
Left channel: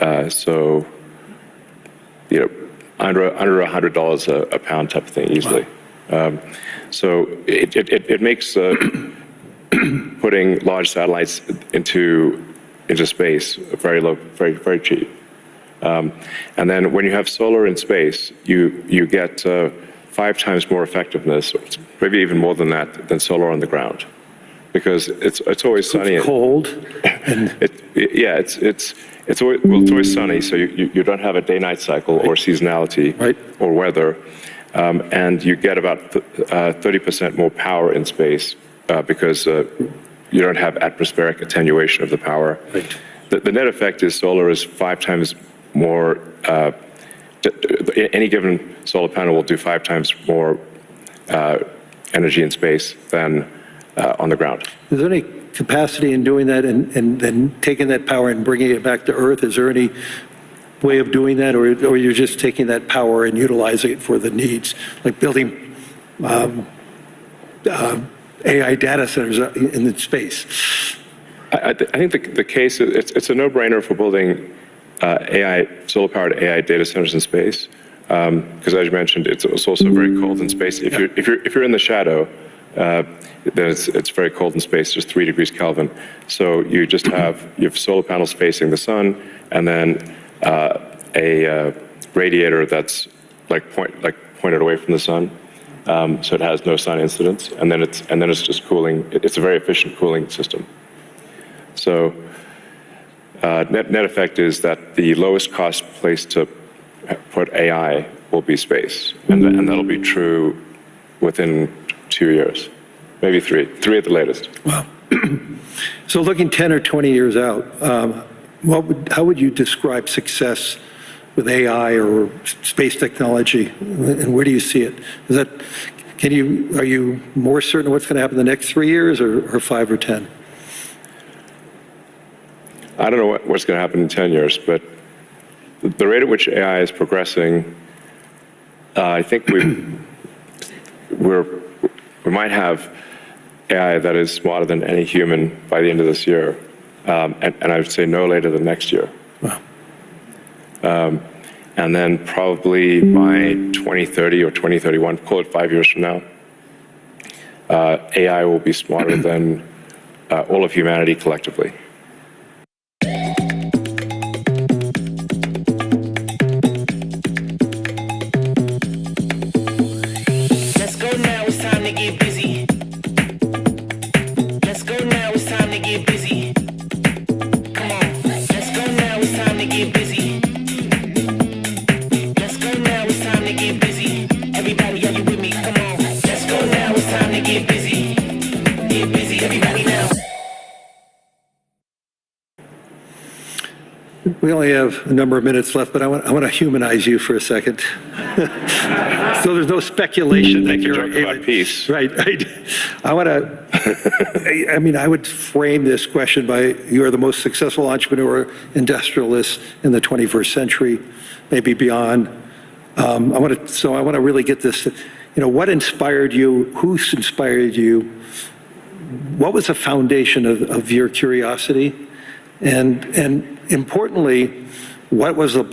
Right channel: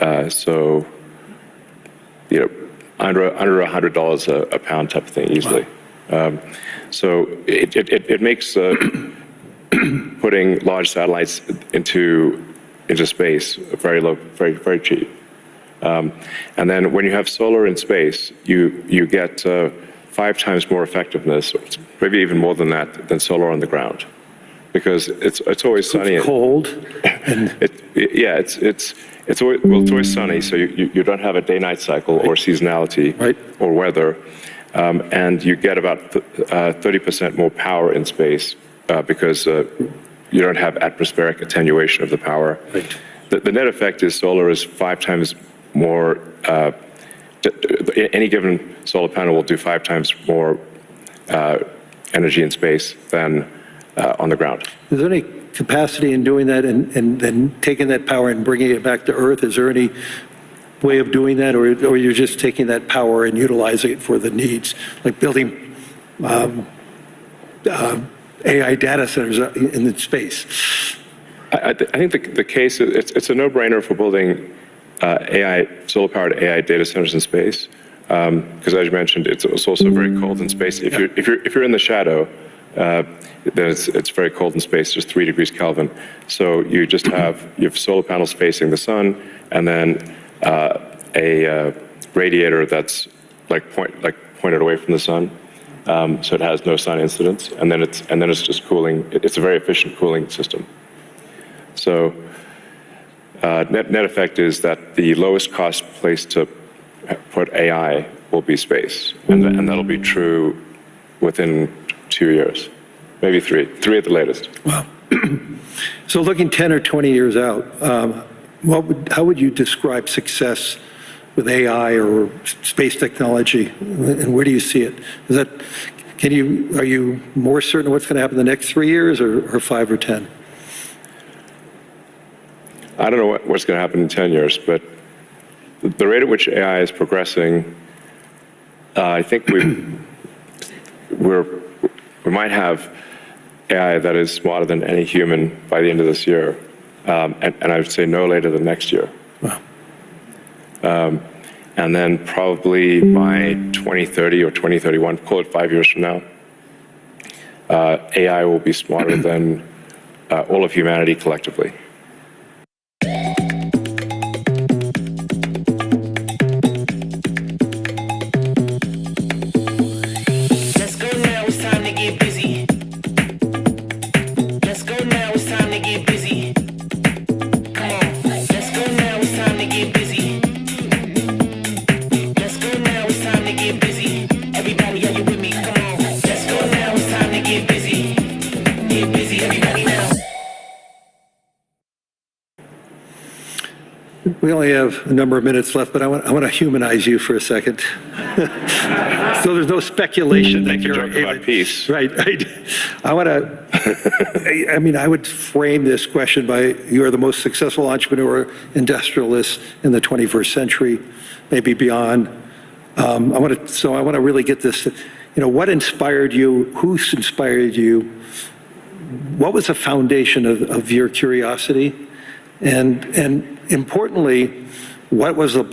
So, under $100 a pound type of thing easily. Wow. So it makes putting large satellites into space very low, very cheap. And then when you have solar in space, you get 5 times more effectiveness, maybe even more than that, than solar on the ground, because it's always sunny. It's cold. It's always sunny, so you don't have a day-night cycle or seasonality or weather, and you get about 30% more power in space because you don't have atmospheric attenuation of the power. Right. The net effect is solar is 5 times more. Any given solar panel will do 5 times more energy in space than on the ground. Is there any capacity in doing that and then taking that power and bringing it back to Earth? Is there any way of doing that, or you're just taking that power and utilizing it for the needs, like building AI data centers in space? I think the case, it's a no-brainer for building solar-powered AI data centers in space, because as you mentioned, it's also very cold in space. If you're in the shadow, then it's very cold in space, just 3 degrees Kelvin. So you have solar panels facing the sun, and then a radiator that's pointed away from the sun, so it has no sun incidence, and then it's just cooling. It's a very efficient cooling system. So net effect is that the lowest cost place to put AI will be space, and that'll be true within 2 years, maybe 3 at the latest. Wow. So looking 10 or 20 years out, how would you describe success with AI or space technology, and where do you see it? Are you more certain what's going to happen in the next 3 years, or 5 or 10? I don't know what's going to happen in 10 years, but the rate at which AI is progressing, I think we might have AI that is smarter than any human by the end of this year, and I would say no later than next year. Wow. And then probably by 2030 or 2031, call it 5 years from now, AI will be smarter than all of humanity collectively. We only have a number of minutes left, but I want to humanize you for a second. So there's no speculation that you're about peace. Right. I would frame this question by, you are the most successful entrepreneur, industrialist in the 21st century, maybe beyond. I want to really get this. What inspired you? Who inspired you? What was the foundation of your curiosity? And importantly, was there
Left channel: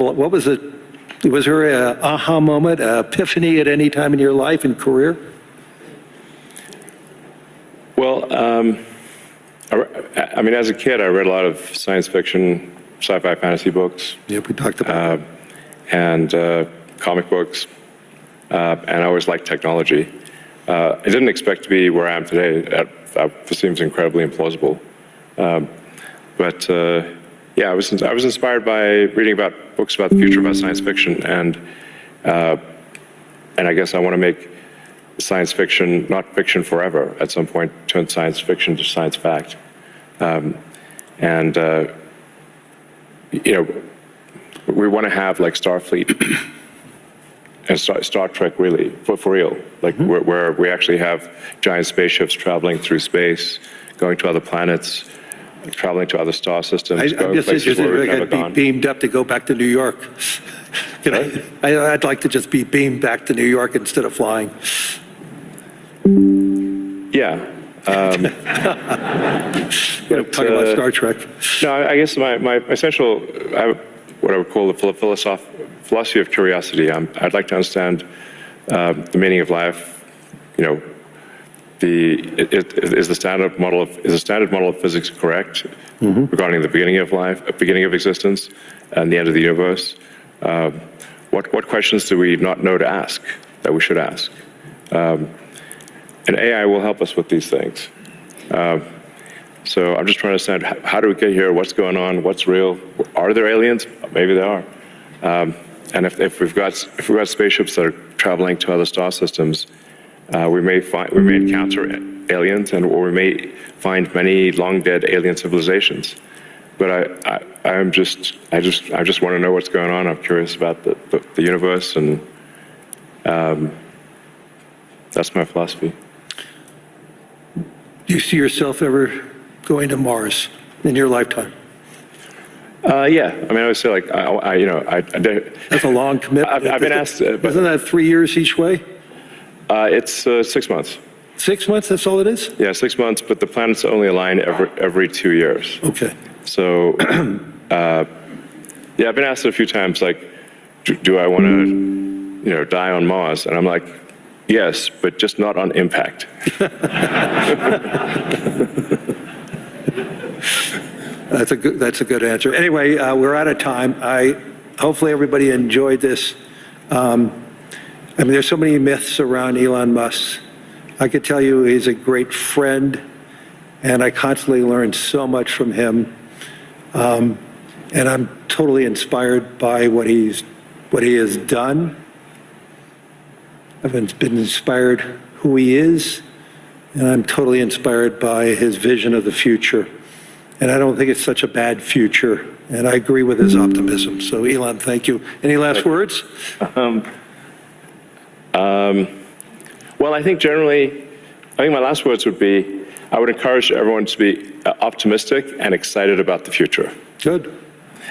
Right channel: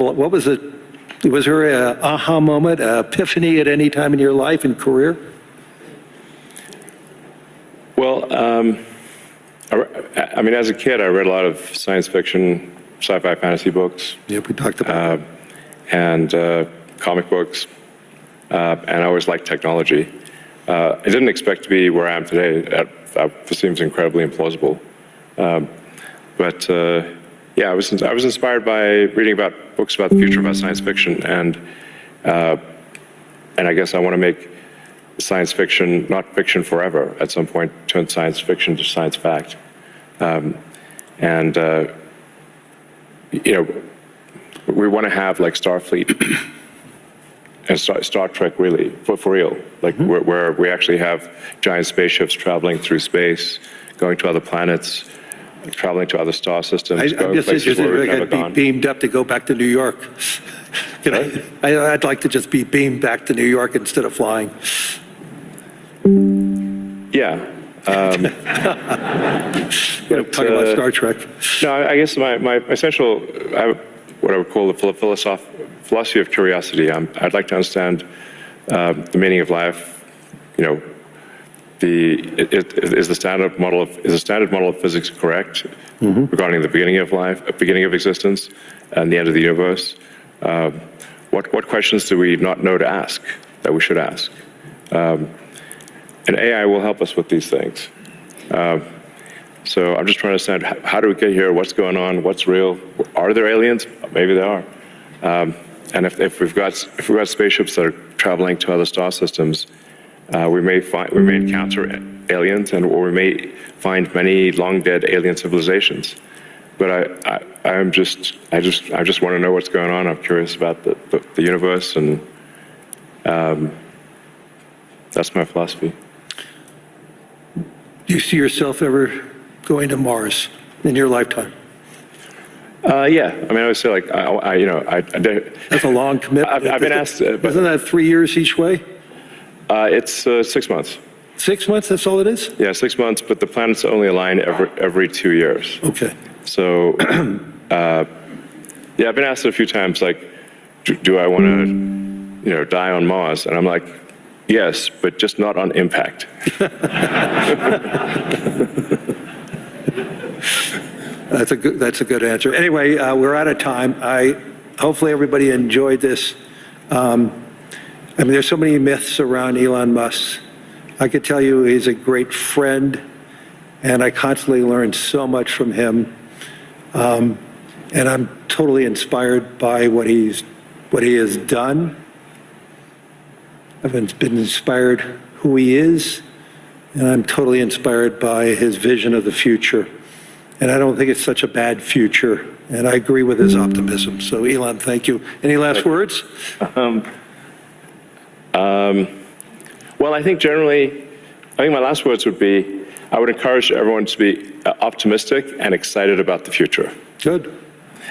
an aha moment, an epiphany at any time in your life and career? Well, as a kid, I read a lot of science fiction, sci-fi, fantasy books. Yep, we talked about that. And comic books, and I always liked technology. I didn't expect to be where I am today. That seems incredibly implausible. But I was inspired by reading about books about the future, about science fiction, and I guess I want to make science fiction not fiction forever. At some point, turn science fiction to science fact, we want to have like Starfleet and Star Trek, really for real, like where we actually have giant spaceships traveling through space, going to other planets, traveling to other star systems. I'm just interested if I could be beamed up to go back to New York. I'd like to just be beamed back to New York instead of flying. Yeah. Talking about Star Trek. No, I guess my essential, what I would call the philosophy of curiosity. I'd like to understand the meaning of life. You know, is the standard model of physics correct regarding the beginning of life, beginning of existence, and the end of the universe? What questions do we not know to ask that we should ask? And AI will help us with these things. So I'm just trying to understand, how do we get here? What's going on? What's real? Are there aliens? Maybe there are. And if we've got spaceships that are traveling to other star systems, we may encounter aliens, or we may find many long dead alien civilizations. But I just want to know what's going on. I'm curious about the universe, and that's my philosophy. Do you see yourself ever going to Mars in your lifetime? Yeah, I mean, I would say, like, That's a long commitment. I've been asked. Isn't that 3 years each way? It's 6 months. 6 months, that's all it is? Yeah, 6 months, but the planets only align every 2 years. Okay. So, yeah, I've been asked a few times, like, do I want to, die on Mars? And I'm like, yes, but just not on impact. That's a good answer. Anyway, we're out of time. Hopefully everybody enjoyed this. I mean, there's so many myths around Elon Musk. I could tell you he's a great friend, and I constantly learn so much from him. And I'm totally inspired by what he has done. I've been inspired who he is, and I'm totally inspired by his vision of the future. And I don't think it's such a bad future, and I agree with his optimism. So, Elon, thank you. Any last words? Well, I think my last words would be, I would encourage everyone to be optimistic and excited about the future. Good.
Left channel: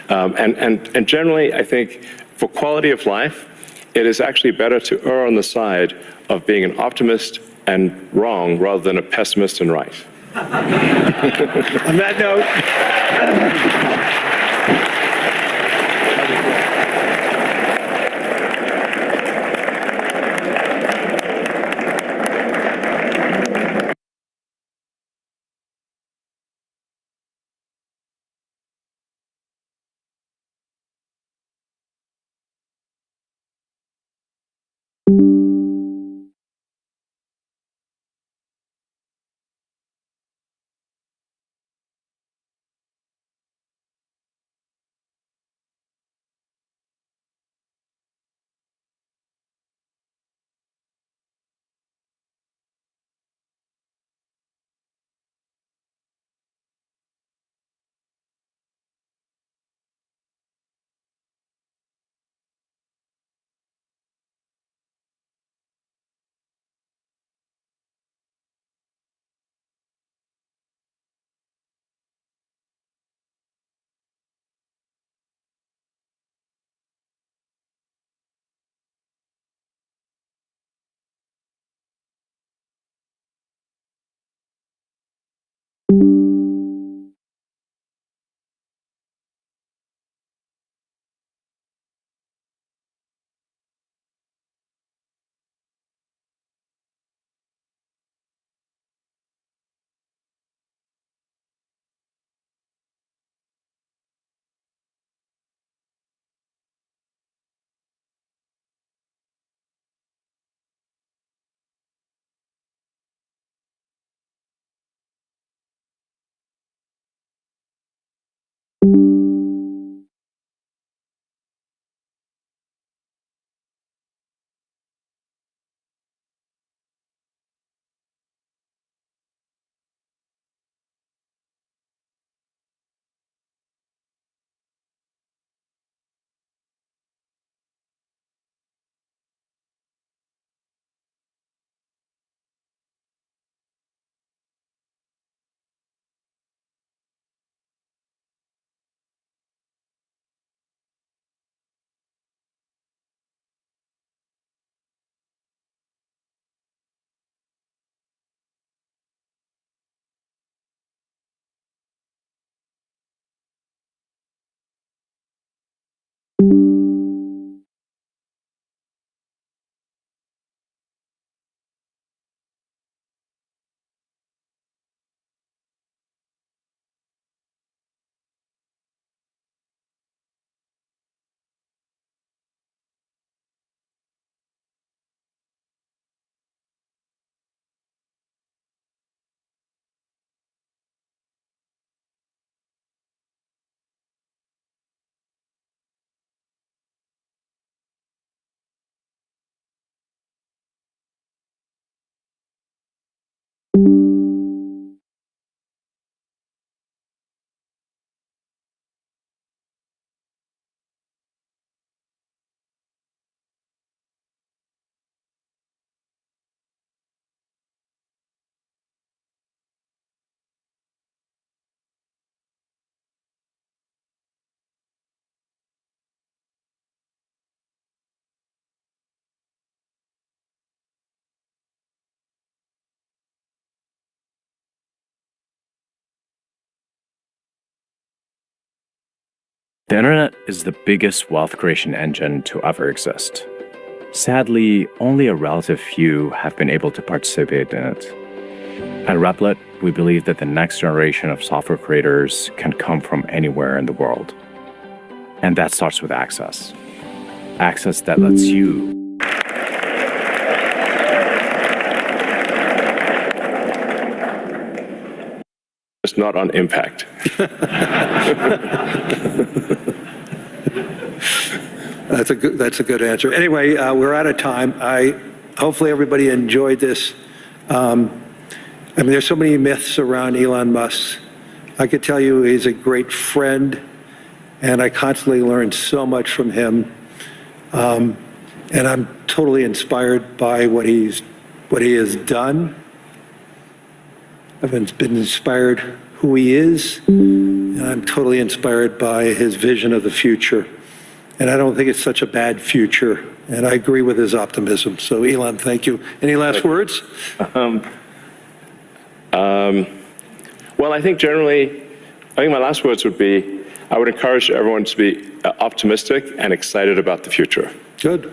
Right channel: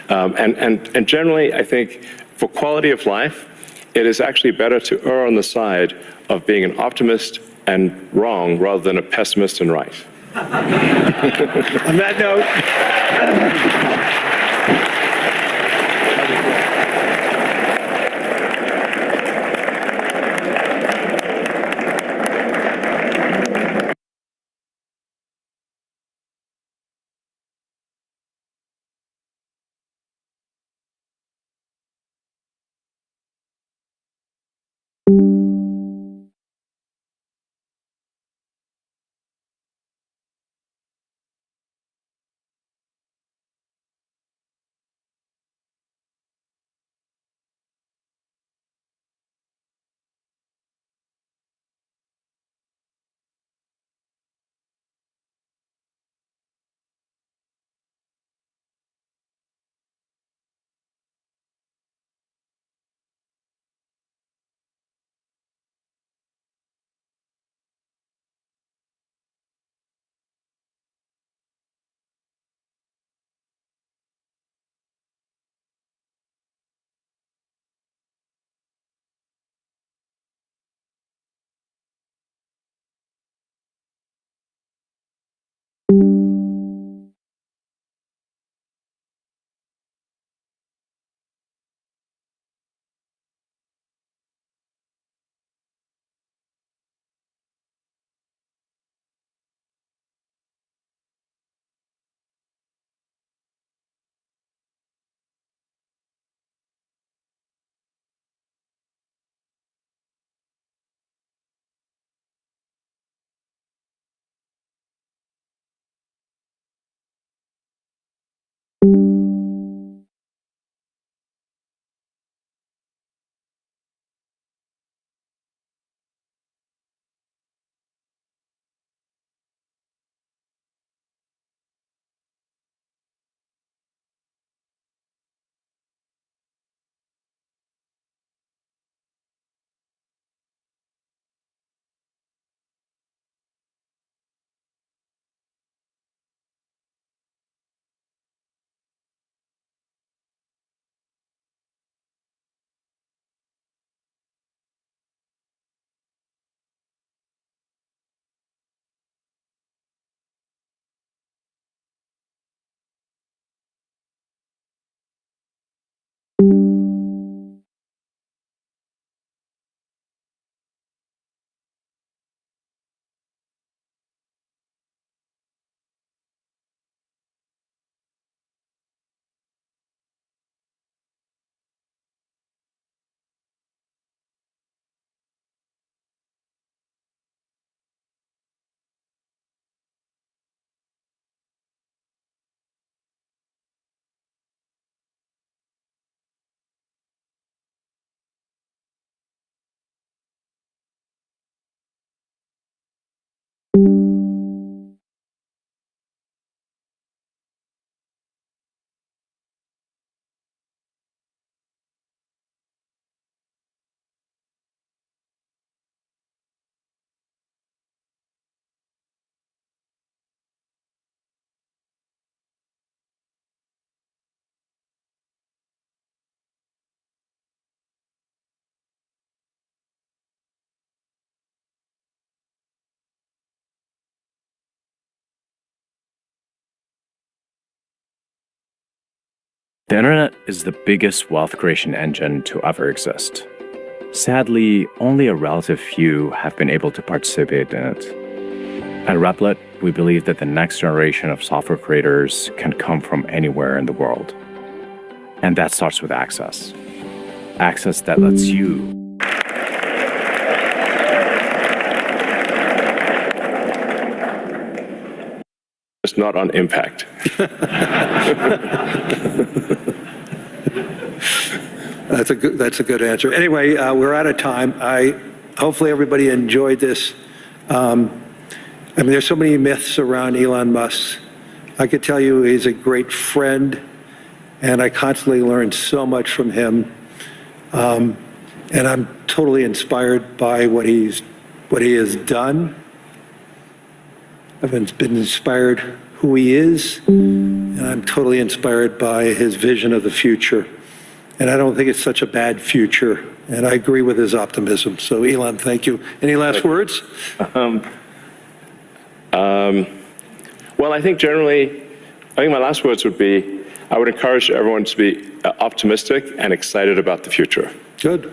And generally, I think for quality of life, it is actually better to err on the side of being an optimist and wrong rather than a pessimist and right. On that note. The internet is the biggest wealth creation engine to ever exist. Sadly, only a relative few have been able to participate in it. At Replit, we believe that the next generation of software creators can come from anywhere in the world. And that starts with access. Access that lets you It's not on impact. That's a good answer. Anyway, we're out of time. Hopefully everybody enjoyed this. There's so many myths around Elon Musk. I could tell you he's a great friend, and I constantly learn so much from him. And I'm totally inspired by what he has done. I've been inspired who he is, and I'm totally inspired by his vision of the future. And I don't think it's such a bad future, and I agree with his optimism. So, Elon, thank you. Any last words? Well, I think my last words would be, I would encourage everyone to be optimistic and excited about the future. Good.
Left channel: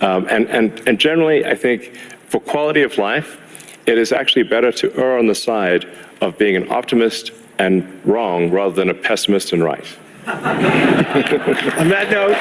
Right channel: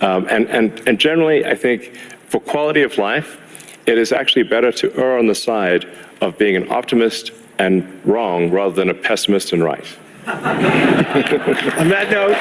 And generally, I think for quality of life, it is actually better to err on the side of being an optimist and wrong rather than a pessimist and right. On that note.